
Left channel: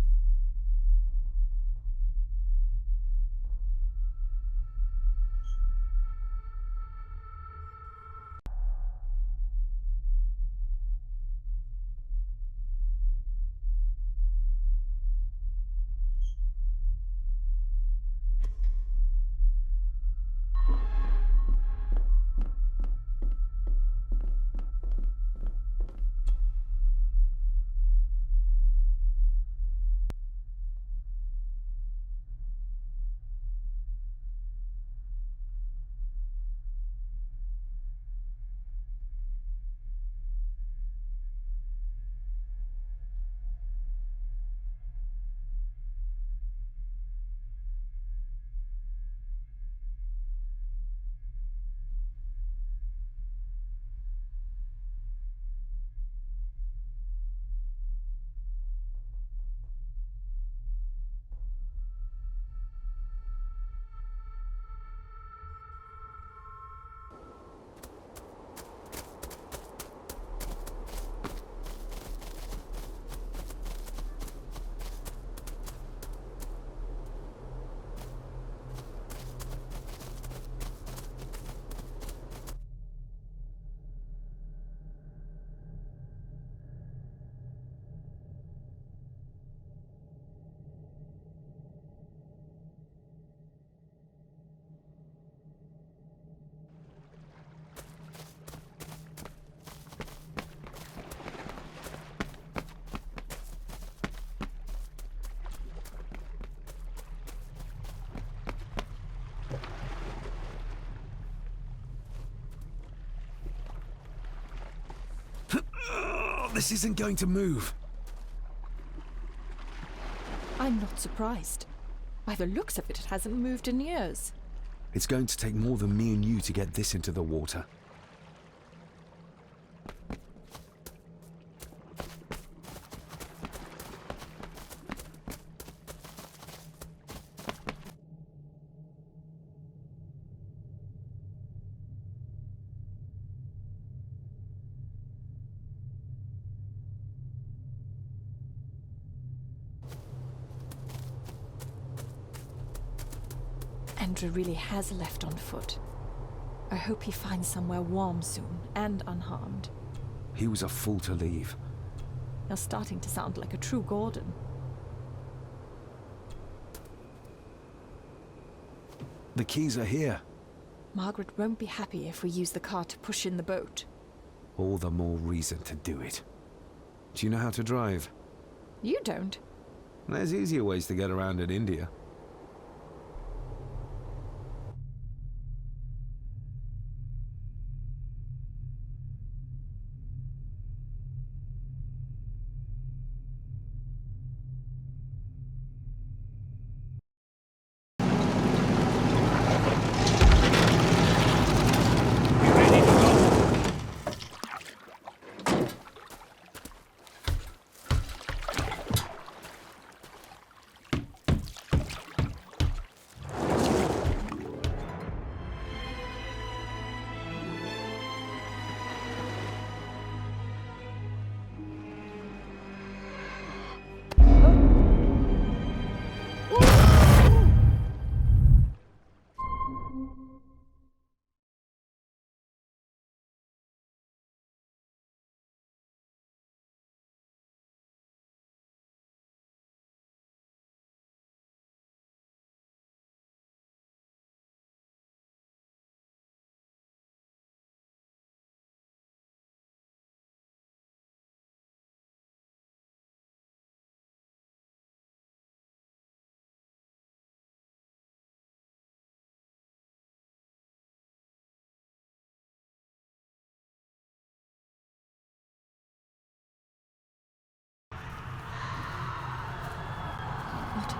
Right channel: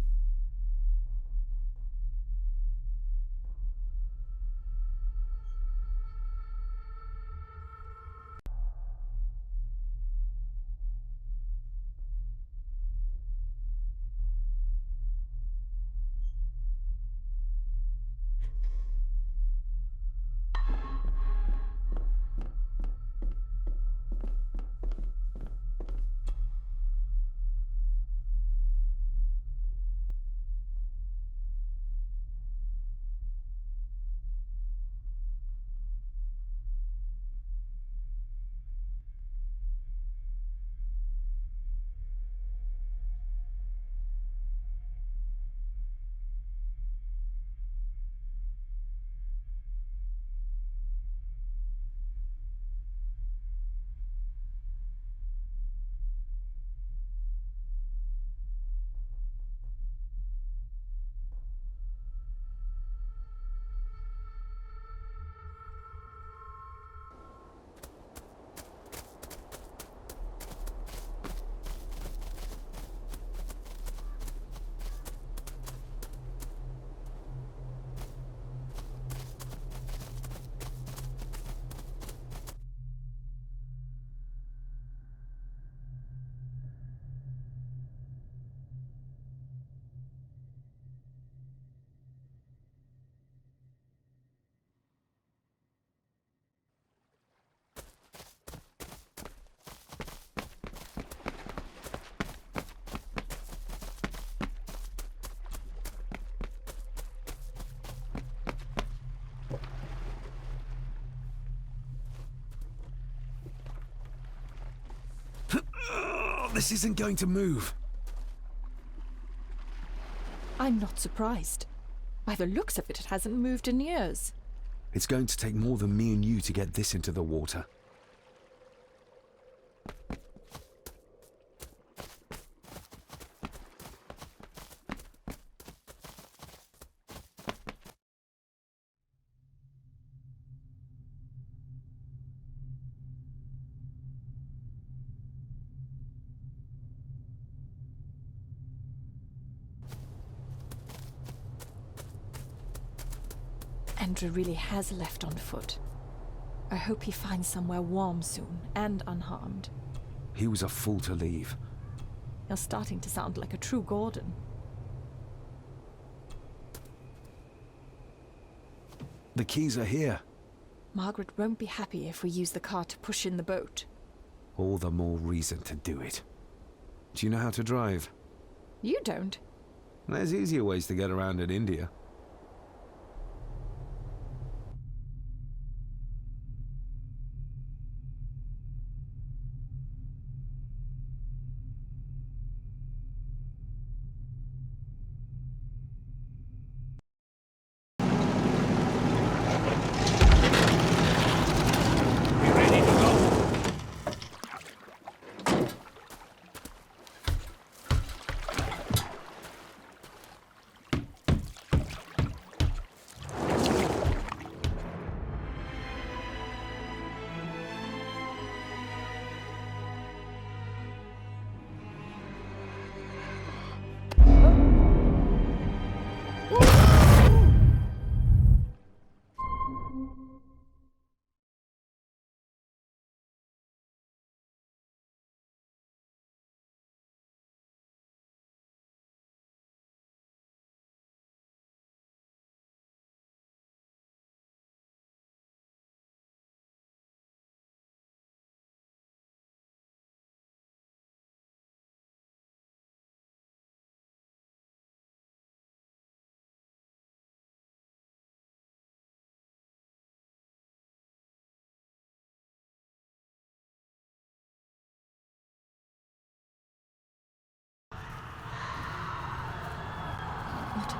This isn't going to move. I'm not surprised. By the looks of it, it hasn't moved in years. It's going to take more than me and you to get this into the water. Andrew really has left on foot. I hope he finds somewhere warm soon, and unharmed. He was a fool to leave. You're starting to sound like a true Gordon. The keys are here. Margaret won't be happy if we use the car to push in the boat. All the more reason to do it. Do you know how to drive? You don't. There's easier ways to get around in India.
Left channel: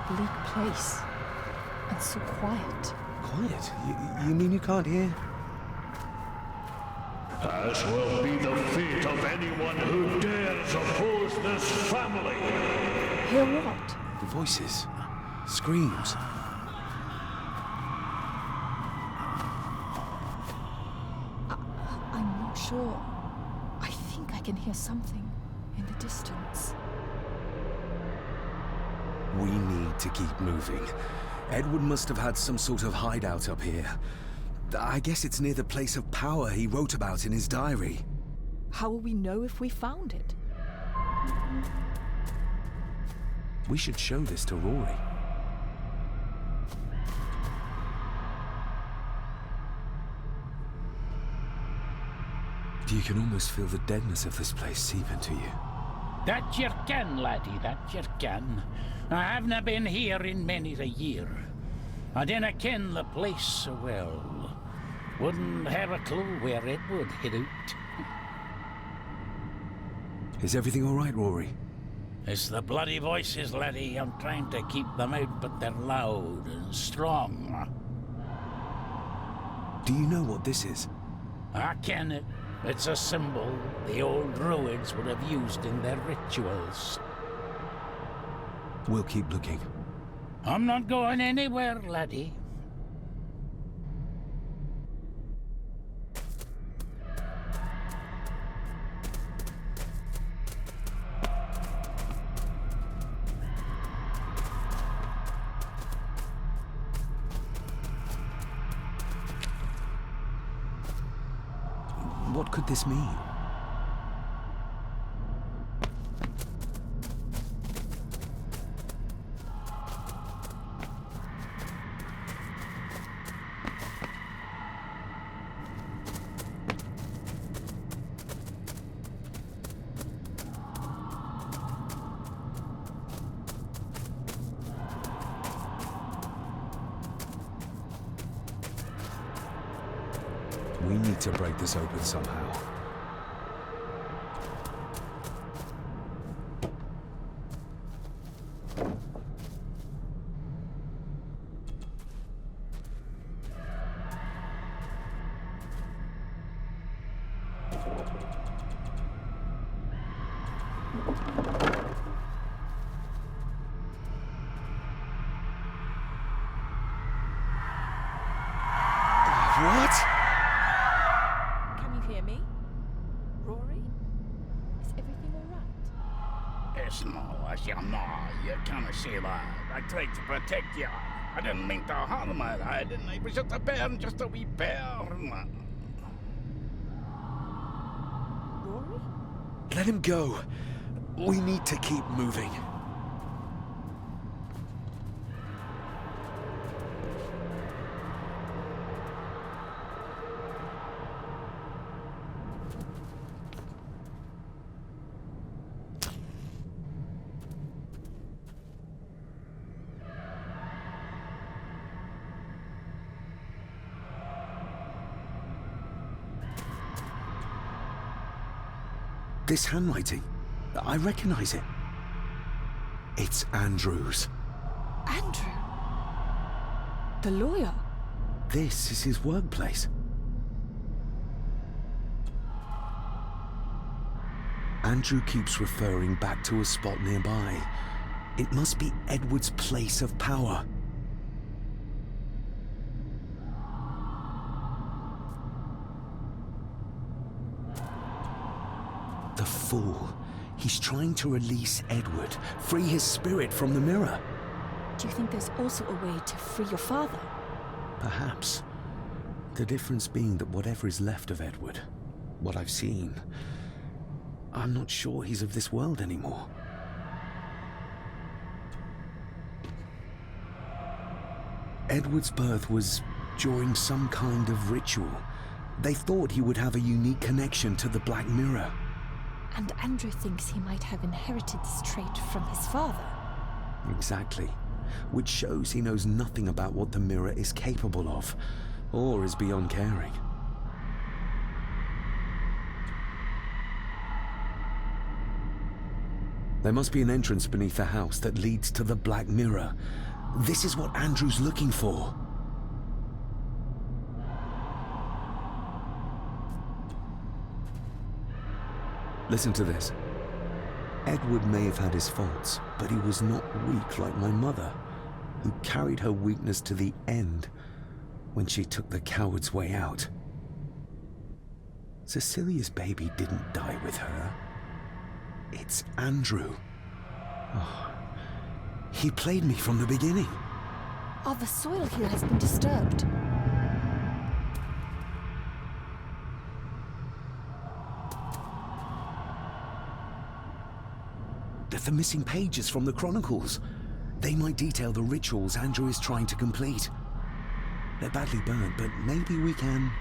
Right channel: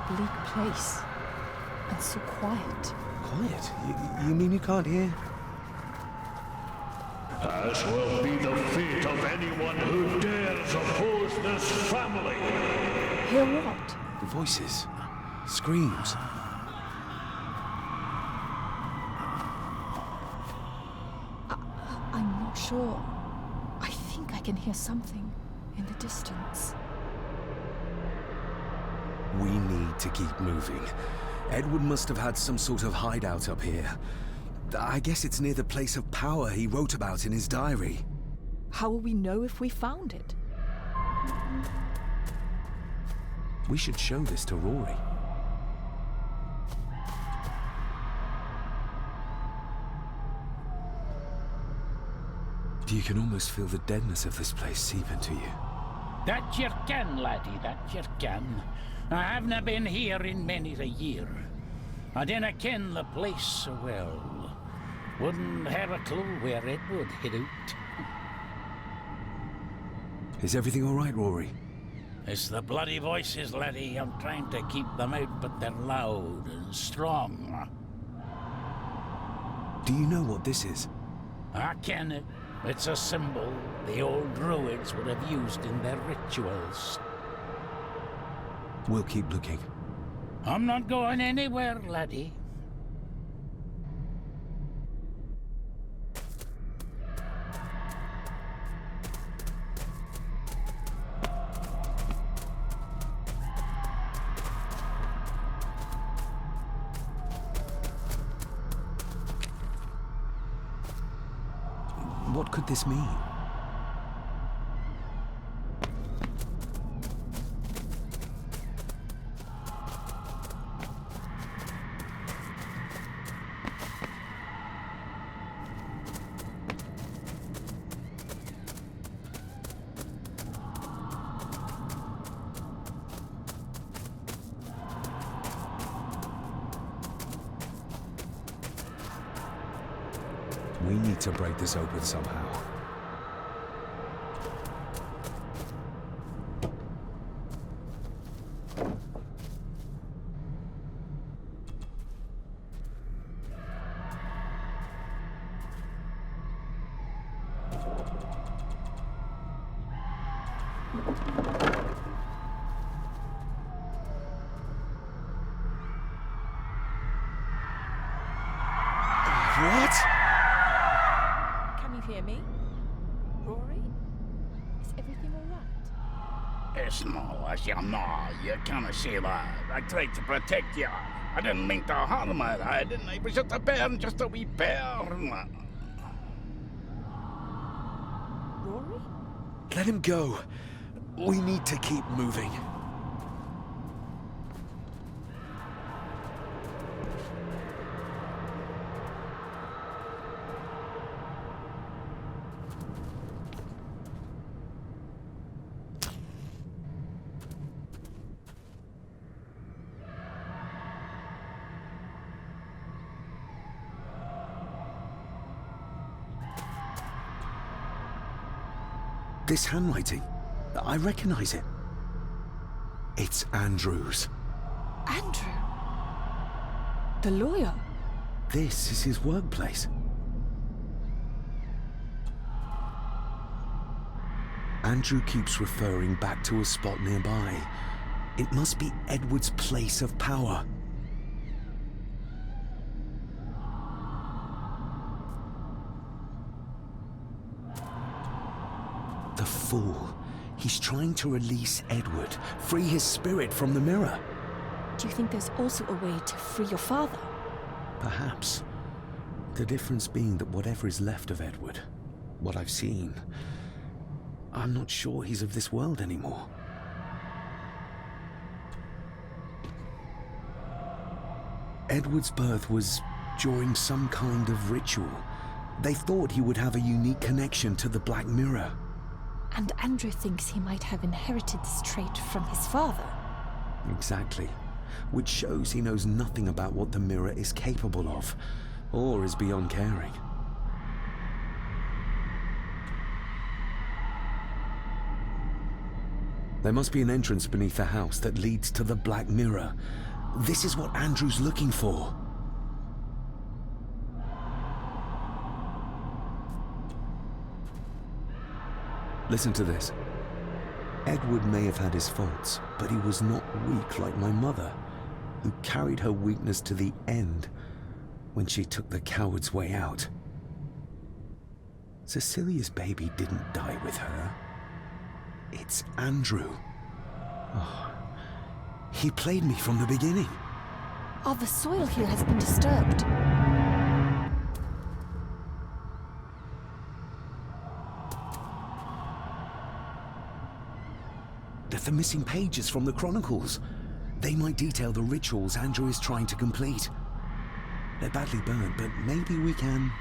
bleak place. And so quiet. Quiet? You mean you can't hear? As will be the fate of anyone who dares oppose this family. Hear what? Voices. Screams. I'm not sure. I think I can hear something in the distance. We need to keep moving. Edward must have had some sort of hideout up here. I guess it's near the place of power he wrote about in his diary. How will we know if we found it? We should show this to Rory. You can almost feel the deadness of this place seep into you. That you can, laddie, that you can. I haven't been here in many a year. I dinna ken the place so well. Wouldn't have a clue where it would hit out. Is everything all right, Rory? It's the bloody voices, laddie. I'm trying to keep them out, but they're loud and strong. Do you know what this is? I ken it. It's a symbol the old druids would have used in their rituals. We'll keep looking. I'm not going anywhere, laddie. What could this mean? We need to break this open somehow. What? Can you hear me? Rory? Is everything alright? It's no, as you know, you can't see that. I tried to protect you. I didn't mean to harm her. I didn't. It was just a bear, just a wee bear. Rory? Let him go. We need to keep moving. This handwriting, I recognize it. It's Andrew's. Andrew? The lawyer? This is his workplace. Andrew keeps referring back to a spot nearby. It must be Edward's place of power. The fool. He's trying to release Edward, free his spirit from the mirror. Do you think there's also a way to free your father? Perhaps. The difference being that whatever is left of Edward, what I've seen, I'm not sure he's of this world anymore. Edward's birth was during some kind of ritual. They thought he would have a unique connection to the Black Mirror. And Andrew thinks he might have inherited this trait from his father. Exactly. Which shows he knows nothing about what the mirror is capable of, or is beyond caring. There must be an entrance beneath the house that leads to the Black Mirror. This is what Andrew's looking for. Listen to this. Edward may have had his faults, but he was not weak like my mother, who carried her weakness to the end when she took the coward's way out. Cecilia's baby didn't die with her. It's Andrew. Oh, he played me from the beginning. Oh, the soil here has been disturbed. They're the missing pages from the chronicles. They might detail the rituals Andrew is trying to complete. They're badly burnt, but maybe we can...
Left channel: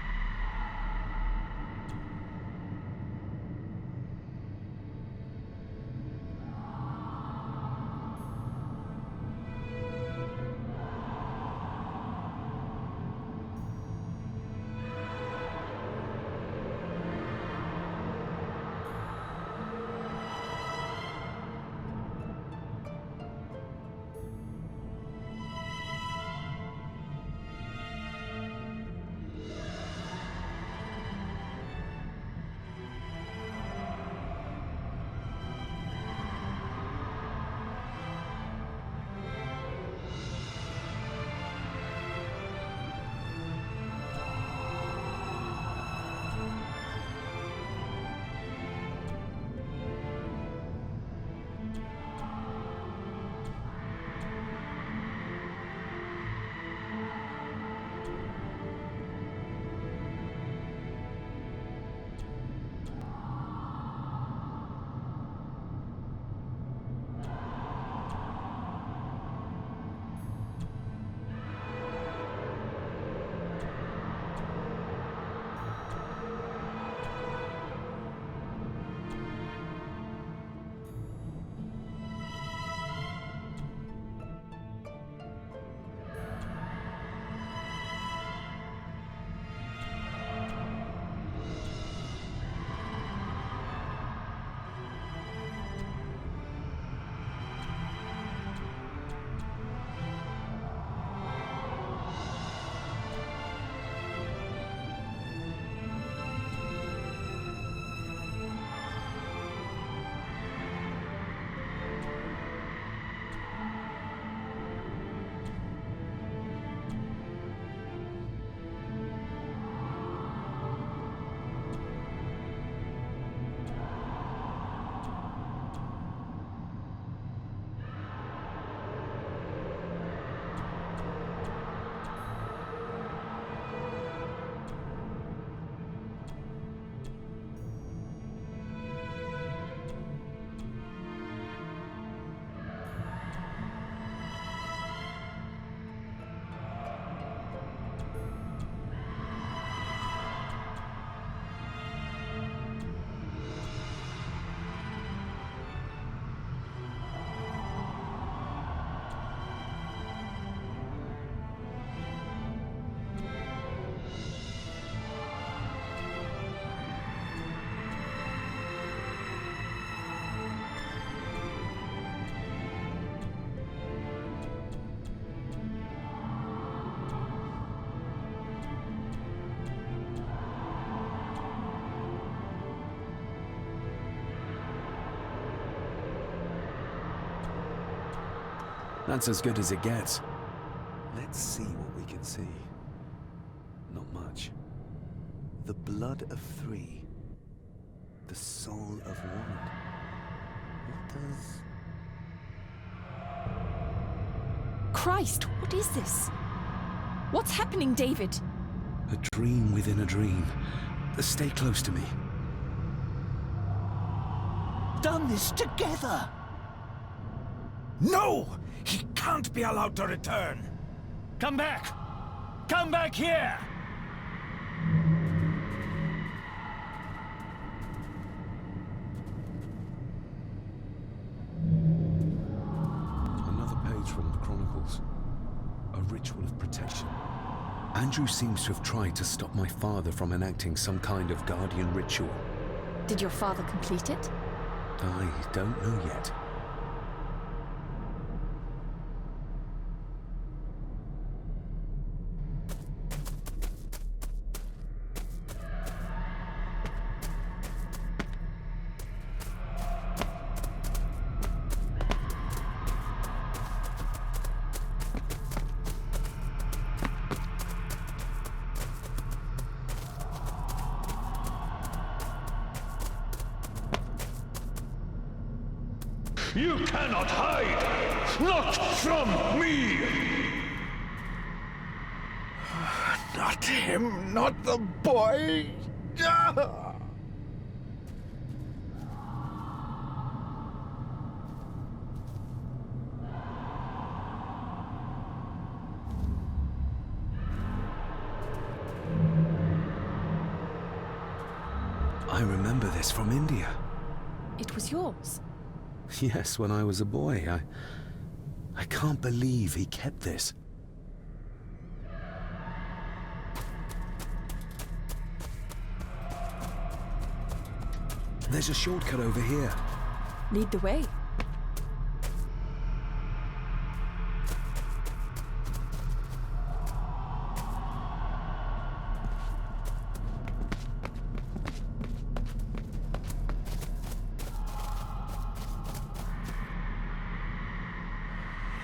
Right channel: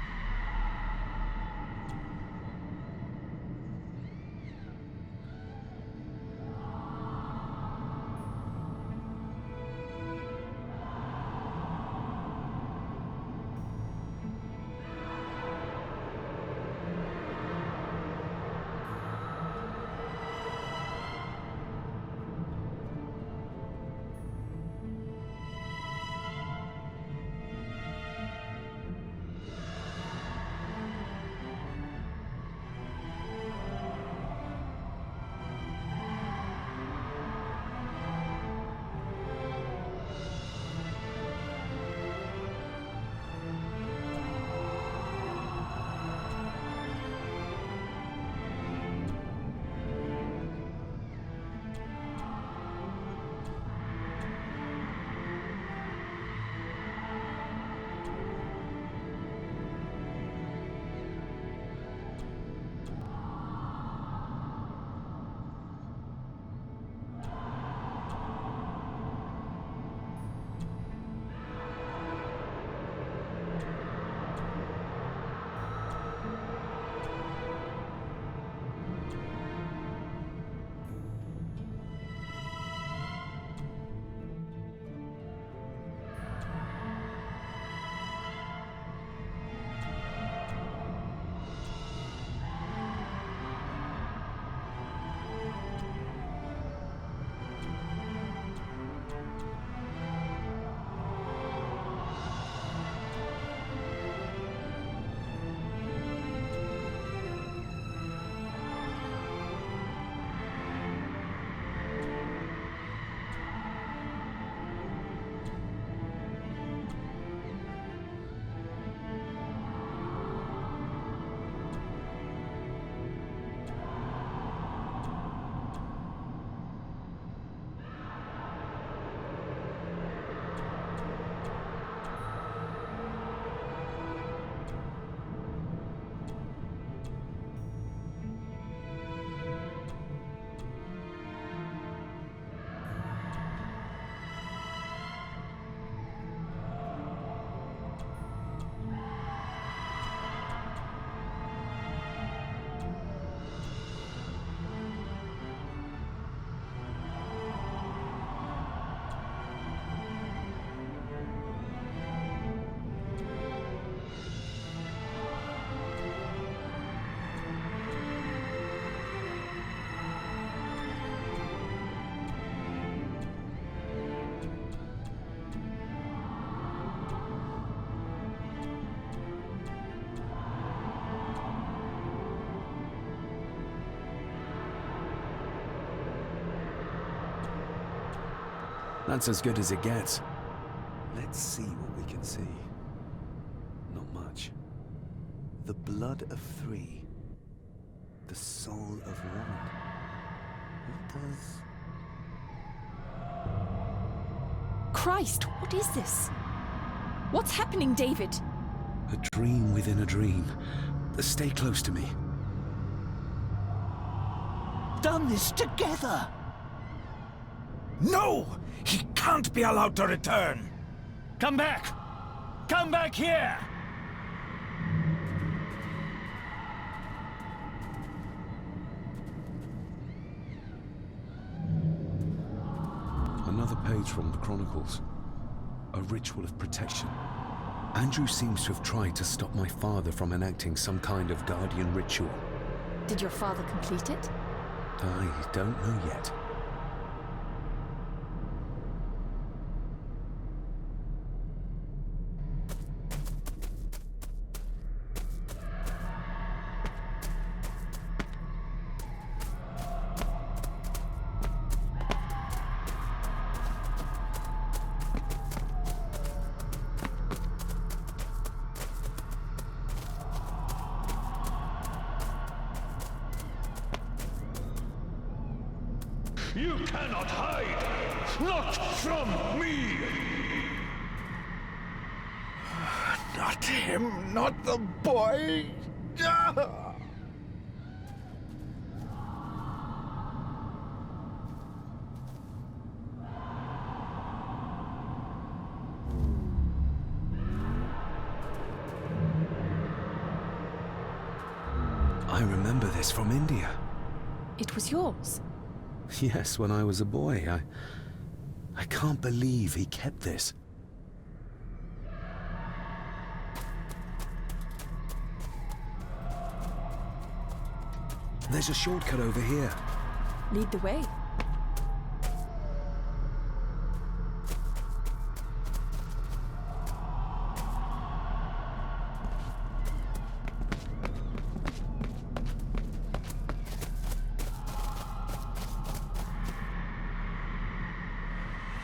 That's as good as it gets. Let's see what we can see. Not much. The blood of 3. The soul of 1. What does... Christ, what is this? What's happening, David? A dream within a dream. Stay close to me. Done this together! No! He can't be allowed to return! Come back! Come back here! Another page from the chronicles. A ritual of protection. Andrew seems to have tried to stop my father from enacting some kind of guardian ritual. Did your father complete it? I don't know yet. You cannot hide! Not from me! Not him, not the boy! I remember this from India. It was yours? Yes, when I was a boy. I can't believe he kept this. There's a shortcut over here. Lead the way.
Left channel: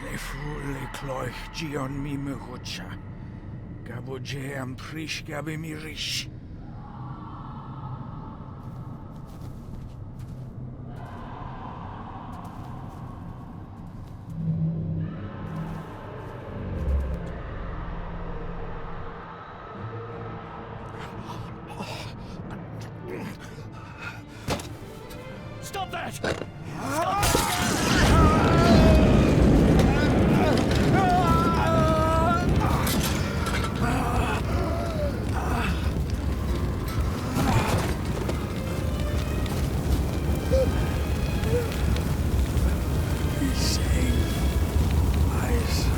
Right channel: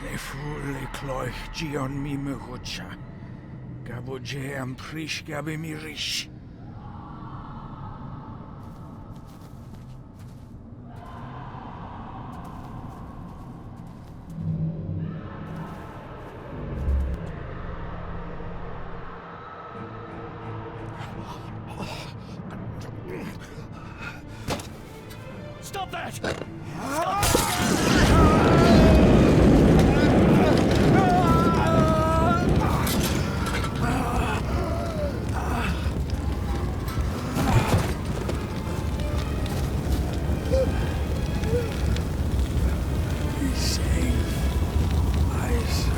Le fou le cloich gion mi mehucha. Gabo je am prish gabe mi rish. Stop that! Be safe, my son.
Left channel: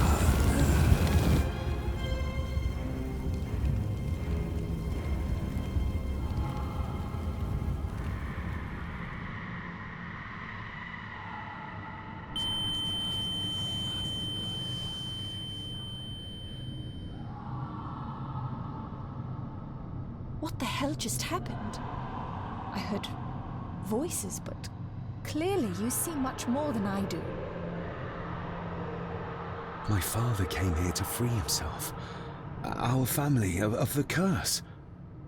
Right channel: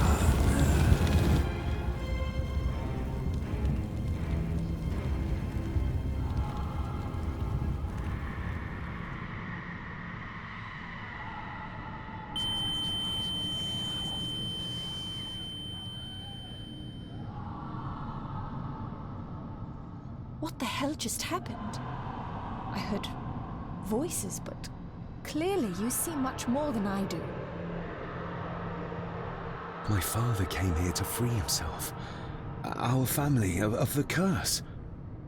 What the hell just happened? I heard voices, but clearly you see much more than I do. My father came here to free himself. Our family of the curse.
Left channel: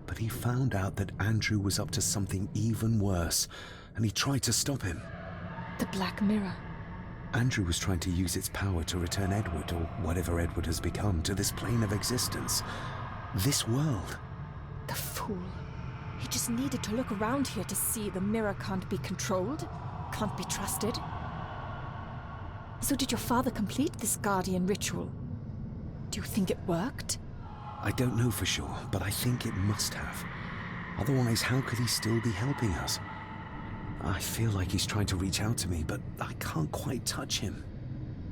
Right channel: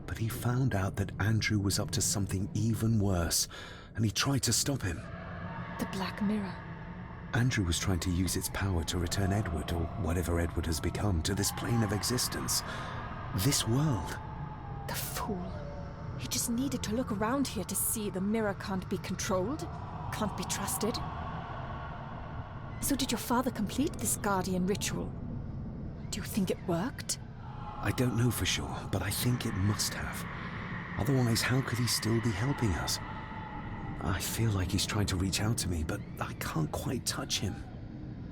But he found out that Andrew was up to something even worse, and he tried to stop him. The Black Mirror. Andrew was trying to use its power to return Edward, or whatever Edward has become, to this plane of existence. This world. The fool. He just needed to look around here to see the mirror can't be controlled, can't be trusted. So did your father complete this guardian ritual? Do you think it worked? I don't know for sure, but I think it must have. Otherwise, how could he still be helping us? I feel like he's trying to reach out to me, but I can't quite touch him.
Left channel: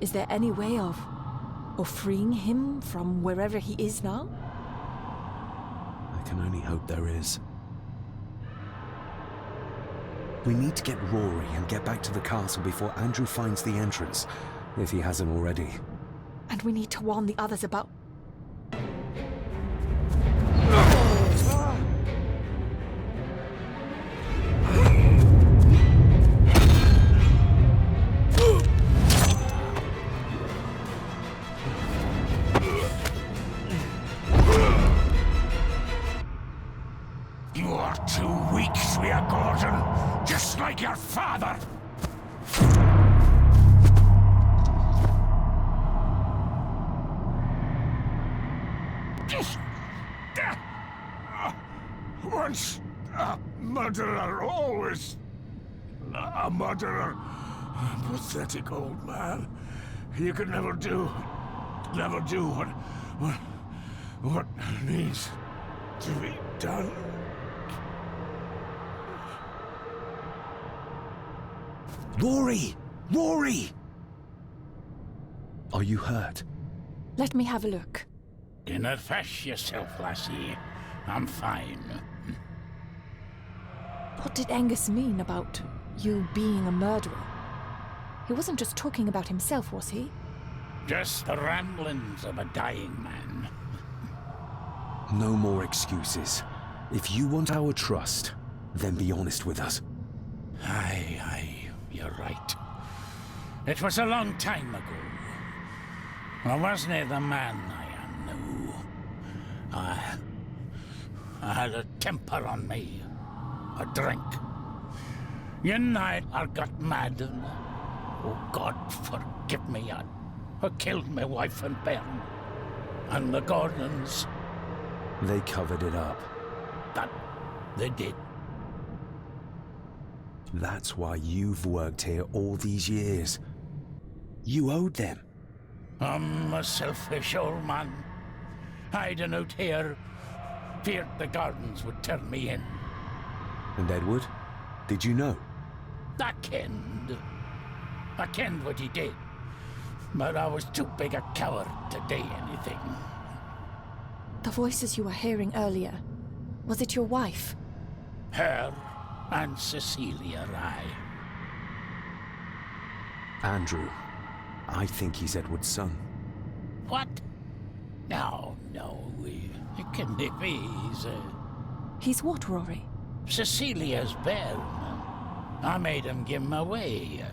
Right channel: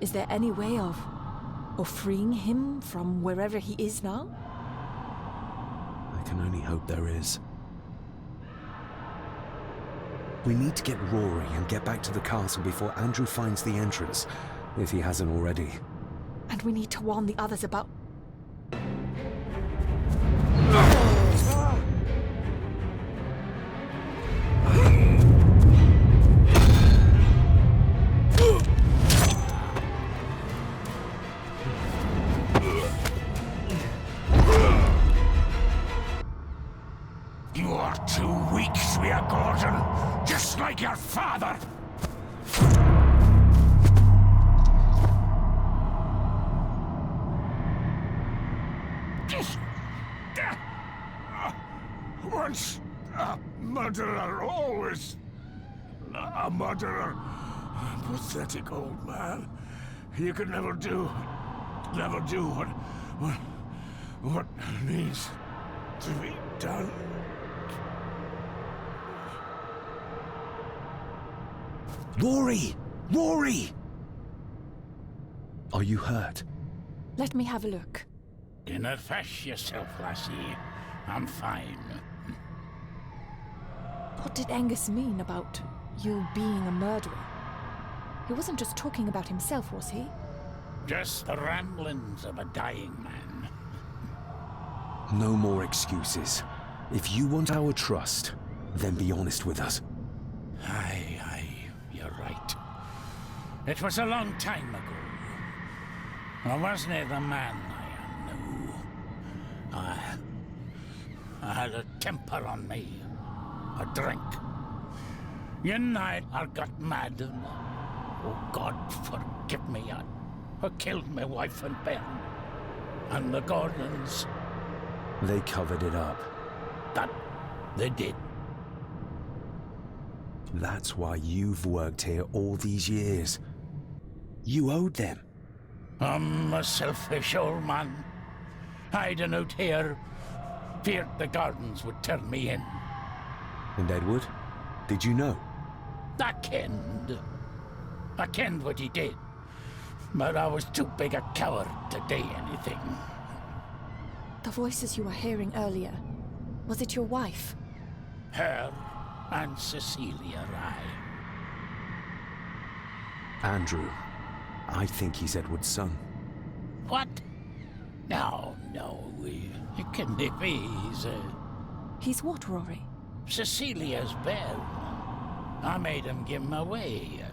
Is there any way of freeing him from wherever he is now? I can only hope there is. We need to get Rory and get back to the castle before Andrew finds the entrance, if he hasn't already. And we need to warn the others about... You are too weak, Svea Gordon, just like your father. Once a murderer, always a murderer. Pathetic old man. You could never do what needs to be done. Rory! Rory! Are you hurt? Let me have a look. Dinna fash yourself, lassie. I'm fine. What did Angus mean about you being a murderer? He wasn't just talking about himself, was he? Just the ramblings of a dying man. No more excuses. If you want our trust, then be honest with us. Aye, you're right. It was a long time ago. I wasn't the man I am now. I had a temper on me. A drink. One night I got mad and Oh, God, forgive me. I killed my wife and bairn. And the Gordons. They covered it up. That they did. That's why you've worked here all these years. You owed them. I'm a selfish old man. Hiding out here. Feared the Gordons would turn me in. And Edward? Did you know? I kenned what he did. But I was too big a coward to do anything. The voices you were hearing earlier, was it your wife? Her and Cecilia, Andrew. I think he's Edward's son. What? No, it can't be. He's what, Rory? Cecilia's bairn. I made him give him away.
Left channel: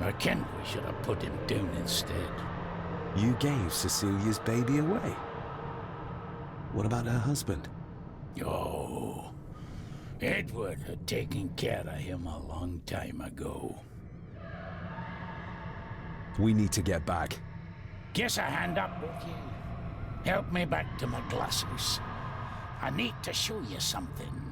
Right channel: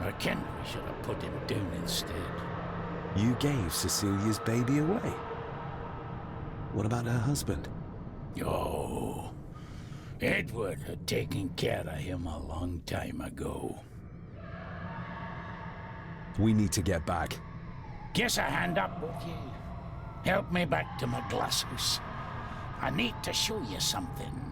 I kenned we should have put him down instead. You gave Cecilia's baby away? What about her husband? Oh, Edward had taken care of him a long time ago. We need to get back. Guess a hand up, would you? Help me back to my glasshouse. I need to show you something.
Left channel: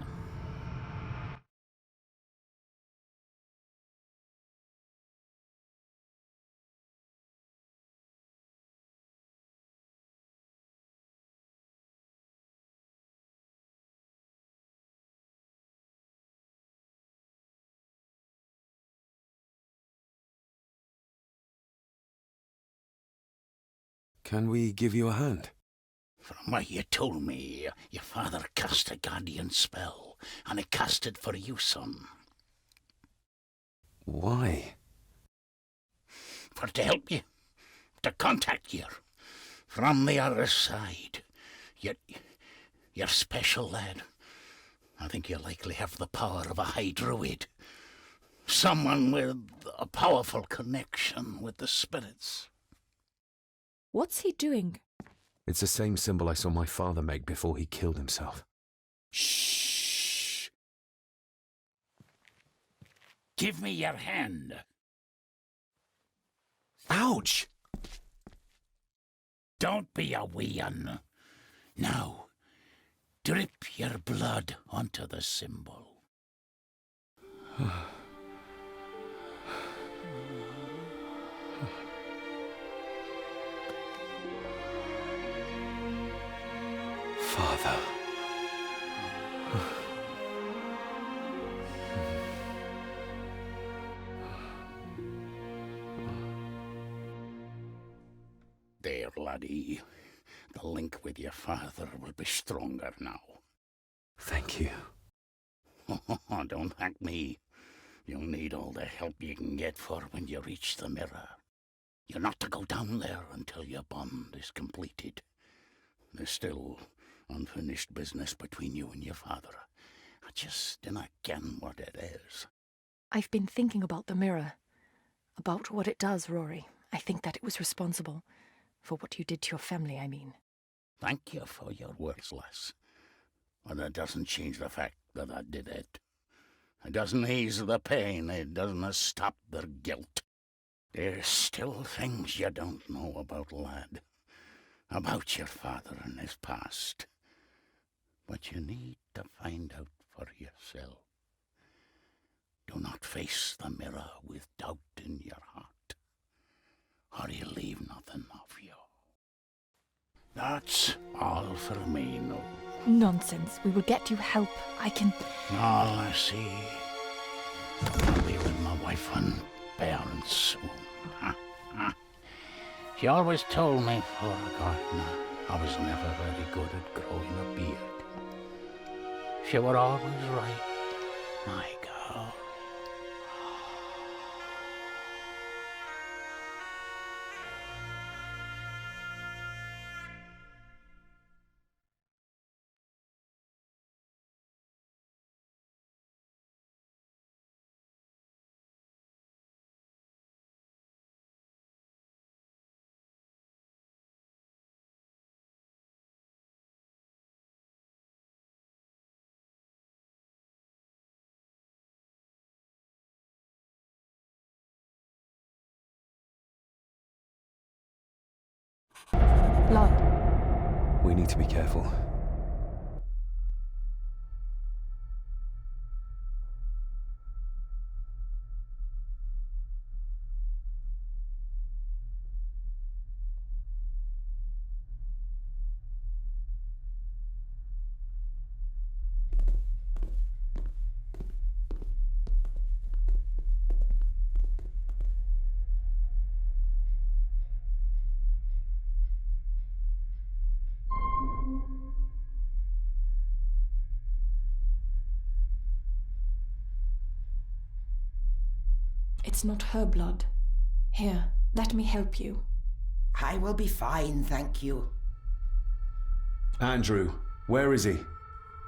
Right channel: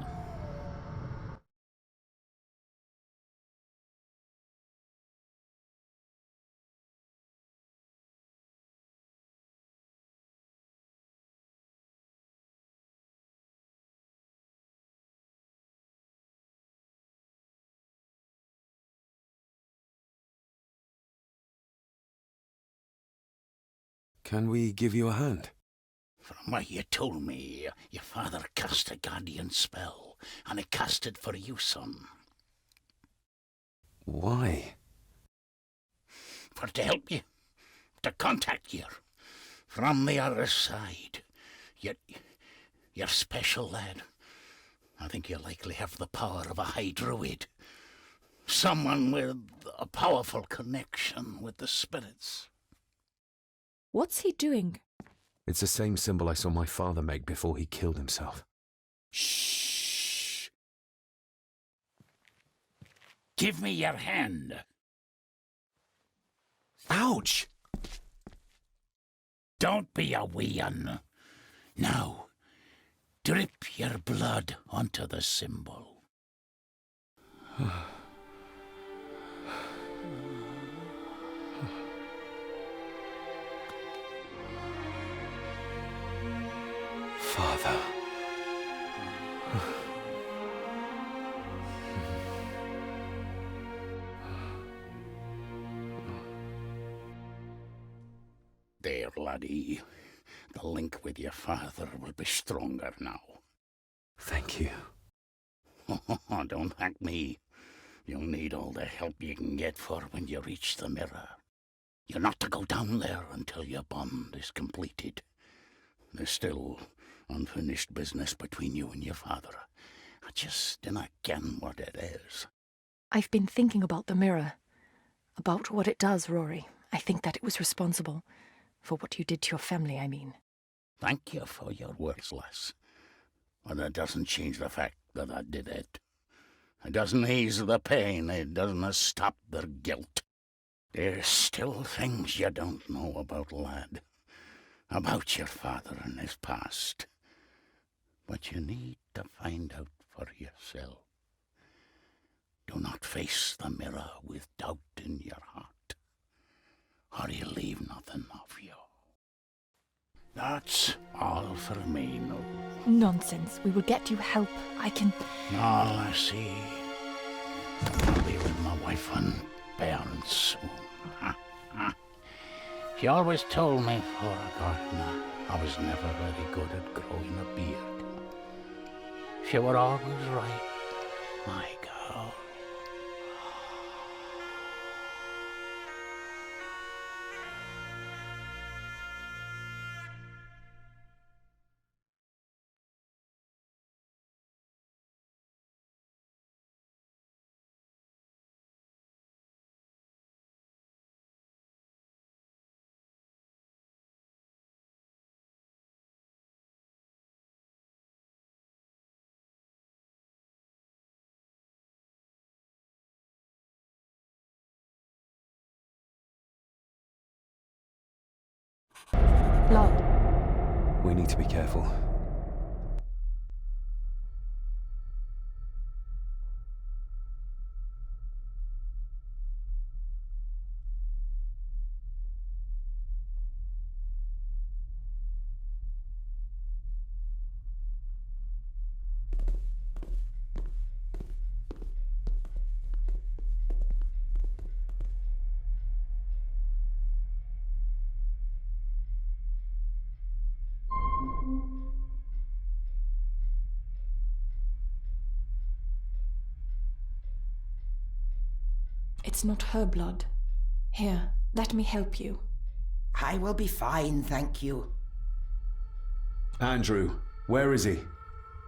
Can we give you a hand? From what you told me, your father cast a guardian spell, and it cast it for you, son. Why? For to help you, to contact you, from the other side. You're special, lad. I think you likely have the power of a high druid. Someone with a powerful connection with the spirits. What's he doing? It's the same symbol I saw my father make before he killed himself. Shh! Give me your hand. Ouch! Don't be a wee un. Now, drip your blood onto the symbol. Father. There, laddie. The link with your father will be stronger now. Thank you. Don't thank me. You'll need all the help you can get for when you reach the mirror. You're not to go down there until your bond is completed. There's still unfinished business between you and your father. I just dinna ken what it is. I've been thinking about the mirror. About what it does, Rory. I think that it was responsible. For what you did to your family, I mean. Thank you for your words, lass. But it doesn't change the fact that I did it. It doesn't ease the pain. It doesn't stop their guilt. There's still things you don't know about, lad. About your father and his past. But you need to find out for yourself. Do not face the mirror with doubt in your heart, or you'll leave nothing of you. That's all for me, no. Nonsense. We will get you help. I can... All I see. I'll be with my wife and parents soon. She always told me for a gardener I was never very good at growing a beard. She were always right, my girl. Blood. We need to be careful. It's not her blood. Here, let me help you. I will be fine, thank you. Andrew, where is he?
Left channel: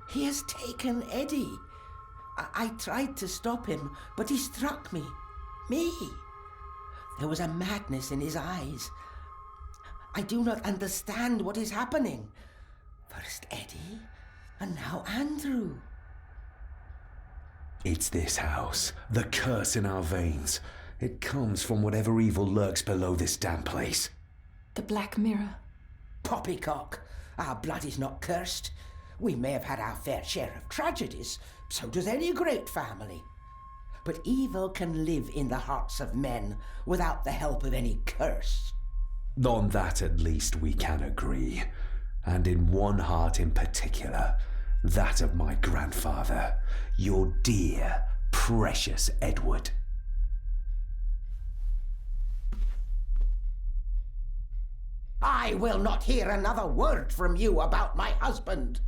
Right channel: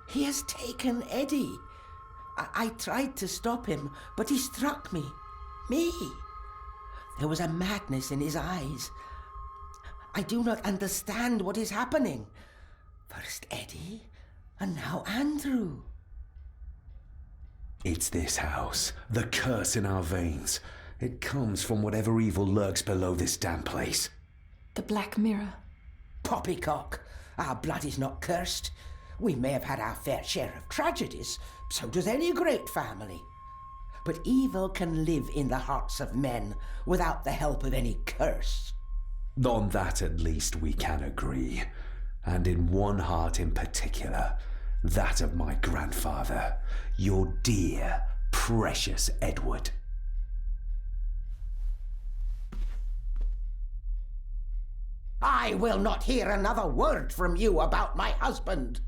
He has taken Eddie. I tried to stop him, but he struck me. Me. There was a madness in his eyes. I do not understand what is happening. First Eddie, and now Andrew. It's this house, the curse in our veins. It comes from whatever evil lurks below this damn place. The Black Mirror. Poppycock. Our blood is not cursed. We may have had our fair share of tragedies. So does any great family. But evil can live in the hearts of men without the help of any curse. On that at least we can agree. And in one heart in particular. That of my grandfather, your dear, precious Edward. I will not hear another word from you about my husband.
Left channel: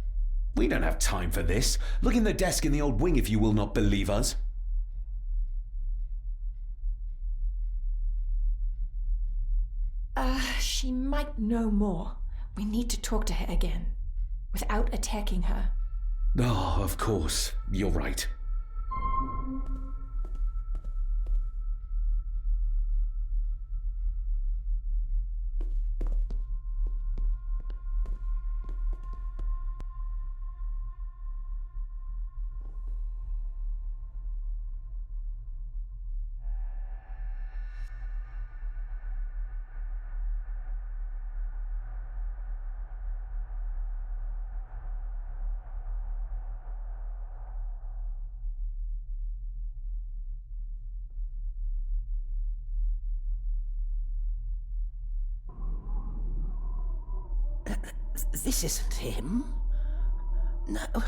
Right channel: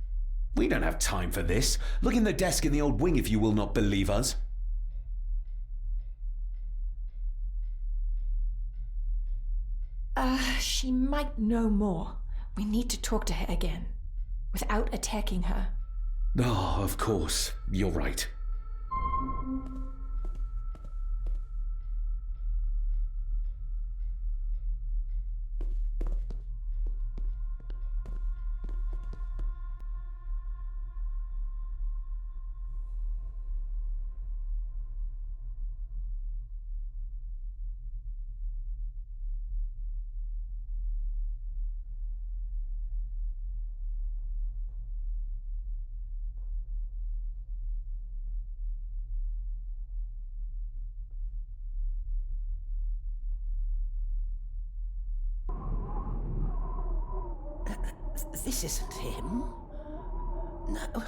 We don't have time for this. Look in the desk in the old wing if you will not believe us. She might know more. We need to talk to her again, without attacking her. Oh, of course. You're right. This isn't him. No,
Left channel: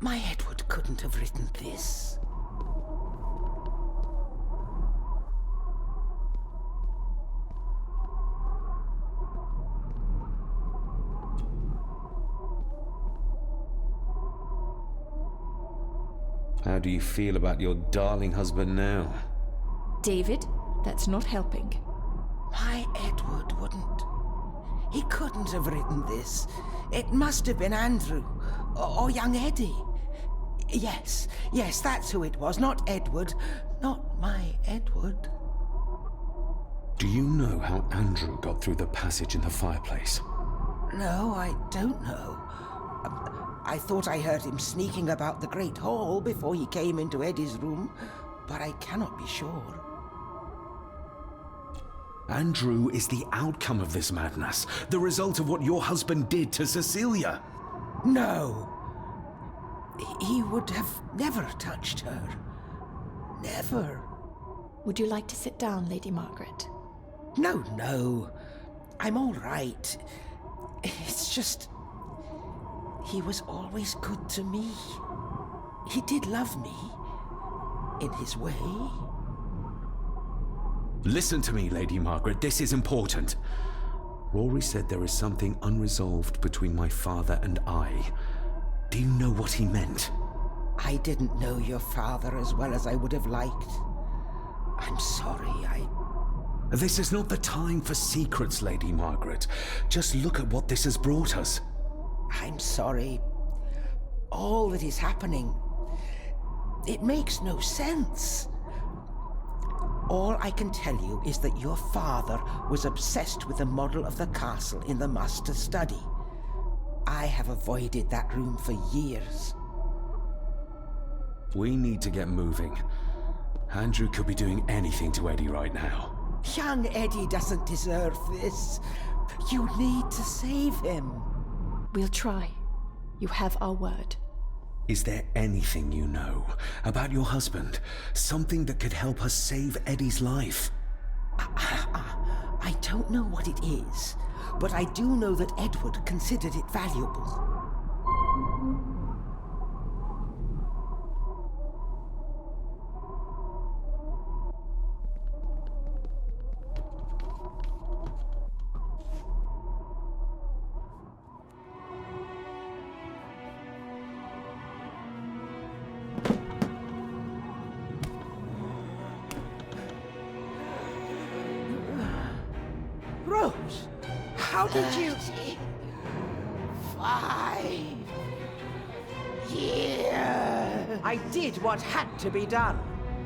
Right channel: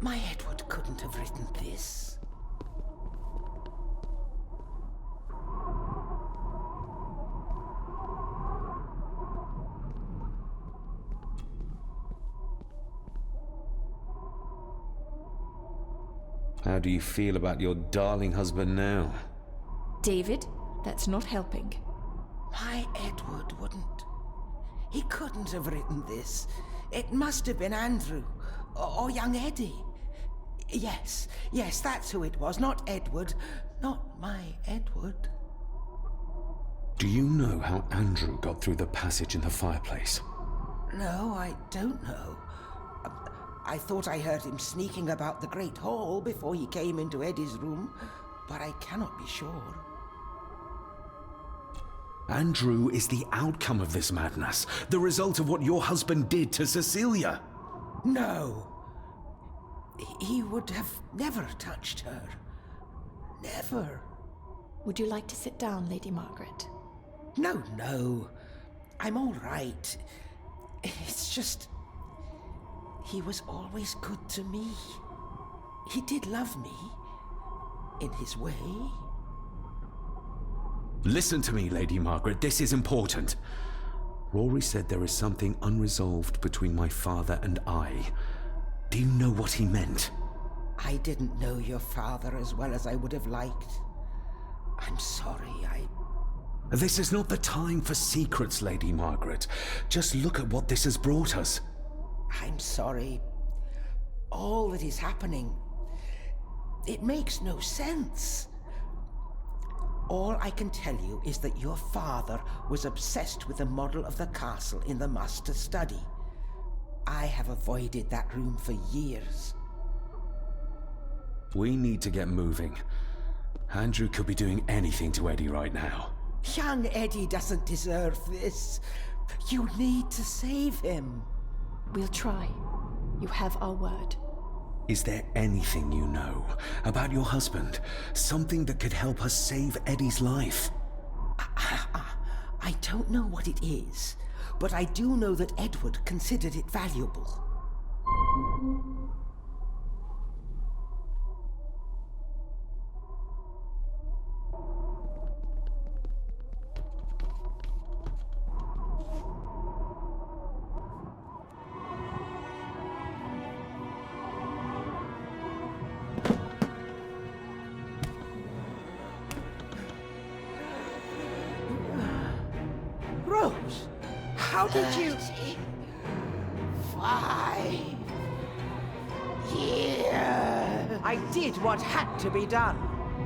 my Edward couldn't have written this. How do you feel about your darling husband now? David, that's not helping. My Edward wouldn't. He couldn't have written this. It must have been Andrew, or young Eddie. Yes, that's who it was, not Edward. Not my Edward. Do you know how Andrew got through the passage in the fireplace? No, I don't know. I thought I heard him sneaking about the Great Hall before he came into Eddie's room, but I cannot be sure. Andrew is the outcome of this madness, the result of what your husband did to Cecilia. No. He would have never touched her. Never. Would you like to sit down, Lady Margaret? No. I'm all right. It's just... he was always good to me. He did love me. In his way. Listen to me, Lady Margaret. This is important. Rory said there is something unresolved between my father and I. Do you know what he meant? I didn't know your father as well as I would have liked. I'm sorry, This is not the time for secrets, Lady Margaret. Just look at what this has brought us. I'm sorry. All that is happening, it makes no sense. All I can tell you is that your father was obsessed with the model of the castle in the master's study. I have avoided that room for years. We need to get moving. Andrew could be doing anything to Eddie right now. Young Eddie doesn't deserve this. You need to save him. We'll try. You have our word. Is there anything you know about your husband? Something that could help us save Eddie's life? I don't know what it is, but I do know that Edward considered it valuable. Rose, how did you... 5 years. I did what had to be done.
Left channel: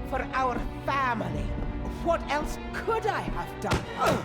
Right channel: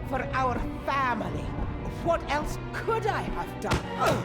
For our family. What else could I have done?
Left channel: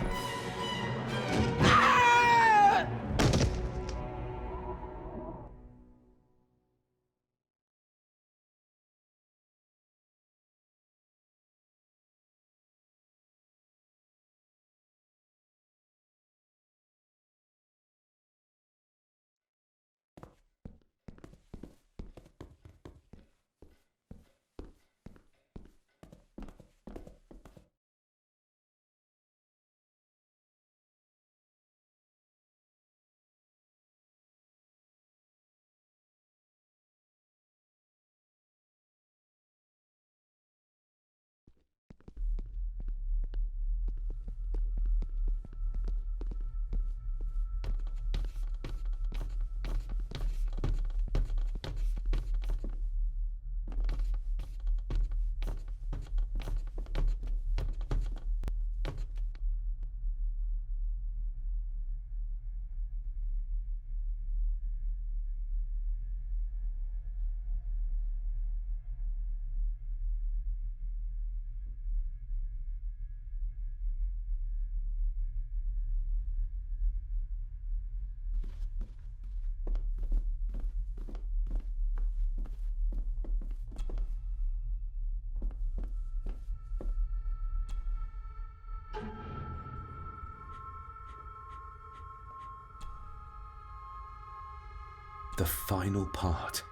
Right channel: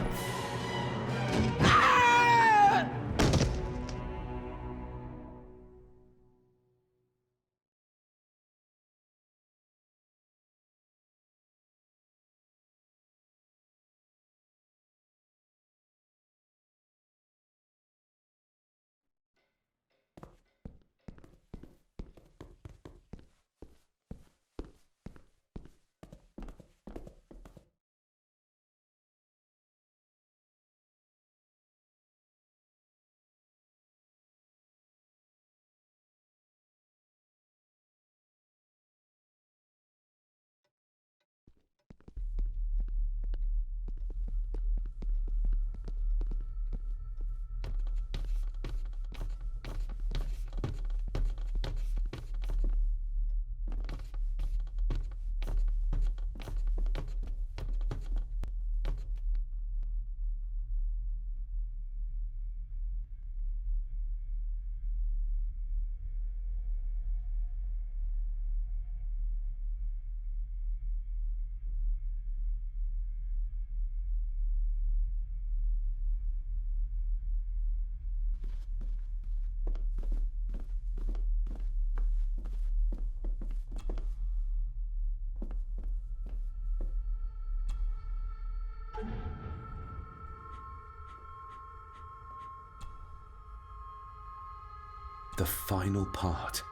The final part.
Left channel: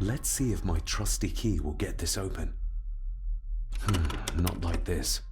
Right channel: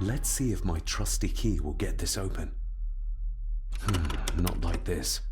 Let's see if my trusty key will get this open. Not like this.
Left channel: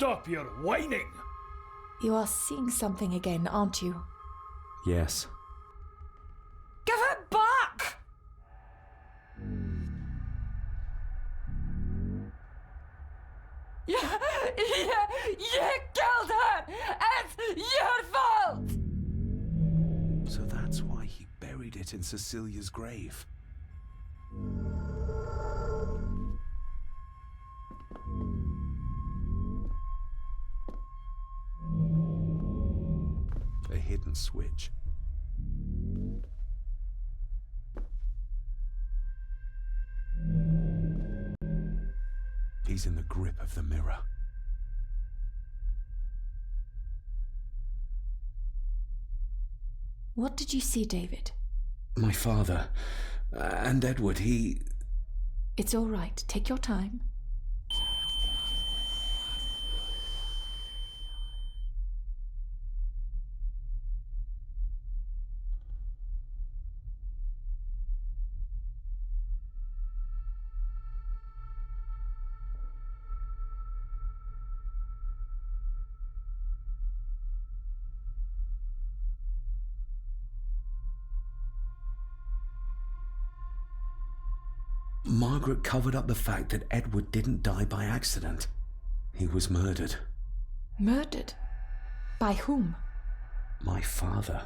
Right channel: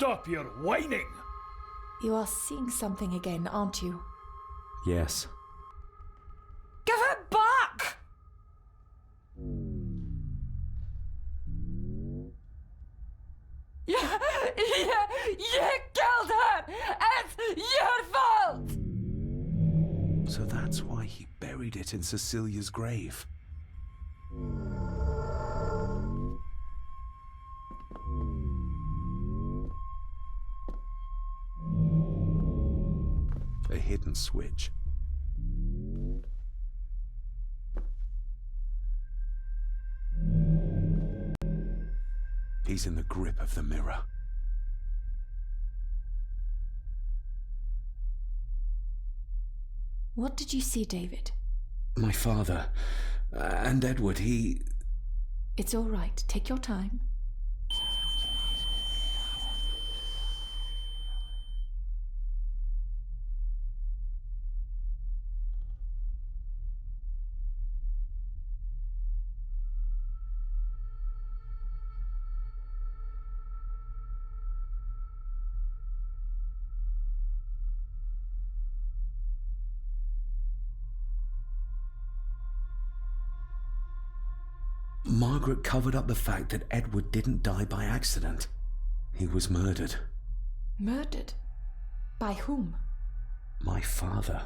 Stop your whining! You are seeing something again, aren't you? Yes. Give it back! You killed her! It's your fault! So that's why he buried it in Cecilia's grave. A hidden switch. He's in the grip of the mirror. What did you see, David? My father and Edward, he... It's all right. Take your time. Margaret covered up the fact that Edward didn't die by accident. He was murdered. Murdered? By whom? My father.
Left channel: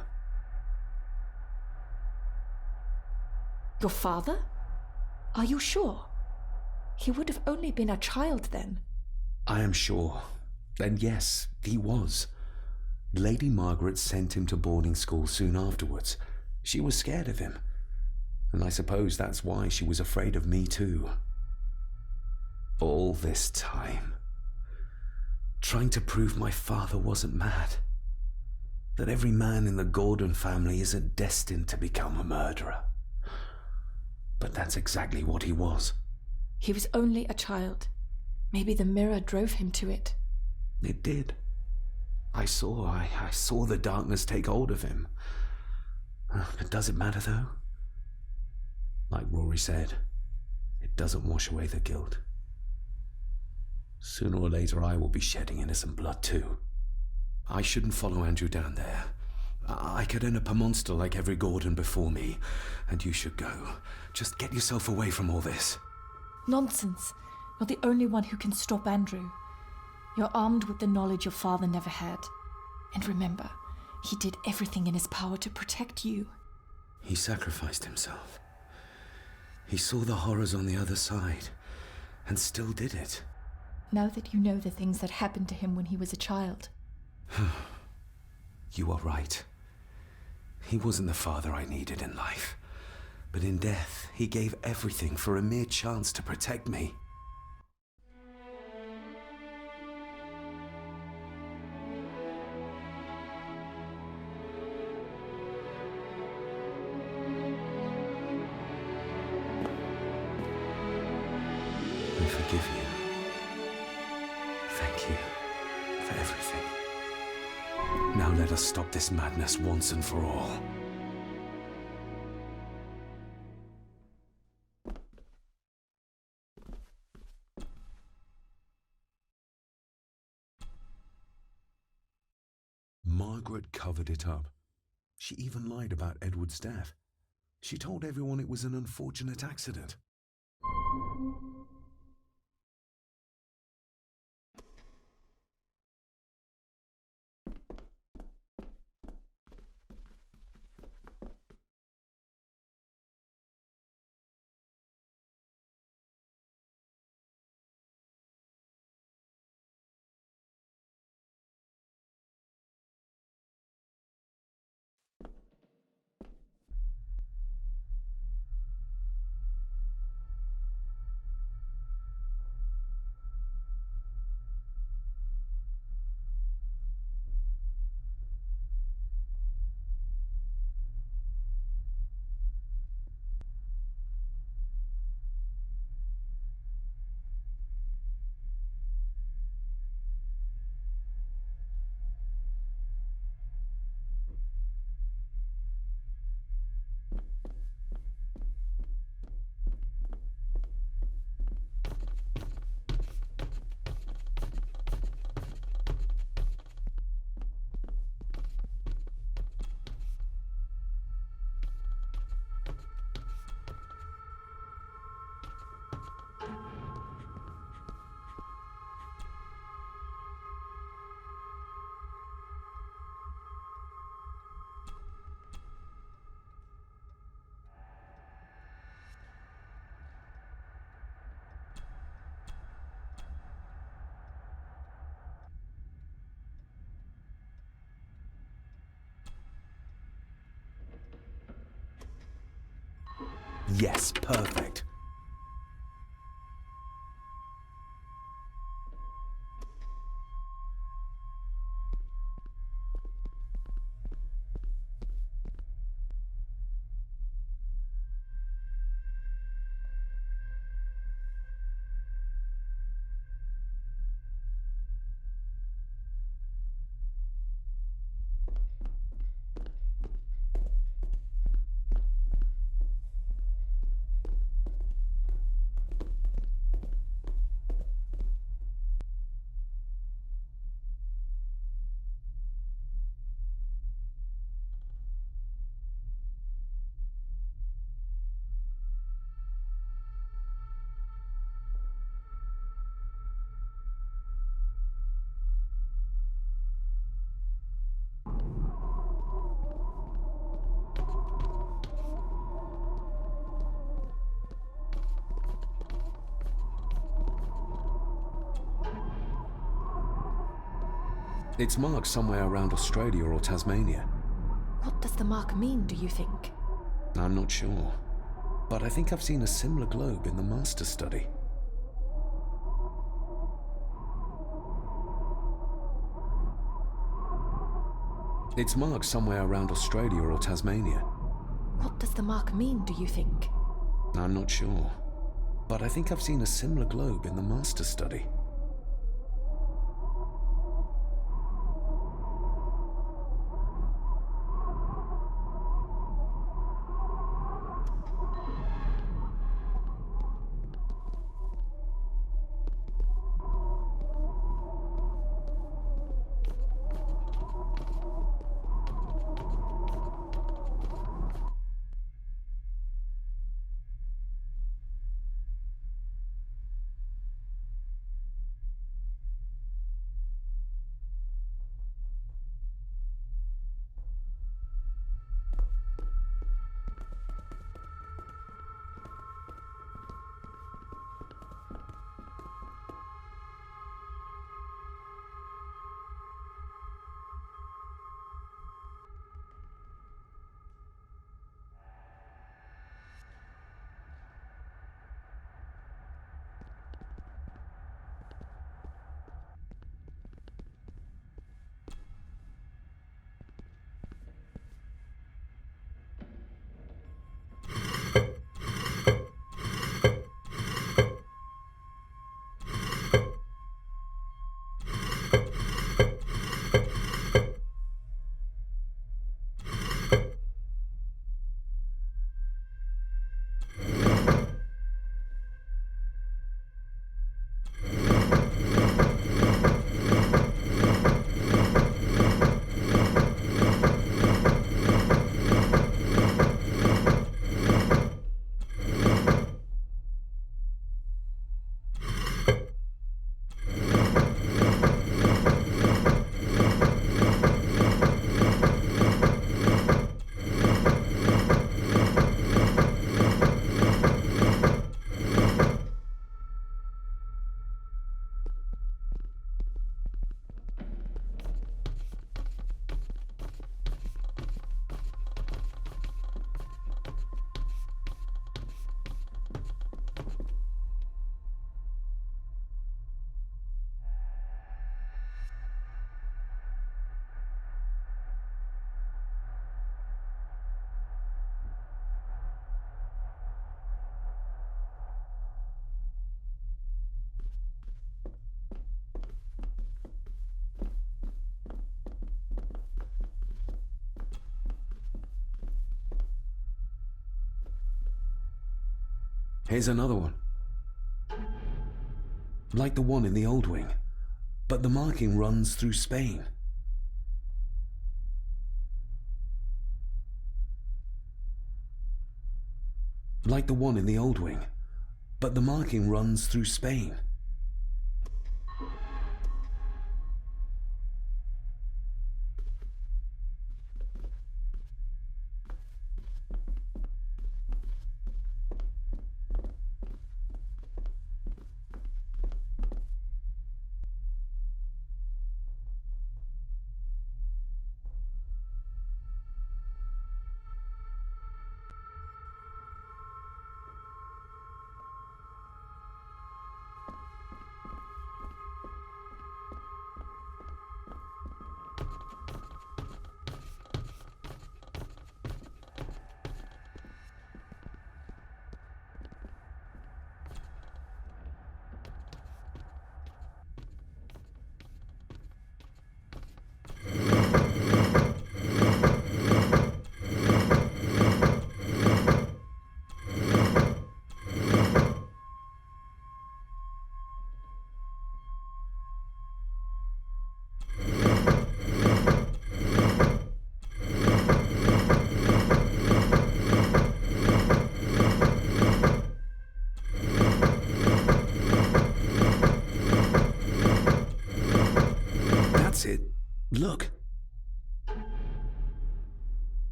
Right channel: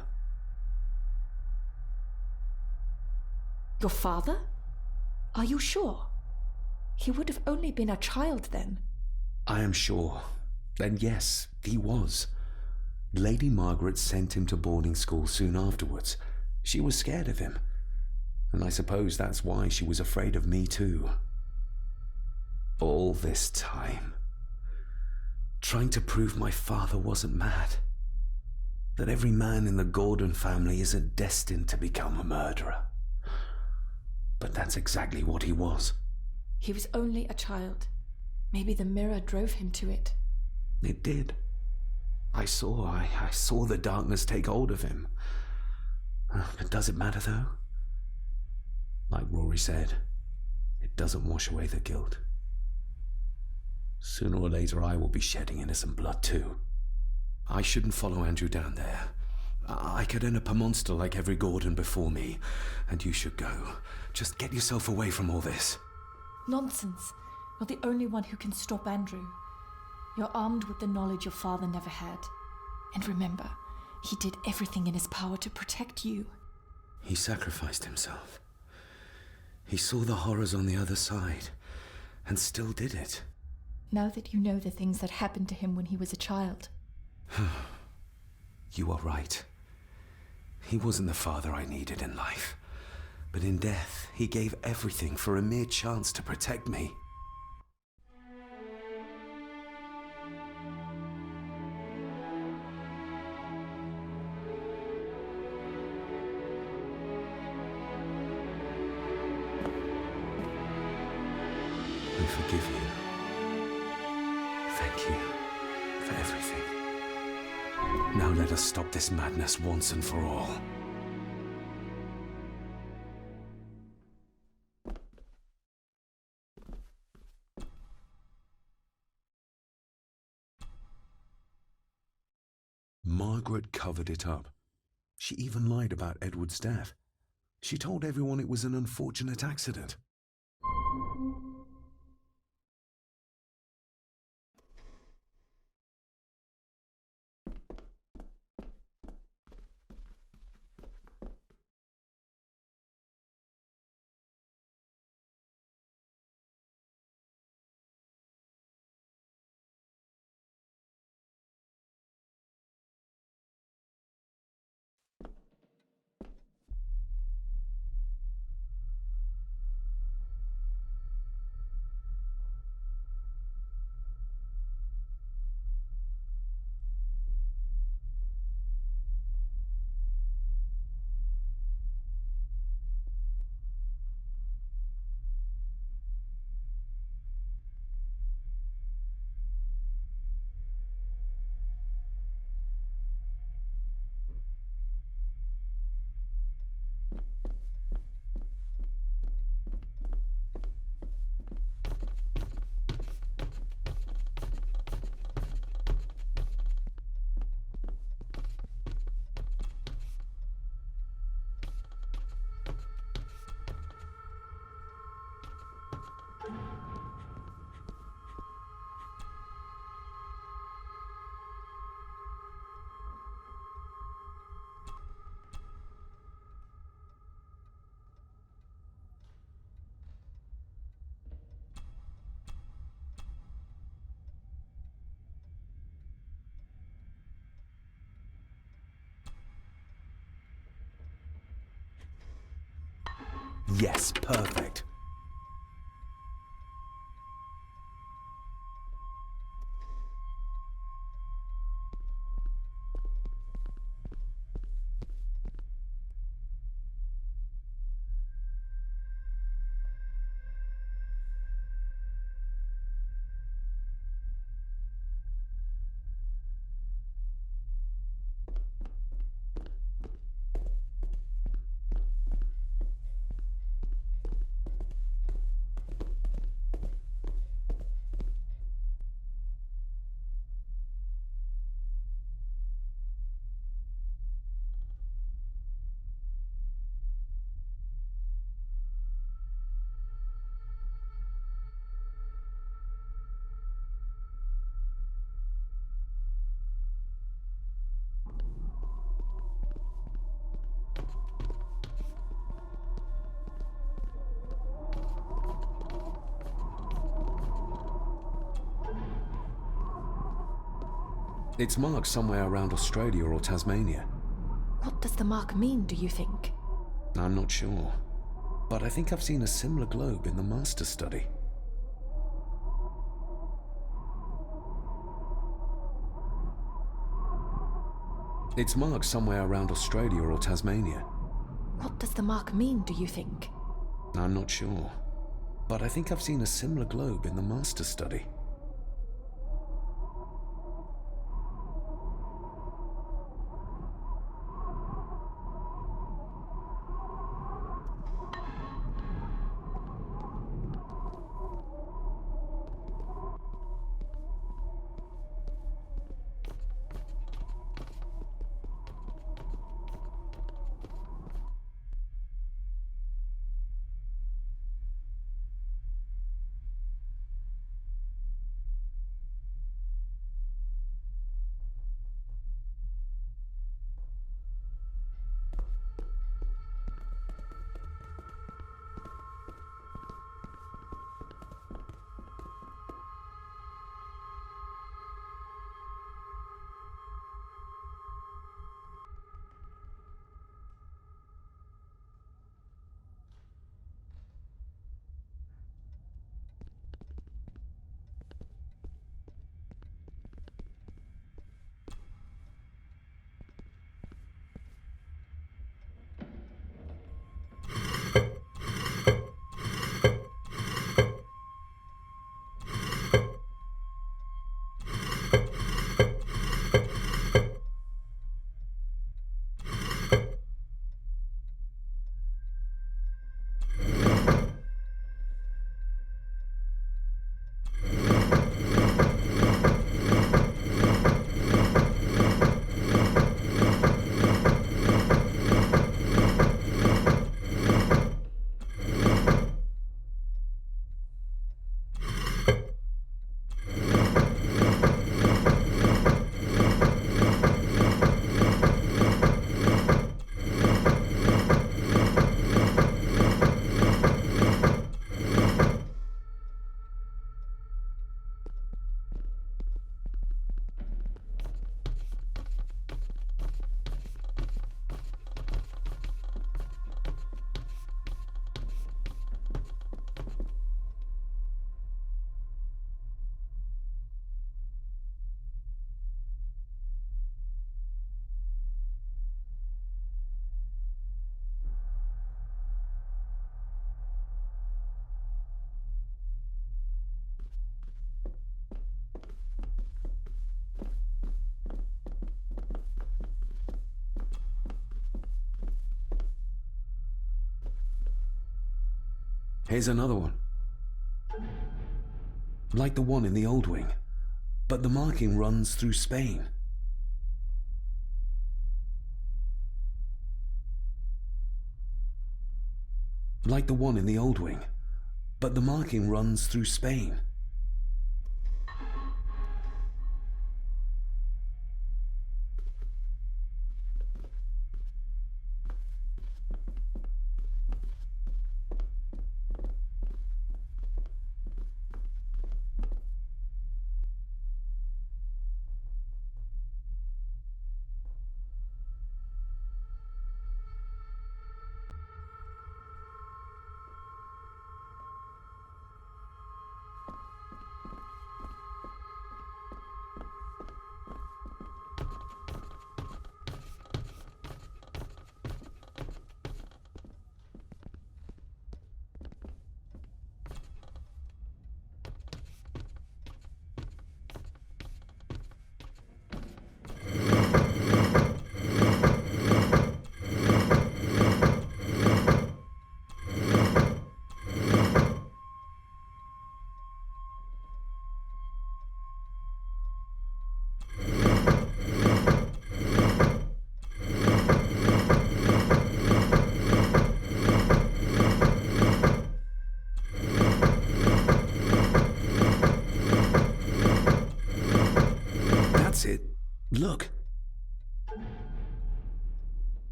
Your father? Are you sure? He would have only been a child then. I am sure. And yes, he was. Lady Margaret sent him to boarding school soon afterwards. She was scared of him. And I suppose that's why she was afraid of me too. All this time, trying to prove my father wasn't mad. That every man in the Gordon family isn't destined to become a murderer. But that's exactly what he was. He was only a child. Maybe the mirror drove him to it. It did. I saw the darkness take hold of him. But does it matter though? Like Rory said, it doesn't wash away the guilt. Sooner or later I will be shedding innocent blood too. I shouldn't follow Andrew down there. I could end up a monster like every Gordon before me, and you should go. Just get yourself away from all this. Nonsense. You're the only one who can stop Andrew. You're armed with the knowledge your father never had. And remember, he did everything in his power to protect you. He sacrificed himself. He saw the horrors on the other side, and still did it. Now that you know the things that happened to him when he was a child. You are right. He wasn't the father I needed in life. But in death, he gave everything for a mere chance to protect me. I forgive you. Thank you for everything. Now let us stop this madness once and for all. Margaret covered it up. She even lied about Edward's death. She told everyone it was an unfortunate accident. Yes, perfect. It's marked somewhere around Australia or Tasmania. What does the mark mean, do you think? I'm not sure, but I think I've seen a similar globe in the master study. It's marked somewhere around Australia or Tasmania. What does the mark mean, do you think? I'm not sure, but I think I've seen a similar globe in the master study. Here's another one. Like the one in the old wing, but the marking runs through Spain. Like the one in the old wing, but the marking runs through Spain.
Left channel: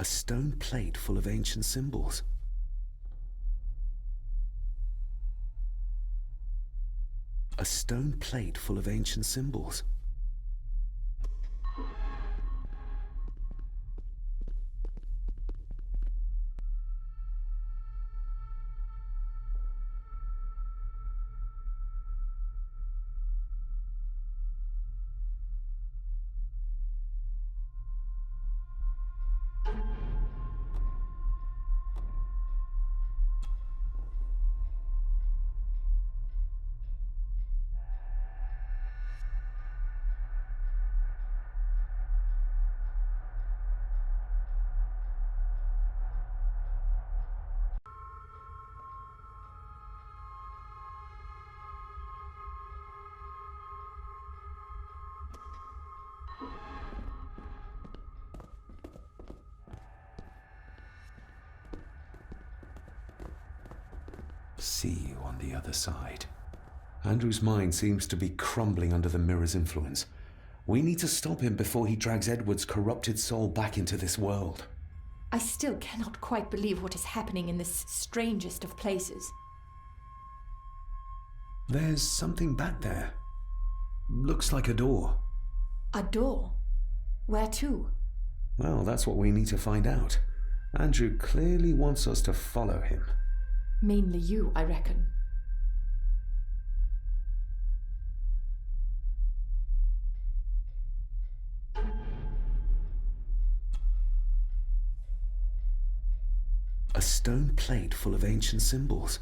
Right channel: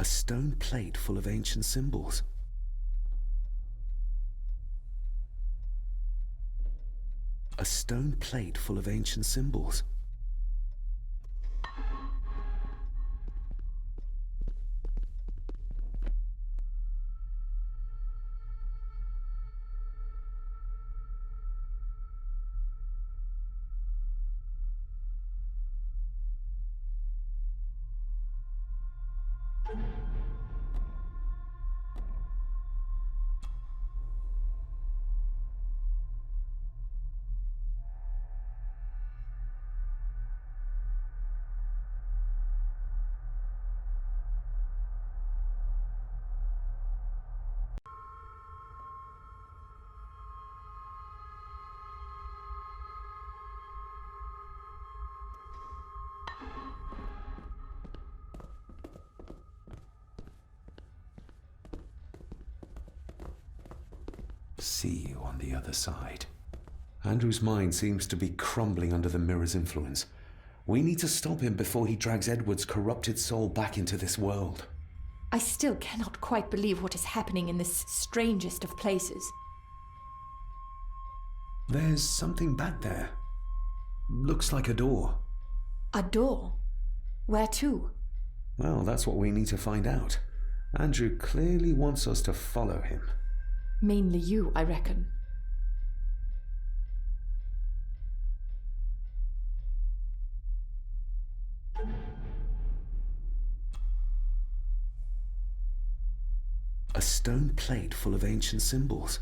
A stone plate full of ancient symbols. A stone plate full of ancient symbols. See you on the other side. Andrew's mind seems to be crumbling under the mirror's influence. We need to stop him before he drags Edward's corrupted soul back into this world. I still cannot quite believe what is happening in this strangest of places. There's something back there. Looks like a door. A door? Where to? Well, that's what we need to find out. Andrew clearly wants us to follow him. Mainly you, I reckon. A stone plate full of ancient symbols.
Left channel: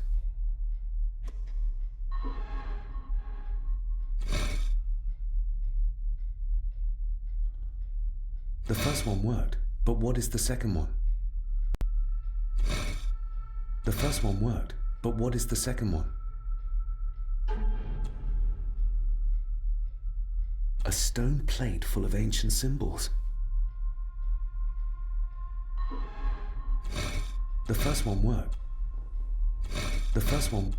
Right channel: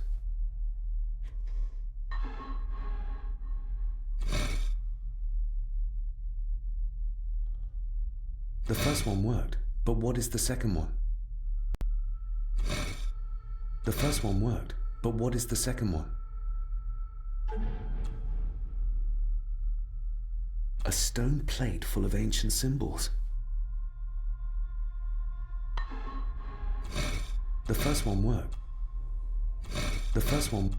The first one worked, but what is the second one? The first one worked, but what is the second one? A stone plate full of ancient symbols. The first one worked. The first one...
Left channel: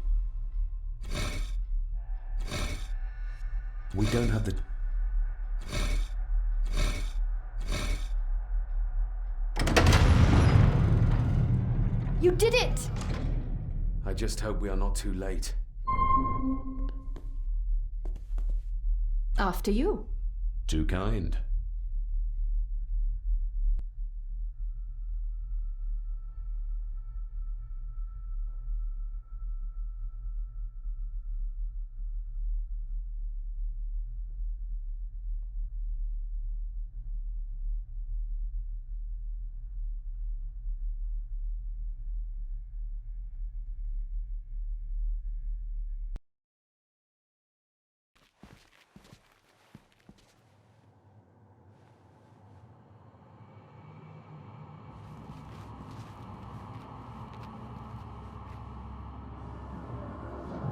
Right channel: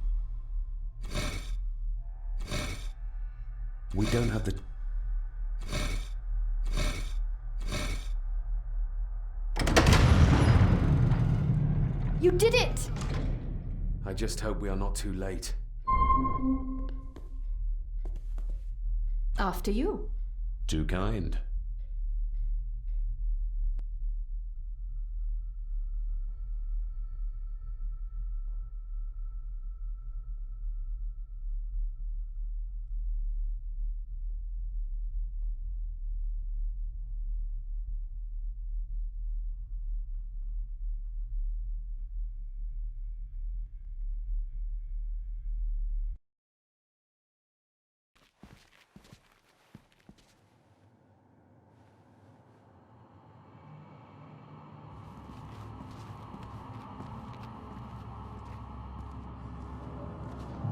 We don't have the... You did it! I just hope we are not too late. After you. Too kind.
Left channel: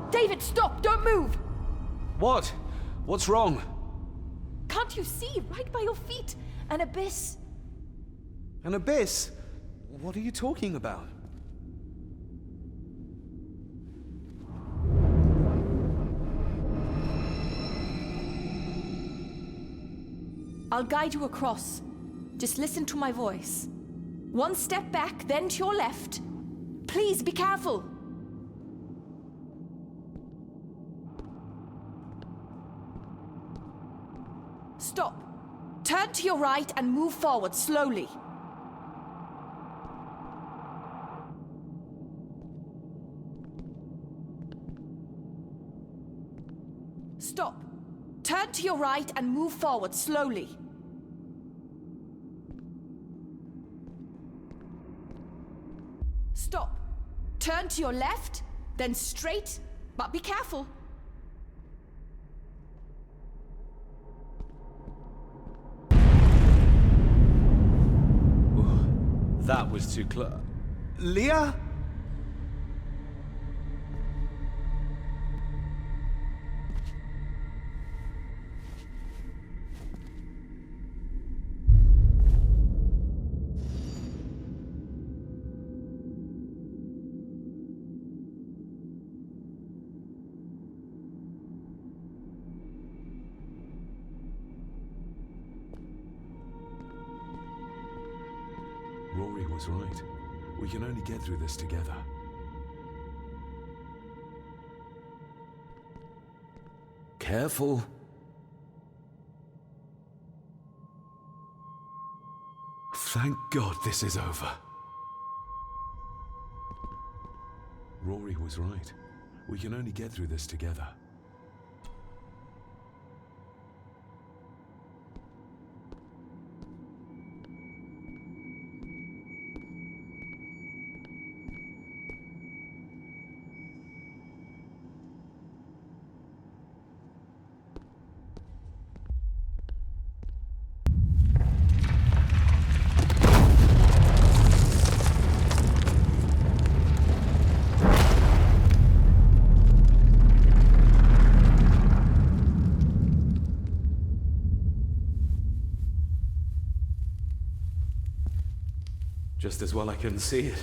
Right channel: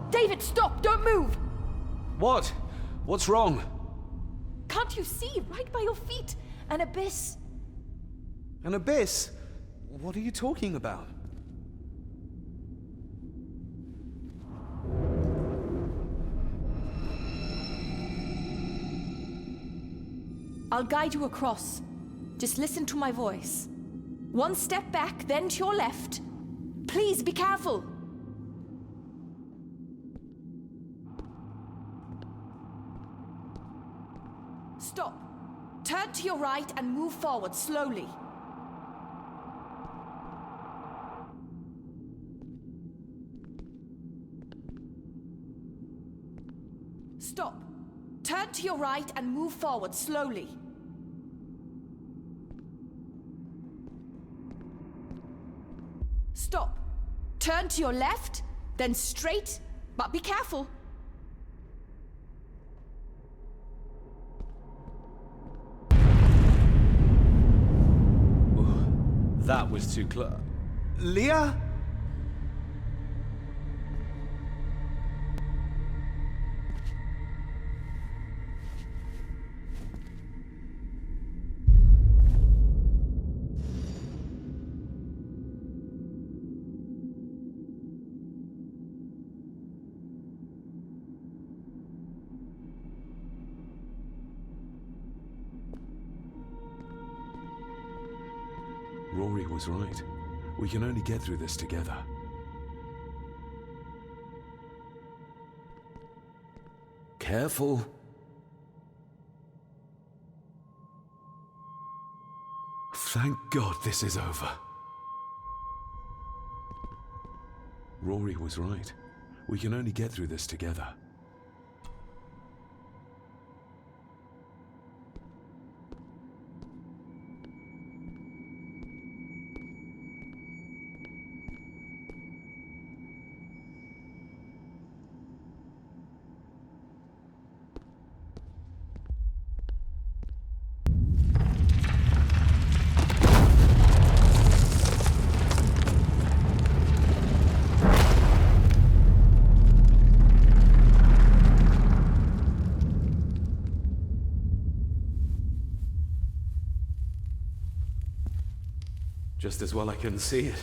David, stop! Don't move! What? What's wrong? Can't you see? Right by your feet. An abyss. An abyss? What are you talking about? I'll guide you across. Just listen to my voice. One step back, then to your left. Please be careful. Stop. Turn to your right and move forward slowly. Stop. Turn to your right and move forward slowly. Stop. Turn to your left, then straight, but be careful. That was too close. Leah? Rory was right. We can only get through this together. Careful. Thank God this is over. Rory was right. We can only get through this together. Just as well I couldn't see it.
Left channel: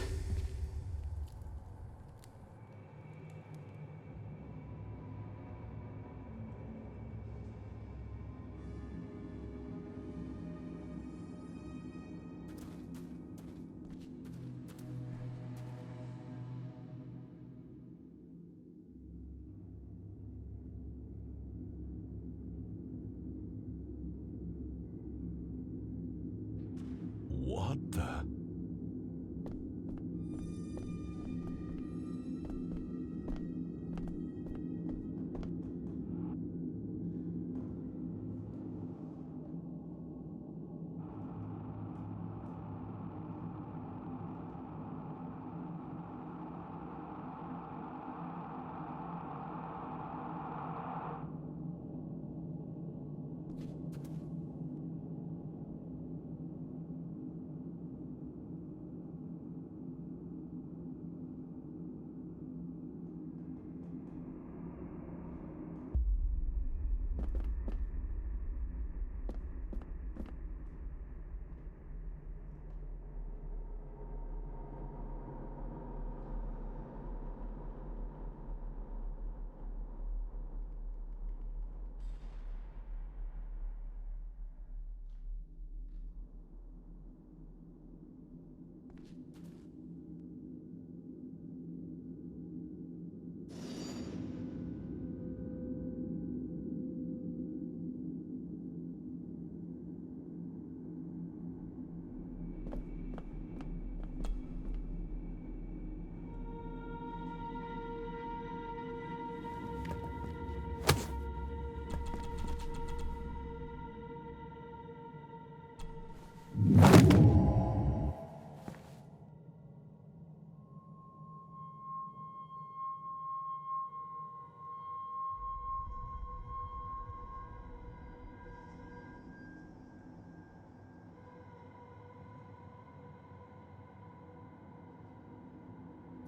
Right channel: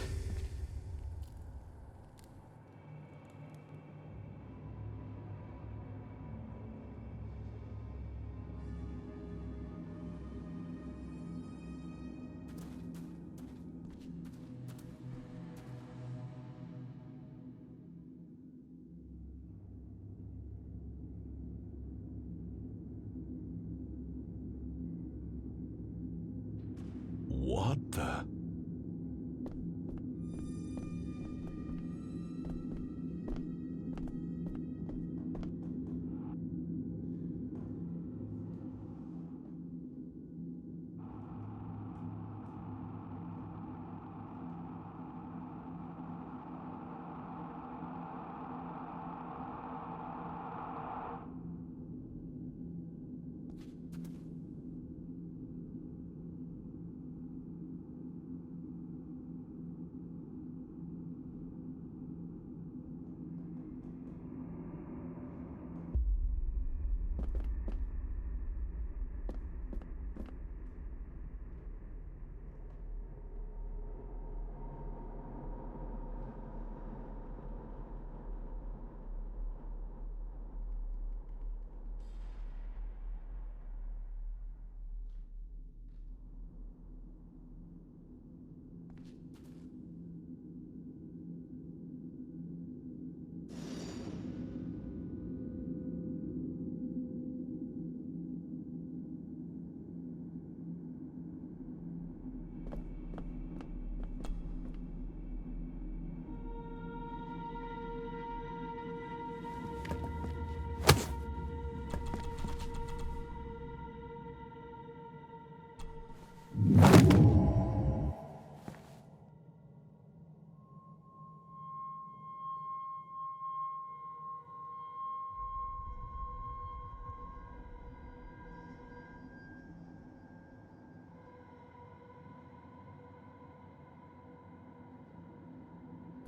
What the?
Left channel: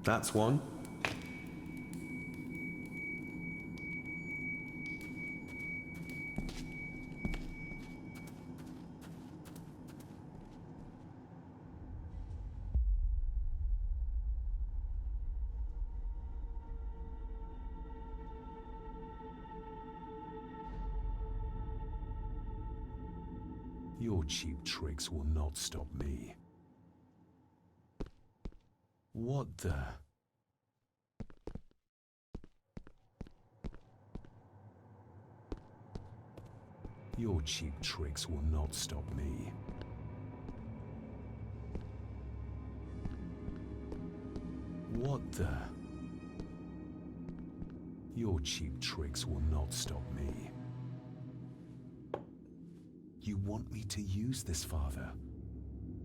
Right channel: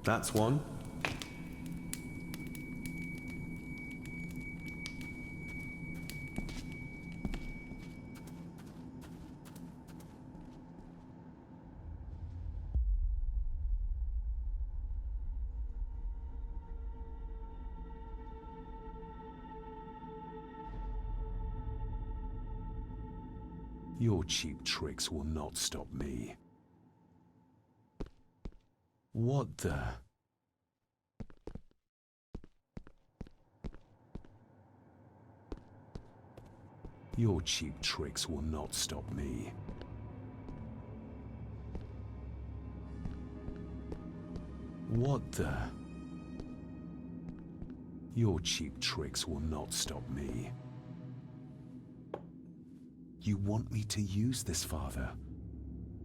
That's one. Your cheap tricks will not stop me. What the? Your cheap tricks will not stop me. What the? Your cheap tricks will not stop me. You want me to use this, Father?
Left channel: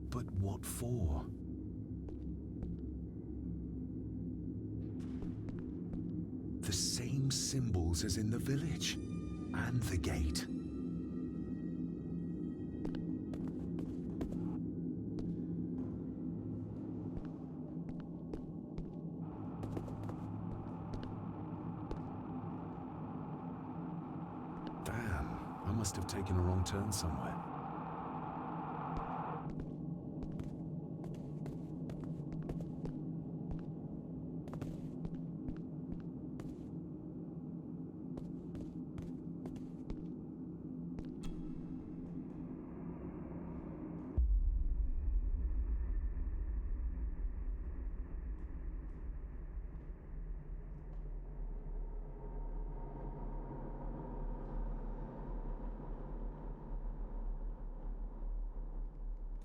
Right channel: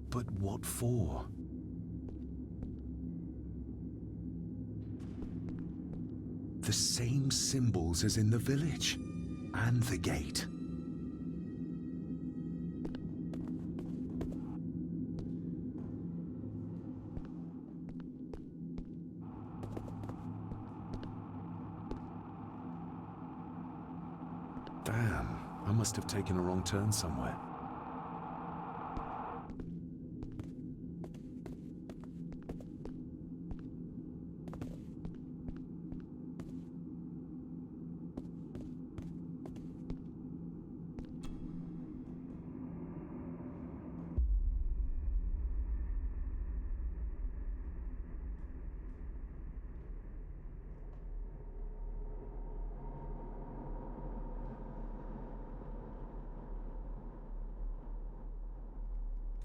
But what for? The same symbols as in the village, and the gate. Damn, I must have taken a wrong turn somewhere.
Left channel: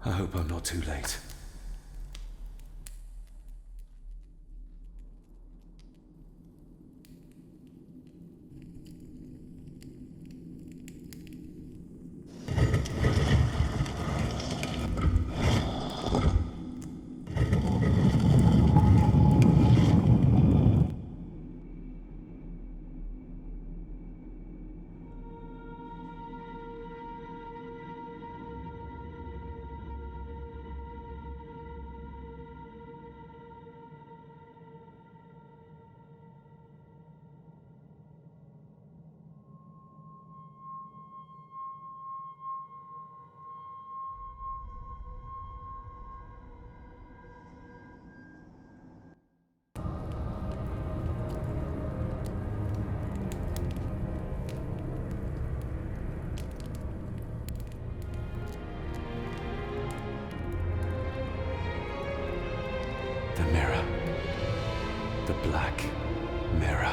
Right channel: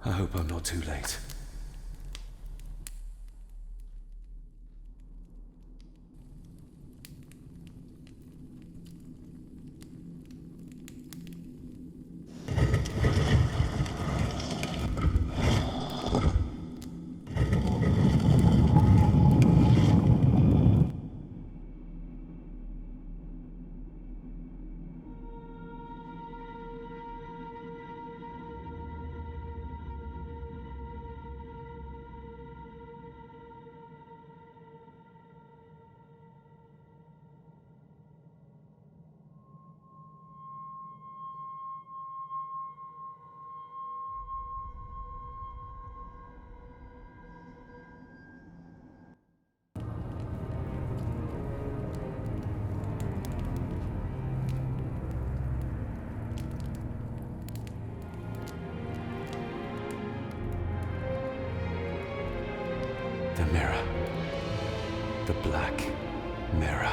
I hope I'm not too late. The mirror. The black mirror.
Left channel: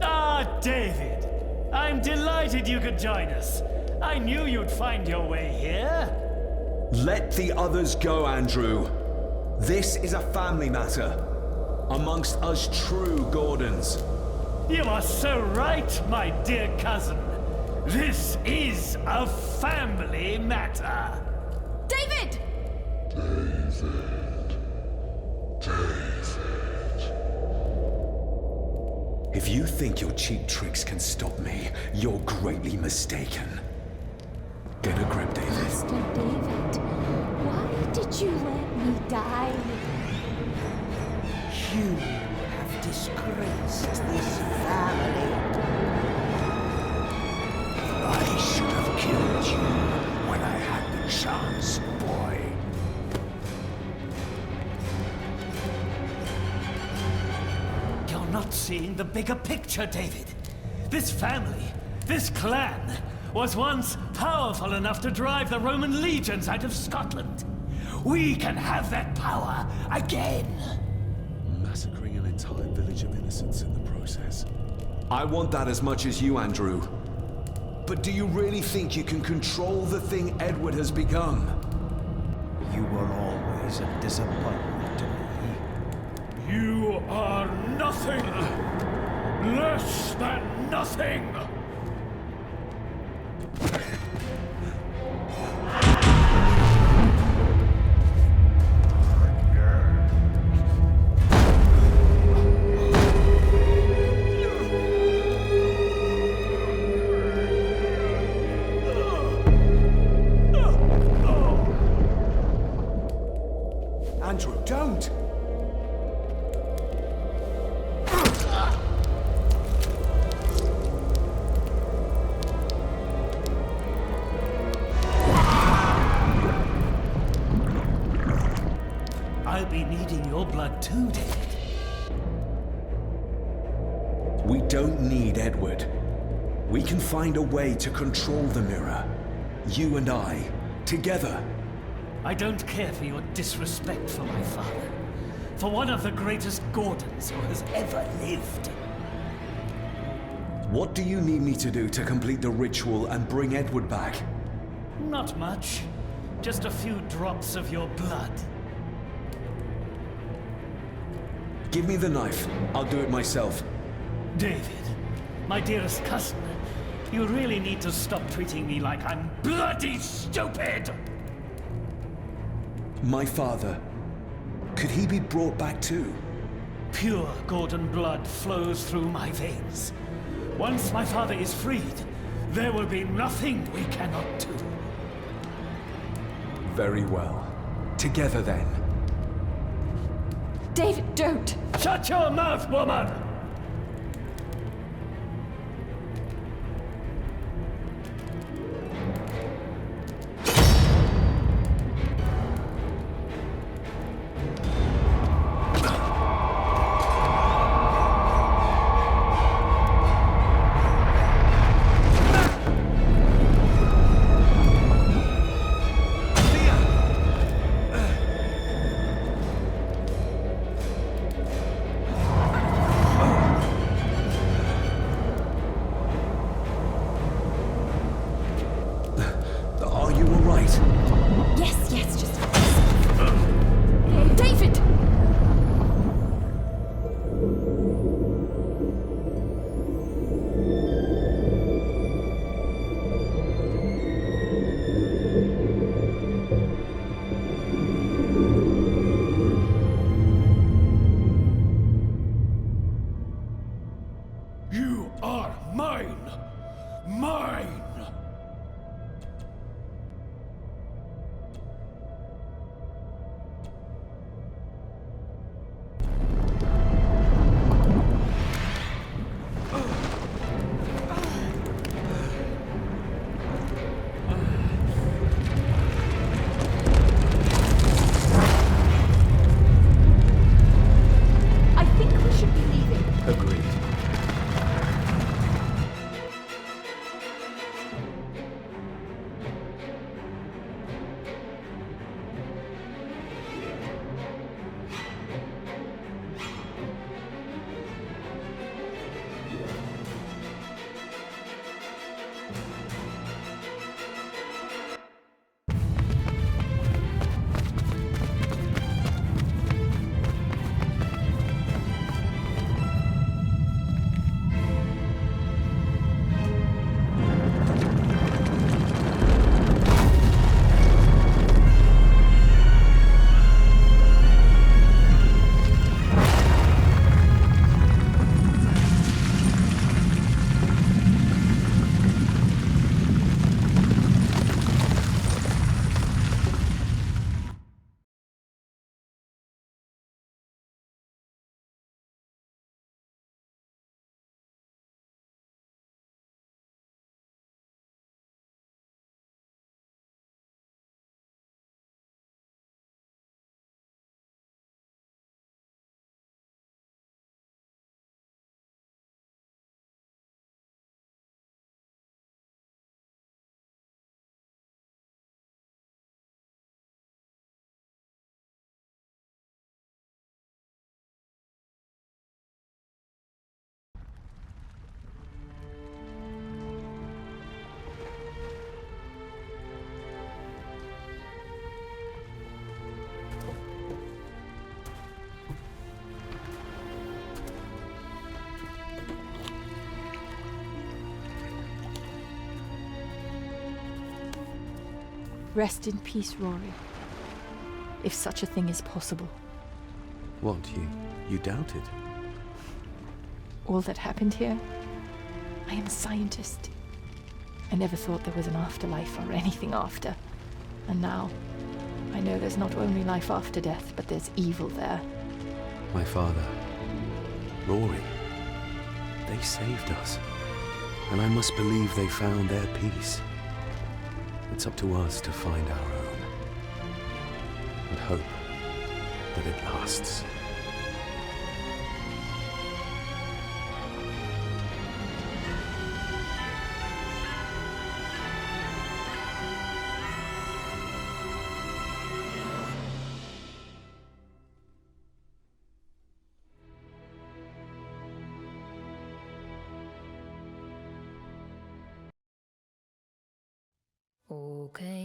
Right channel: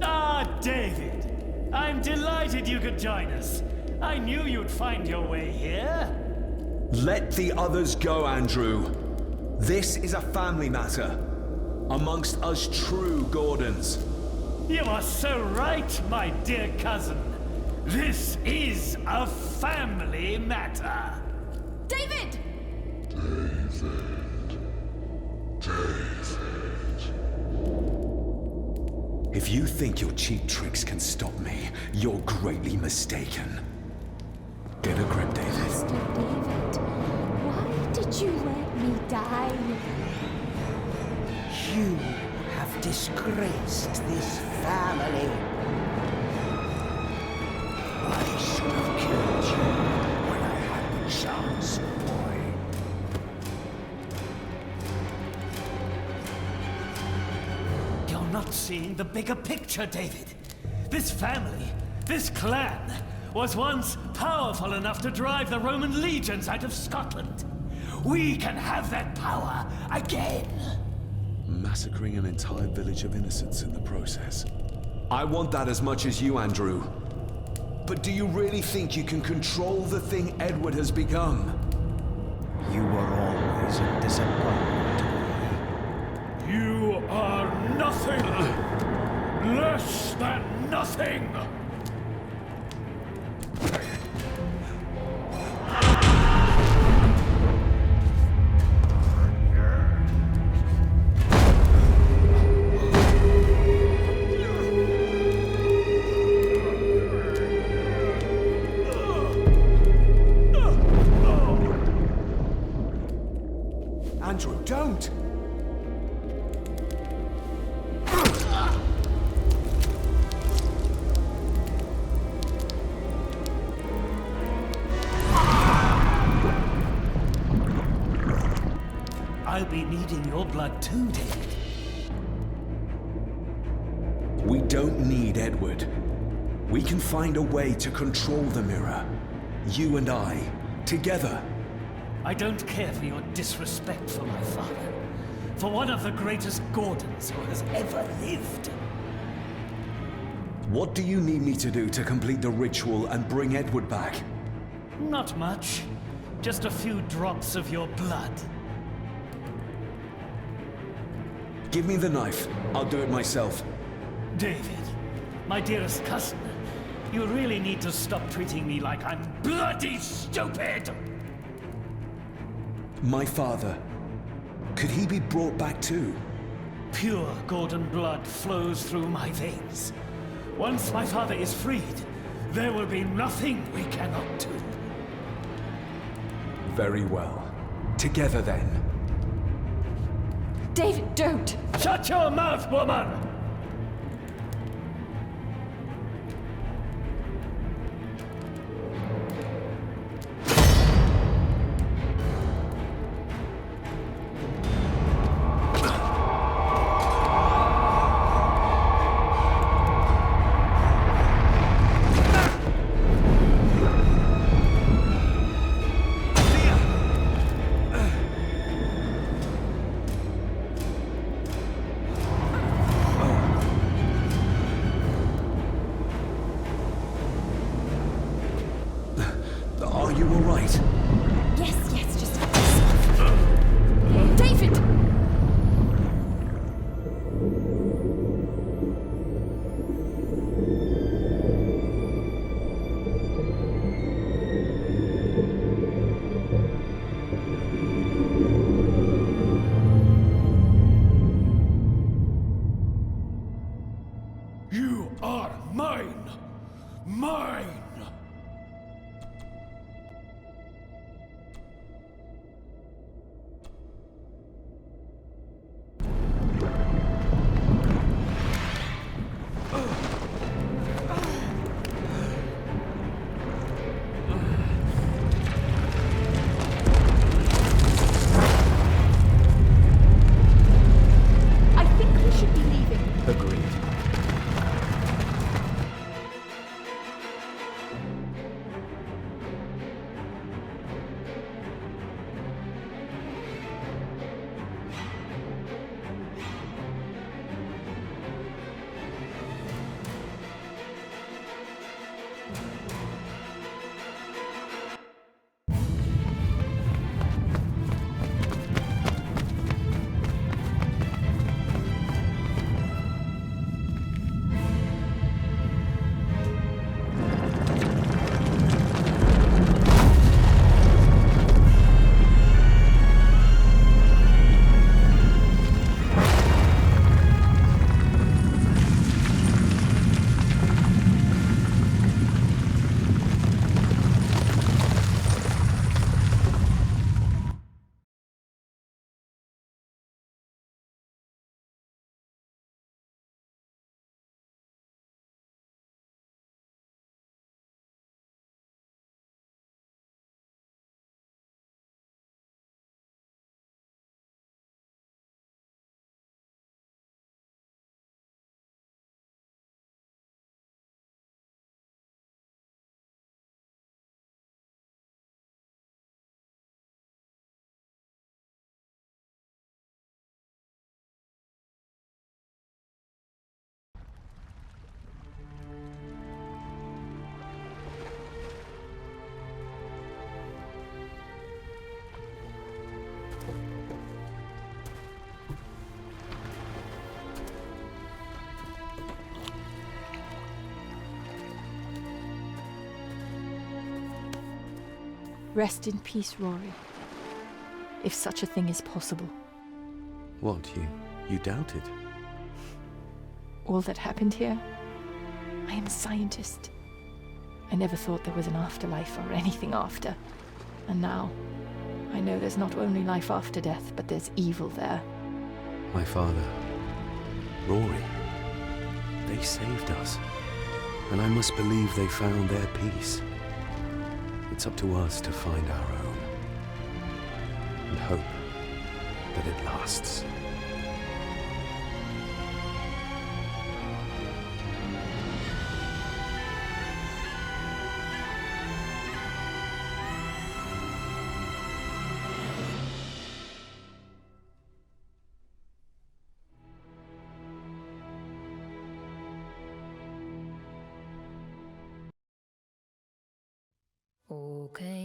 Ah, David! I'm delighted you could join us. I knew you'd find your way here. Let the others go, Andrew. This is a family matter. Amongst us true Gordons. You are so right, my dear cousin. This is a family matter. David! If you think your cheap tricks can stop me, you're greatly mistaken. Get a grip, David. Master David, why did you let me die? You have disgraced this family. I should have killed you when I had the chance, boy. You're not seeing the bigger picture, David. This family, this clan, was once powerful enough to drive the Roman legions out of Scotland. We can have that power again. Massacring an entire village of innocents in the process. I want that as much as you, Andrew. But do you really think you can control the thing Edward has become? You were always a disappointment to me. You are nothing! Less than nothing! Andrew, don't! I'll be needing your blood too, David. We don't need Edward. We can find a way to control the mirror. You and I, together. I don't care for your disrespect for my father. For one of the greatest Gordons who has ever lived. What do you need me to do to complete the ritual and bring Edward back? Not much. Just a few drops of your blood. Give me the knife. I'll do it myself. David, my dearest cousin, you really need to stop treating me like I'm bloody stupid! My father. Could he be brought back too? Pure Gordon blood flows through my veins. Once my father is freed, there will be nothing we cannot do. Very well. Together then. David, don't! Shut your mouth, woman! right? Yes, just... David! You are mine! Mine! I think we should be leaving. Agreed. Rest in peace, Rory. If such a thing is possible. What, you doubted? All that happened here? I am a scientist. I never thought there was an afterlife or anything after. And now, I know there's not only life after death, but there's evil there. My father, Rory, they saved us. And I must believe they found their peace. It's up to us to find our own. And hope that it lasts. Okay.